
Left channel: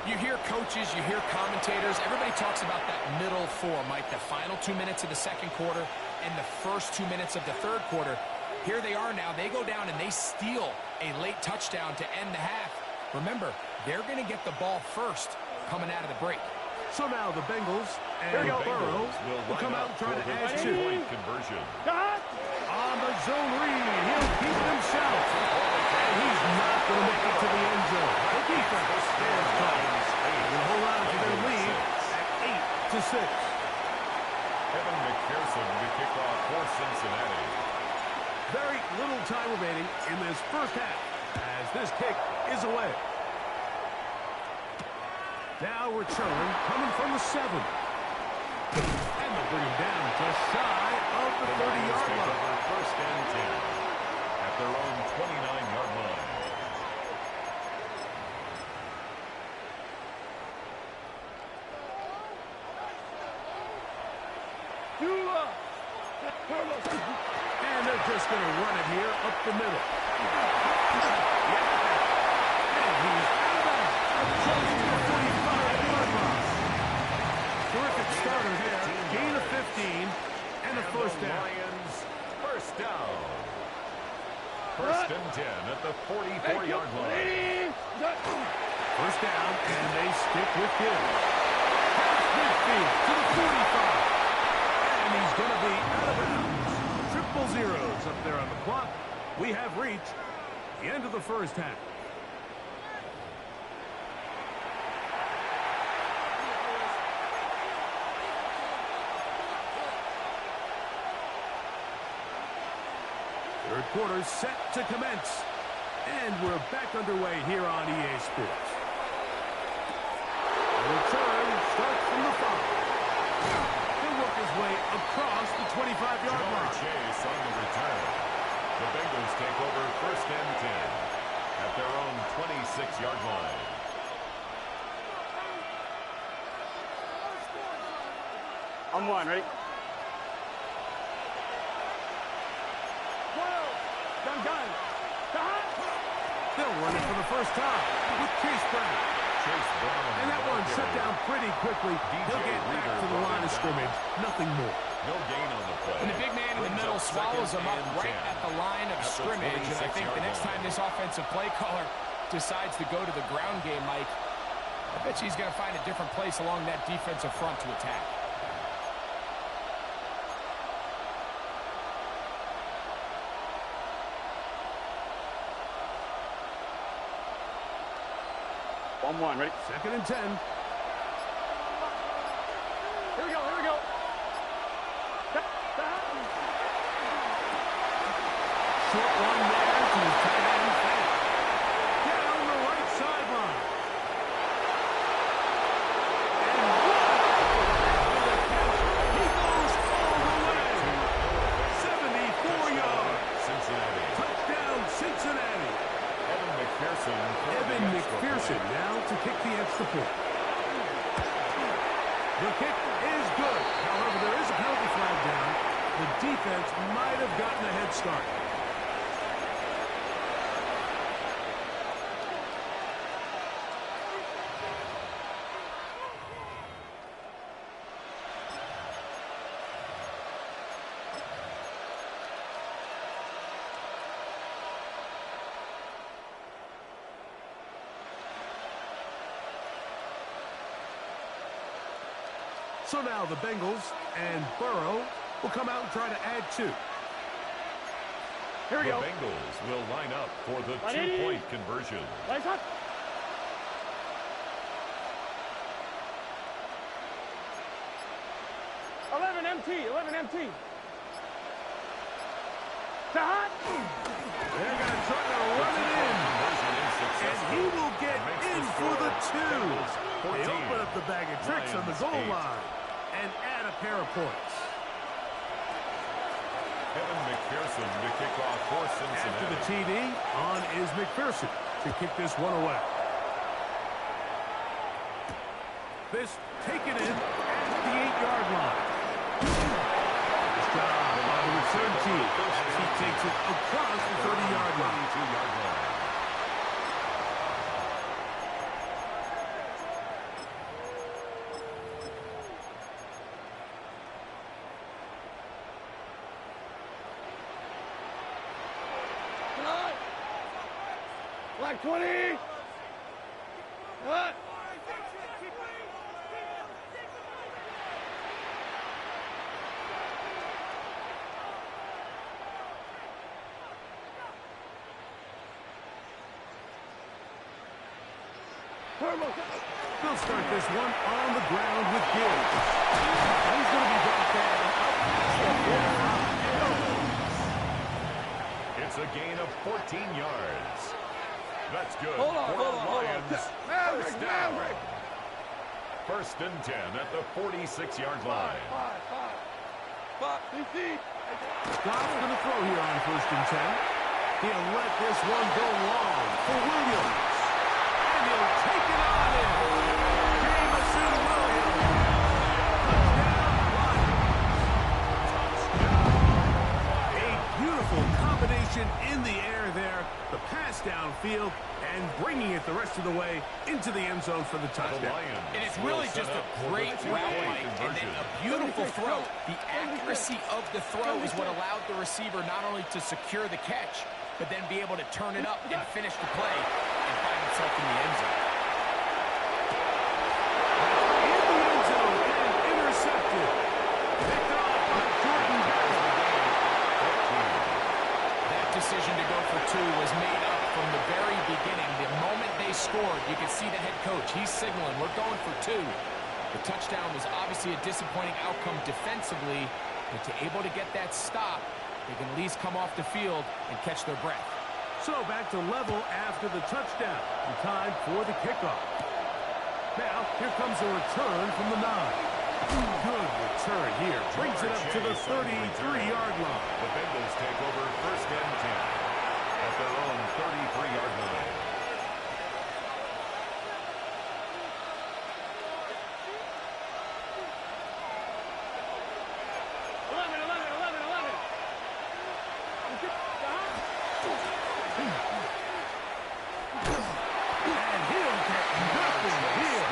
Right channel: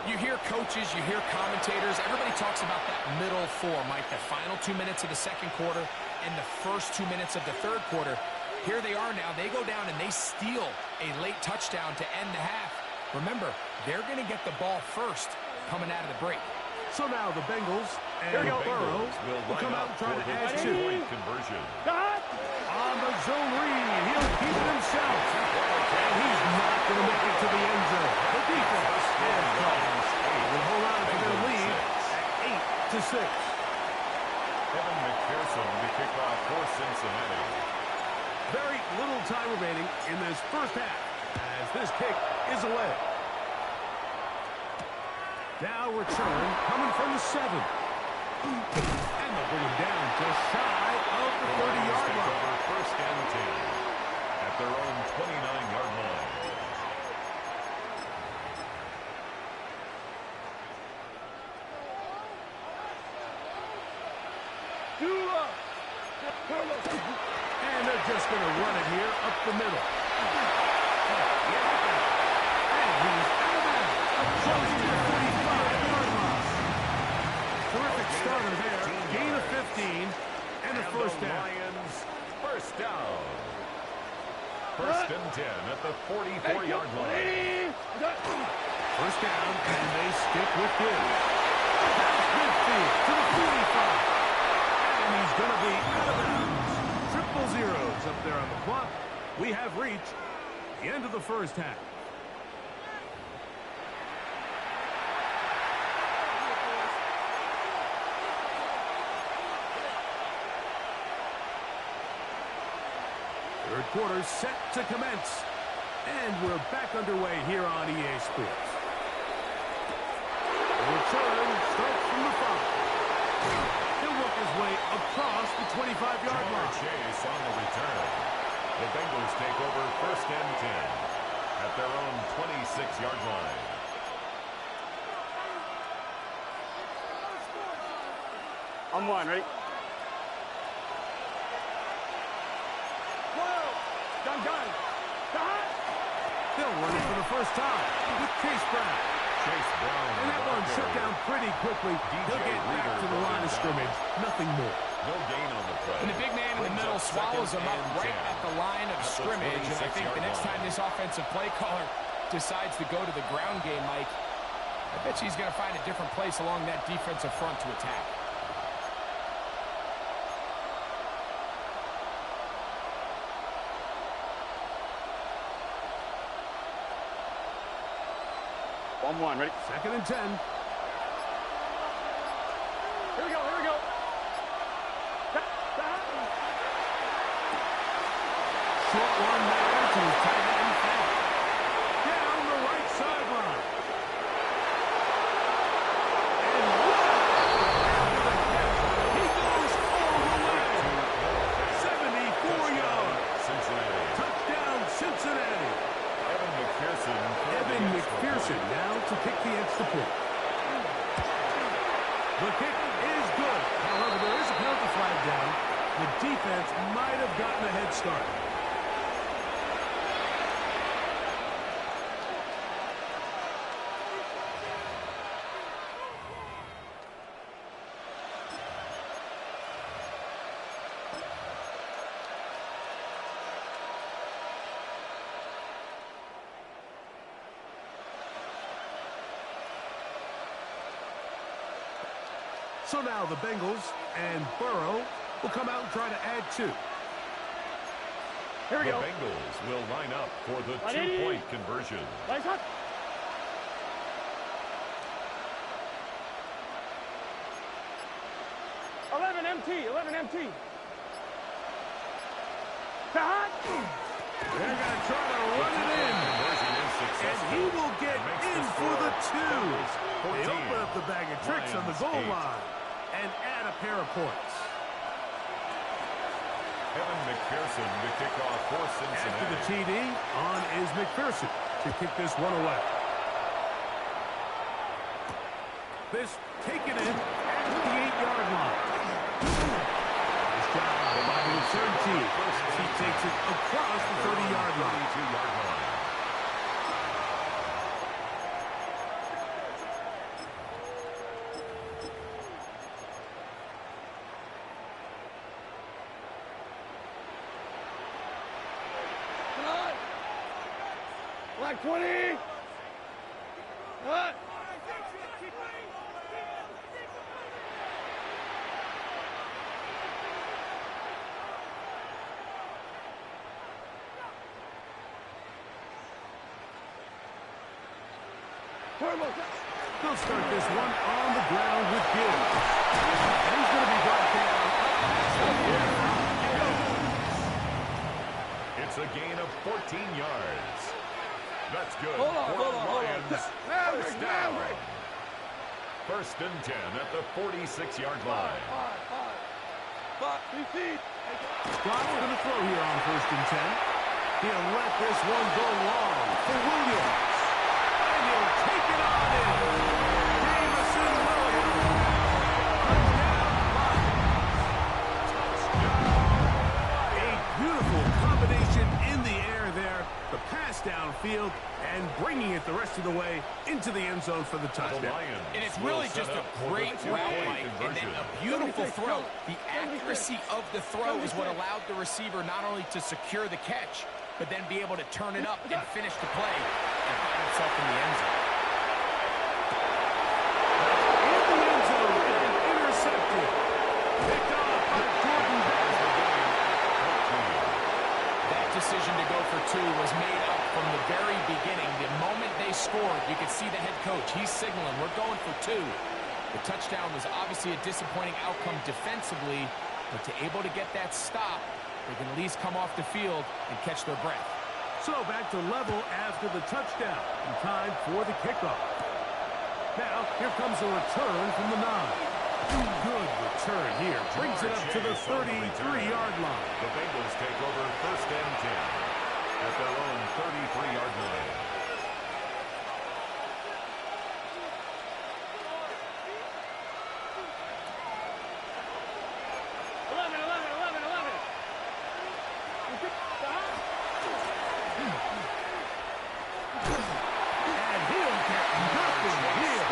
You hear coaches, you hear commentators. Everybody talks about that middle four, Mike. The final 2 minutes of the second quarter and the first 2 minutes of the third quarter. Here they are now. They go down and they steal a late touchdown to end the half. Remember, they're going to get the ball first coming out of the break. So now the Bengals and Burrow will come out and try to add 2. Conversion. On the zone read, he'll keep it himself. And he's not going to make it to the end zone. The defense stands tall. Will hold on to their lead at 8-6. Evan McPherson to kick off for Cincinnati. Very little time remaining in this first half as this kick is away. Now return coming from the 7. And they'll bring him down just shy of the 30-yard line. Over 1st and 10 at their own 29-yard line. And they're just going to run it here up the middle. And he's out of bounds. Close to the 45-yard line. Terrific starter there. Gain of 15 and a first down. Lions, first down. 1st and 10 at the 44-yard line. First down, and they stick with him. Past midfield to the 45. And he's going to be out of bounds. Triple zeros up there on the clock. We have reached the end of the first half. Third quarter set to commence. And we're back underway here on EA Sports. The return starts from the 5. He'll work his way across the 25-yard line. Chase on the return. The Bengals take over 1st and 10 at their own 26-yard line. On 1, ready? 12. Gun. They'll run it for the first time with Chase Brown. Chase Brown. And that one shut down pretty quickly. He'll get back to the line of scrimmage. Nothing more. No gain on the play. And the big man in the middle swallows him up right at the line of scrimmage. And I think the next time this offensive play caller decides to go to the ground game, Mike, I bet you he's going to find a different place along that defensive front to attack. On 1, ready? 2nd and 10. Here we go. Short one there to his tight end, Fant. Down the right sideline. And what? After the catch, he goes all the way. 74 yards. Cincinnati. Touchdown, Cincinnati. Evan McPherson now to kick the extra point. The kick is good. However, there is a penalty flag down. The defense might have gotten a head start. So now the Bengals and Burrow will come out and try to add 2. Here we go. The Bengals will line up for the 2-point conversion. Lights up. 11 MT, 11 MT. Hot. They're going to try to run it in. And he will get in for the 2. They open up the bag of tricks on the goal line and add a pair of points. Evan McPherson to kick off for Cincinnati. After the TD, on is McPherson to kick this one away. This taken in at the 8-yard line. Nice job by the return team as he takes it across the 30-yard line. 32-yard line. Black 20. Hot. They'll start this one on the ground with Gibbs. And he's going to be brought down up past the 45. It's a gain of 14 yards. That's good. Hold on. Lions. First down. First and 10 at the 46-yard line. Five. DC. Scott's going to throw here on first and 10. He'll let this one go long for Williams. And he'll take it on in. Jamison Williams. Touchdown, Lions. A beautiful combination in the air there. The pass downfield and bringing it the rest of the way into the end zone for the touchdown. And it's really just a great route, Mike, and then a beautiful throw. The accuracy of the throw is what allowed the receiver not only to secure the catch, but then be able to turn it up and finish the play and find himself in the end zone. In the end zone and intercepted. Picked off by Jordan Bass. That decision to go for 2 was made up from the very beginning. The moment they scored, you could see the head coach. He's signaling, we're going for 2. The touchdown was obviously a disappointing outcome defensively, but to able to get that stop, they can at least come off the field and catch their breath. So back to level after the touchdown. And time for the kickoff. Now, here comes a return from the 9. Good return here. Brings it up to the 33-yard line. The Bengals take over first and 10 at their own 33-yard line. And he'll get nothing here.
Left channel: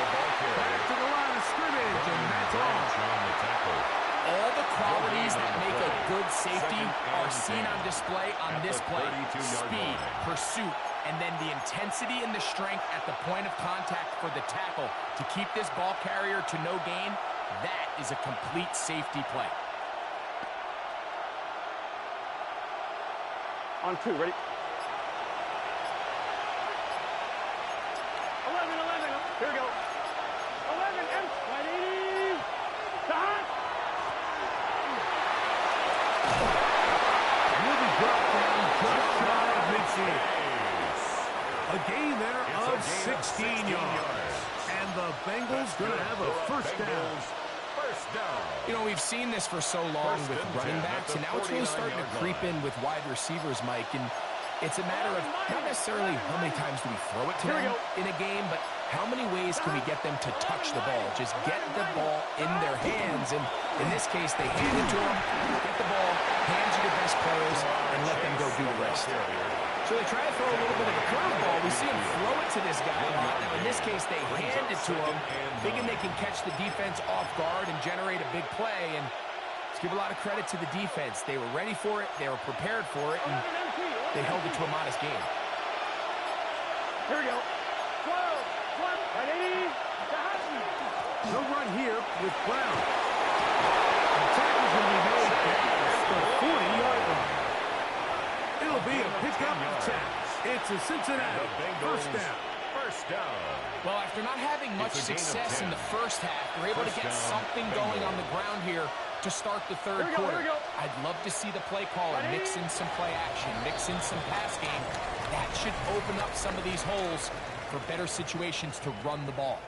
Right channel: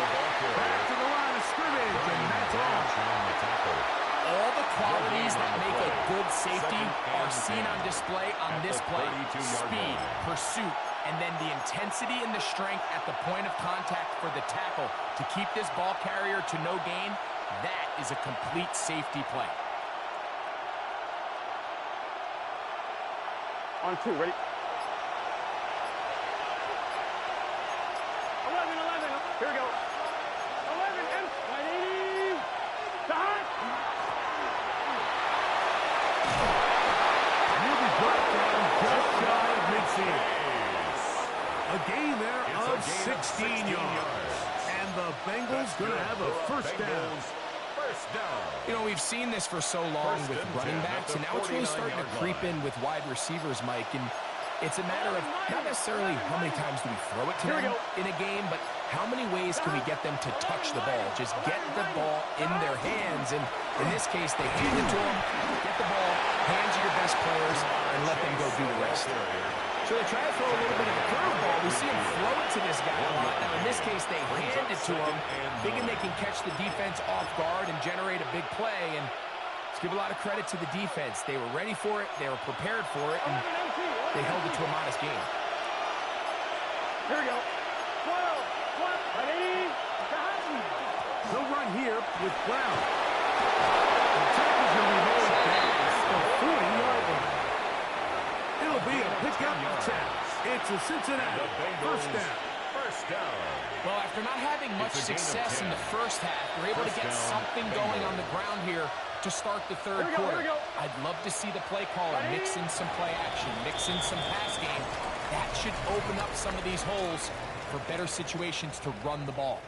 Back to the line of scrimmage, and that's all. All the qualities that make a good safety are seen on display on this play. Speed, pursuit, and then the intensity and the strength at the point of contact for the tackle to keep this ball carrier to no gain. That is a complete safety play. On 2, ready? 11. Here we go. 11 and 180. Hot. And he'll be brought down just shy of midfield. A gain there of 16 yards. And the Bengals going to have a first down. You know, we've seen this for so long with running backs, and now it's really starting to creep in with wide receivers, Mike. And it's a matter of not necessarily how many times do we throw it to them in a game, but how many ways can we get them to touch the ball? Just get the ball in their hands. And in this case, they hand it to them, get the ball, hands to your best players, and let them go do the rest. So they try to throw a little bit of a curveball. We see him throw it to this guy a lot. Now, in this case, they hand it to him, thinking they can catch the defense off guard and generate a big play. And let's give a lot of credit to the defense. They were ready for it. They were prepared for it. And they held it to a modest game. Here we go. 12, 180. No run here with Brown. The tackle's going to be made at the 40-yard line. It'll be a pickup 10. It's a Cincinnati first down. First down. Well, after not having much success in the first half, they're able to get something going on the ground here to start the third quarter. I'd love to see the play caller mix in some play action, mix in some pass game. That should open up some of these holes for better situations to run the ball.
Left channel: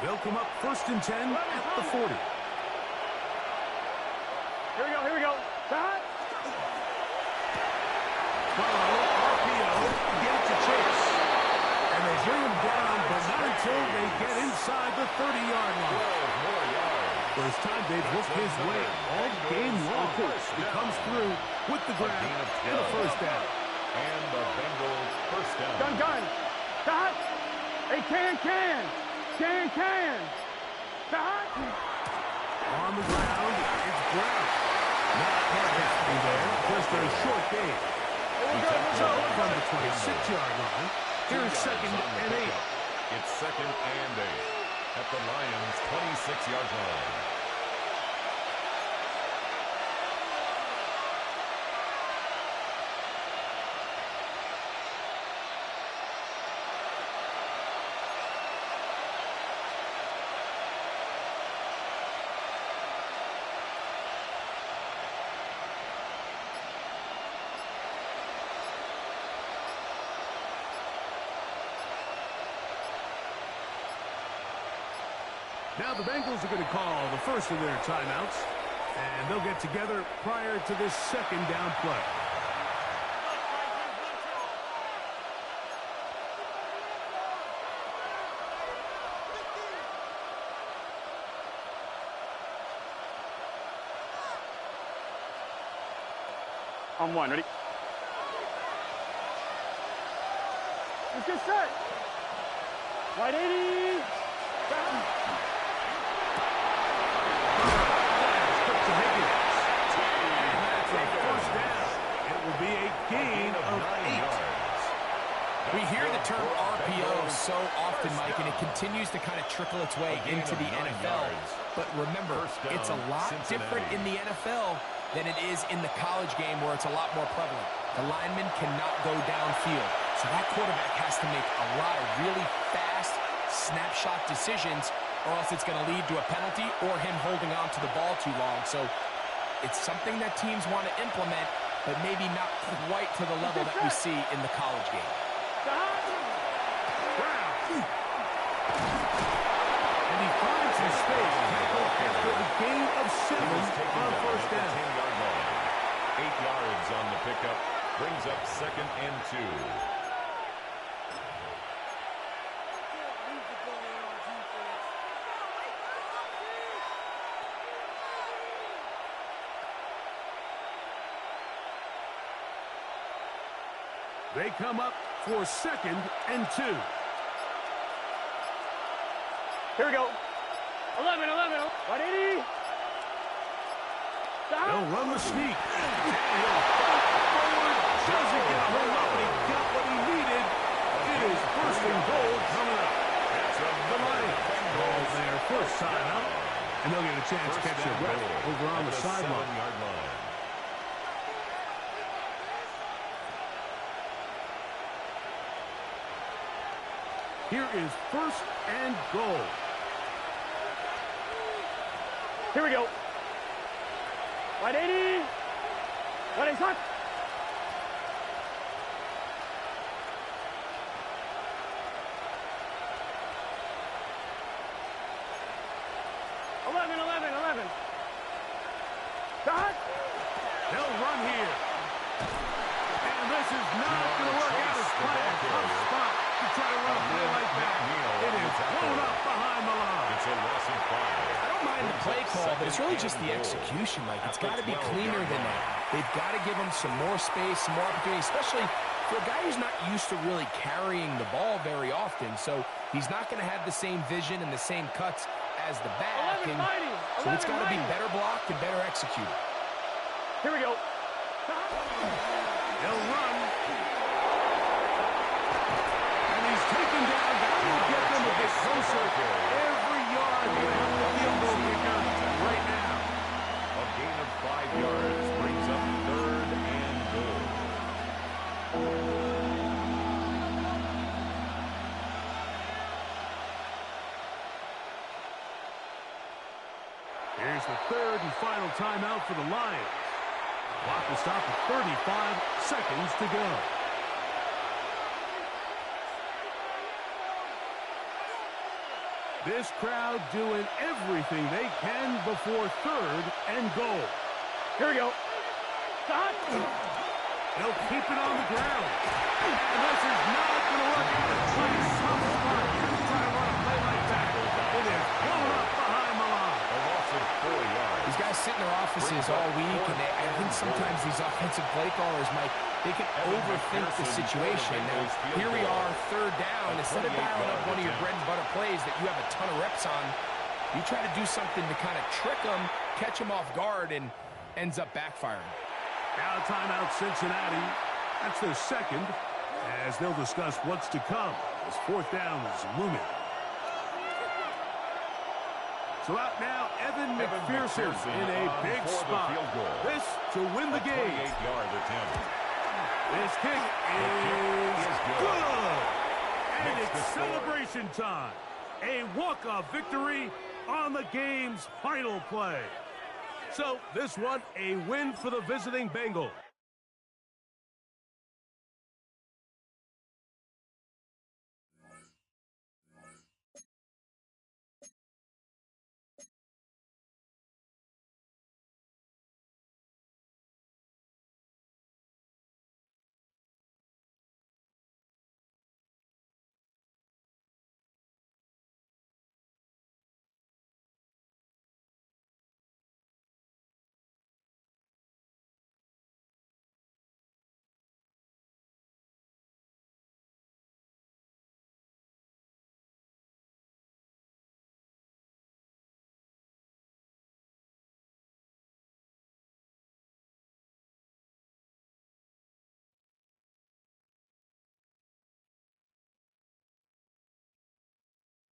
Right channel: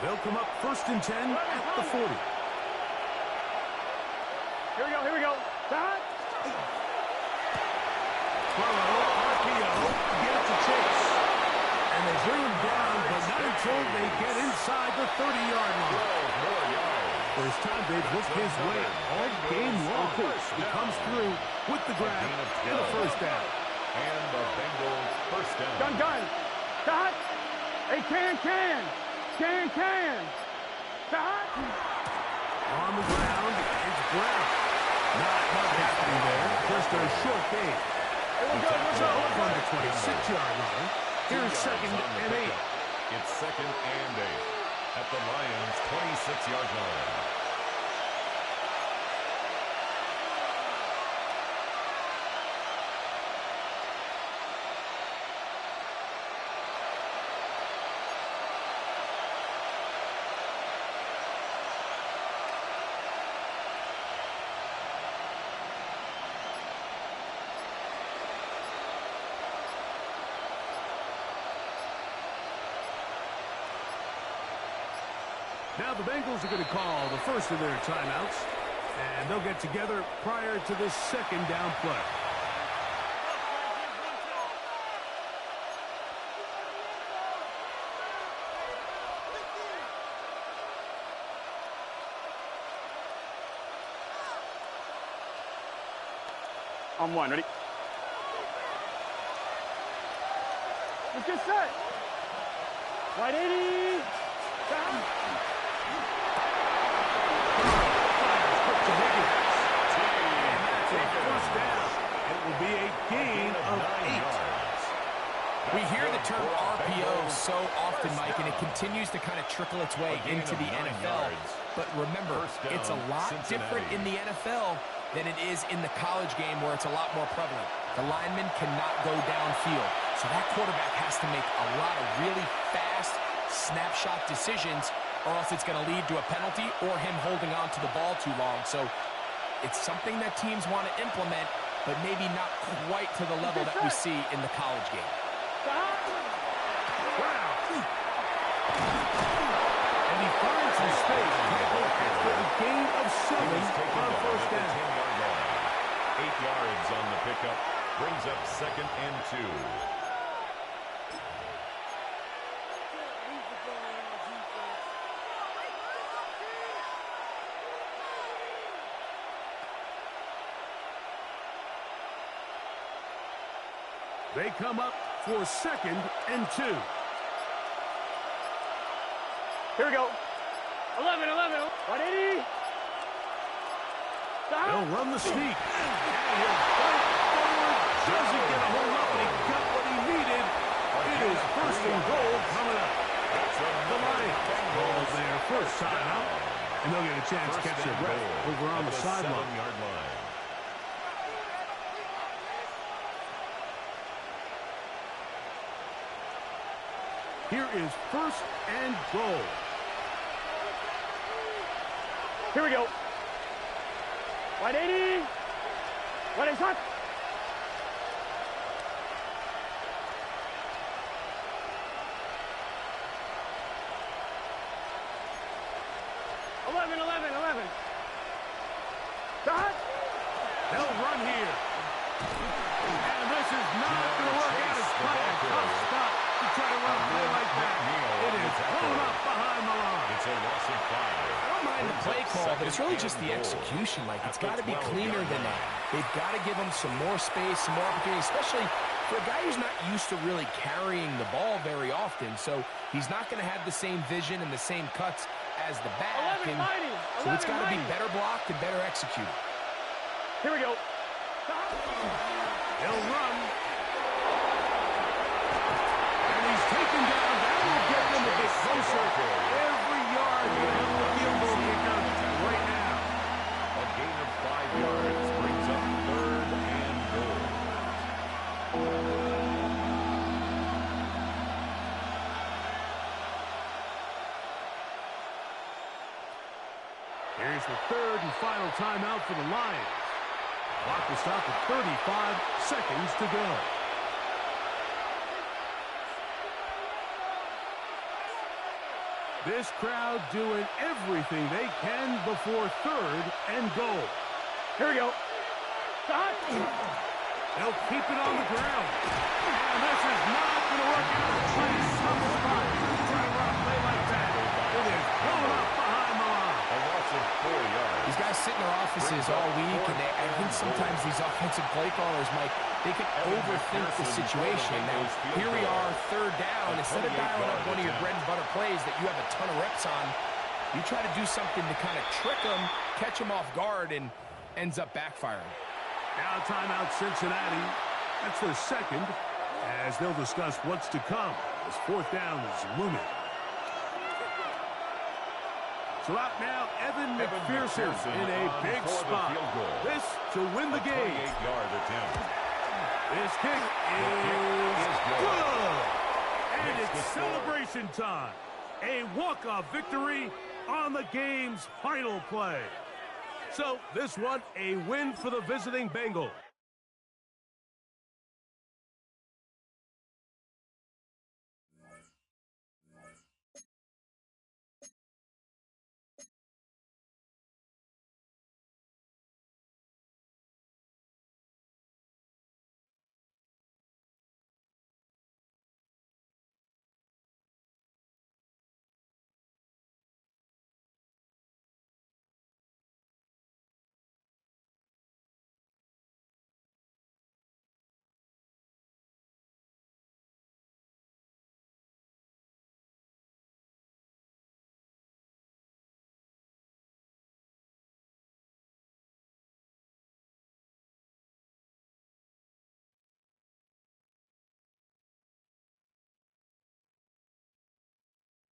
They'll come up 1st and 10 at the 40. Here we go. Back. Burrow, RPO, get it to Chase. And they bring him down, but not until they get inside the 30-yard line. 12 more yards. First time they've looked his way all game long. He comes through with the grab and a first down. And the Bengals first down. Gun. Cut. Hey, can. Cut. On the ground, it's Brown. Not much happening there, just a short gain. Hey, we're good. From the 26-yard line. Here's 2nd and 8. It's 2nd and 8 at the Lions' 26-yard line. Now the Bengals are going to call the first of their timeouts, and they'll get together prior to this 2nd down play. On one, ready? Let's get set. Right 80. Down. To Higgins. And that's a first down. It will be a gain of 8. We hear the term RPO so often, Mike, and it continues to kind of trickle its way into the NFL. But remember, it's a lot different in the NFL than it is in the college game where it's a lot more prevalent. The lineman cannot go downfield. So that quarterback has to make a lot of really fast snapshot decisions, or else it's going to lead to a penalty or him holding on to the ball too long. So it's something that teams want to implement, but maybe not quite to the level that we see in the college game. Brown. And he finds his space. Tackled after a gain of 7 on first down. 10-yard line. 8 yards on the pickup. Brings up 2nd and 2. They come up for 2nd and 2. Here we go. 11. 180. They'll run the sneak. And he'll fight forward. Doesn't get a whole lot, but he got what he needed. It is 1st and goal coming up. The Lions call their first time out. And they'll get a chance to catch their breath over on the sideline. 7-yard line. Here is 1st and goal. Here we go. 180. 180. 11. Dot. They'll run here. And this is not going to work out as planned. Tough spot to try to run a play like that. It is blown up behind the line. It's a loss of 5. I don't mind the play call, but it's really just the execution. Like, it's got to be cleaner than that. They've got to give them some more space, some more opportunity, especially for a guy who's not used to really carrying the ball very often, so he's not going to have the same vision and the same cuts as the back. So it's got to be better blocked and better executed. Here we go. He'll run. And he's taken down. That will get them a bit closer. Every yard will help the field goal kicker right now. A gain of 5 yards brings up 3rd and goal. Here's the 3rd and final timeout for the Lions. Clock will stop at 35 seconds to go. This crowd doing everything they can before 3rd and goal. Here we go. Stop. They'll keep it on the ground. And this is not going to work out. It's like a tough spot. Try to run a play like that. It is blown up behind the line. A loss of 4 yards. These guys sit in their offices all week, and I think sometimes these offensive play callers, Mike, they can overthink the situation. Now, here we are, 3rd down. Instead of dialing up one of your bread-and-butter plays that you have a ton of reps on, you try to do something to kind of trick them, catch them off guard, and ends up backfiring. Now timeout Cincinnati. That's their 2nd, as they'll discuss what's to come as 4th down is looming. So out now, Evan McPherson in a big spot. This to win the game. 28-yard attempt. This kick is good. And it's celebration time. A walk-off victory on the game's final play. So this one, a win for the visiting Bengals.